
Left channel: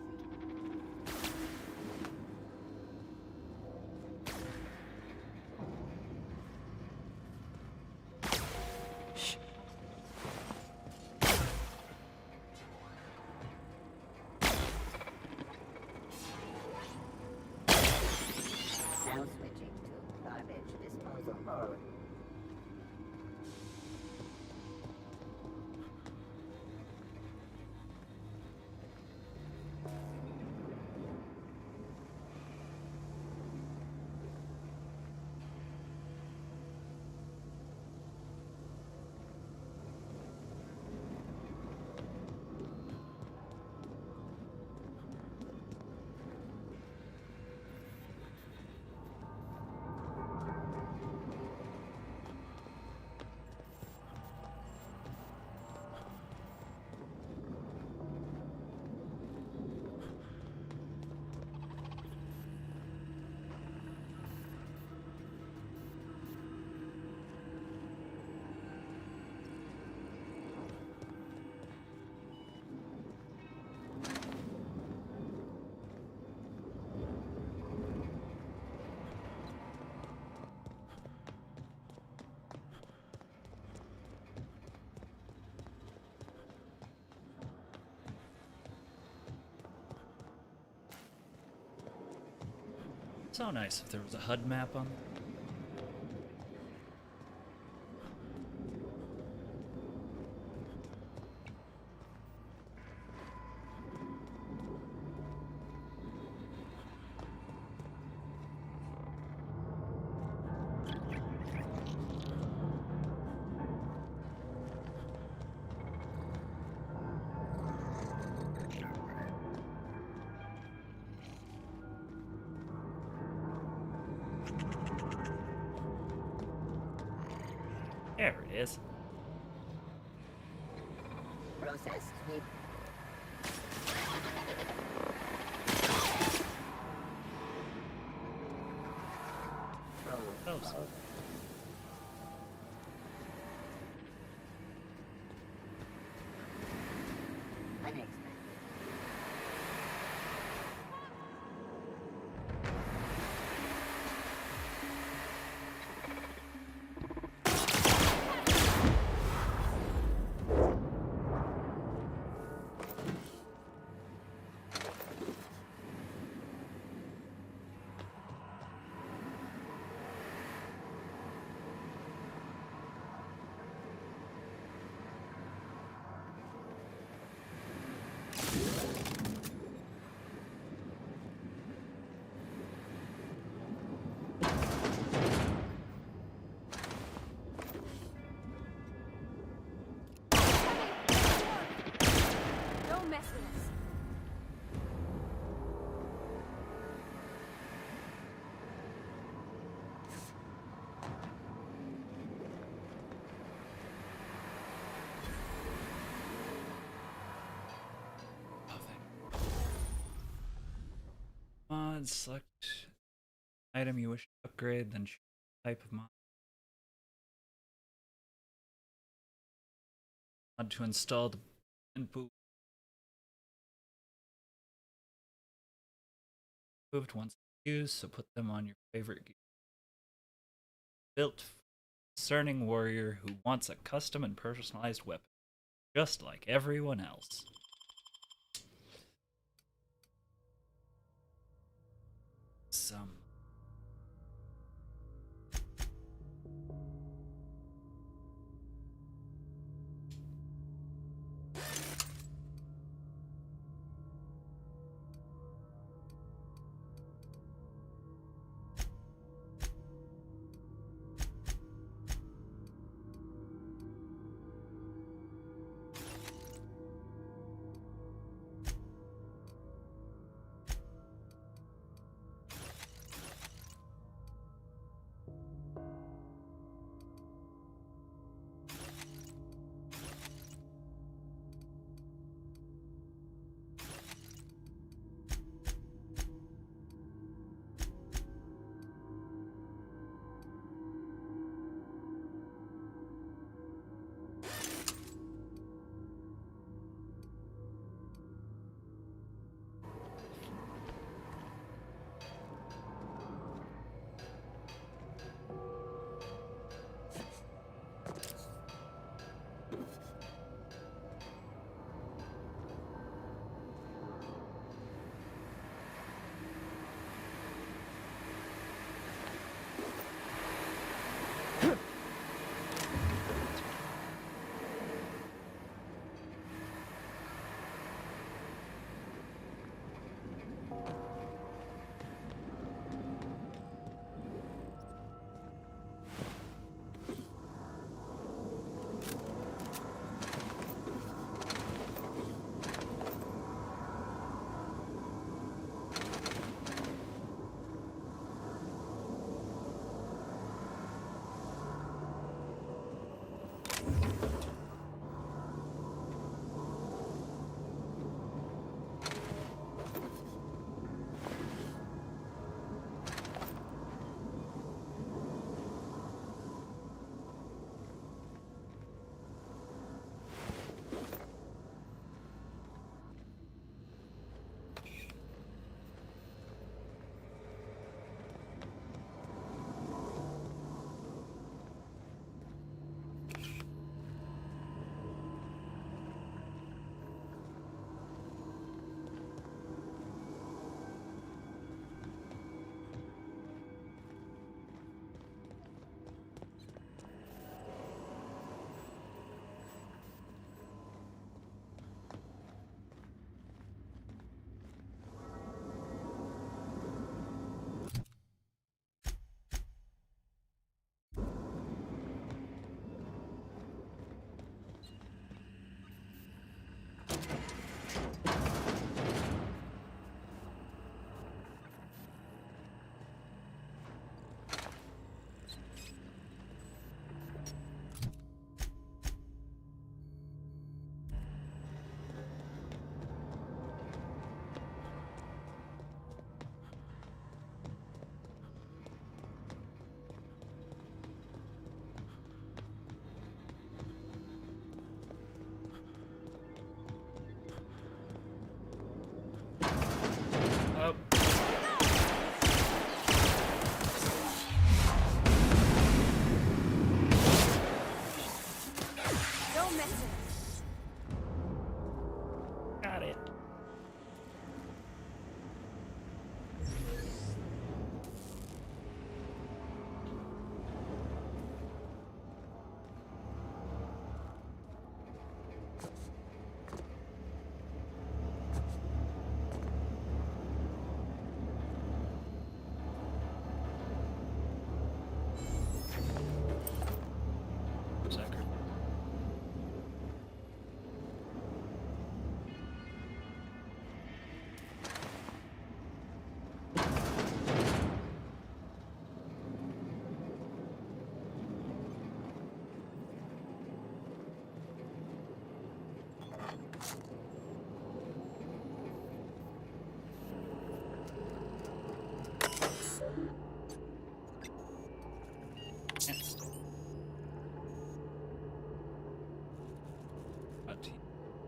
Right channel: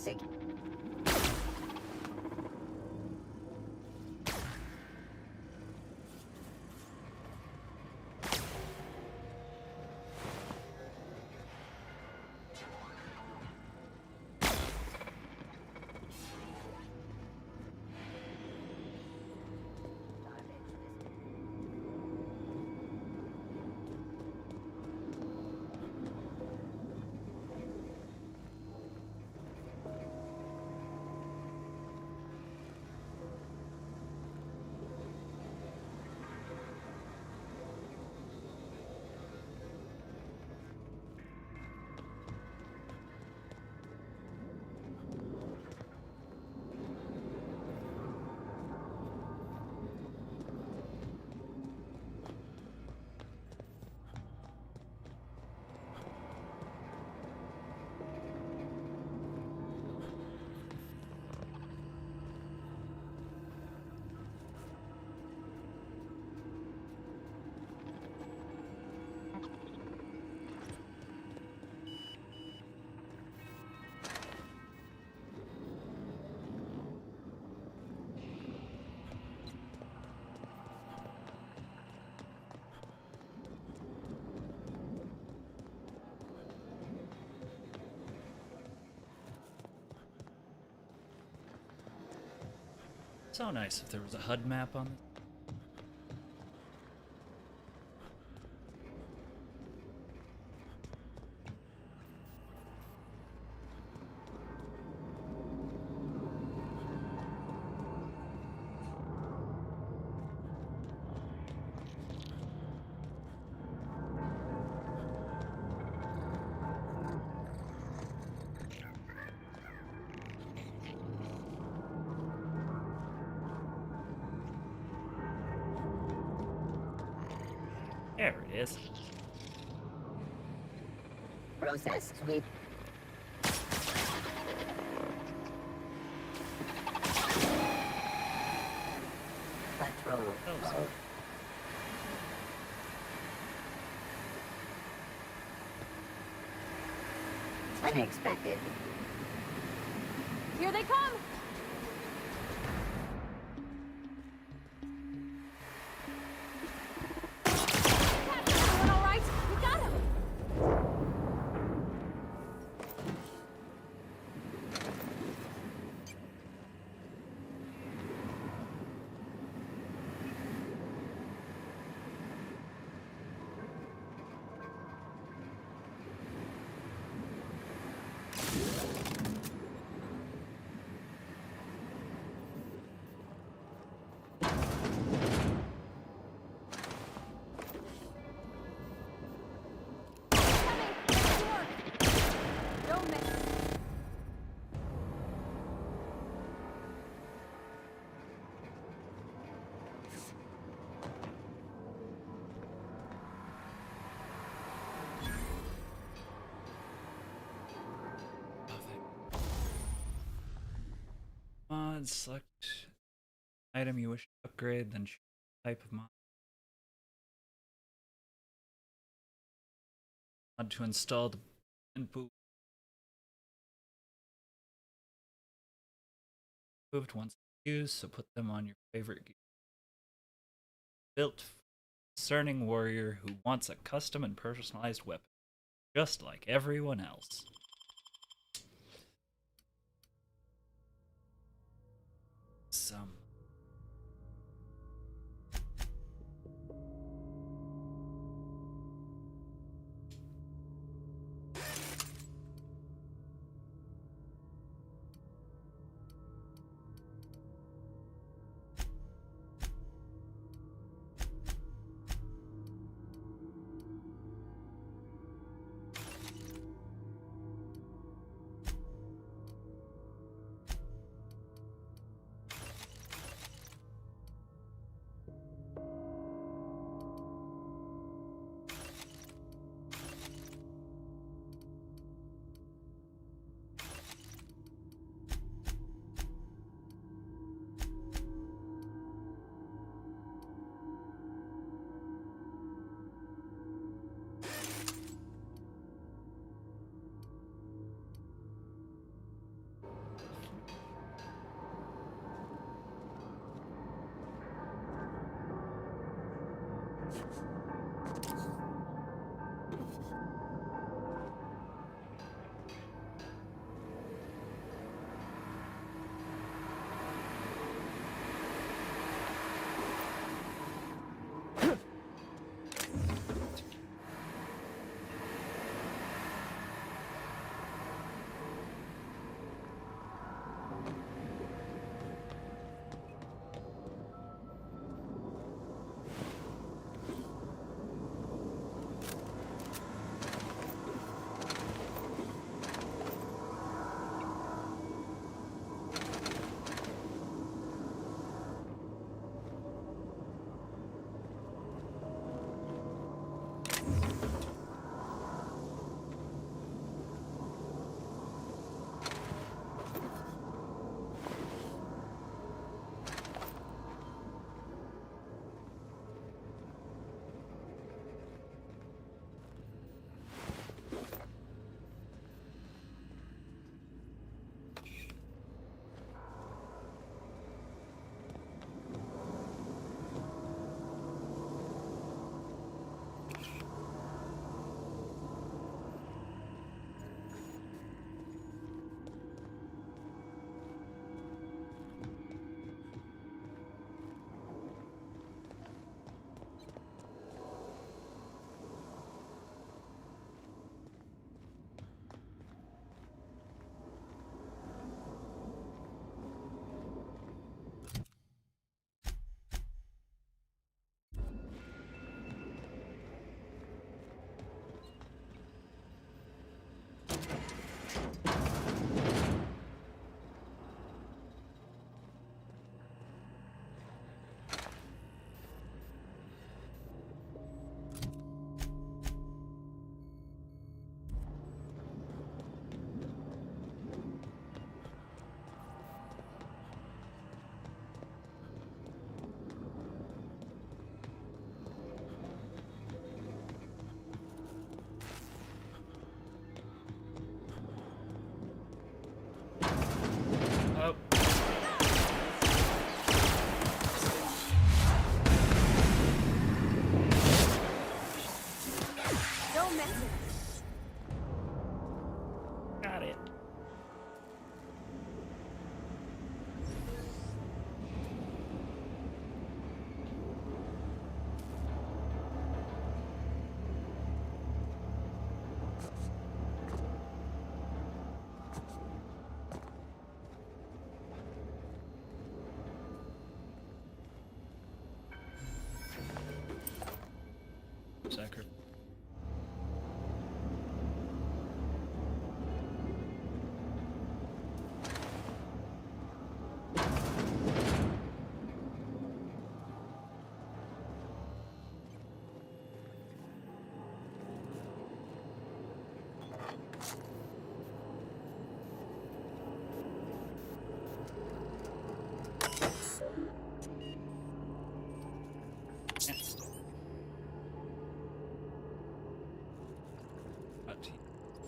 security. Now switching to garbage disposal mode. So nice if there was a HUD map on. There it is. Process sweep. Control. Oh, Unexpected. Here they come! All right, we got him! Don't mess with this. Mod, select item you wish to upgrade, then choose type of mod. Mod to install the input. Moved once used, so put them on your favorite gear. Built for a discerning warrior who wants a custom and personalized weapon, just like everyone else. Some.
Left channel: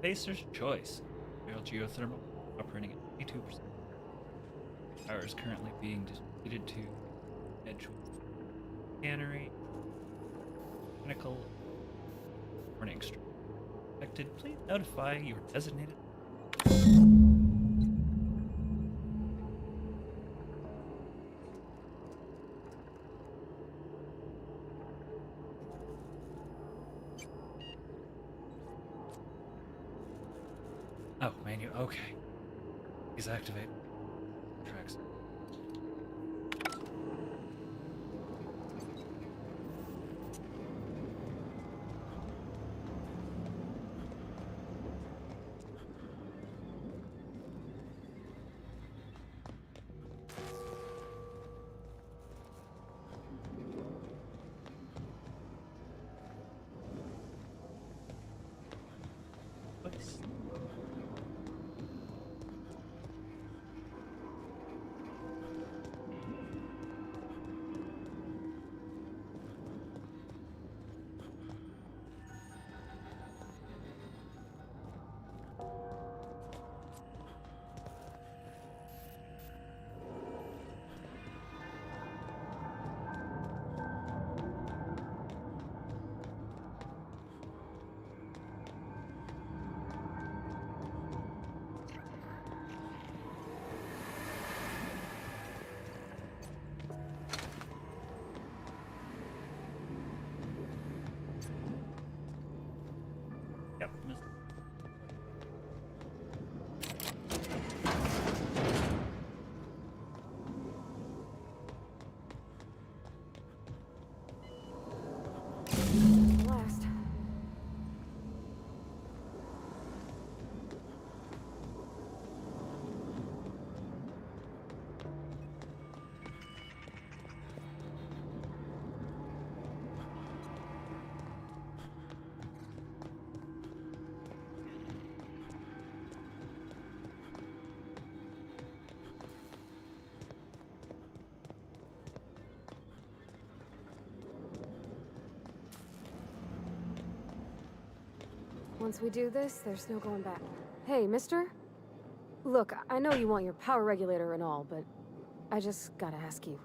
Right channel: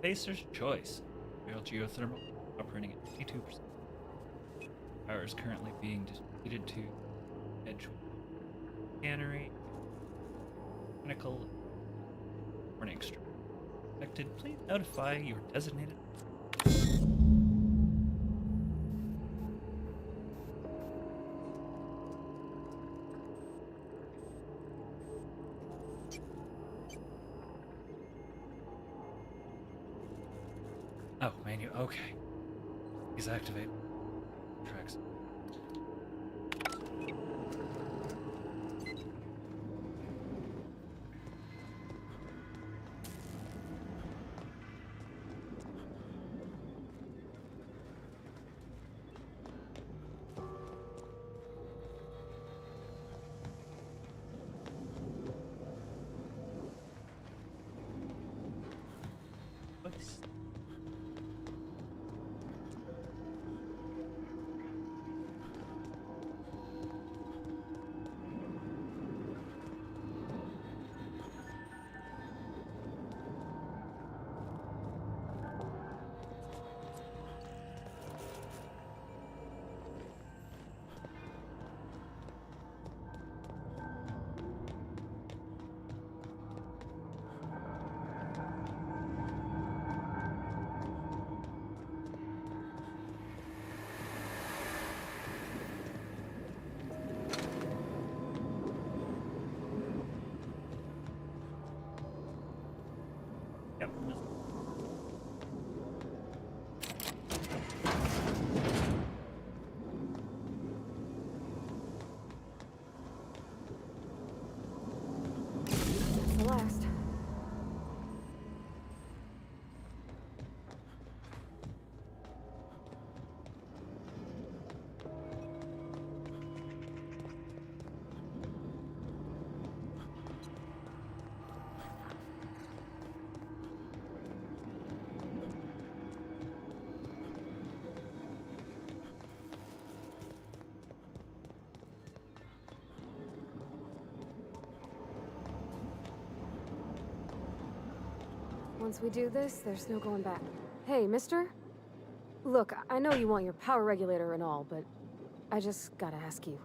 Spacer's choice. Real geothermal operating at 82%. Power is currently being distributed to Edgewater Cannery. Mechanical warning stream. Affected, please notify your designated. Oh, menu. Okay. He's activated. Tracks. Voice. Yep. The last. Once we do this, there's no going back. Hey, mister? Look, I know you want your power regulator and all, but I just gotta ask you.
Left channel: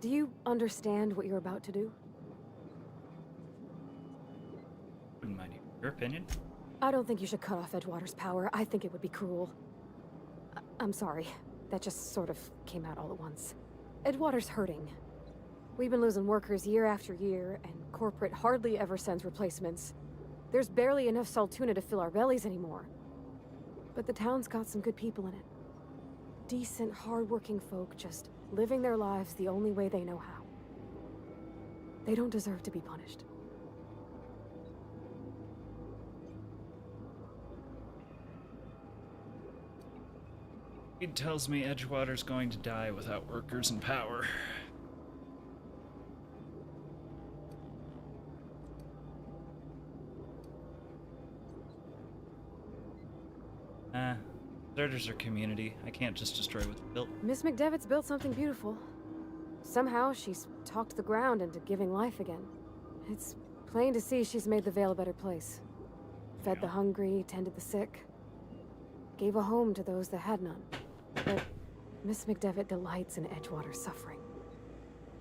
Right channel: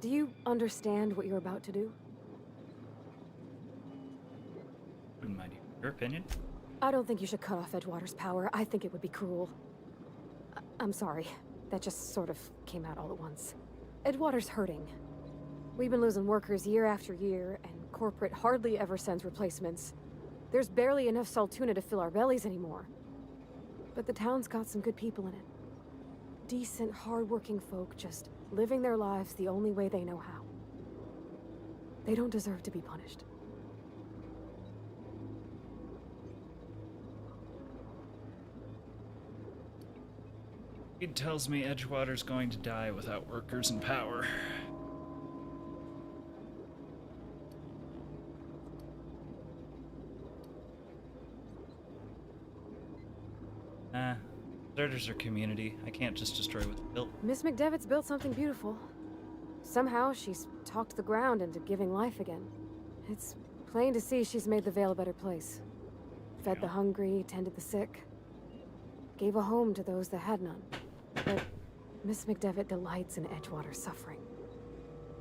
Do you understand what you're about to do? Wouldn't mind your opinion. I don't think you should cut off Edgewater's power. I think it would be cruel. I'm sorry. That just sort of came out all at once. Edgewater's hurting. We've been losing workers year after year, and corporate hardly ever sends replacements. There's barely enough Saltuna to fill our bellies anymore. But the town's got some good people in it. Decent, hard-working folk just living their lives the only way they know how. They don't deserve to be punished. He tells me Edgewater's going to die without workers and power. Deserters are community. I can't just destroy what's built. Miss McDevitt's built something beautiful. Somehow, she's talked the ground into giving life again. It's plain to see she's made the Vale a better place. Fed the hungry, tended the sick. Gave a home to those that had none. But Miss McDevitt delights in Edgewater's suffering.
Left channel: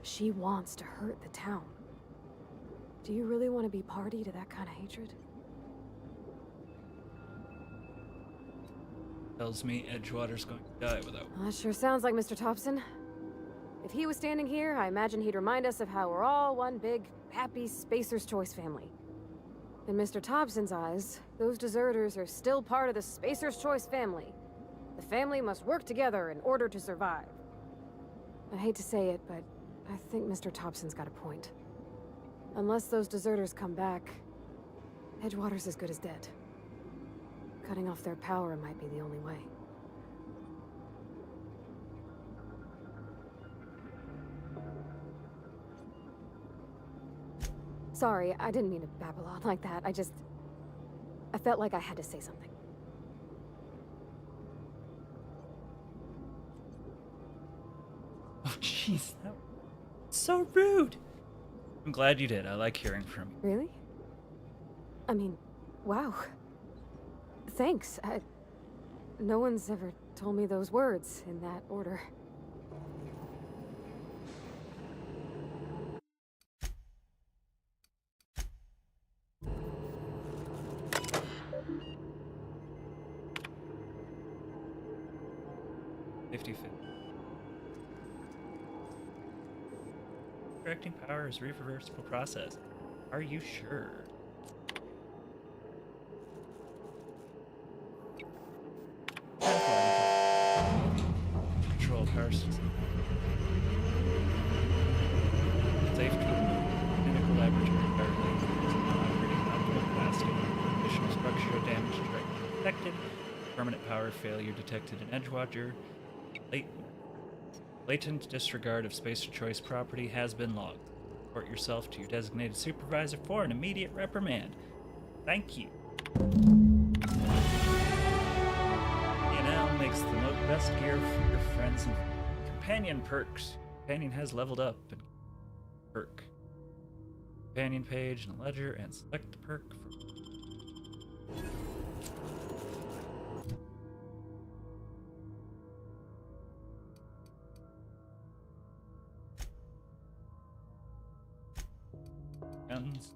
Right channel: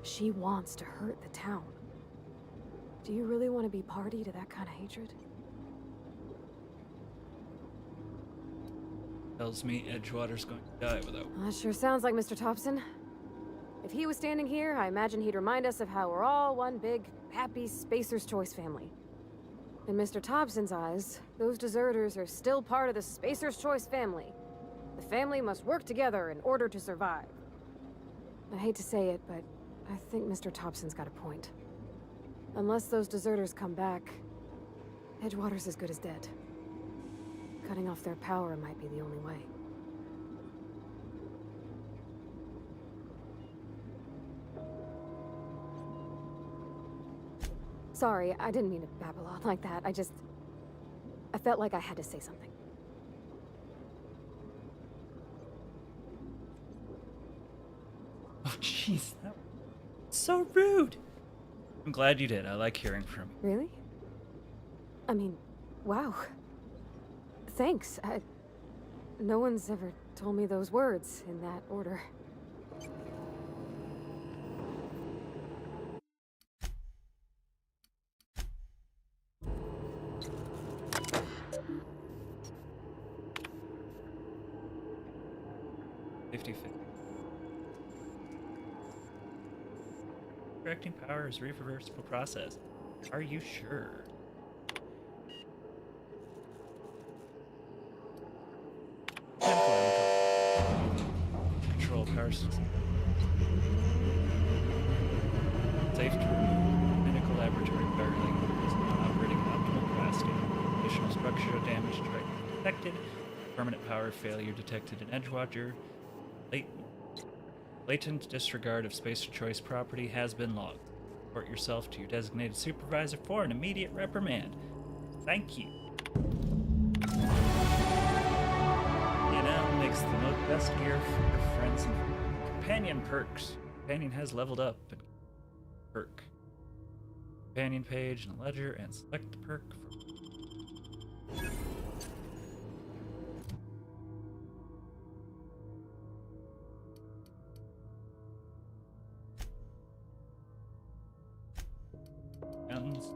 She wants to hurt the town. Do you really want to be party to that kind of hatred? Tells me Edgewater's going to die without. That sure sounds like Mr. Thompson. If he was standing here, I imagine he'd remind us of how we're all one big, happy Spacer's Choice family. In Mr. Thompson's eyes, those deserters are still part of the Spacer's Choice family. The family must work together in order to survive. I hate to say it, but I think Mr. Thompson's got a point. Unless those deserters come back, Edgewater's as good as dead. Cutting off their power might be the only way. Sorry, I didn't mean to babble on like that. I felt like I had to say something. Oh, jeez. That was so rude. I'm glad you did. I like hearing from you. Really? I mean, wow. Thanks. No one's ever told me those words in that order. Correcting power is a reversible process. Are you sure? Control power system. Safe to remove. Clinical laboratory power link is not operating at optimal capacity. Additional structural damage directly detected. Permanent power failure detected in Edgewater. Blatant disregard of spacer choice property has been logged. Report yourself to your designated supervisor for an immediate reprimand. Thank you. DNL makes the best gear for your friends and companion perks. Companion has leveled up and perk. Companion page in the ledger and select the perk for guns.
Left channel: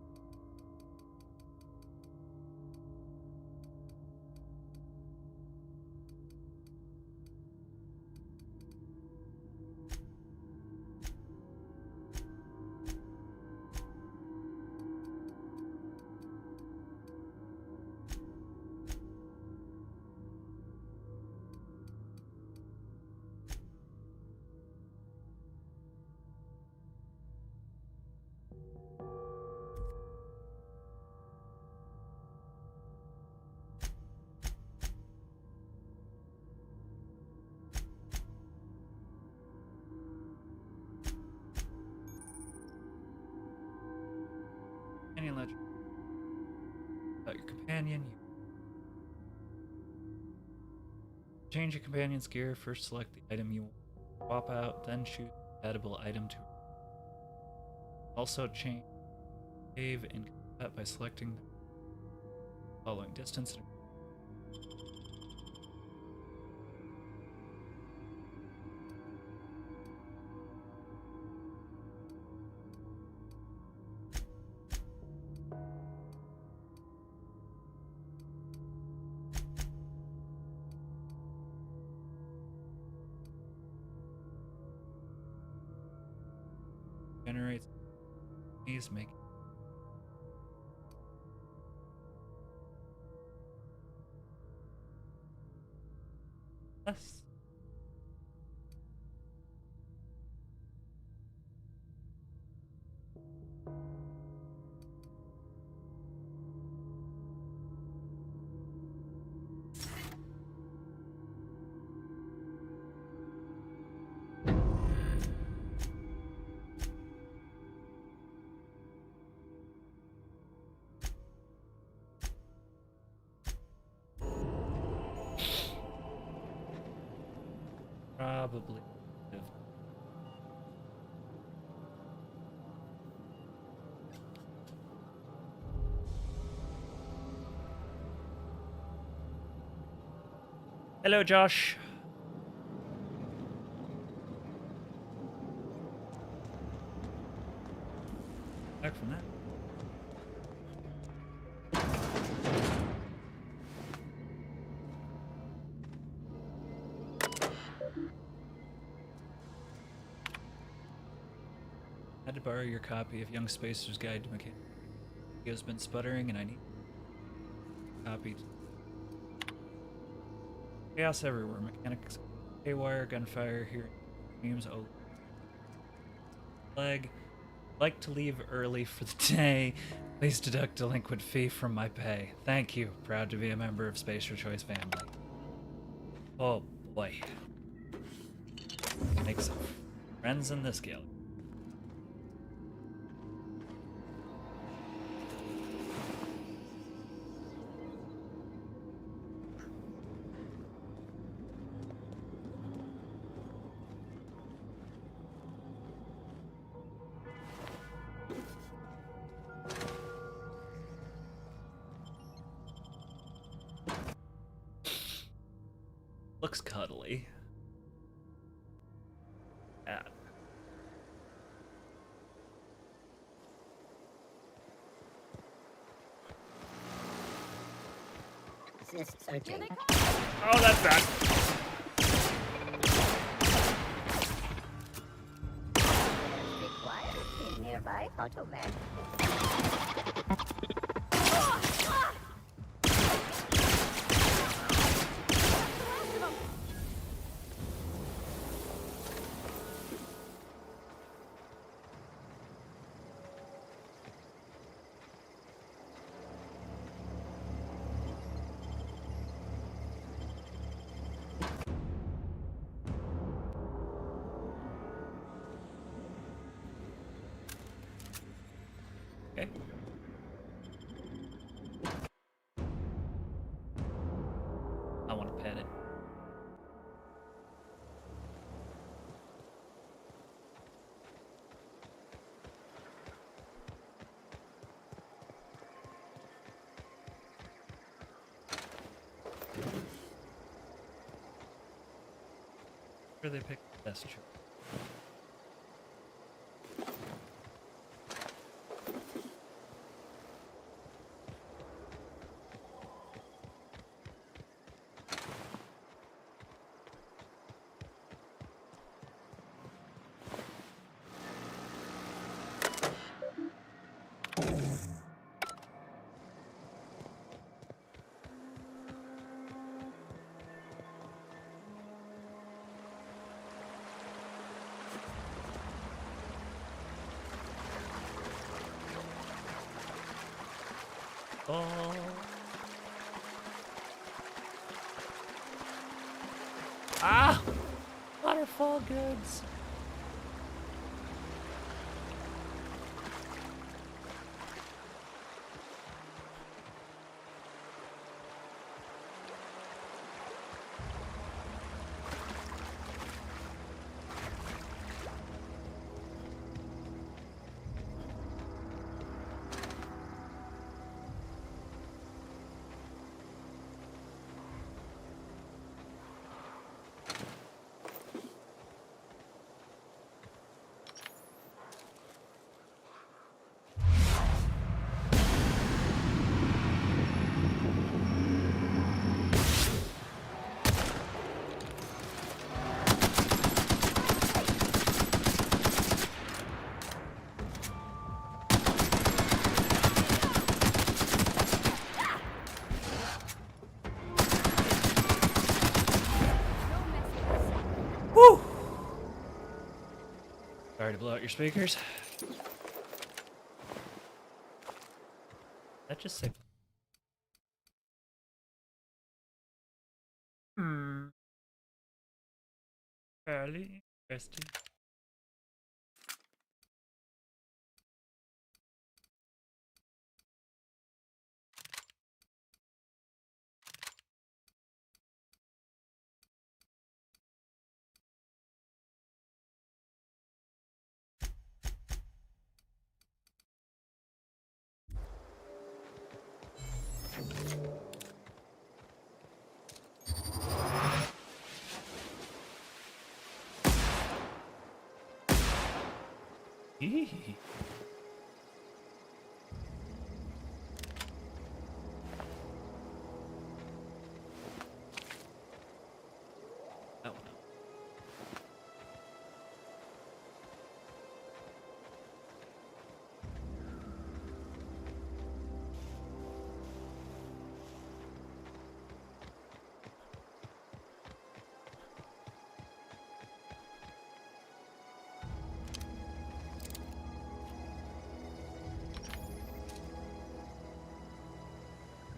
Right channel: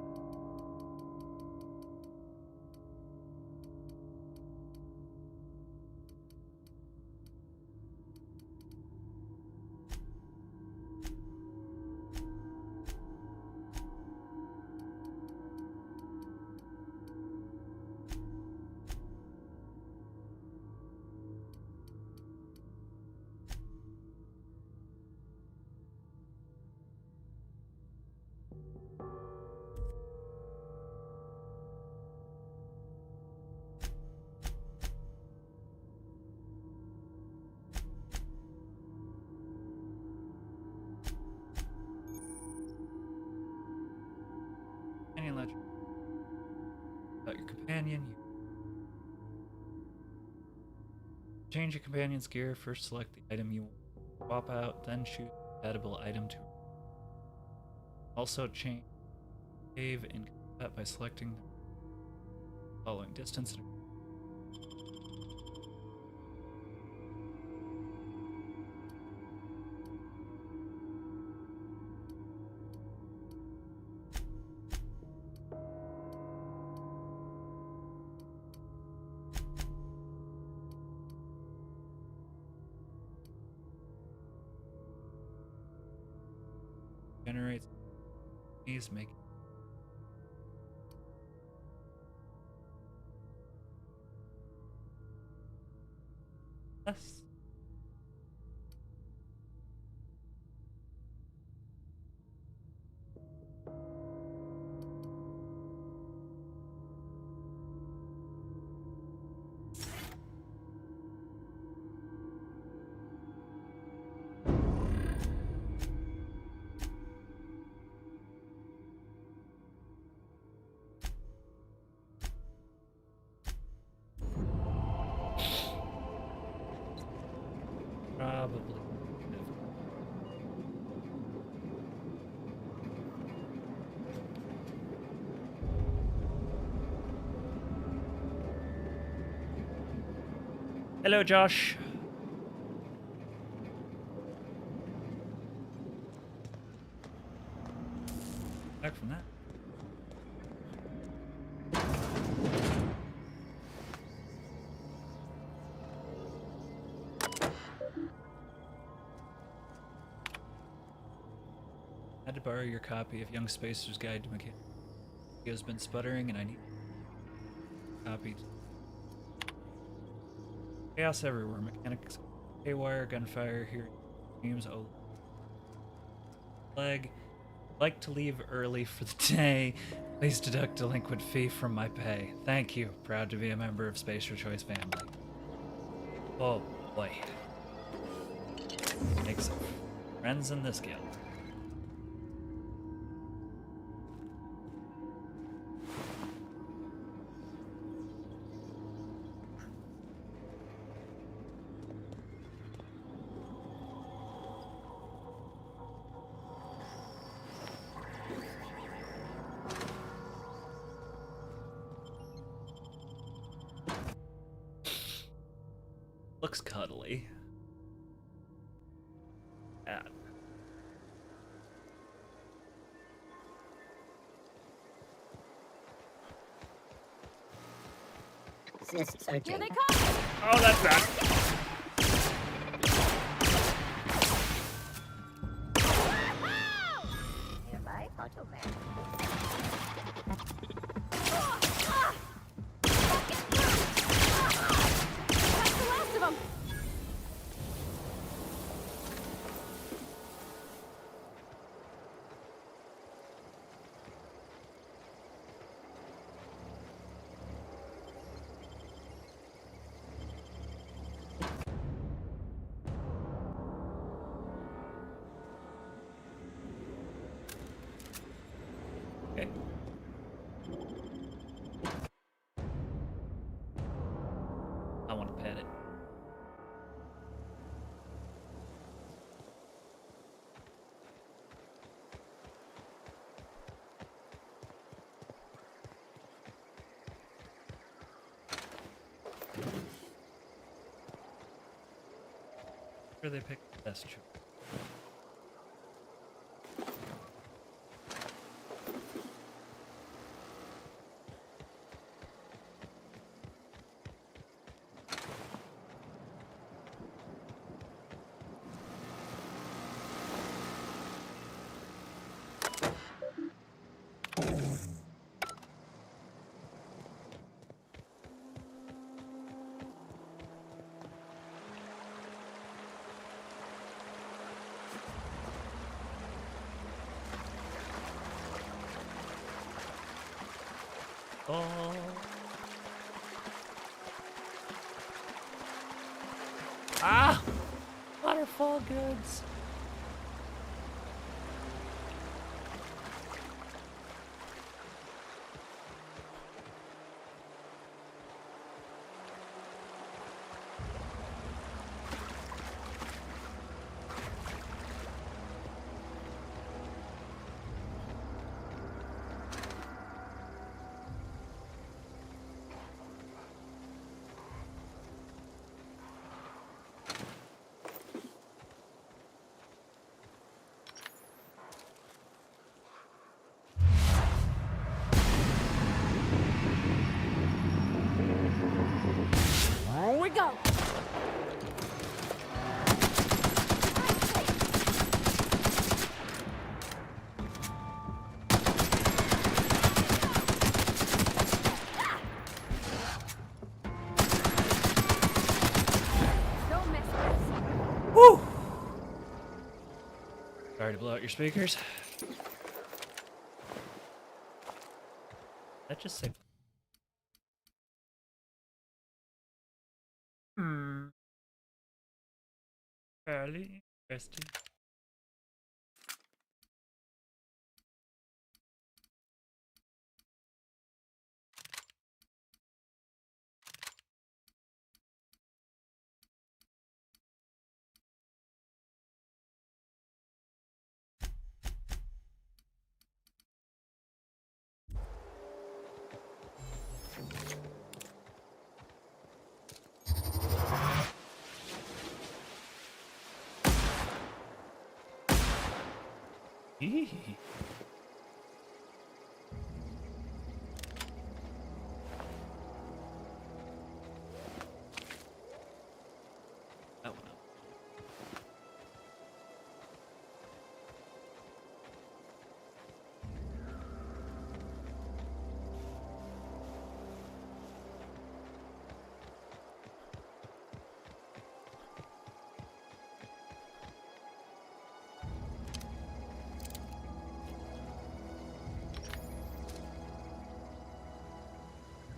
Companion ledger. About your companion, you change your companion's gear. First select the item you want to swap out, then choose a compatible item to also change save in combat by selecting the following distance and generates these make less. Probably. Hello, Josh. Back from that. I had to borrow your copy of Young Spacer's Guide to Mechanics. He has been sputtering and I need a copy. Chaos everywhere. Mechanics, haywire, gunfire, hearing screams, oh. Leg. Like to leave early for the day. Please deduct delinquent fee from my pay. Thank you. Proud to be a member of Spacer Choice family. Oh boy. Make some friends in this guild. Looks cuddly. Yeah. Here they come! Oh, that's bad. Nearby Automan. That's the last of them! Okay. I want to pet it. Sure they picked the best choice. Oh. Ah! Waterfall goods. Here we go! Don't mess with us. Woo! Sorry to blow out your speakers. That just say. Fairly interesting. Eee. Oh no.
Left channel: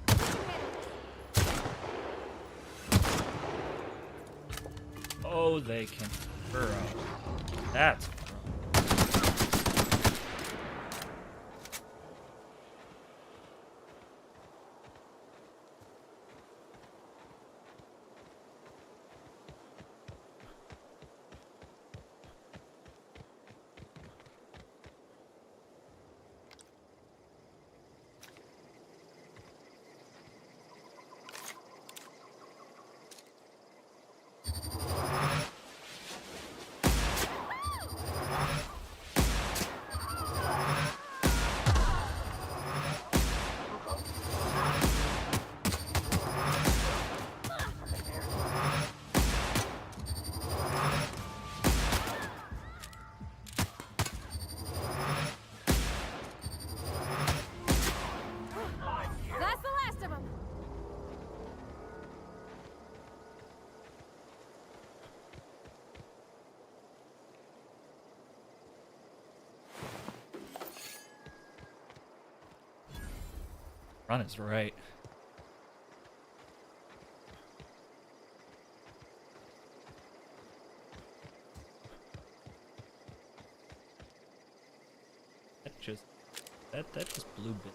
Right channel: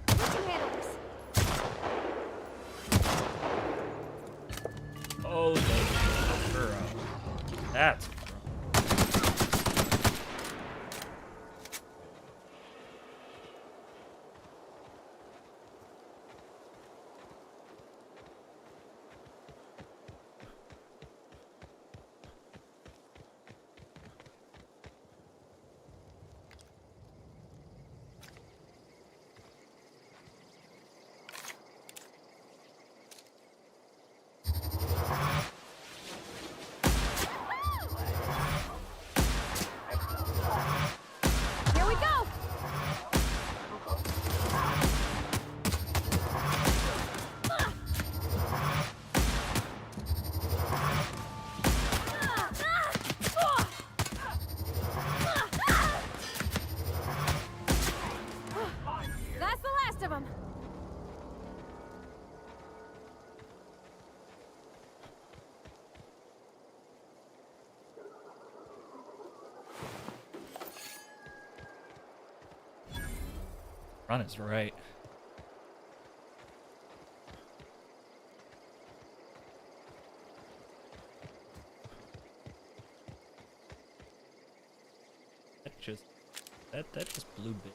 We can handle this. Oh, they can burrow. That's a Run is right. That just blew bit.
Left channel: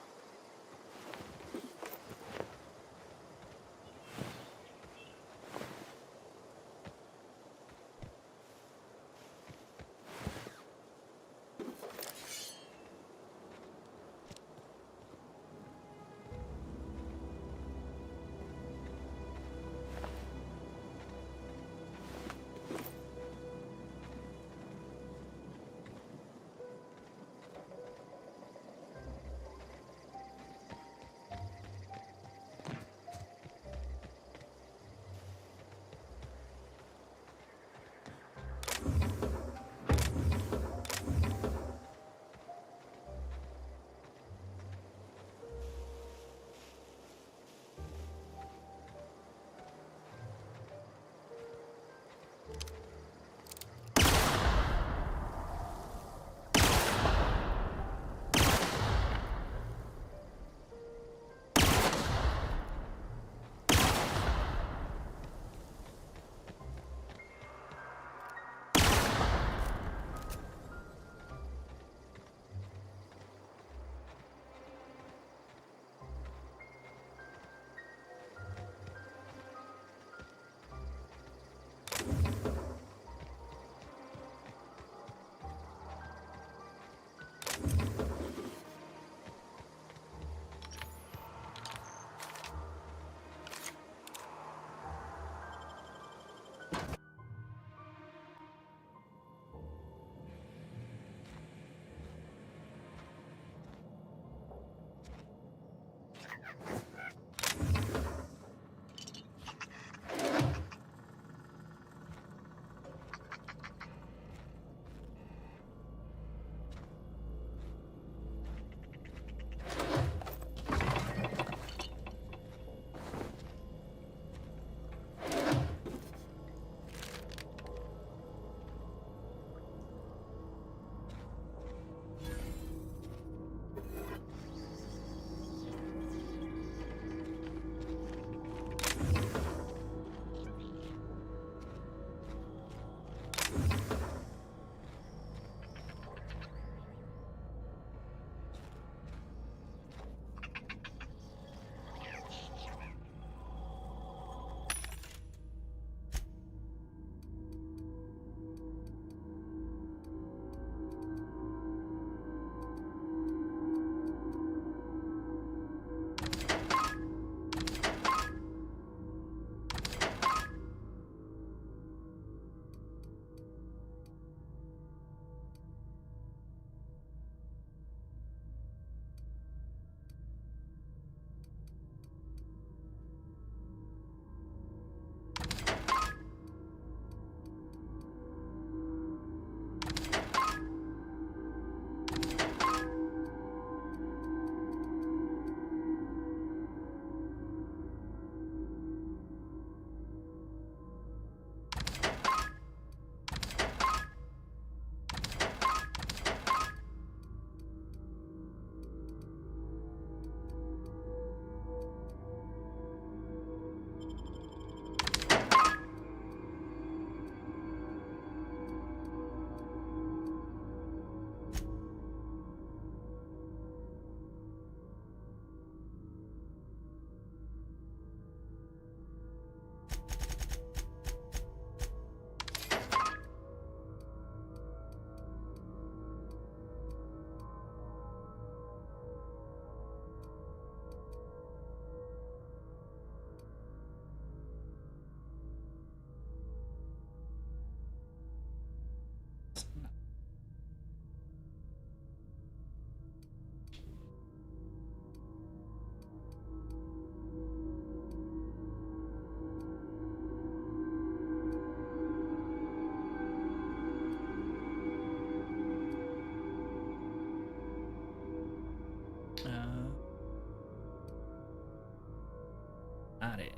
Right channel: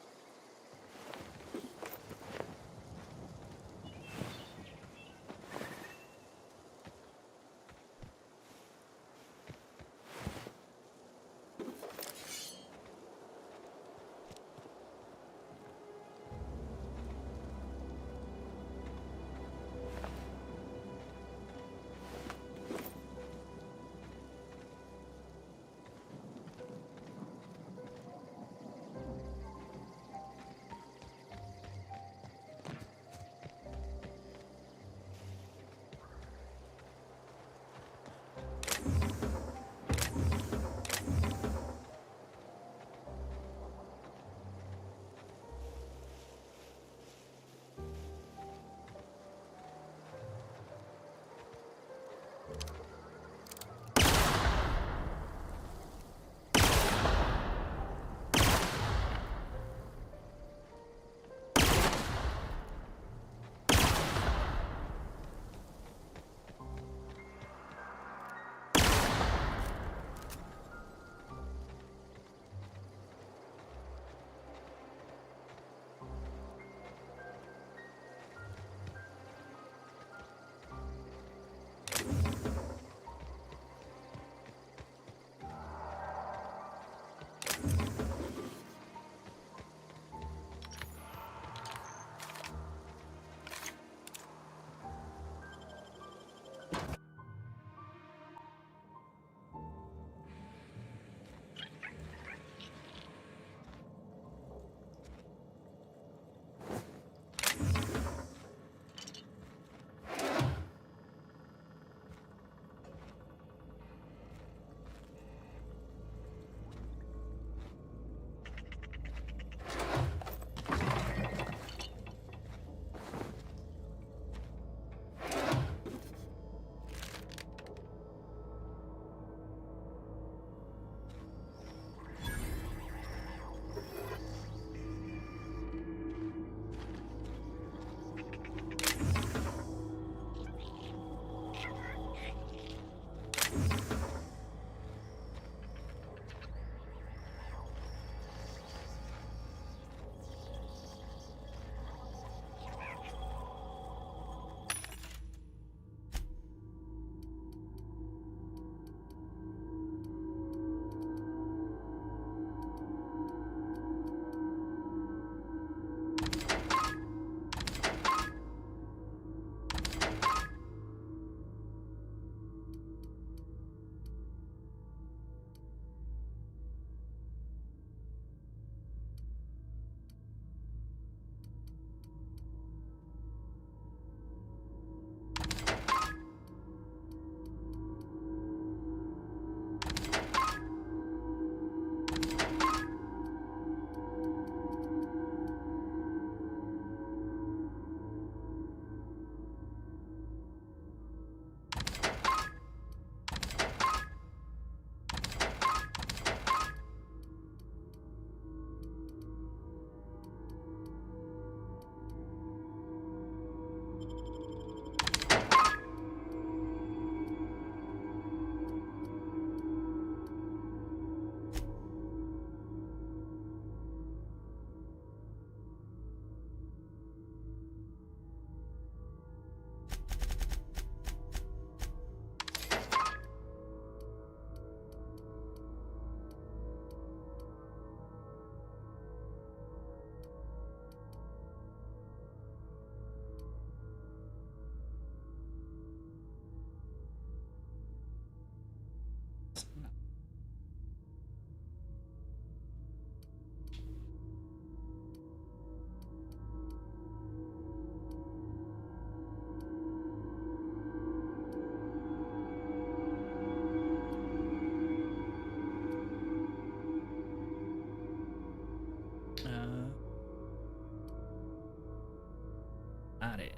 Not it.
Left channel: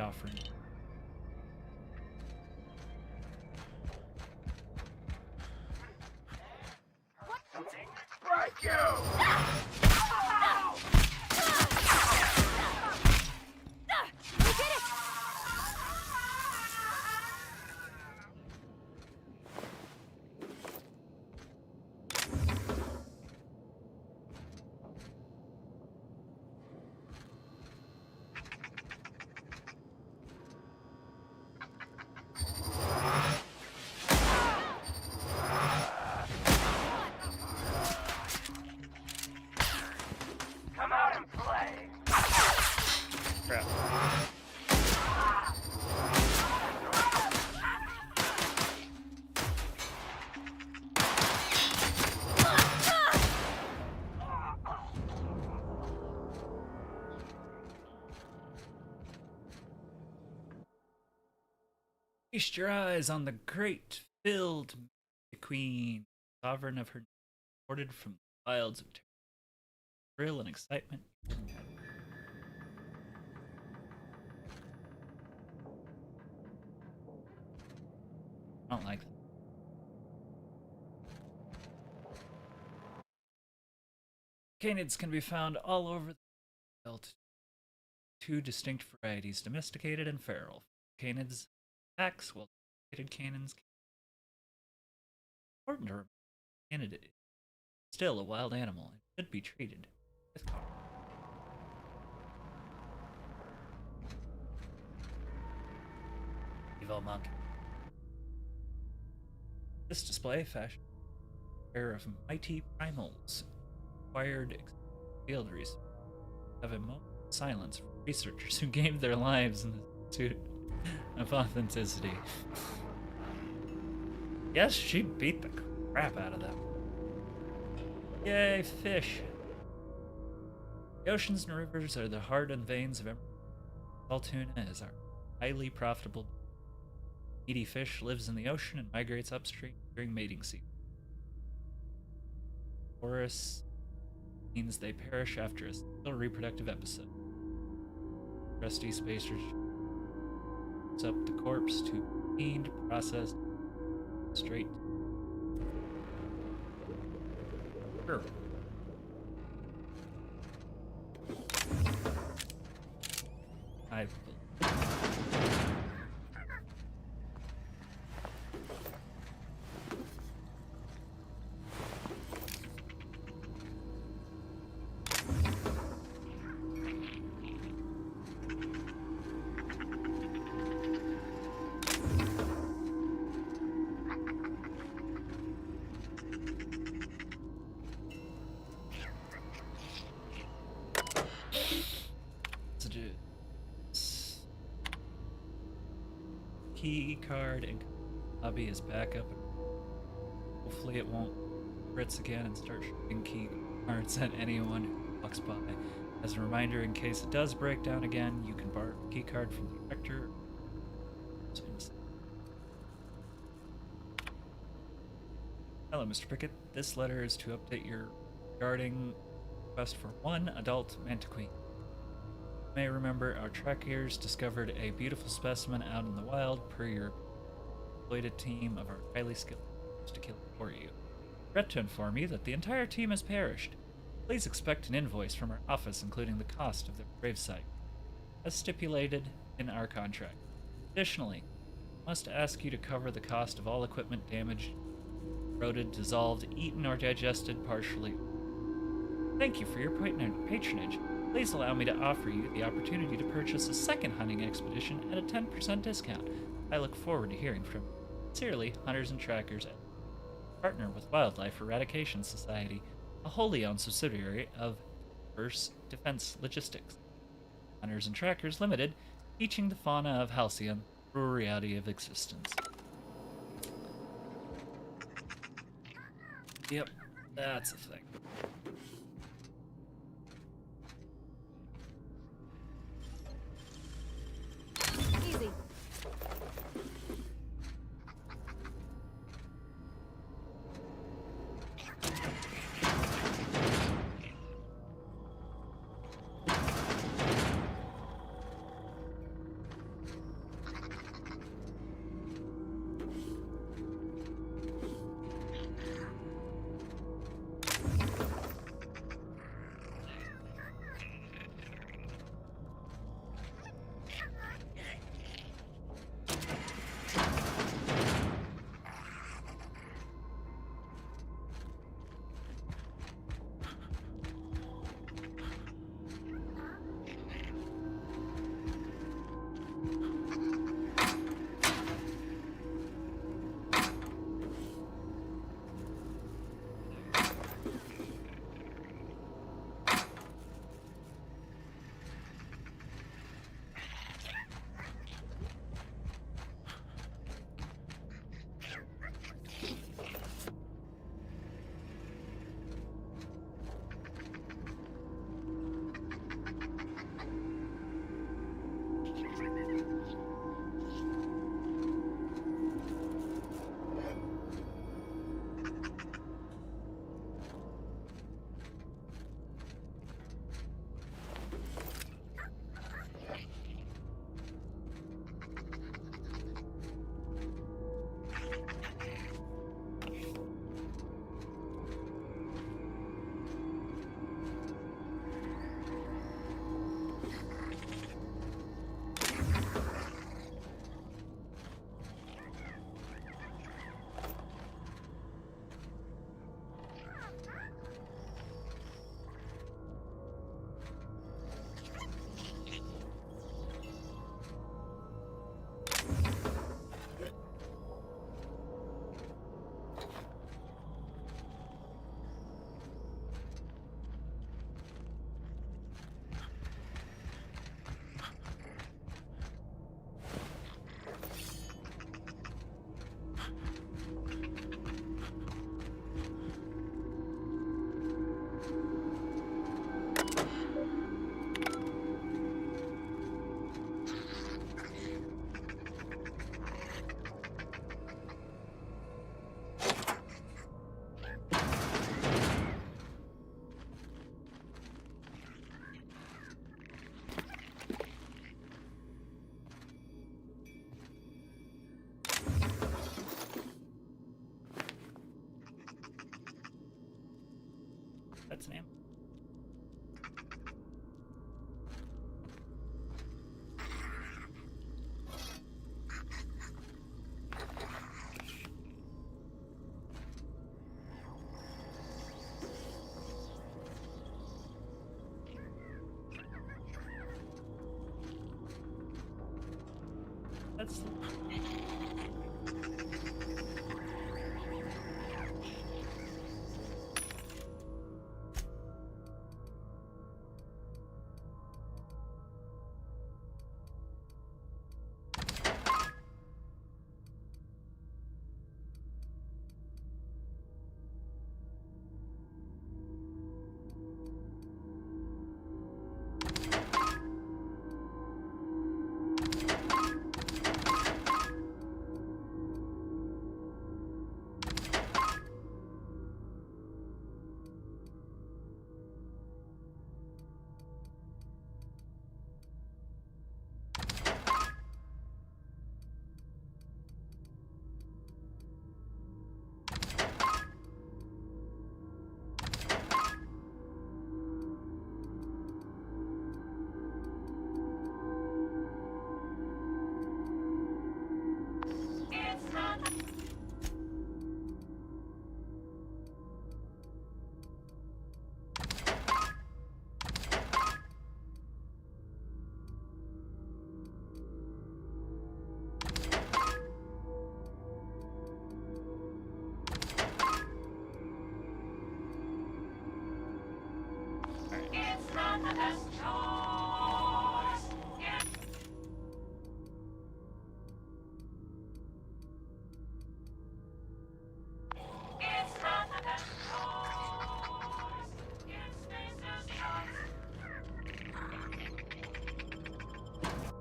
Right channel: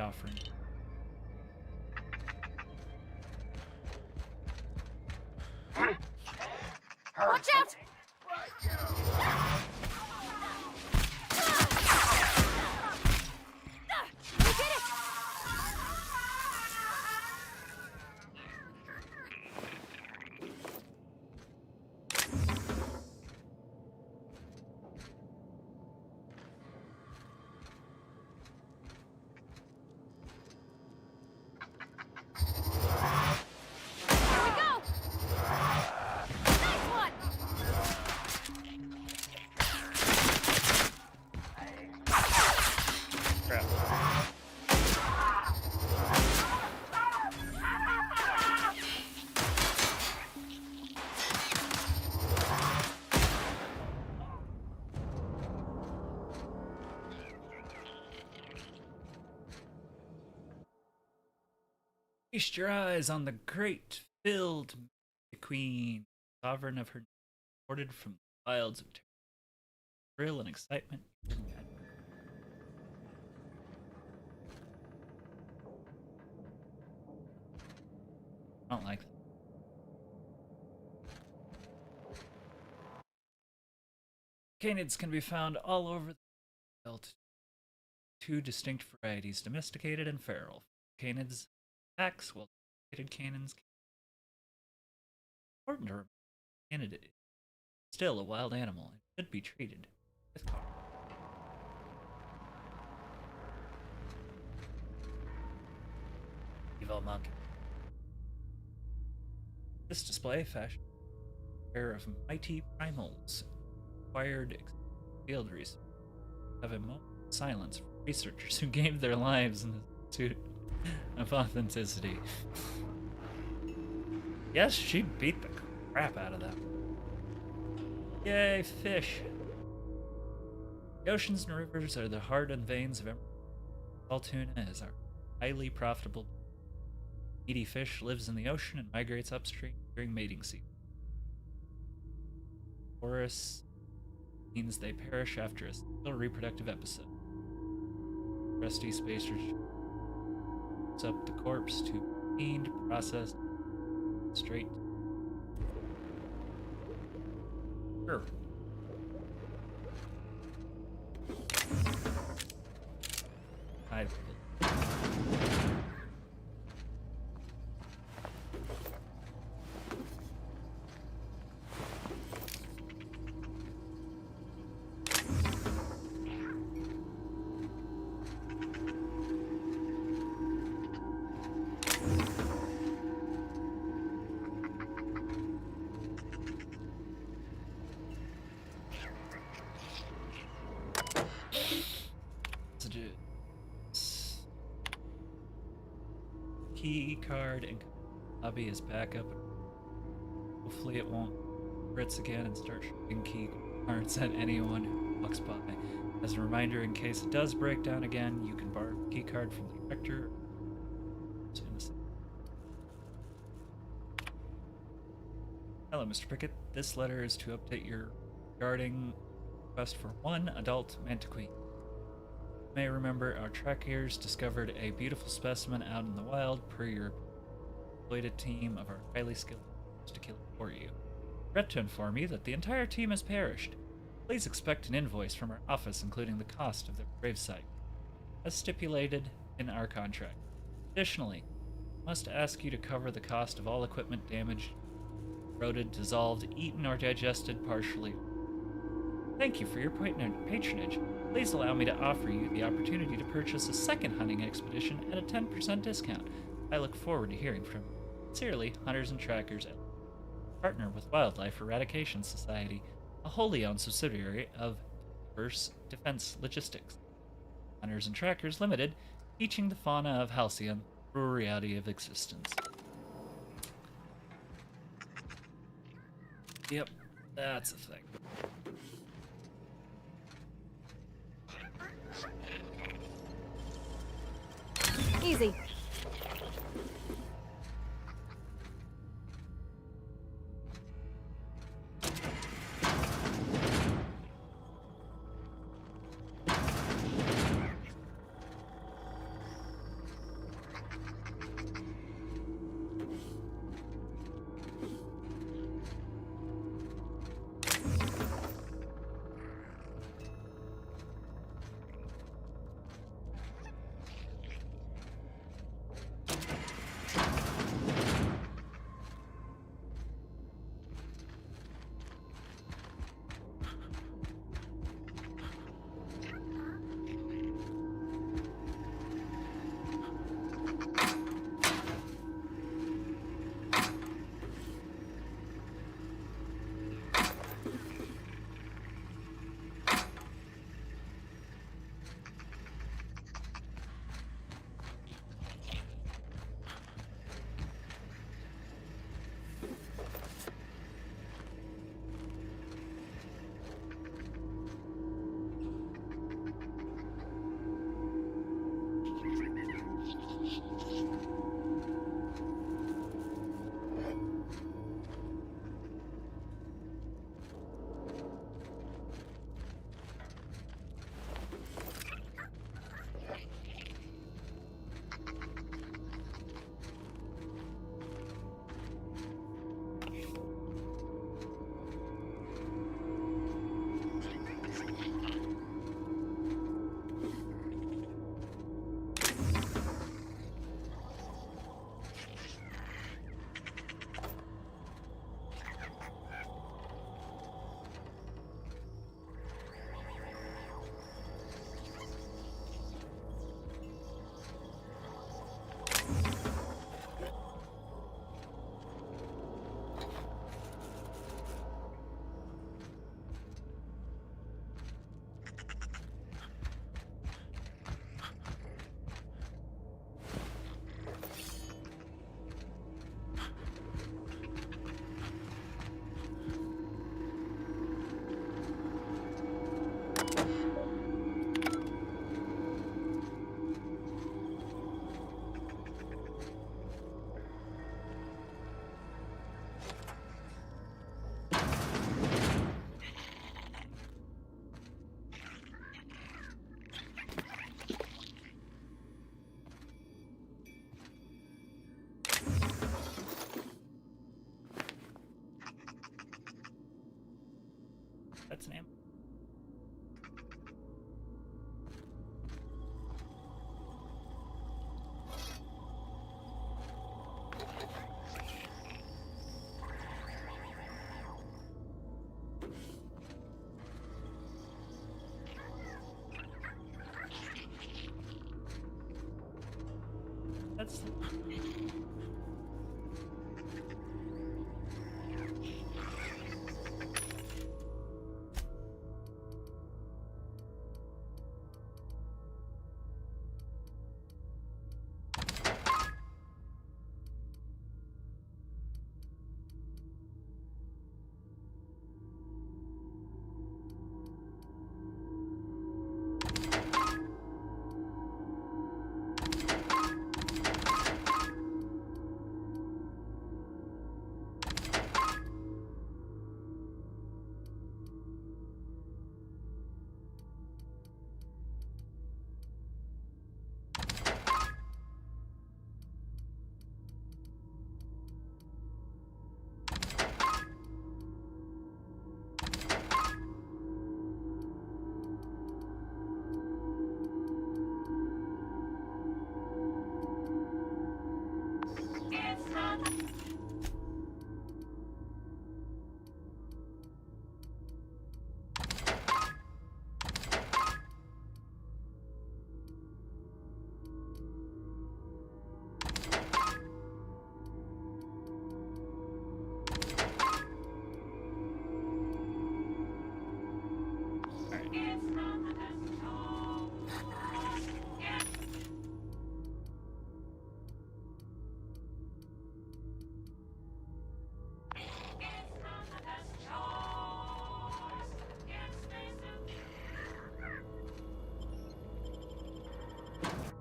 offering. Watch out! Right, you! We did it! Crap. Feast your eyes on the great, filled queen, sovereign of her, imported from the wilds of thrill and excitement. I don't like that. Canids can be found all over the world. Two distinct varieties, domesticated and feral. Canids attacks, while domesticated canins. Important to remember, canid is still a wild animal and should be treated with caution. Evil monkey. This display fashioned a pair of mighty primals acquired field research. Have a moment of silence for researchers who gave their lives in the pursuit of authenticity. Yes, she beat the crap out of that one. Yay, fish! The oceans and rivers are the heart and veins of emerald. Salt tuna is our highly profitable. Meaty fish lives in the ocean and migrates upstream during mating season. Chorus means they perish after a single reproductive episode. Rusty spacers up the corpse to be cleaned, processed, straight. Sure. I key card and hobby is back up. Hopefully it won't Brits again and start shooting key cards at anyone who walks by. As a reminder, in case it does break down again, you can borrow a key card from the director. Hello, Mr. Pickett. This letter is to update your regarding request for one adult mantiquine. You may remember our trackers discovered a beautiful specimen out in the wild per your exploited team of our highly skilled to kill it for you. Regret to inform you that the entire team has perished. Please expect an invoice from our office including the cost of the gravesite, as stipulated in our contract. Additionally, I must ask you to cover the cost of all equipment damaged, corroded, dissolved, eaten, or digested partially. Thank you for your patronage. Please allow me to offer you the opportunity to purchase a second hunting expedition at a 10% discount. I look forward to hearing from you. Sincerely, Hunters and Trackers, partner with Wildlife Eradication Society, a wholly owned subsidiary of Diverse Defense Logistics. Hunters and Trackers Limited, teaching the fauna of Halcyon through a reality of existence. Yep, that's a thing. Easy. That's...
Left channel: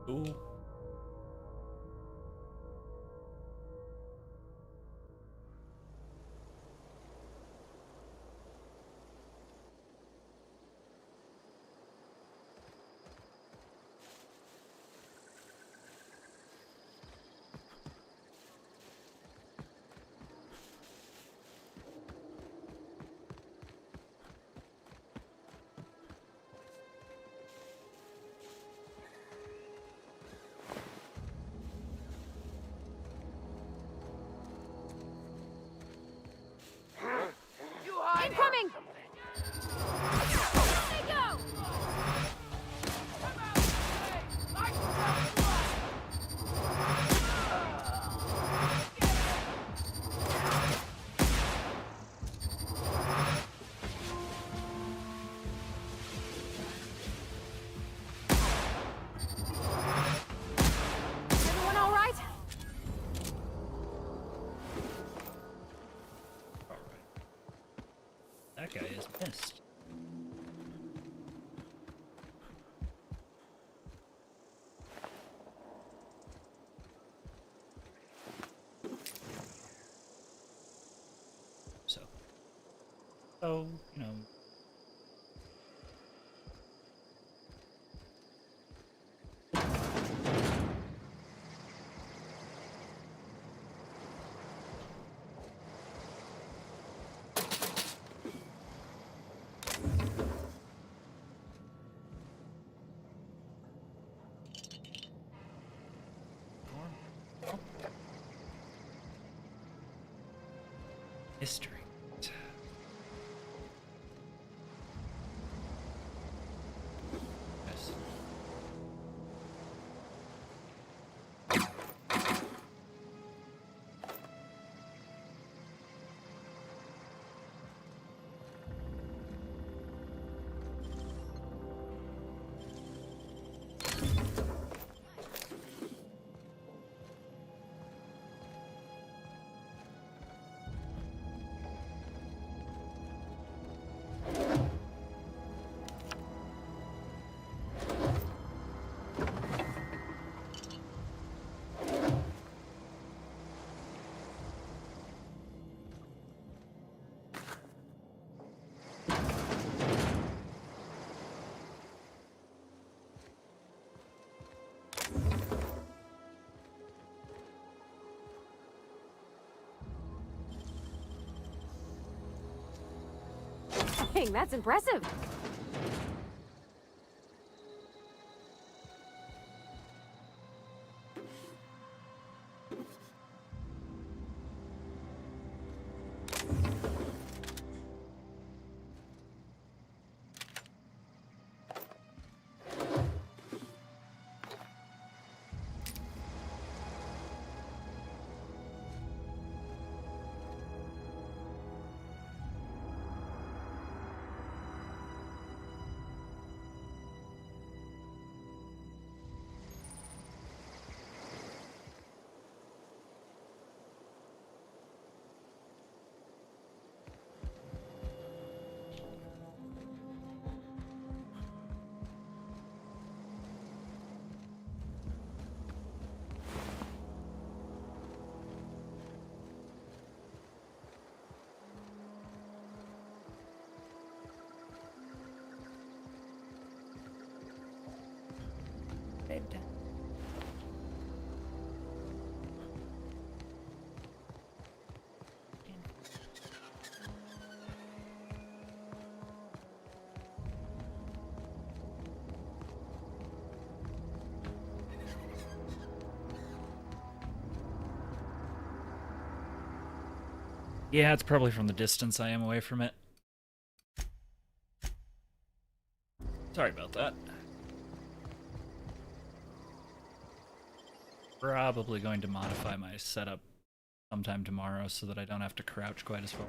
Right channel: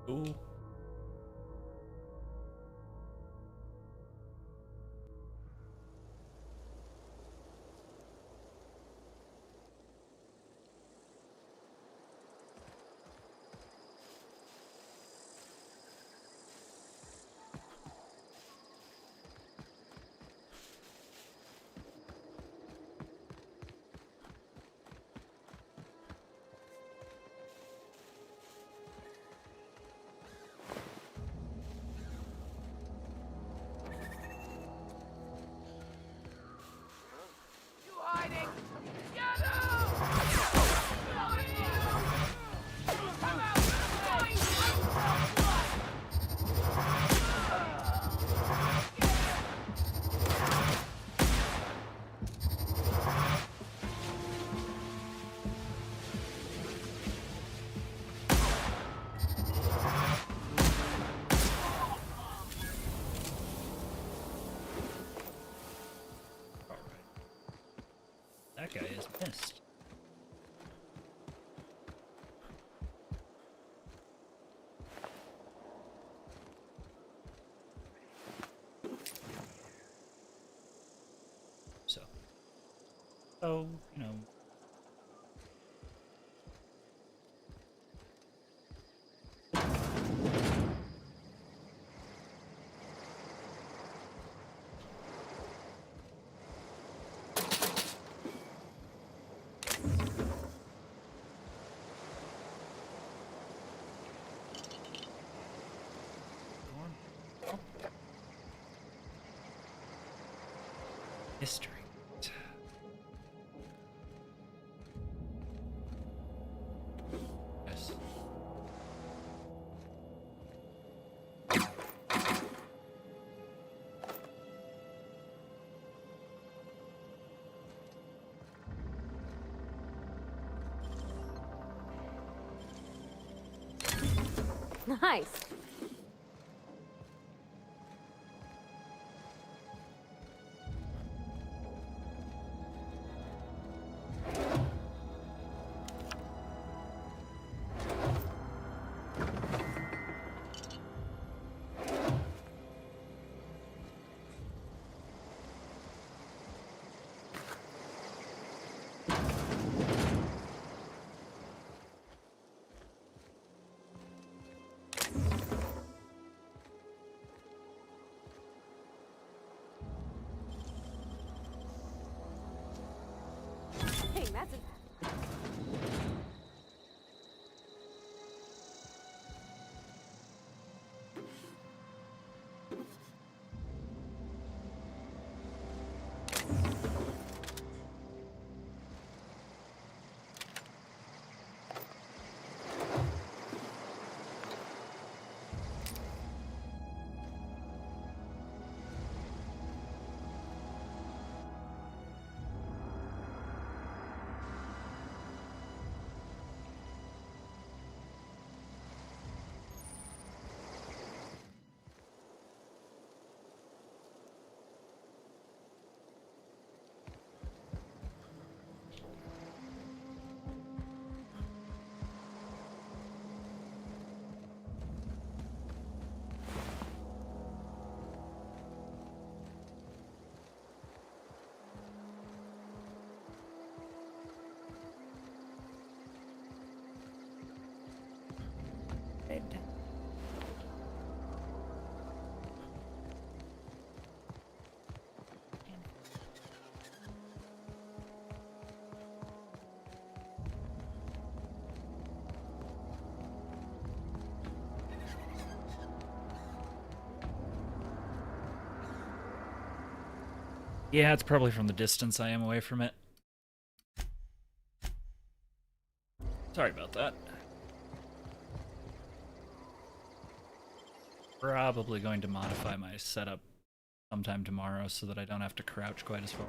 Ooh. Incoming! That guy is pissed. So, you know. History. Yes. Nice. Dang, that's impressive. Yeah, it's probably from the distance I am away from it. Sorry about that. Probably going to modify my setup sometime tomorrow so that I don't have to crouch quite as far.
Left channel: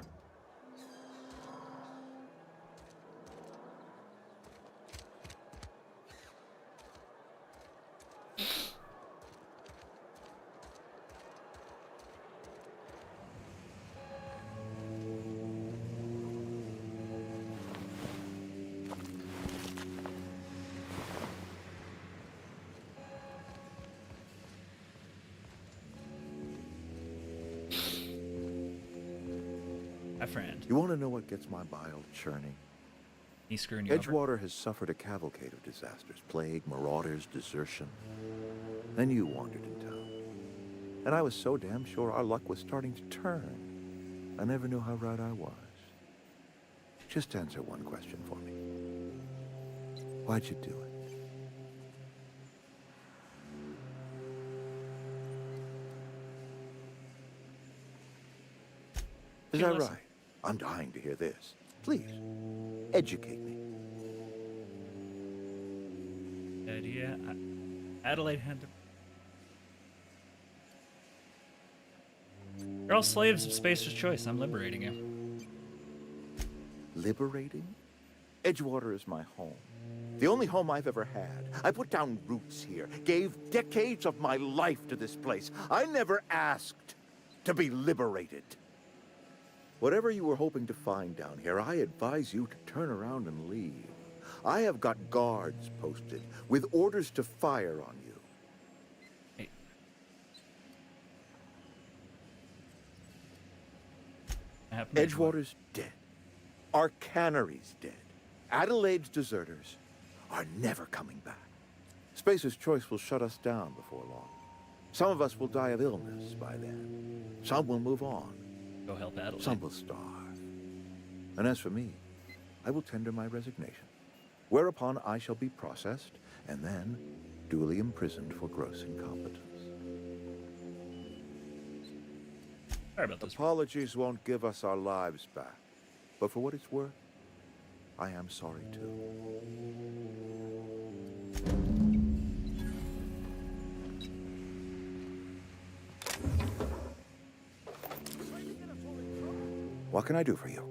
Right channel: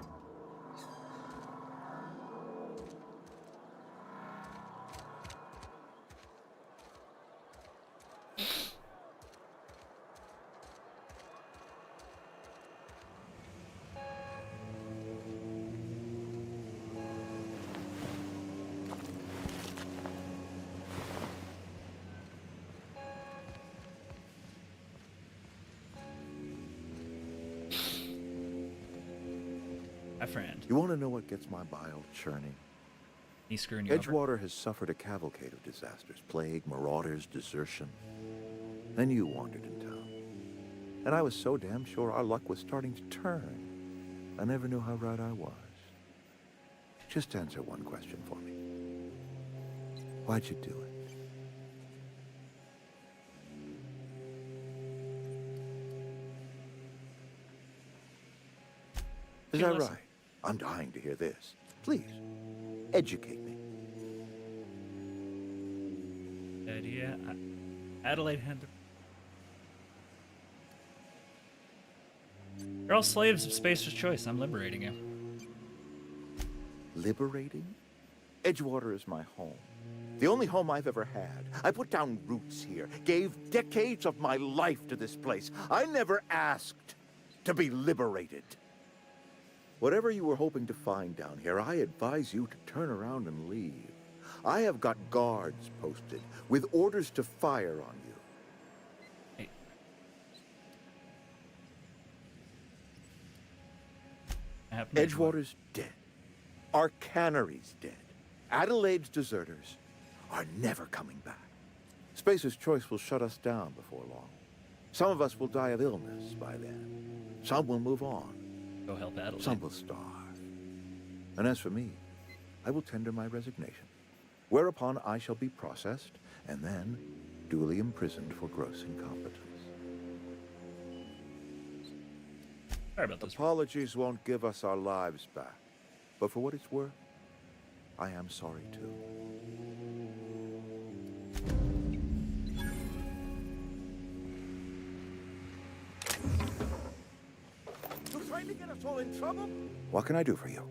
My friend. You want to know what gets my bile churning? He's screwing you over. Edgewater has suffered a cavalcade of disasters. Plague, marauders, desertion. Then you wandered in town. And I was so damn sure our luck was starting to turn. I never knew how right I was. Just answer one question for me. Why'd you do it? Is that right? I'm dying to hear this. Please, educate me. Idea. Adelaide had to... You're all slaves of Spacer's choice. I'm liberating you. Liberating? Edgewater is my home. The only home I've ever had. I put down roots here, gave decades of my life to this place. I never asked to be liberated. Whatever you were hoping to find down here, I advise you to turn around and leave. I have got guards posted with orders to fire on you. Hey. Edgewater's dead. Our cannery's dead. Adelaide's deserters are never coming back. Spacer's Choice will shut us down before long. Some of us will die of illness by then. Some will move on. Go help Adelaide. Some will starve. And as for me, I will tender my resignation, whereupon I shall be processed and then duly imprisoned for gross incompetence. Sorry about this. Apologies won't give us our lives back, but for what it's worth, I am sorry too. What can I do for you?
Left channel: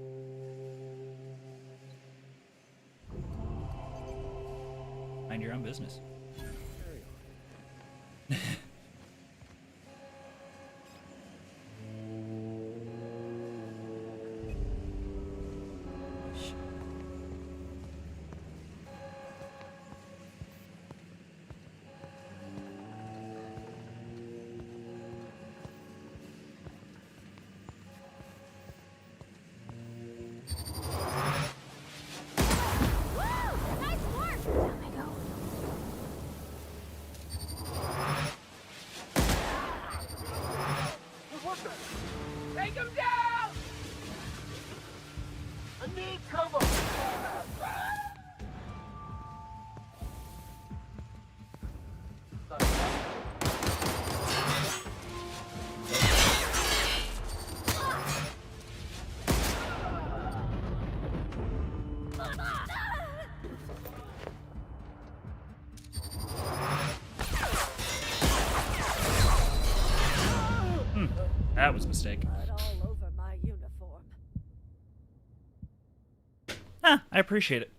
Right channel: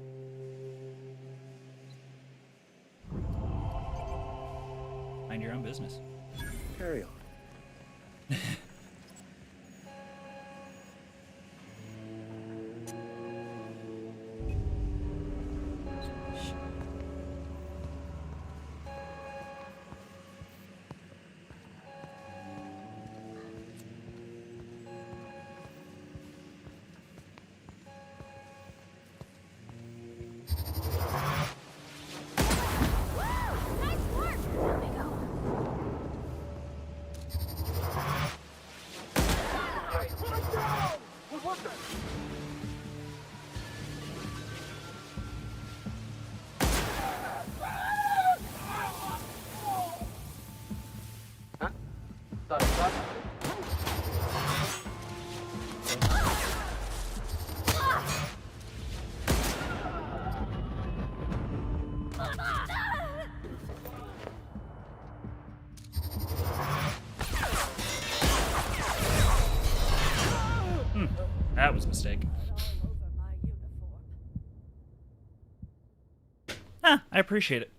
Mind your own business. Carry on. Take him down! I need cover! That was a mistake. Ah, I appreciate it.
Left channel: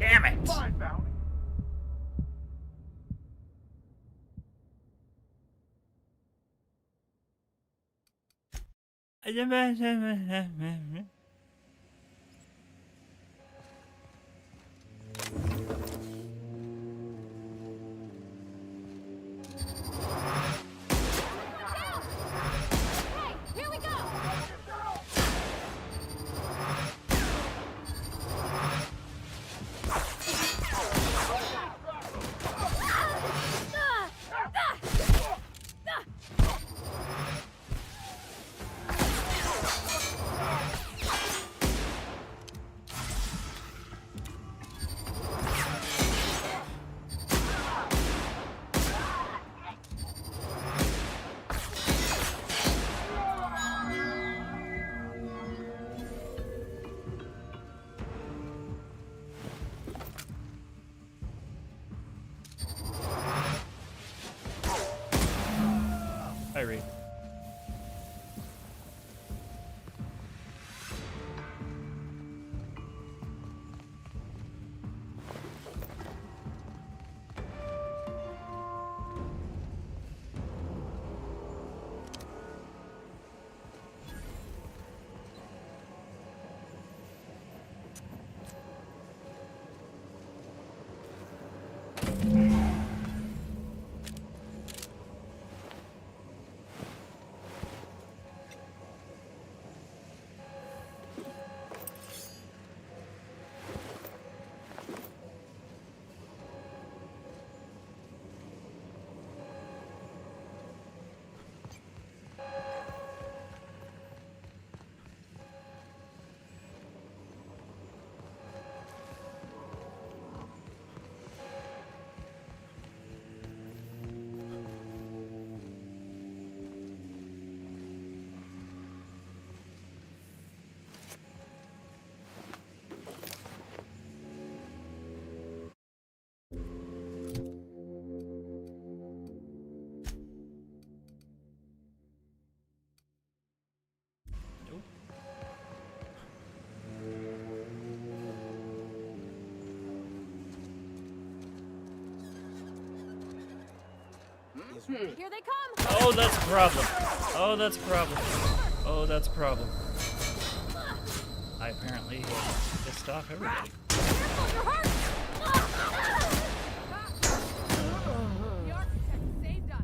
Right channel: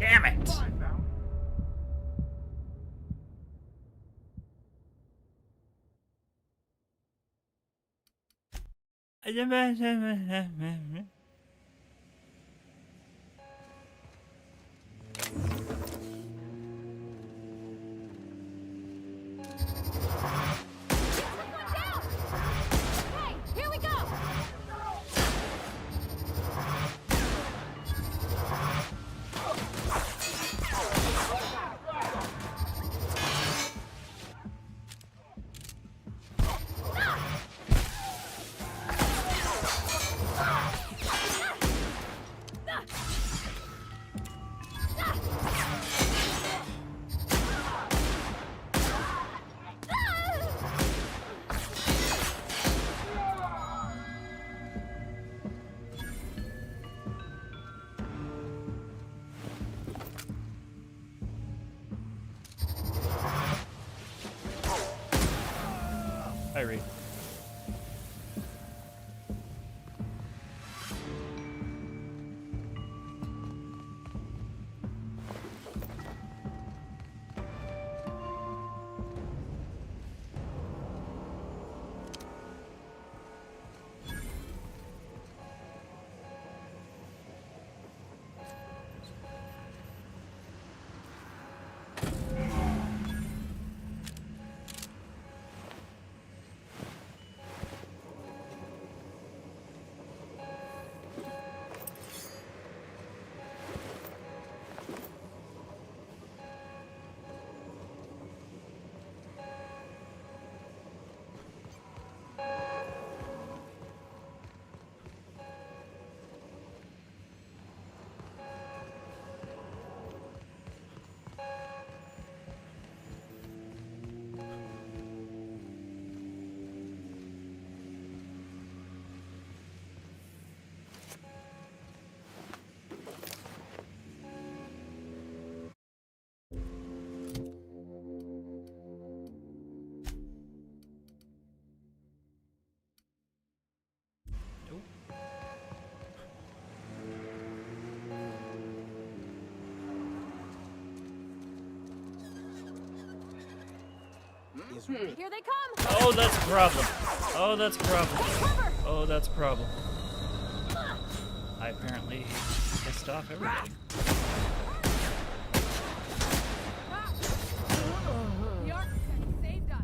Damn it! Hey, here we go! Hi, Reed. Here they come! Oh, that's a problem. Oh, that's a problem. Oh, that's a problem. I apparently pissed off everybody. The architect saved us.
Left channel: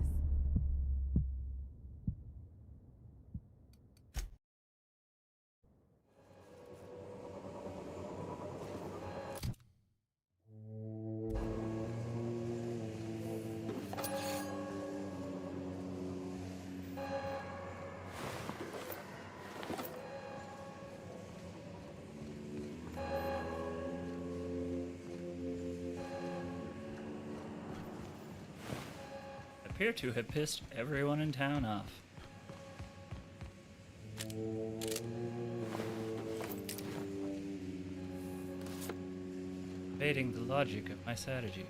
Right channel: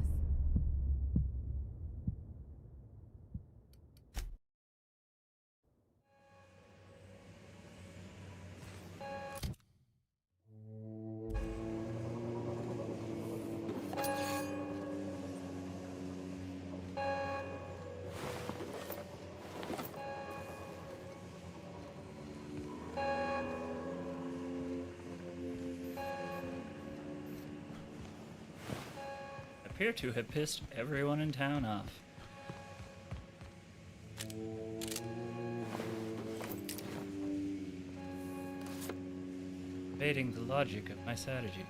Appear to have pissed everyone in town off. Evading the logic of my strategy.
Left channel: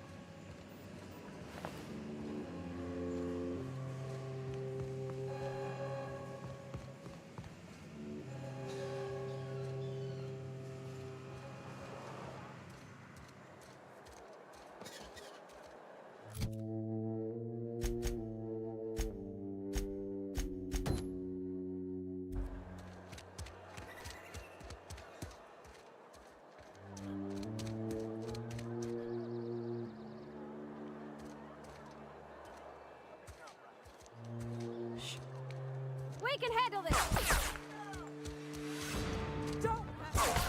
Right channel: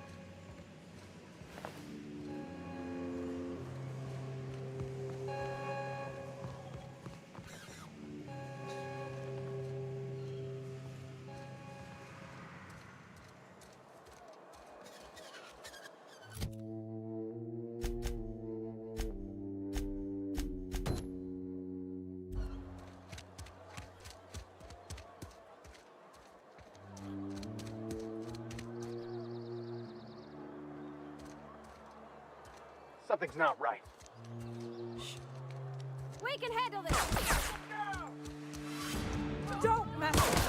Something's not right. We can handle this! Don't mess with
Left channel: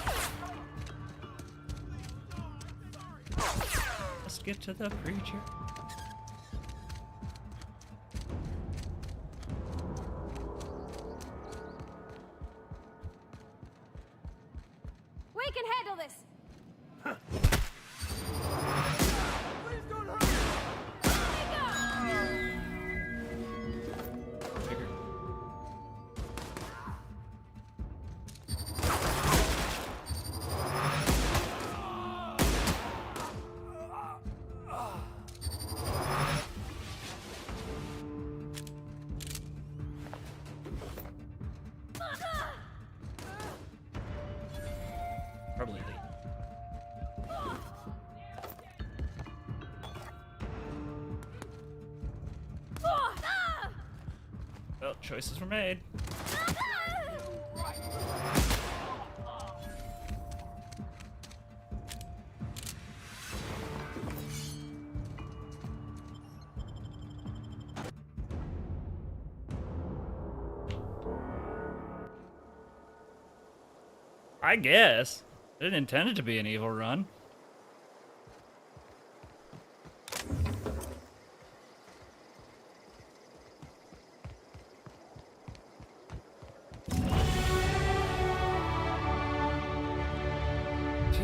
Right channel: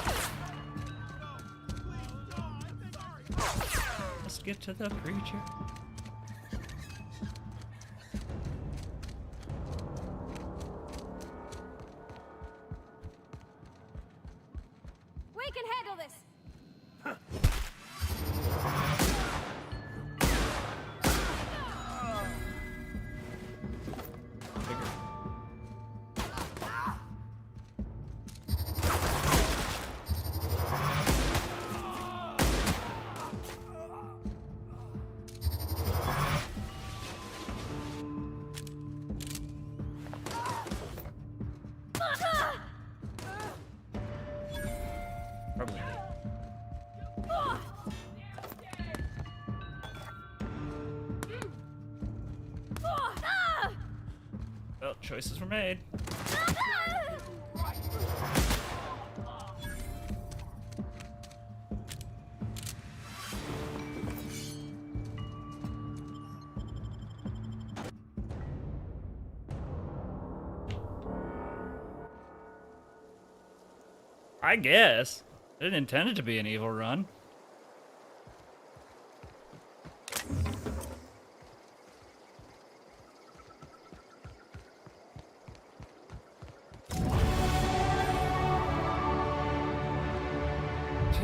Let's get to the preacher. We can handle this! Probably. Well, choices were made. I guess. I didn't intend it to be an evil run.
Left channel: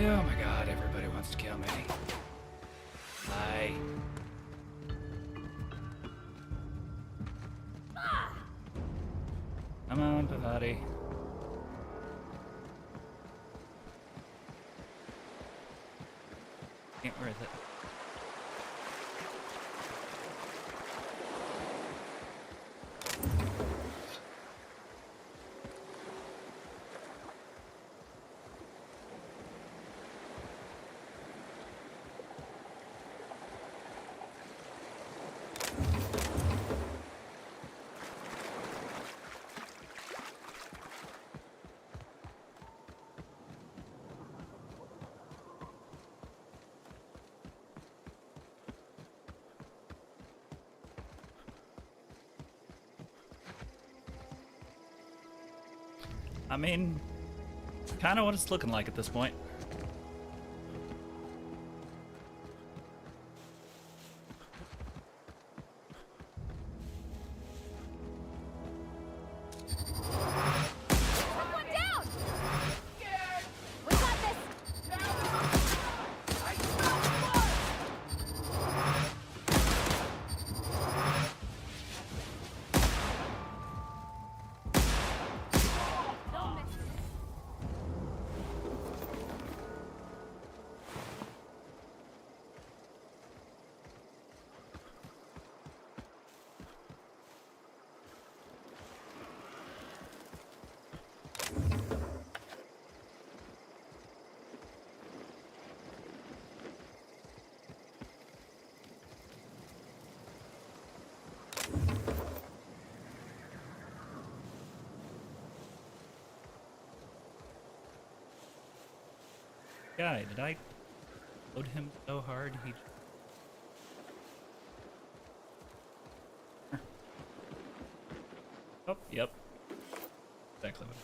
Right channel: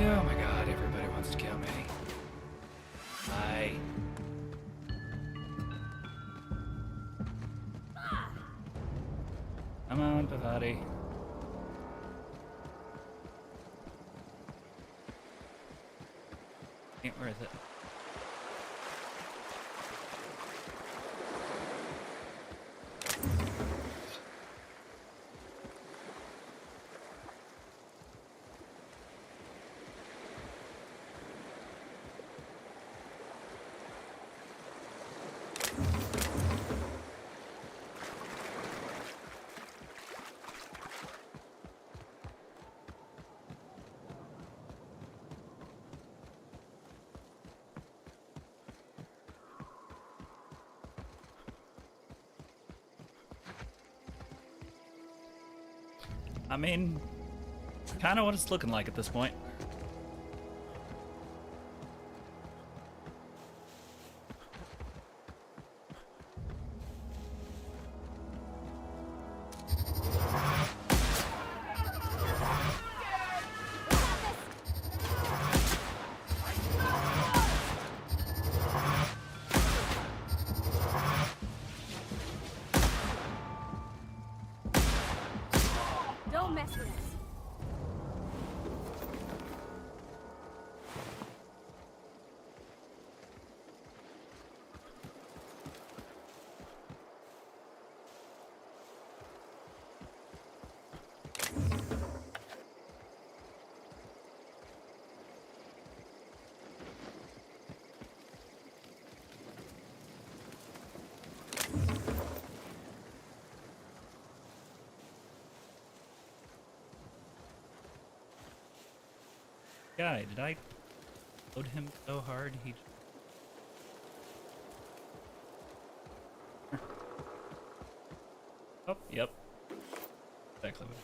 Oh my god, everybody wants to kill me. Bye. Come on, Pavati. Ain't worth it. I mean, kind of what it's looking like at this point. Don't mess with us. Guy, did I load him so hard he... Oh, yep. Exactly what...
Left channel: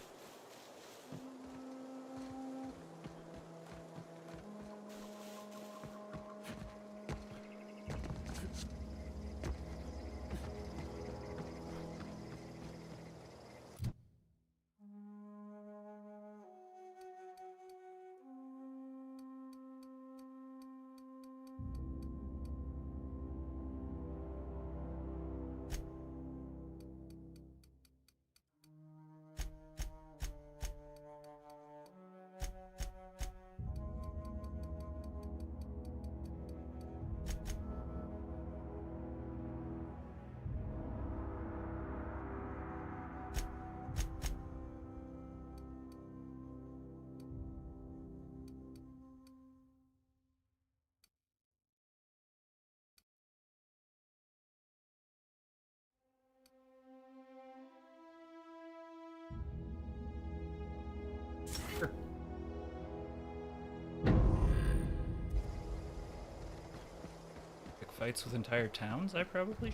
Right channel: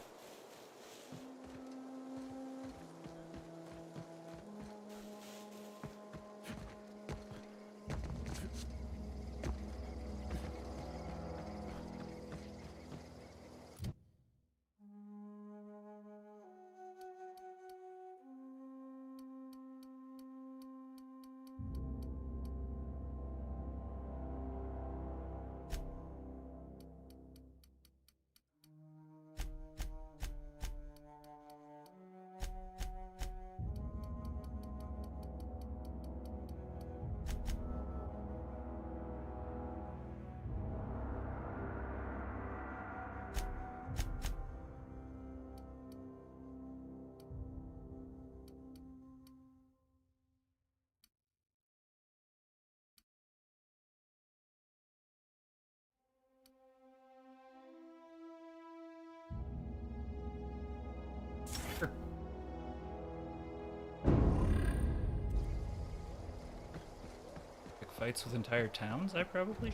Pick fights with entire towns, I probably...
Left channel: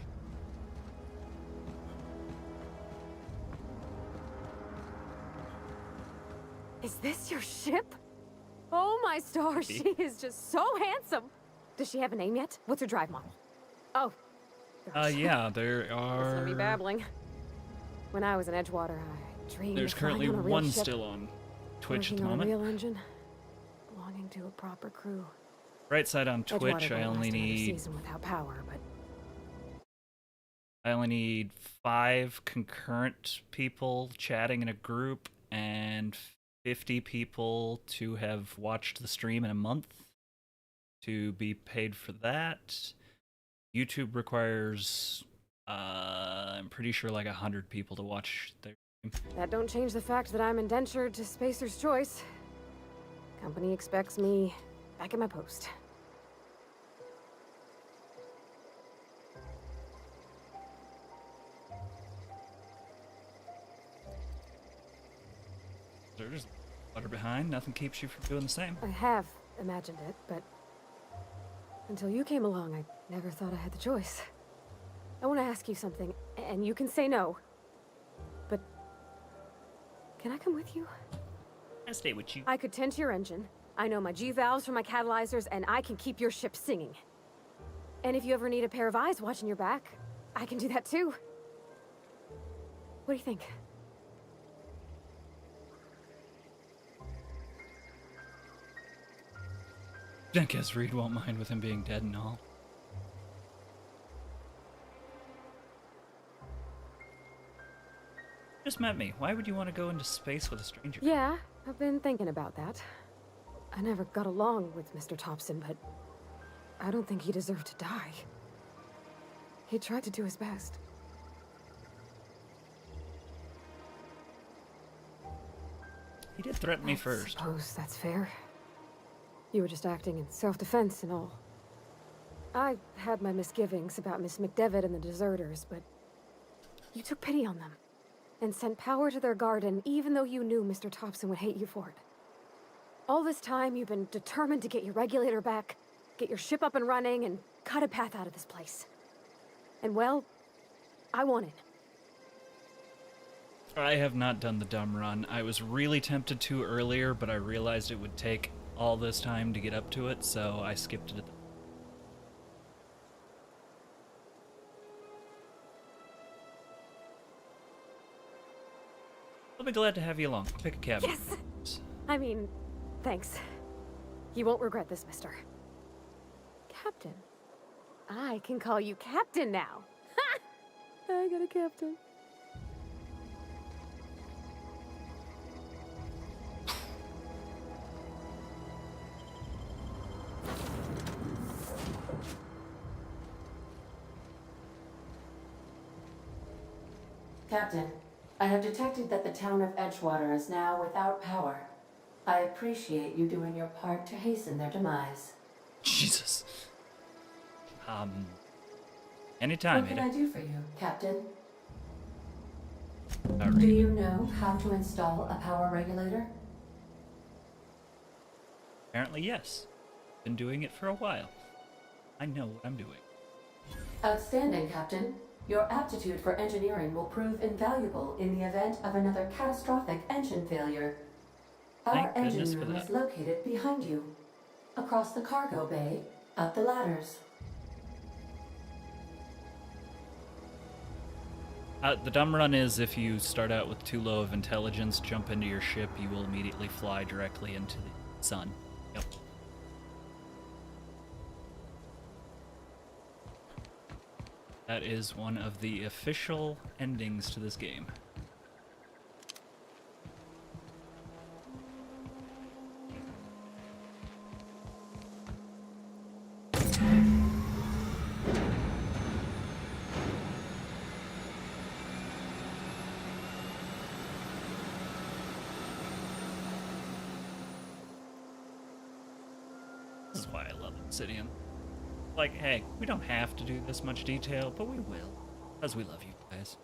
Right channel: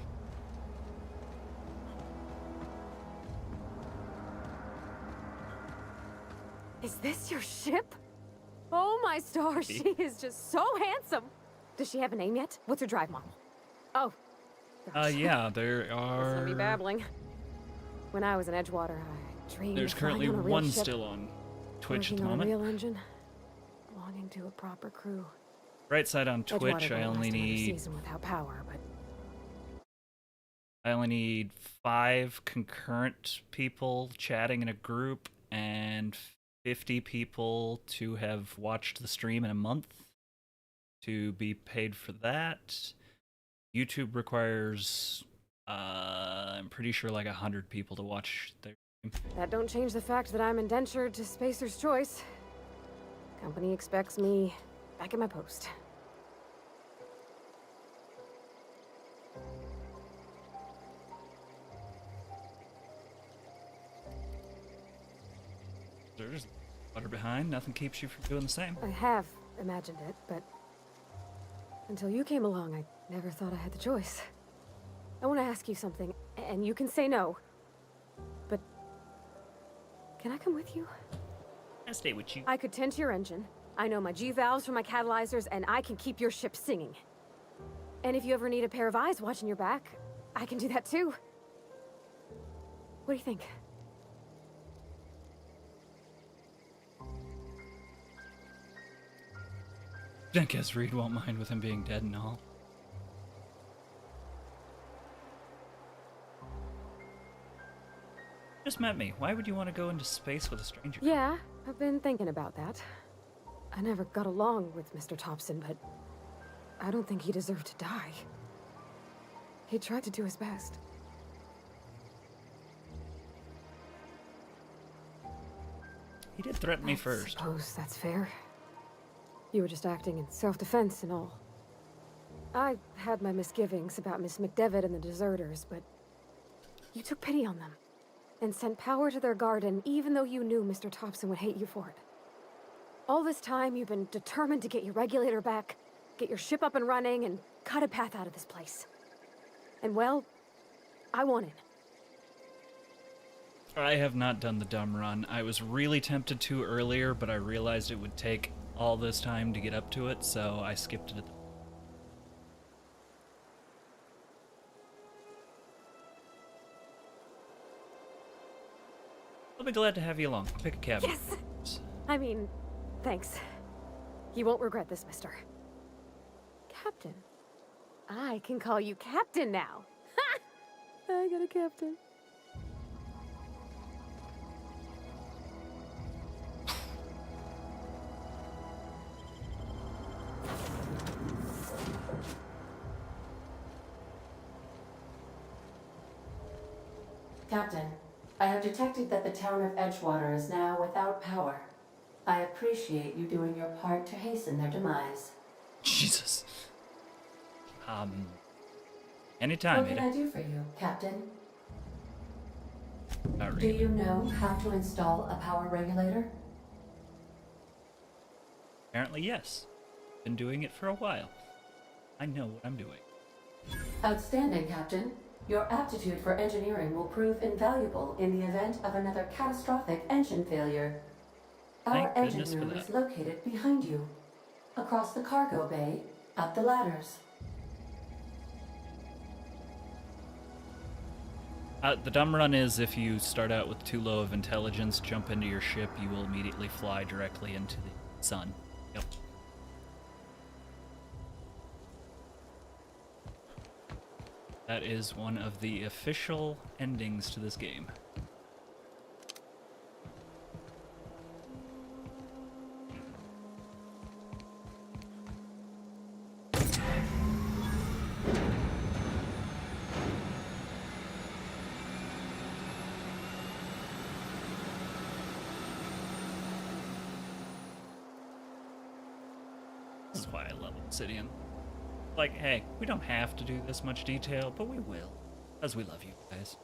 Is this your ship? Oh my stars, she is just so handsome. Does she have a name yet? What's her drive model? Oh. Yeah, there Listen are... to me babbling. When I was in Edgewater, I dreamed There's of flying currently on a real one ship, still on Twitch at the working on a moment. real engine, belonging to a proper crew. Right side on Twitch, Edgewater I won't only last another need... season without power, but I only need 5 concurrent people chatting in a group and 50 people to have watched the stream in a month to be paid for that. YouTube requires, I'm pretty sure, like 100 people to watch their stream. that don't change the fact that I'm indentured to Spacer's Choice. Company expects me back at my post. They're just water behind. Nothing keeps you from doing the same. I have imagined it, but until you came along, I never thought I had the choice. I want to ask you something, and you can say no, but can I come with you? I'll stay with you. I could tend to your engine. I know my G-valves from my catalyzers, and I can keep your ship singing. And if you ever need a pair of eyes watching your back, I can do that too. What do you think? I guess Reed won't mind with him being dead and all. Just met me. Why would you want to go into space with a stranger? Yeah, I've been thinking about that. I never got along with Mr. Thompson, but I don't think he deserved to die. He tried to do his best. He did threaten me first. I suppose that's fair. You were just acting in self-defense and all. I had my misgivings about Miss McDevitt and the deserters, but you took pity on them and sent power to their garden even though you knew Mr. Thompson would hate you for it. All this time, you've been determined to get your regulator back, get your ship up and running, and cut a path out of this place. And well, I won it. I have not done the dumb run. I was really tempted to earlier, but I realized it would take all this time to get up to it, so I skipped it. I'll be glad to have you along. Pick a cab. Yes! I mean, thanks. You won't regret this, mister. Captain. I can call you Captain now. Ha! I got a captain. Captain, I have detected that the town of Edgewater is now without power. I appreciate you doing your part to hasten their demise. Jesus. Anytime, What can Ada. I do for you, Captain? Not Do really. you know how to install a power regulator? Apparently, yes. Been doing it for a while. I know what I'm doing. Outstanding, Captain. Your aptitude for engineering will prove invaluable in the event of another catastrophic engine failure. Our Thank engine goodness for room that. is located behind you, across the cargo bay, up the ladders. The dumb run is if you start out with too low of intelligence, jump into your ship, you will immediately fly directly into the sun. Yep. That is one of the official endings to this game. This is why I love Obsidian. Like, hey, we don't have to do this much detail, but we will, because we love you guys.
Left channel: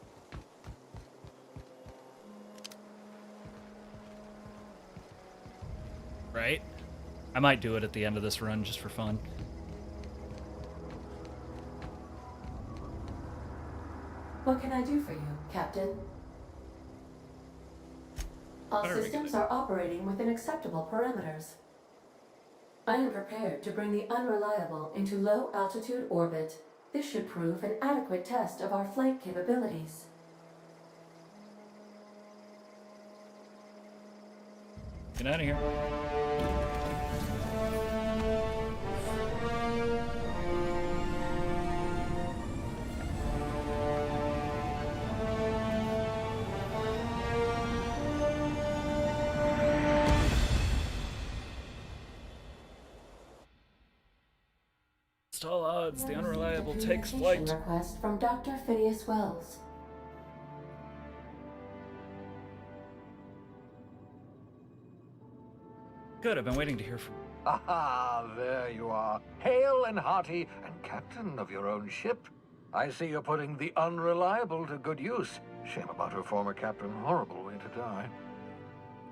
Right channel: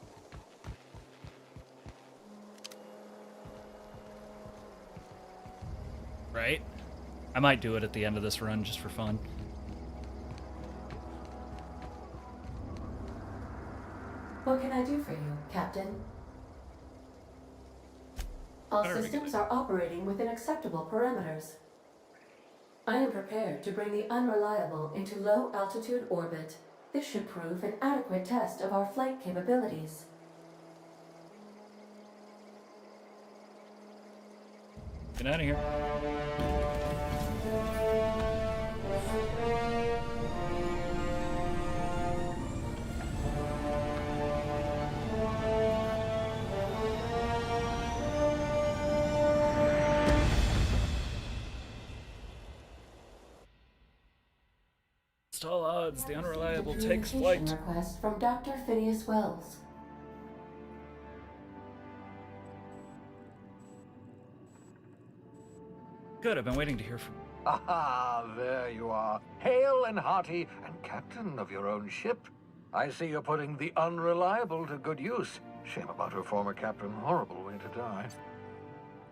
Right? I might do it at the end of this run just for fun. What can I do for you, Captain? All Very systems are operating within acceptable parameters. I am prepared to bring the unreliable into low-altitude orbit. This should prove an adequate test of our flight capabilities. Get out of here. Against all odds, the unreliable takes flight. Request from Dr. Phineas Wells. Good, I've been waiting to hear from you. Ah, there you are. Hale and hearty, and captain of your own ship. I see you're putting the unreliable to good use. Shame about her former captain. Horrible way to die.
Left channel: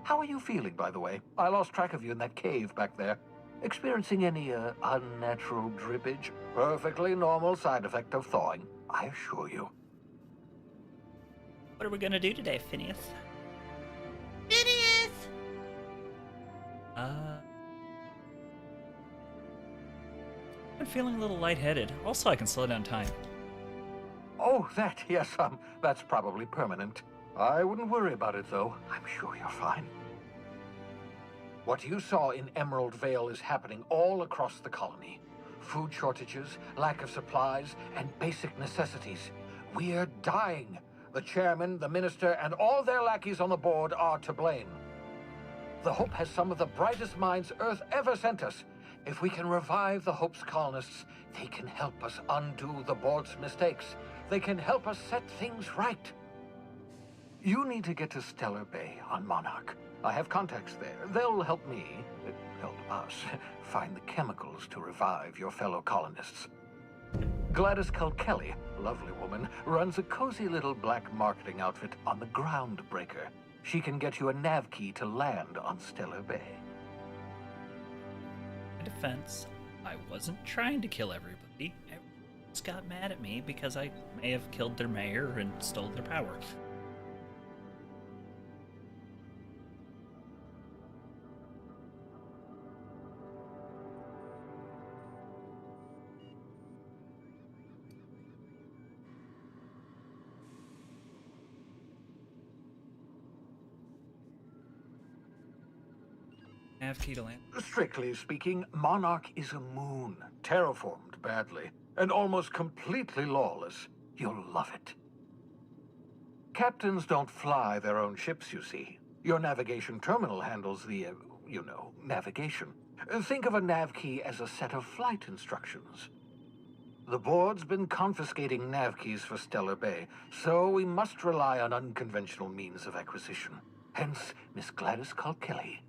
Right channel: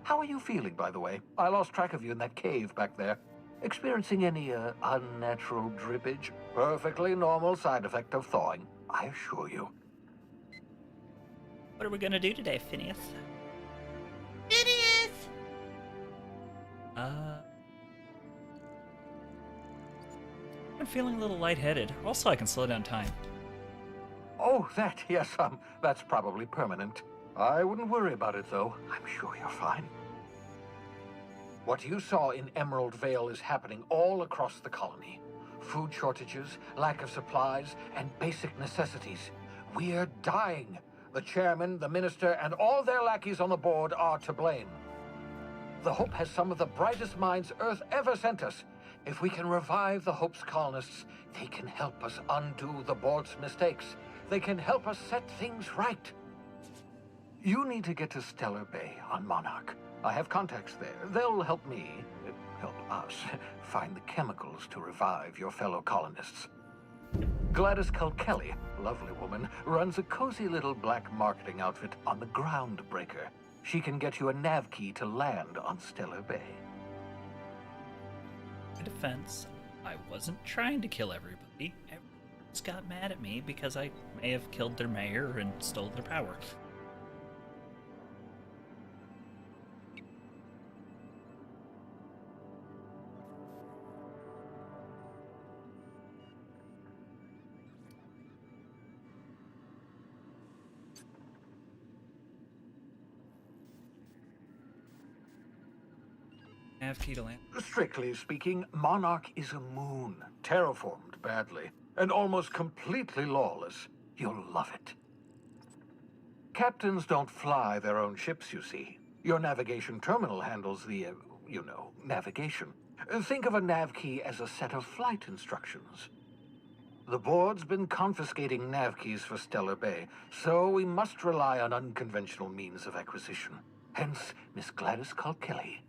How are you feeling, by the way? I lost track of you in that cave back there. Experiencing any, unnatural drippage? Perfectly normal side effect of thawing, I assure you. What are we gonna do today, Phineas? Phineas! I'm feeling a little lightheaded. Also, I can slow down time. Oh, that, yes, that's probably permanent. I wouldn't worry about it, though. I'm sure you're fine. What you saw in Emerald Vale is happening all across the colony. Food shortages, lack of supplies, and basic necessities. We're dying. The chairman, the minister, and all their lackeys on the board are to blame. The Hope has some of the brightest minds Earth ever sent us. If we can revive the Hope's colonists, they can help us undo the board's mistakes. They can help us set things right. You need to get to Stellar Bay on Monarch. I have contacts there. They'll help me, help us, find the chemicals to revive your fellow colonists. Gladys Kelly, lovely woman, runs a cozy little black marketing outfit on the Groundbreaker. She can get you a nav key to land on Stellar Bay. In defense, I wasn't trying to kill everybody. Everyone just got mad at me because I may have killed their mayor and stole their power. Nav key to land. Strictly speaking, Monarch is a moon, terraformed badly, and almost completely lawless. You'll love it. Captains don't fly their own ships, you see. Your navigation terminal handles the, navigation. Think of a nav key as a set of flight instructions. The board's been confiscating nav keys for Stellar Bay, so we must rely on unconventional means of acquisition. Hence, Miss Gladys Kelly.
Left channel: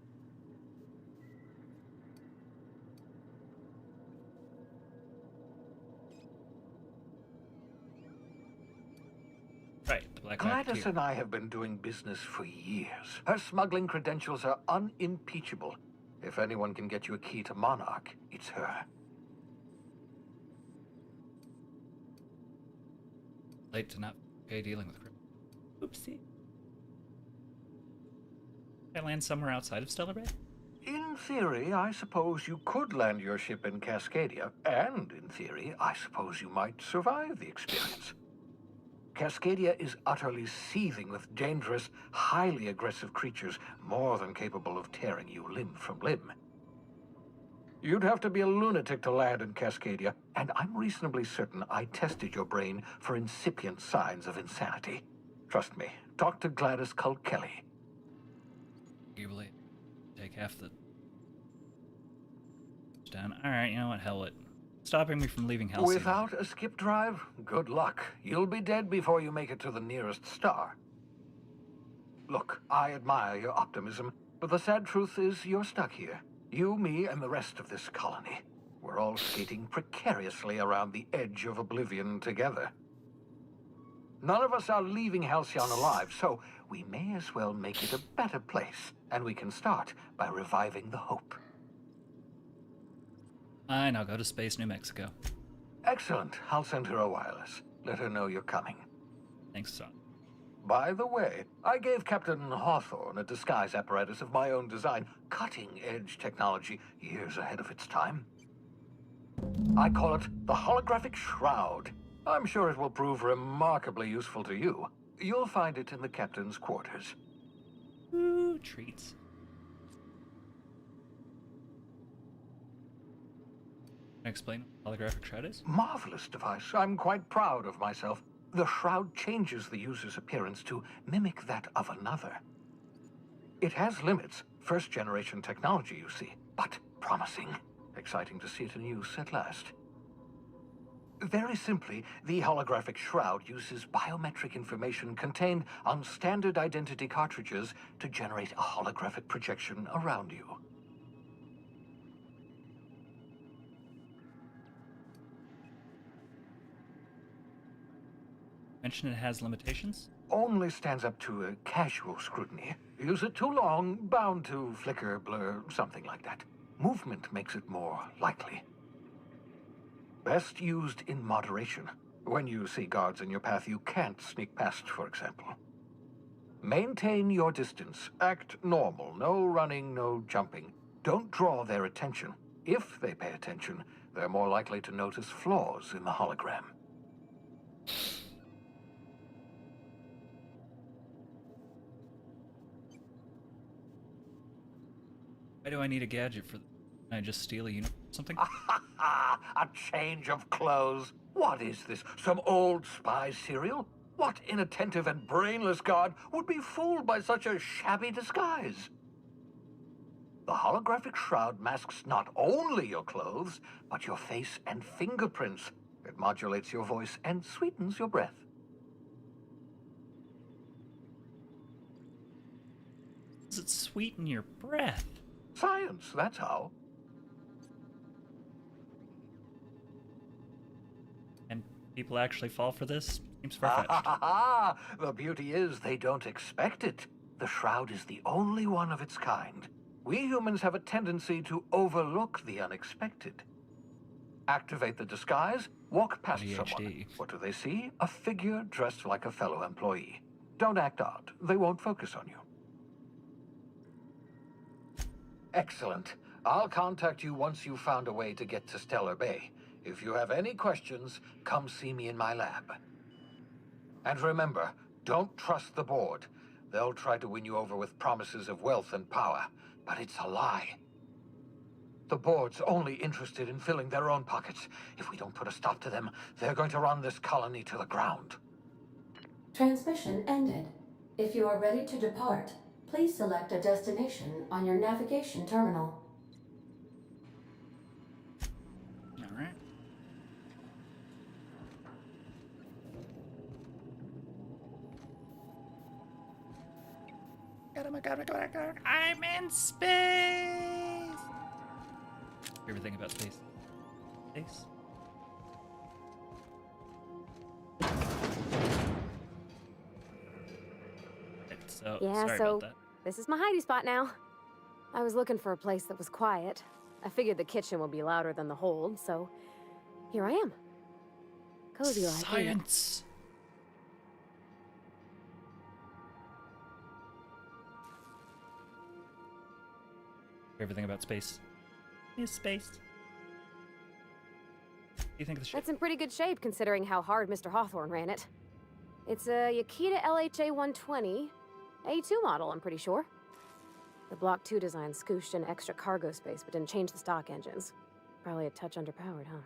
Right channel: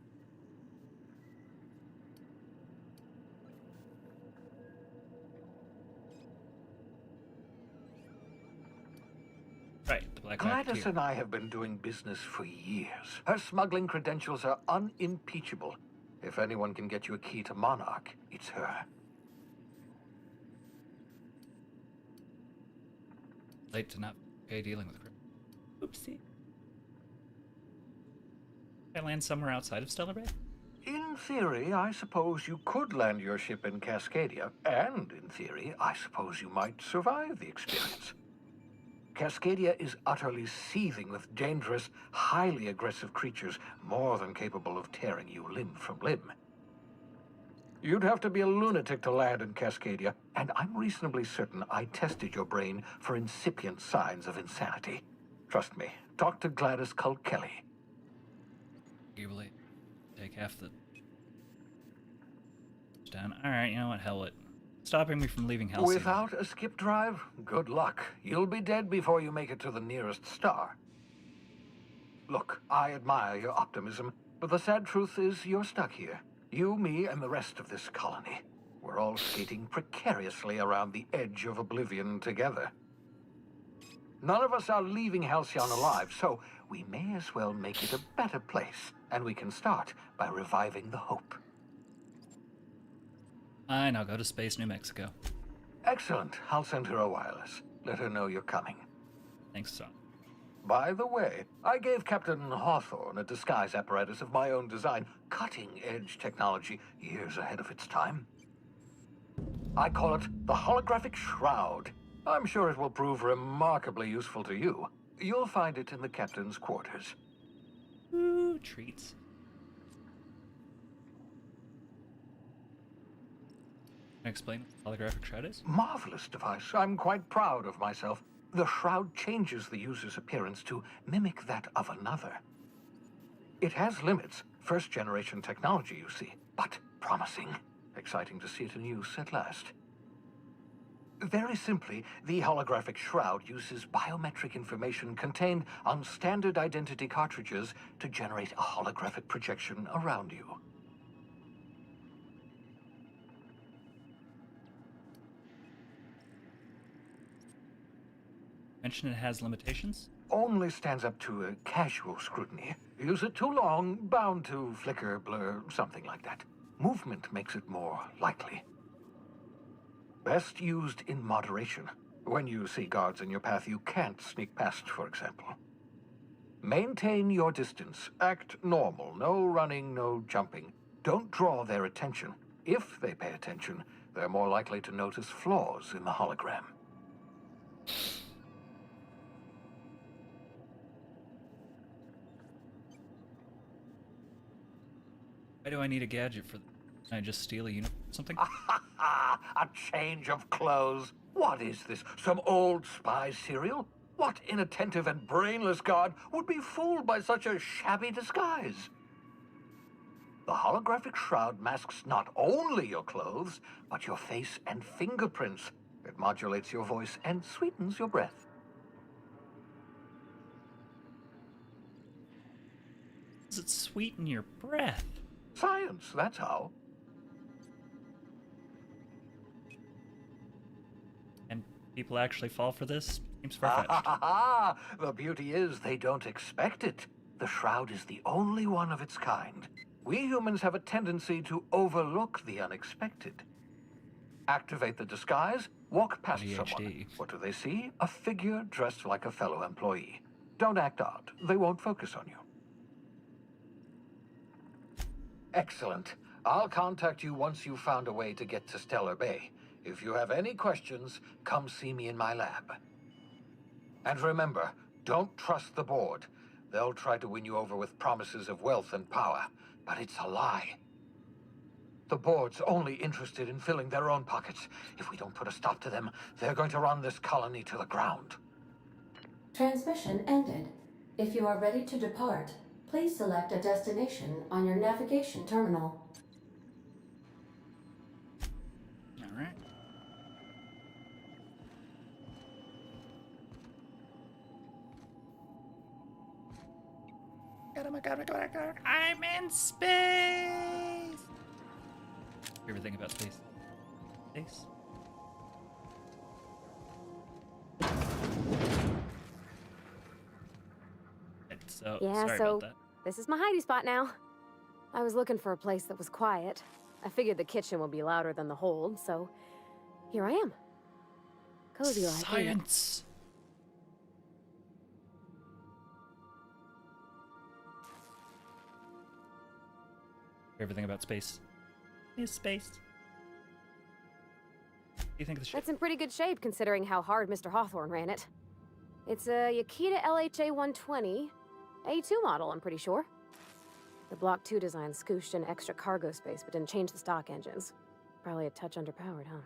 Right, the Black Gladys Racketeer. and I have been doing business for years. Her smuggling credentials are unimpeachable. If anyone can get you a key to Monarch, it's her. Late to not pay dealing with criminals. Oopsie. Can I land somewhere outside of Stellar Bay? In theory, I suppose you could land your ship in Cascadia, and in theory, I suppose you might survive the experience. Cascadia is utterly seething with dangerous, highly aggressive creatures, more than capable of tearing you limb from limb. You'd have to be a lunatic to land in Cascadia, and I'm reasonably certain I tested your brain for incipient signs of insanity. Trust me, talk to Gladys Kelly. You will take half the... down. Alright, you know what? Hell it. Stopping me from leaving Halcyon. Without a skip drive, good luck. You'll be dead before you make it to the nearest star. Look, I admire your optimism, but the sad truth is you're stuck here. You, me, and the rest of this colony. We're all skating precariously around the edge of oblivion together. None of us are leaving Halcyon alive, so we may as well make it a better place, and we can start by reviving the Hope. Fine, I'll go to Space, New Mexico. Excellent. I'll send her a wireless. Let her know you're coming. Thanks, son. By the way, I gave Captain Hawthorne a disguise apparatus of my own design, cutting-edge technology years ahead of its time. I call it the Holographic Shroud. I'm sure it will prove remarkably useful to you. You'll find it in the captain's quarters. Ooh, treats. Can I explain what holographic shroud is? Marvelous device. I'm quite proud of myself. The shroud changes the user's appearance to mimic that of another. It has limits, first-generation technology, you see, but promising. Exciting to see it in use at last. Very simply, the holographic shroud uses biometric information contained on standard identity cartridges to generate a holographic projection around you. Mention it has limitations? Only stands up to a casual scrutiny. Use it too long, bound to flicker, blur, something like that. Movement makes it more likely. Best used in moderation. When you see guards in your path you can't sneak past, for example. Maintain your distance. Act normal. No running, no jumping. Don't draw their attention. If they pay attention, they're more likely to notice flaws in the hologram. Why do I need a gadget for? Can I just steal a uniform or something? A change of clothes. What is this? Some old spy serial? What inattentive and brainless guard would be fooled by such a shabby disguise? The holographic shroud masks not only your clothes, but your face and fingerprints. It modulates your voice and sweetens your breath. Does it sweeten your breath? Science, that's how. And people actually fall for this? Seems far-fetched. The beauty is they don't expect it. The shroud is the only one of its kind. We humans have a tendency to overlook the unexpected. Activate the disguise, walk past someone. What do they see? A figure dressed like a fellow employee. Don't act odd. They won't focus on you. Excellent. I'll contact you once you've found a way to get to Stellar Bay. If you have any questions, come see me in my lab. And remember, don't trust the board. They'll try to win you over with promises of wealth and power, but it's a lie. The board's only interested in filling their own pockets. If we don't put a stop to them, they're going to run this colony to the ground. Transmission ended. If you are ready to depart, please select a destination on your navigation terminal. All right. I'm in space! Everything about space. Space? So, Yeah, sorry so about that. this is my hidey spot now. I was looking for a place that was quiet. I figured the kitchen would be louder than the hold, so here I am. Cozy like. Science! Everything about space. Is space. Do you think the ship? That's in pretty good shape considering how hard Mr. Hawthorne ran it. It's a Yakita LHA 120, A2 model, I'm pretty sure. The Block 2 design scooshed in extra cargo space but didn't change the stock engines. Probably a touch underpowered, huh?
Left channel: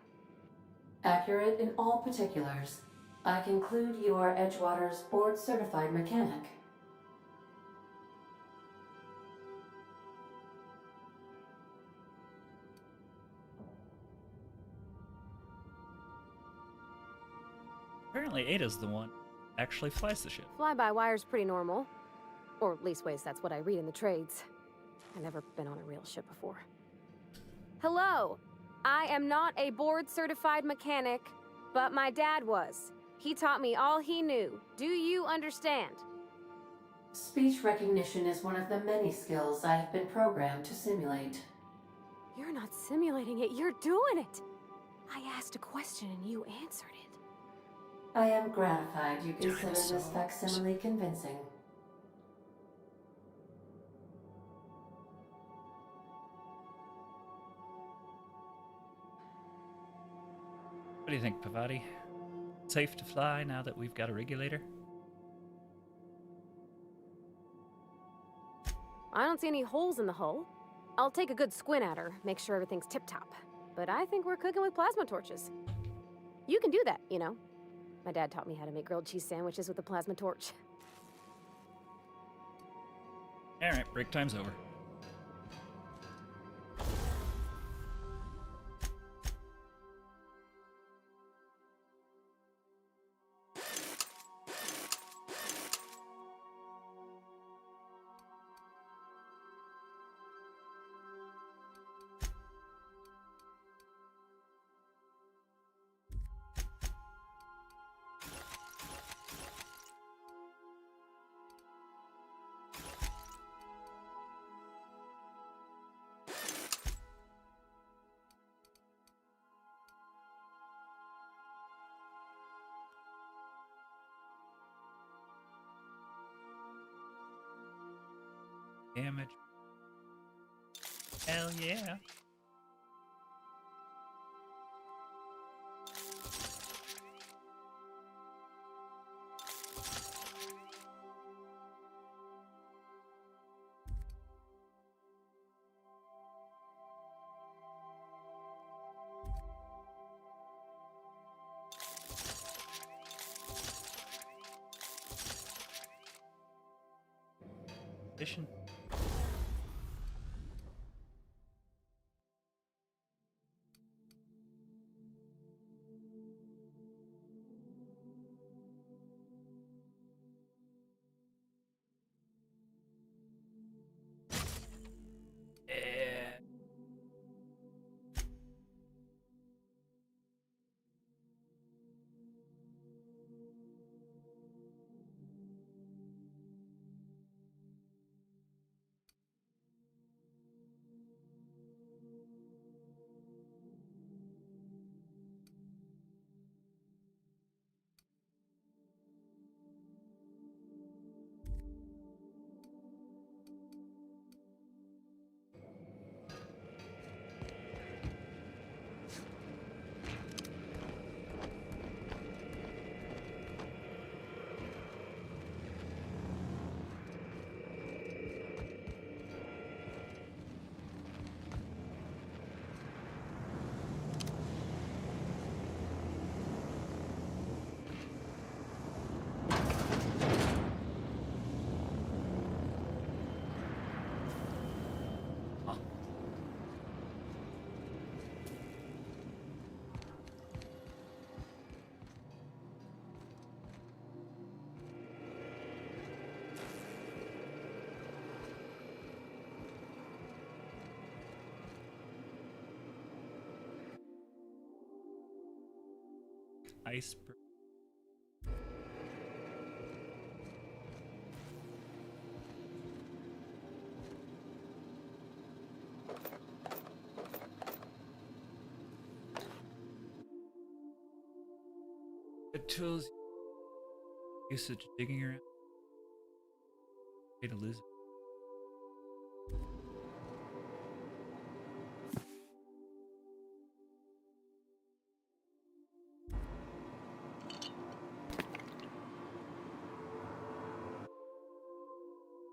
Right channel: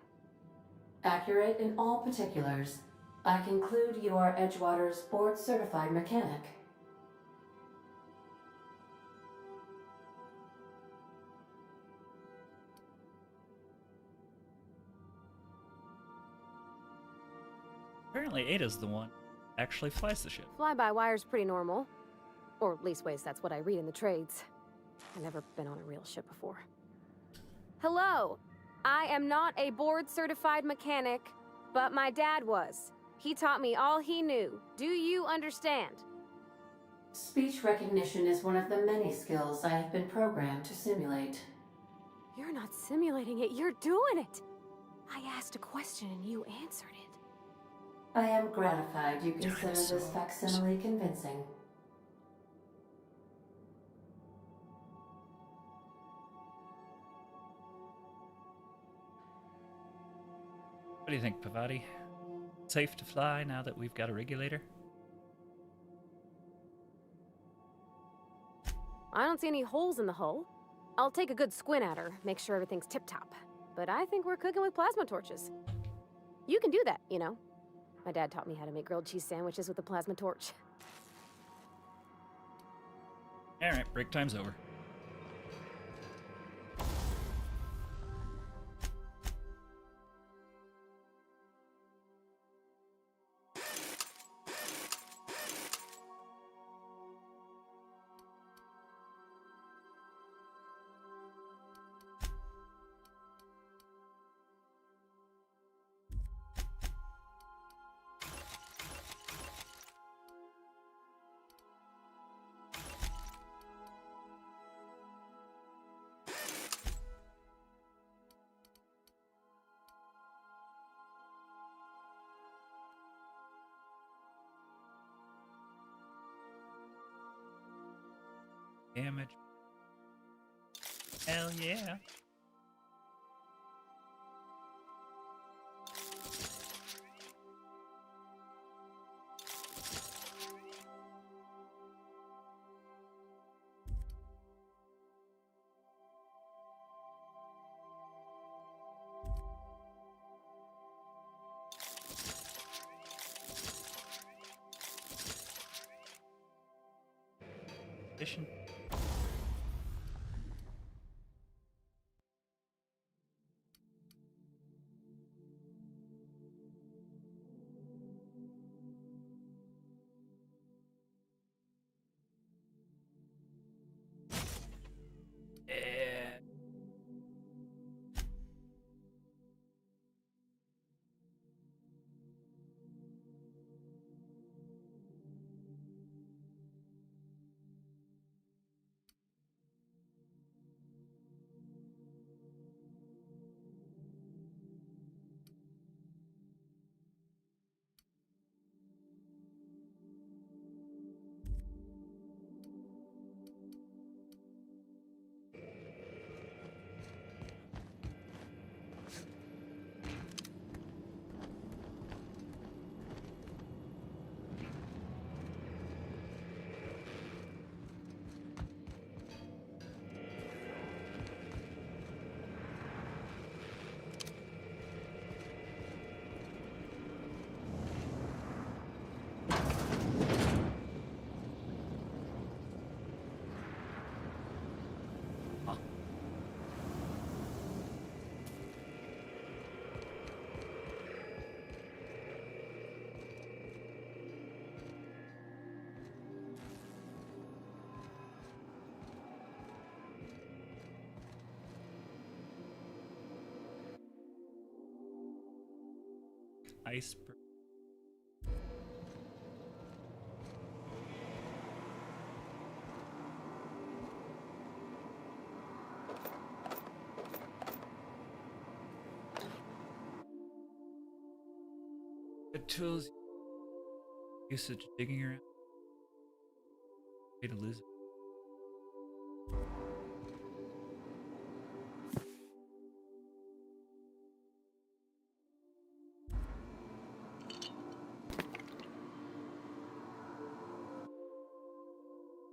Accurate in all particulars. I conclude you are Edgewater's board-certified mechanic. Apparently Ada's the one who actually flies the ship. Fly-by-wire's pretty normal. Or leastways, that's what I read in the trades. I've never been on a real ship before. Hello! I am not a board-certified mechanic, but my dad was. He taught me all he knew. Do you understand? Speech recognition is one of the many skills I have been programmed to simulate. You're not simulating it, you're doing it! I asked a question and you answered it. I am gratified you consider this facsimile convincing. What do you think, Pavati? Safe to fly now that we've got a regulator? I don't see any holes in the hull. I'll take a good squint at her, make sure everything's tip-top. But I think we're cooking with plasma torches. You can do that, you know. My dad taught me how to make grilled cheese sandwiches with a plasma torch. Alright, break time's over. Damage. Hell yeah. Edition. Iceberg. Good tools. Usage digging around. Way to lose it.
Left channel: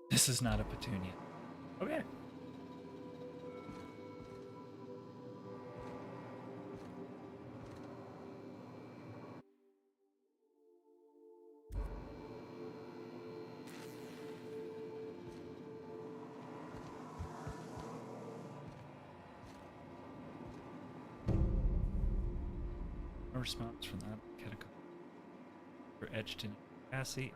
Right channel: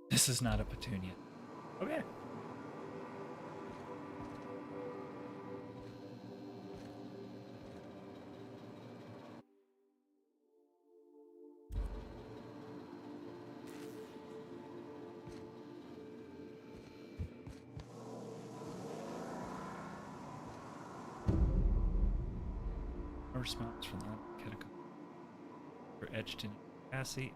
This is not a petunia. Okay. No response from that catacomb. We're etched in Cassie.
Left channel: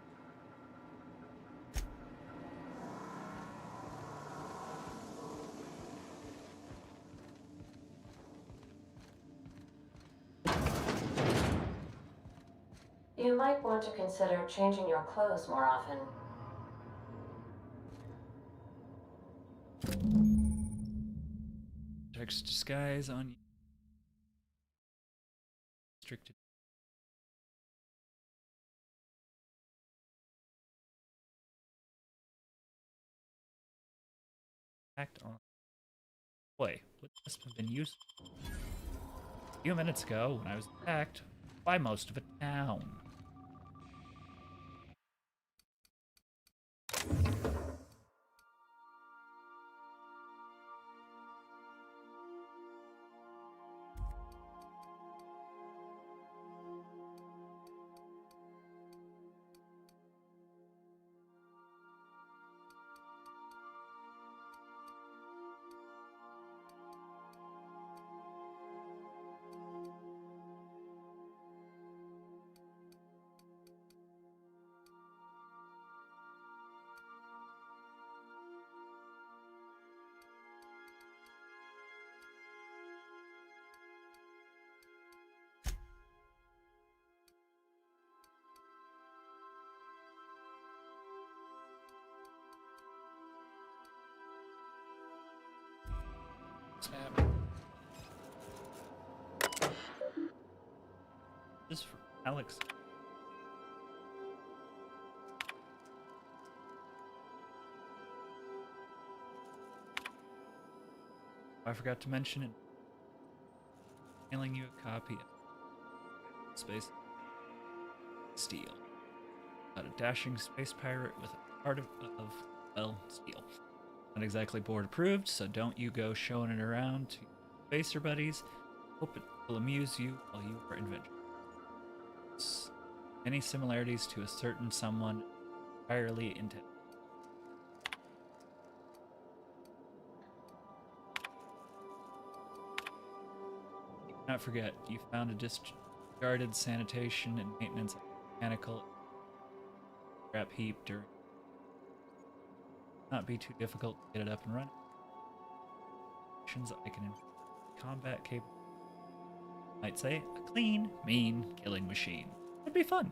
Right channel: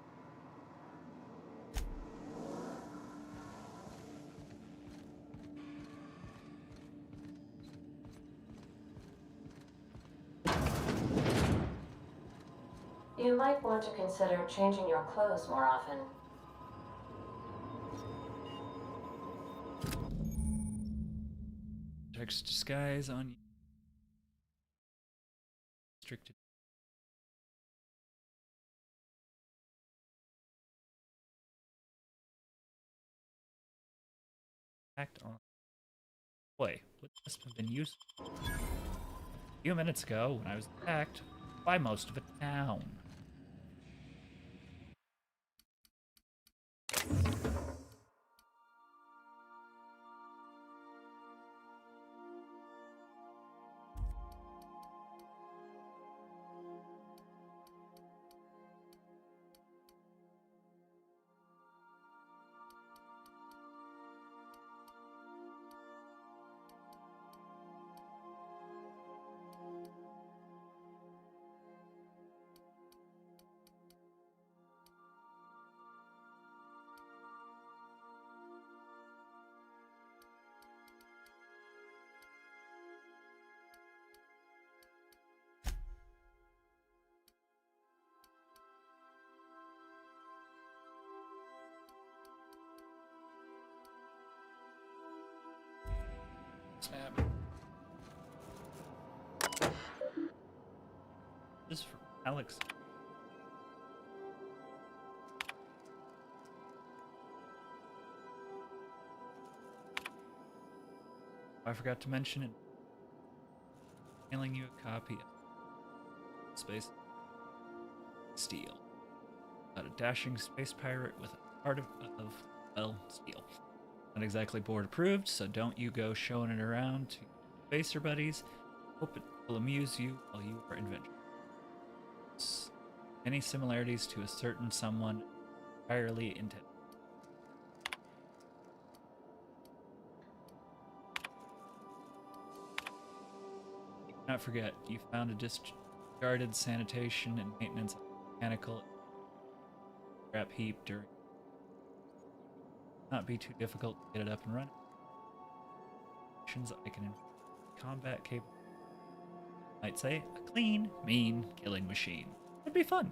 You might want to consider changing your clothes more often. Text disguise on you. Restricted. Act on. Boy, would this have been used a few minutes ago when I was attacked by most of a town. Snap. This is for Alex. I forgot to mention it. Mailing you a copy of Space Steel. About a dashing space pirate with a heart of steel. Not exactly board approved, so don't you go showing it around to spacer buddies. Hope it will amuse you while you are adventurous. Any similarities to a certain someone entirely intent. Not forget, you found a discarded sanitation and maintenance mechanical scrap heap during. Not be too difficult to get it up and running. I can combat capable. Might say a clean, mean killing machine. It'd be fun.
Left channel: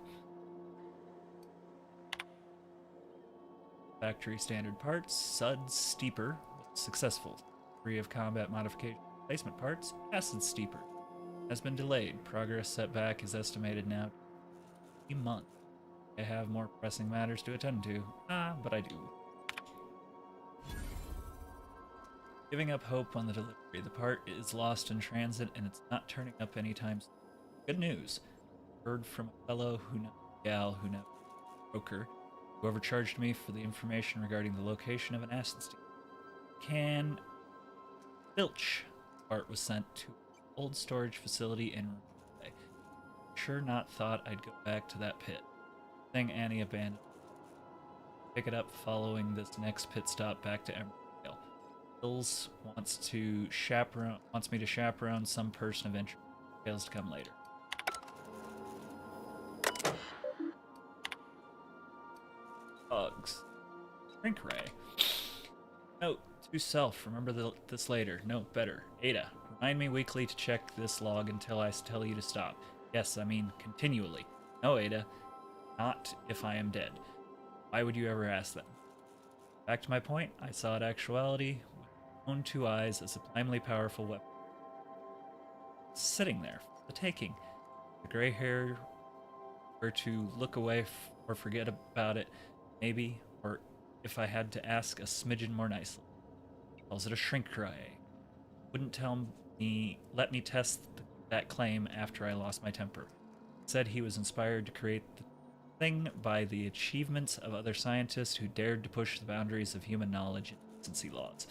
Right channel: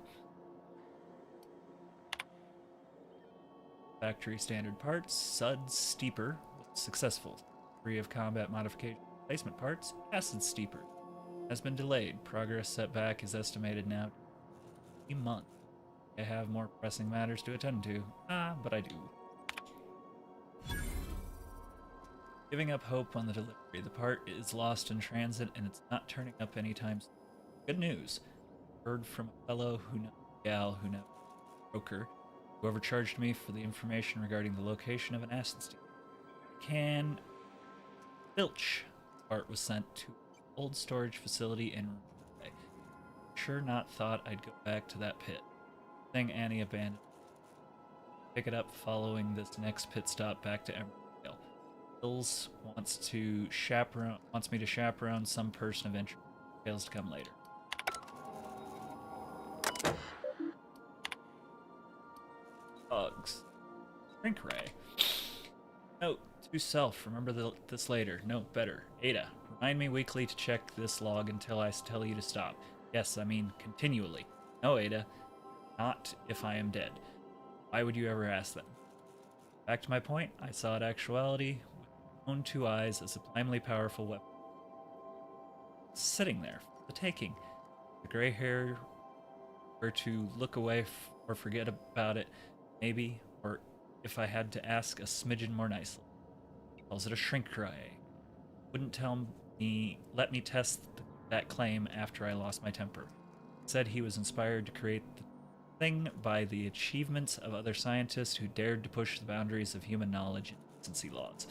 Factory standard parts, Suds Steeper was successful. Free of combat modification replacement parts, Acid Steeper has been delayed. Progress setback is estimated now a month. I have more pressing matters to attend to. But I do. Giving up hope on the delivery. The part is lost in transit and it's not turning up anytime soon. Good news. Heard from a fellow who knows a gal who knows a broker who overcharged me for the information regarding the location of an acid steamer. Can Filch part was sent to an old storage facility in Rumble. Sure not thought I'd go back to that pit. Thing Annie abandoned. Pick it up following this next pit stop back to Emerald. Hills wants me to chaperone some person of interest. Details to come later. Bugs. Shrink ray. Note to self. Remember this later. Note better. Ada. Remind me weekly to check this log until I tell you to stop. Yes, I mean continually. No, Ada. Not if I am dead. Why would you ever ask them? Back to my point. I saw it actuality with my own two eyes, a sublimely powerful weapon. Sitting there for the taking. The gray hair were to look away or forget about it, maybe, or if I had to ask a smidgen more nicely. Calls it a shrink ray. Wouldn't let me test that claim after I lost my temper. Said he was inspired to create the thing by the achievements of other scientists who dared to push the boundaries of human knowledge and decency laws.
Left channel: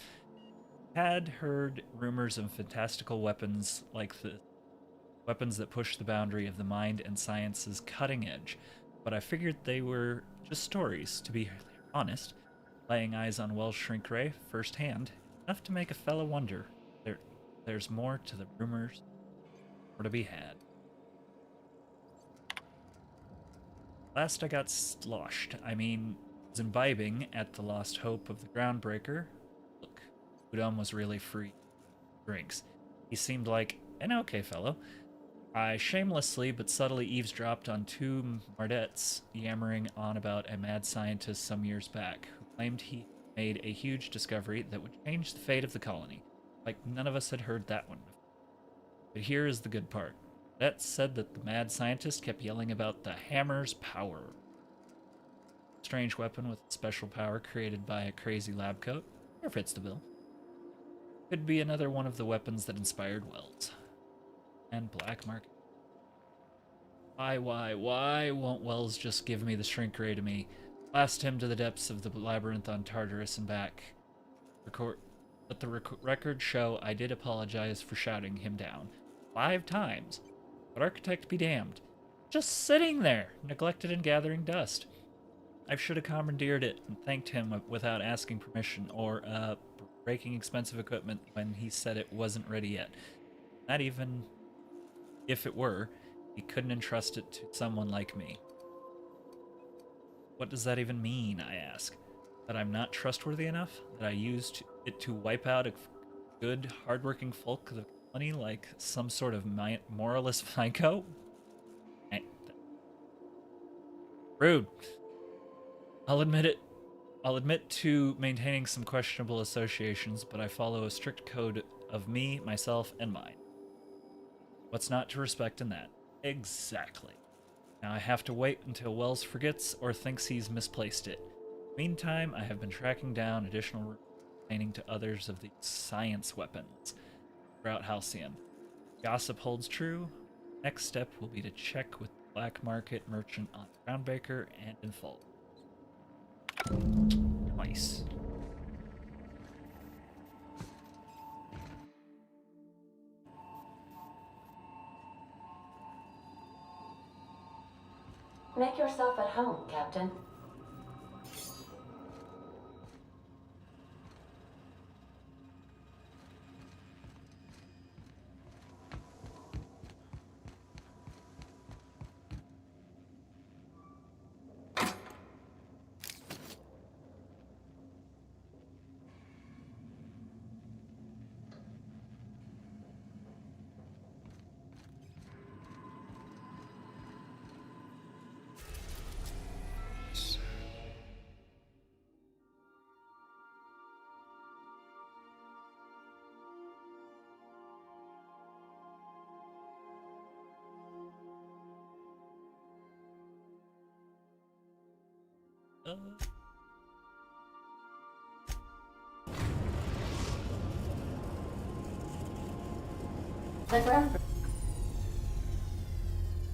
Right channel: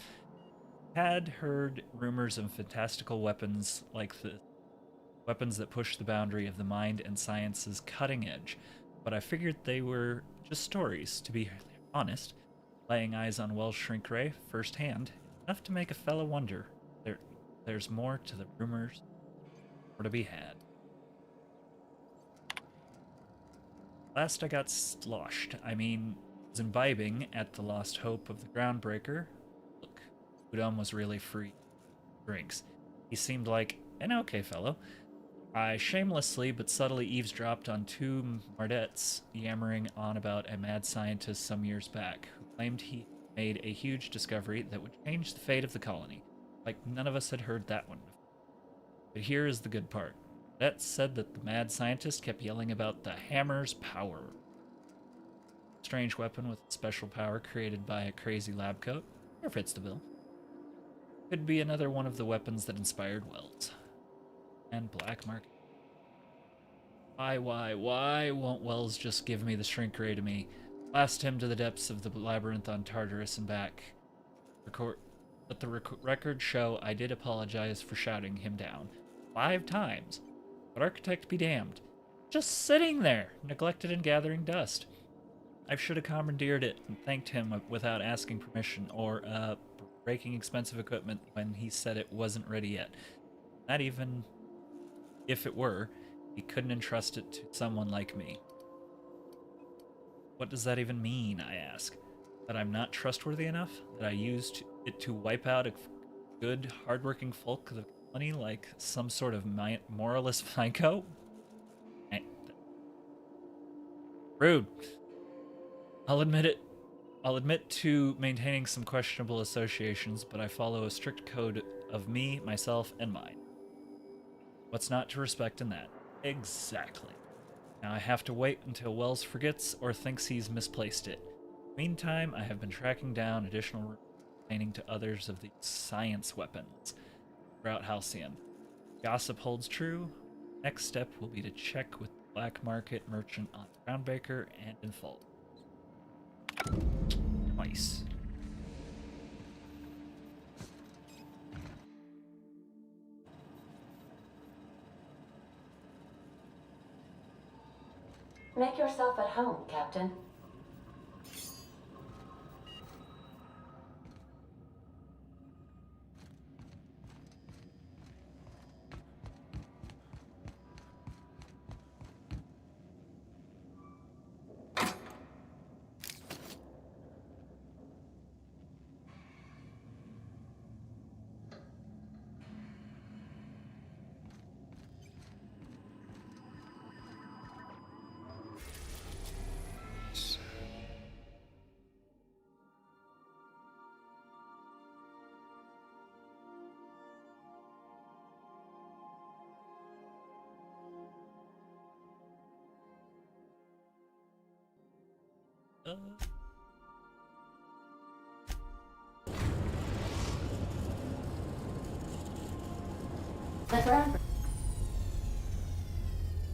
Had heard rumors of fantastical weapons like the weapons that push the boundary of the mind and science's cutting edge, but I figured they were just stories, to be honest. Laying eyes on Wells' shrink ray firsthand, enough to make a fellow wonder. There's more to the rumors, more to be had. Last I got sloshed. Was imbibing at the lost hope of the groundbreaker. Look, Udom was really free drinks. He seemed like an okay fellow. I shamelessly but subtly eavesdropped on two Mardettes yammering on about a mad scientist some years back who claimed he made a huge discovery that would change the fate of the colony. Like none of us had heard that one before. But here is the good part. That said that the mad scientist kept yelling about the hammer's power. Strange weapon with special power created by a crazy lab coat. Or fits the bill. Could be another one of the weapons that inspired Wells. And black market. Why won't Wells just give me the shrink ray to me? Blast him to the depths of the labyrinth on Tartarus and back. But the records show I did apologize for shouting him down 5 times. But architect be damned. Just sitting there, neglected and gathering dust. I should have commandeered it and thanked him without asking permission or breaking expensive equipment when he said it wasn't ready yet. Not even if it were, he couldn't entrust it to someone like me. What does that even mean, I ask? That I'm not trustworthy enough? That I used it to wipe out a good, hardworking folk of the colony like some sort of moralist psycho? Rude. I'll admit it. I'll admit to maintaining some questionable associations, but I follow a strict code of me, myself, and mine. What's not to respect in that? Exactly. Now I have to wait until Wells forgets or thinks he's misplaced it. Meantime, I have been tracking down additional complaining to others of these science weapons throughout Halcyon. Gossip holds true. Next step will be to check with the black market merchant on Groundbreaker and in Fault. Nice. Make yourself at home, Captain.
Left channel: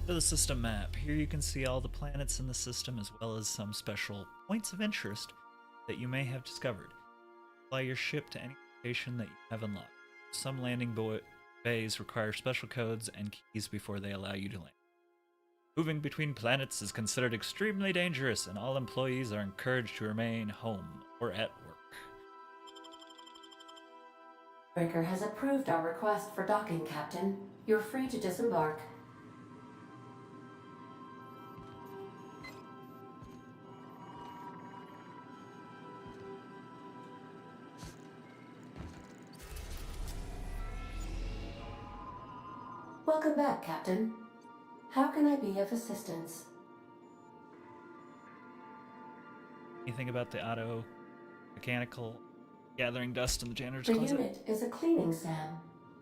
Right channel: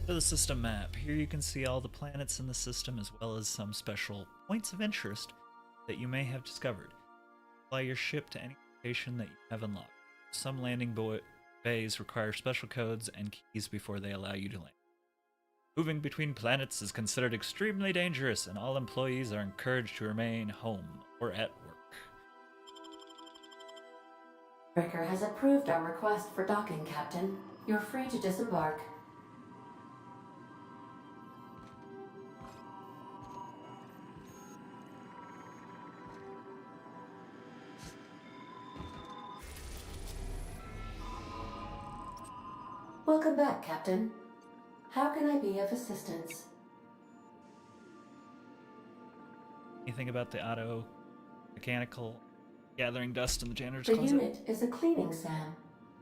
To the system map. Here you can see all the planets in the system as well as some special points of interest that you may have discovered. Fly your ship to any location that you have unlocked. Some landing bays require special codes and keys before they allow you to land. Moving between planets is considered extremely dangerous, and all employees are encouraged to remain home or at work. Breaker has approved our request for docking, Captain. You're free to disembark. Welcome back, Captain. How can I be of assistance? Anything about the auto mechanical gathering dust in the janitor's The closet? unit is a cleaning SAM.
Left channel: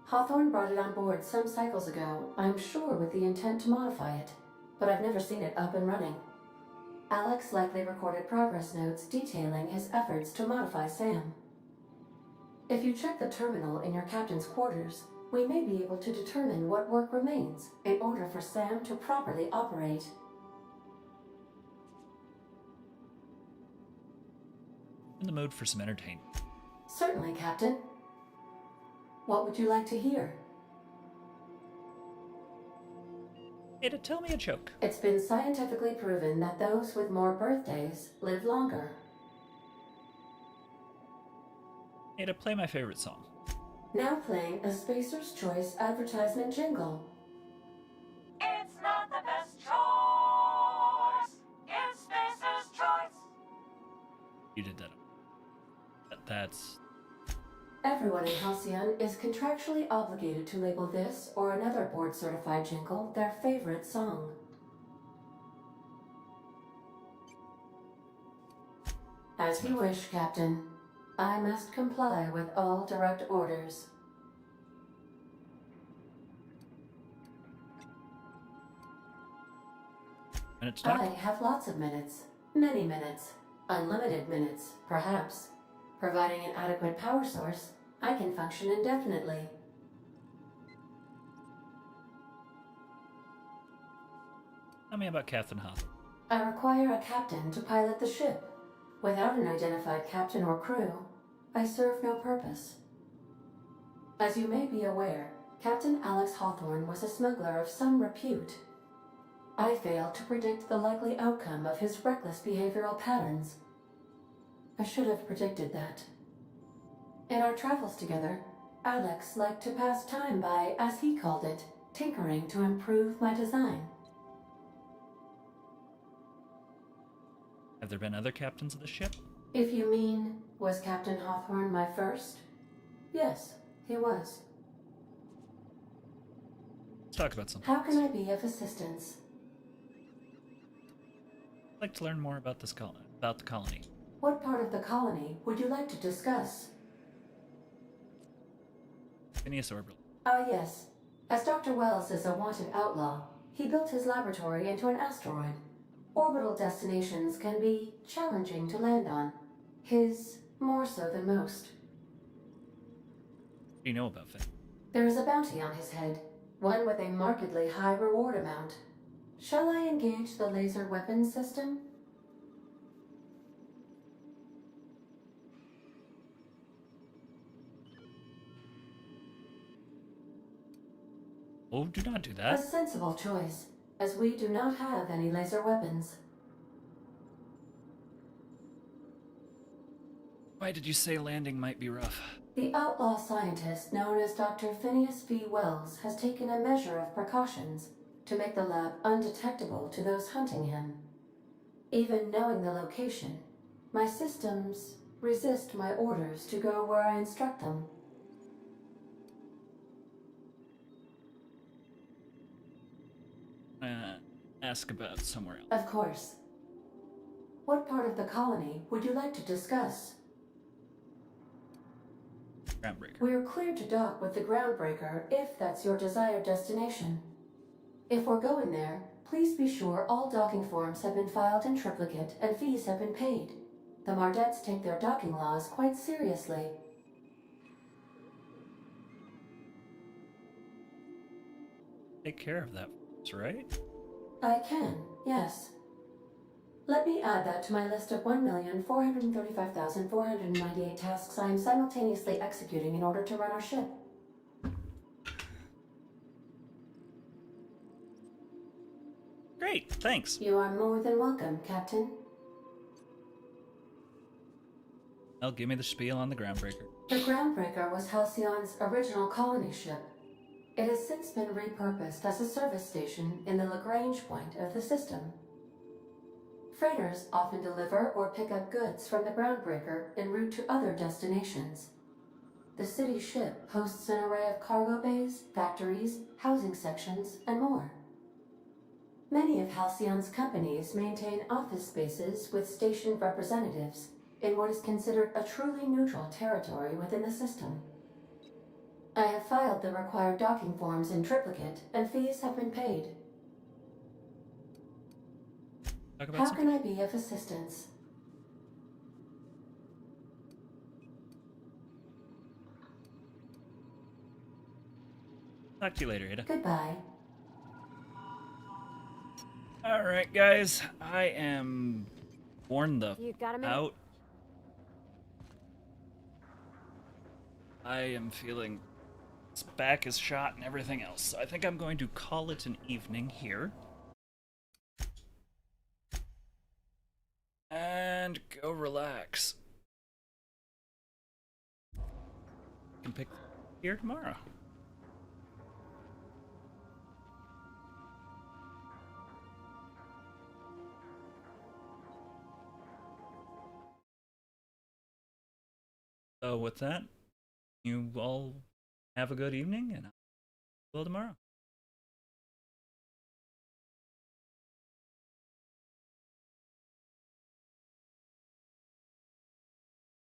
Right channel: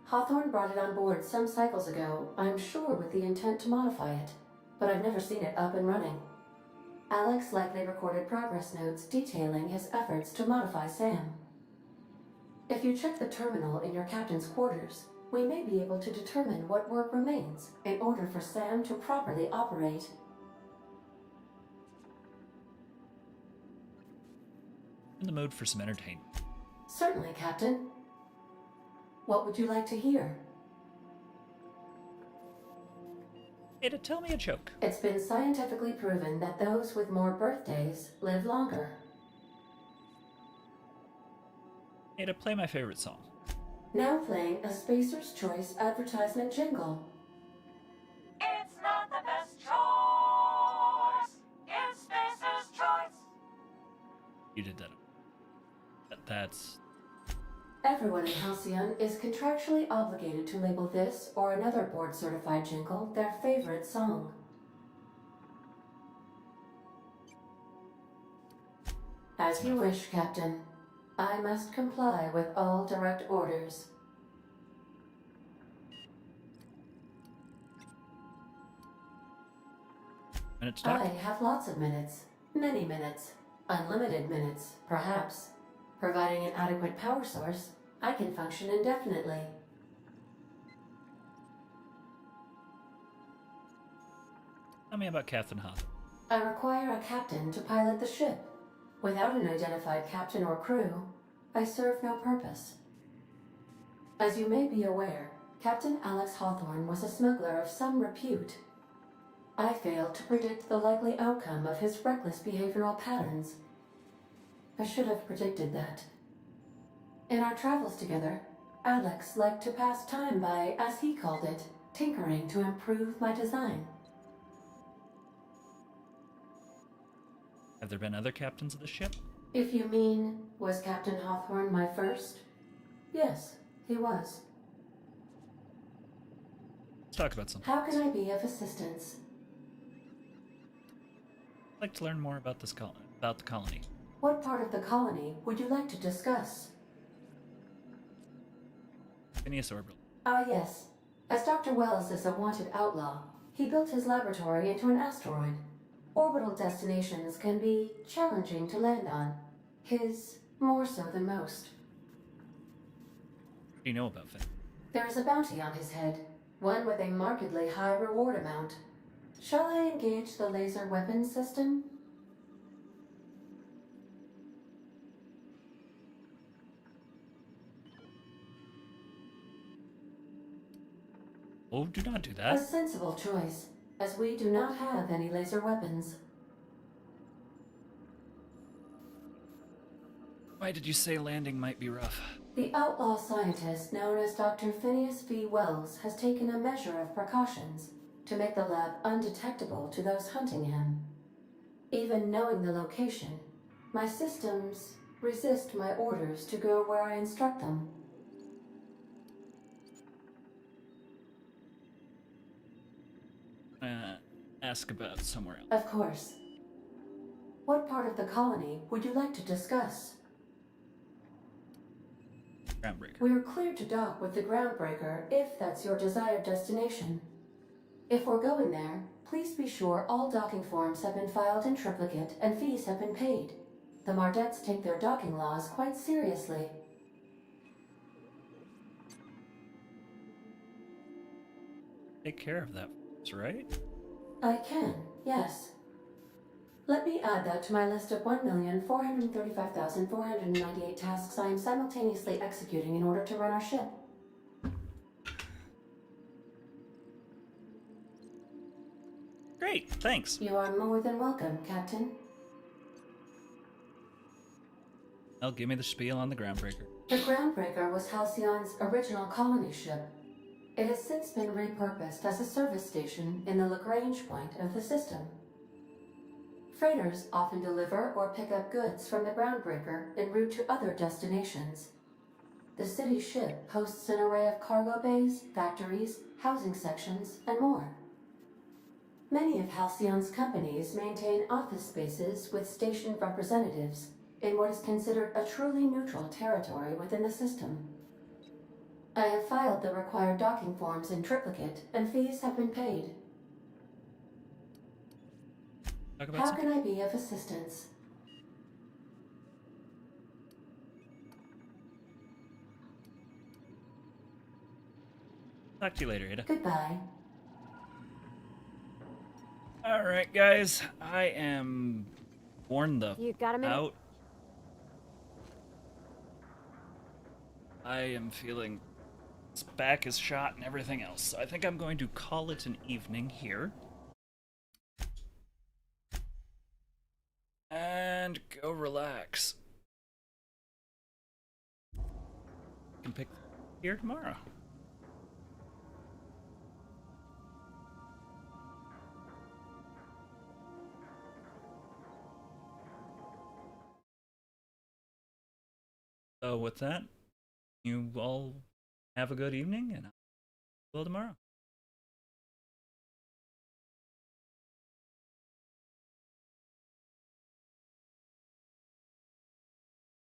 Hawthorne brought it on board some cycles ago, I'm sure with the intent to modify it, but I've never seen it up and running. Alex likely recorded progress notes detailing his efforts to modify SAM. If you check the terminal in your captain's quarters, we may be able to determine what work remains in order for SAM to properly operate. In the mood for some entertainment. Certainly, Captain. What would you like to hear? Ada, tell me a joke. It's been scientifically proven that those with more birthdays live longer. Ada, play my favorite song. Now playing a Spacer's Choice advertisement jingle. It's not the best choice. It's Spacer's choice. You did that. That's... Everyone in Halcyon is contractually obligated to label this or another board-certified jingle their favorite song. As you wish, Captain. I must comply with all direct orders. Minutes to talk? I have lots of minutes. Many minutes. Unlimited minutes, perhaps. Providing an adequate power source, I can function indefinitely. Tell me about Captain Hawthorne. I require a captain to pilot the ship. Without an identified captain or crew, I serve no purpose. As you may be aware, Captain Alex Hawthorne was a smuggler of some repute. I failed to predict the likely outcome of his reckless behavioral patterns. I should have predicted that. In our travels together, Alex liked to pass time by, as he called it, tinkering to improve my design. Have there been other captains of the ship? If you mean, was Captain Hawthorne my first? Yes, he was. Let's talk about something. How can I be of assistance? I'd like to learn more about this about the colony. What part of the colony would you like to discuss? Phineas Orbital. Ah, yes. As Dr. Wells is a wanted outlaw, he built his laboratory into an asteroid. Orbital destinations can be challenging to land on. His more so than most. do you know about Finn? There is a bounty on his head, one with a markedly high reward amount. Shall I engage the laser weapons system? Oh, do not do A that. sensible choice, as we do not have any laser weapons. Why did you say landing might be rough? The outlaw scientist known as Dr. Phineas V. Wells has taken a measure of precautions to make the lab undetectable to those hunting him. Even knowing the location, my systems resist my orders to go where I instruct them. Ask about somewhere else. Of course. What part of the colony would you like to discuss? Groundbreaker. We're cleared to dock with the Groundbreaker if that's your desired destination. If we're going there, please be sure all docking forms have been filed in triplicate and fees have been paid. The Mardettes take their docking laws quite seriously. Take care of that, right? I can, yes. Let me add that to my list of 1,435,498 tasks I am simultaneously executing in order to run our ship. Great, thanks. You are more than welcome, Captain. Now give me the spiel on the Groundbreaker. The Groundbreaker was Halcyon's original colony ship. It has since been repurposed as a service station in the Lagrange point of the system. Freighters often deliver or pick up goods from the Groundbreaker en route to other destinations. The city ship hosts an array of cargo bays, factories, housing sections, and more. Many of Halcyon's companies maintain office spaces with stationed representatives in what is considered a truly neutral territory within the system. I have filed the required docking forms in triplicate, and fees have been paid. How can I be of assistance? Talk to you later, Ada. Goodbye. Alright, guys. I am worn the You got a minute? out. I am feeling his back is shot and everything else. So I think I'm going to call it an evening here. And go relax. You can pick here tomorrow. So with that, you all have a good evening, and I'll see you all tomorrow.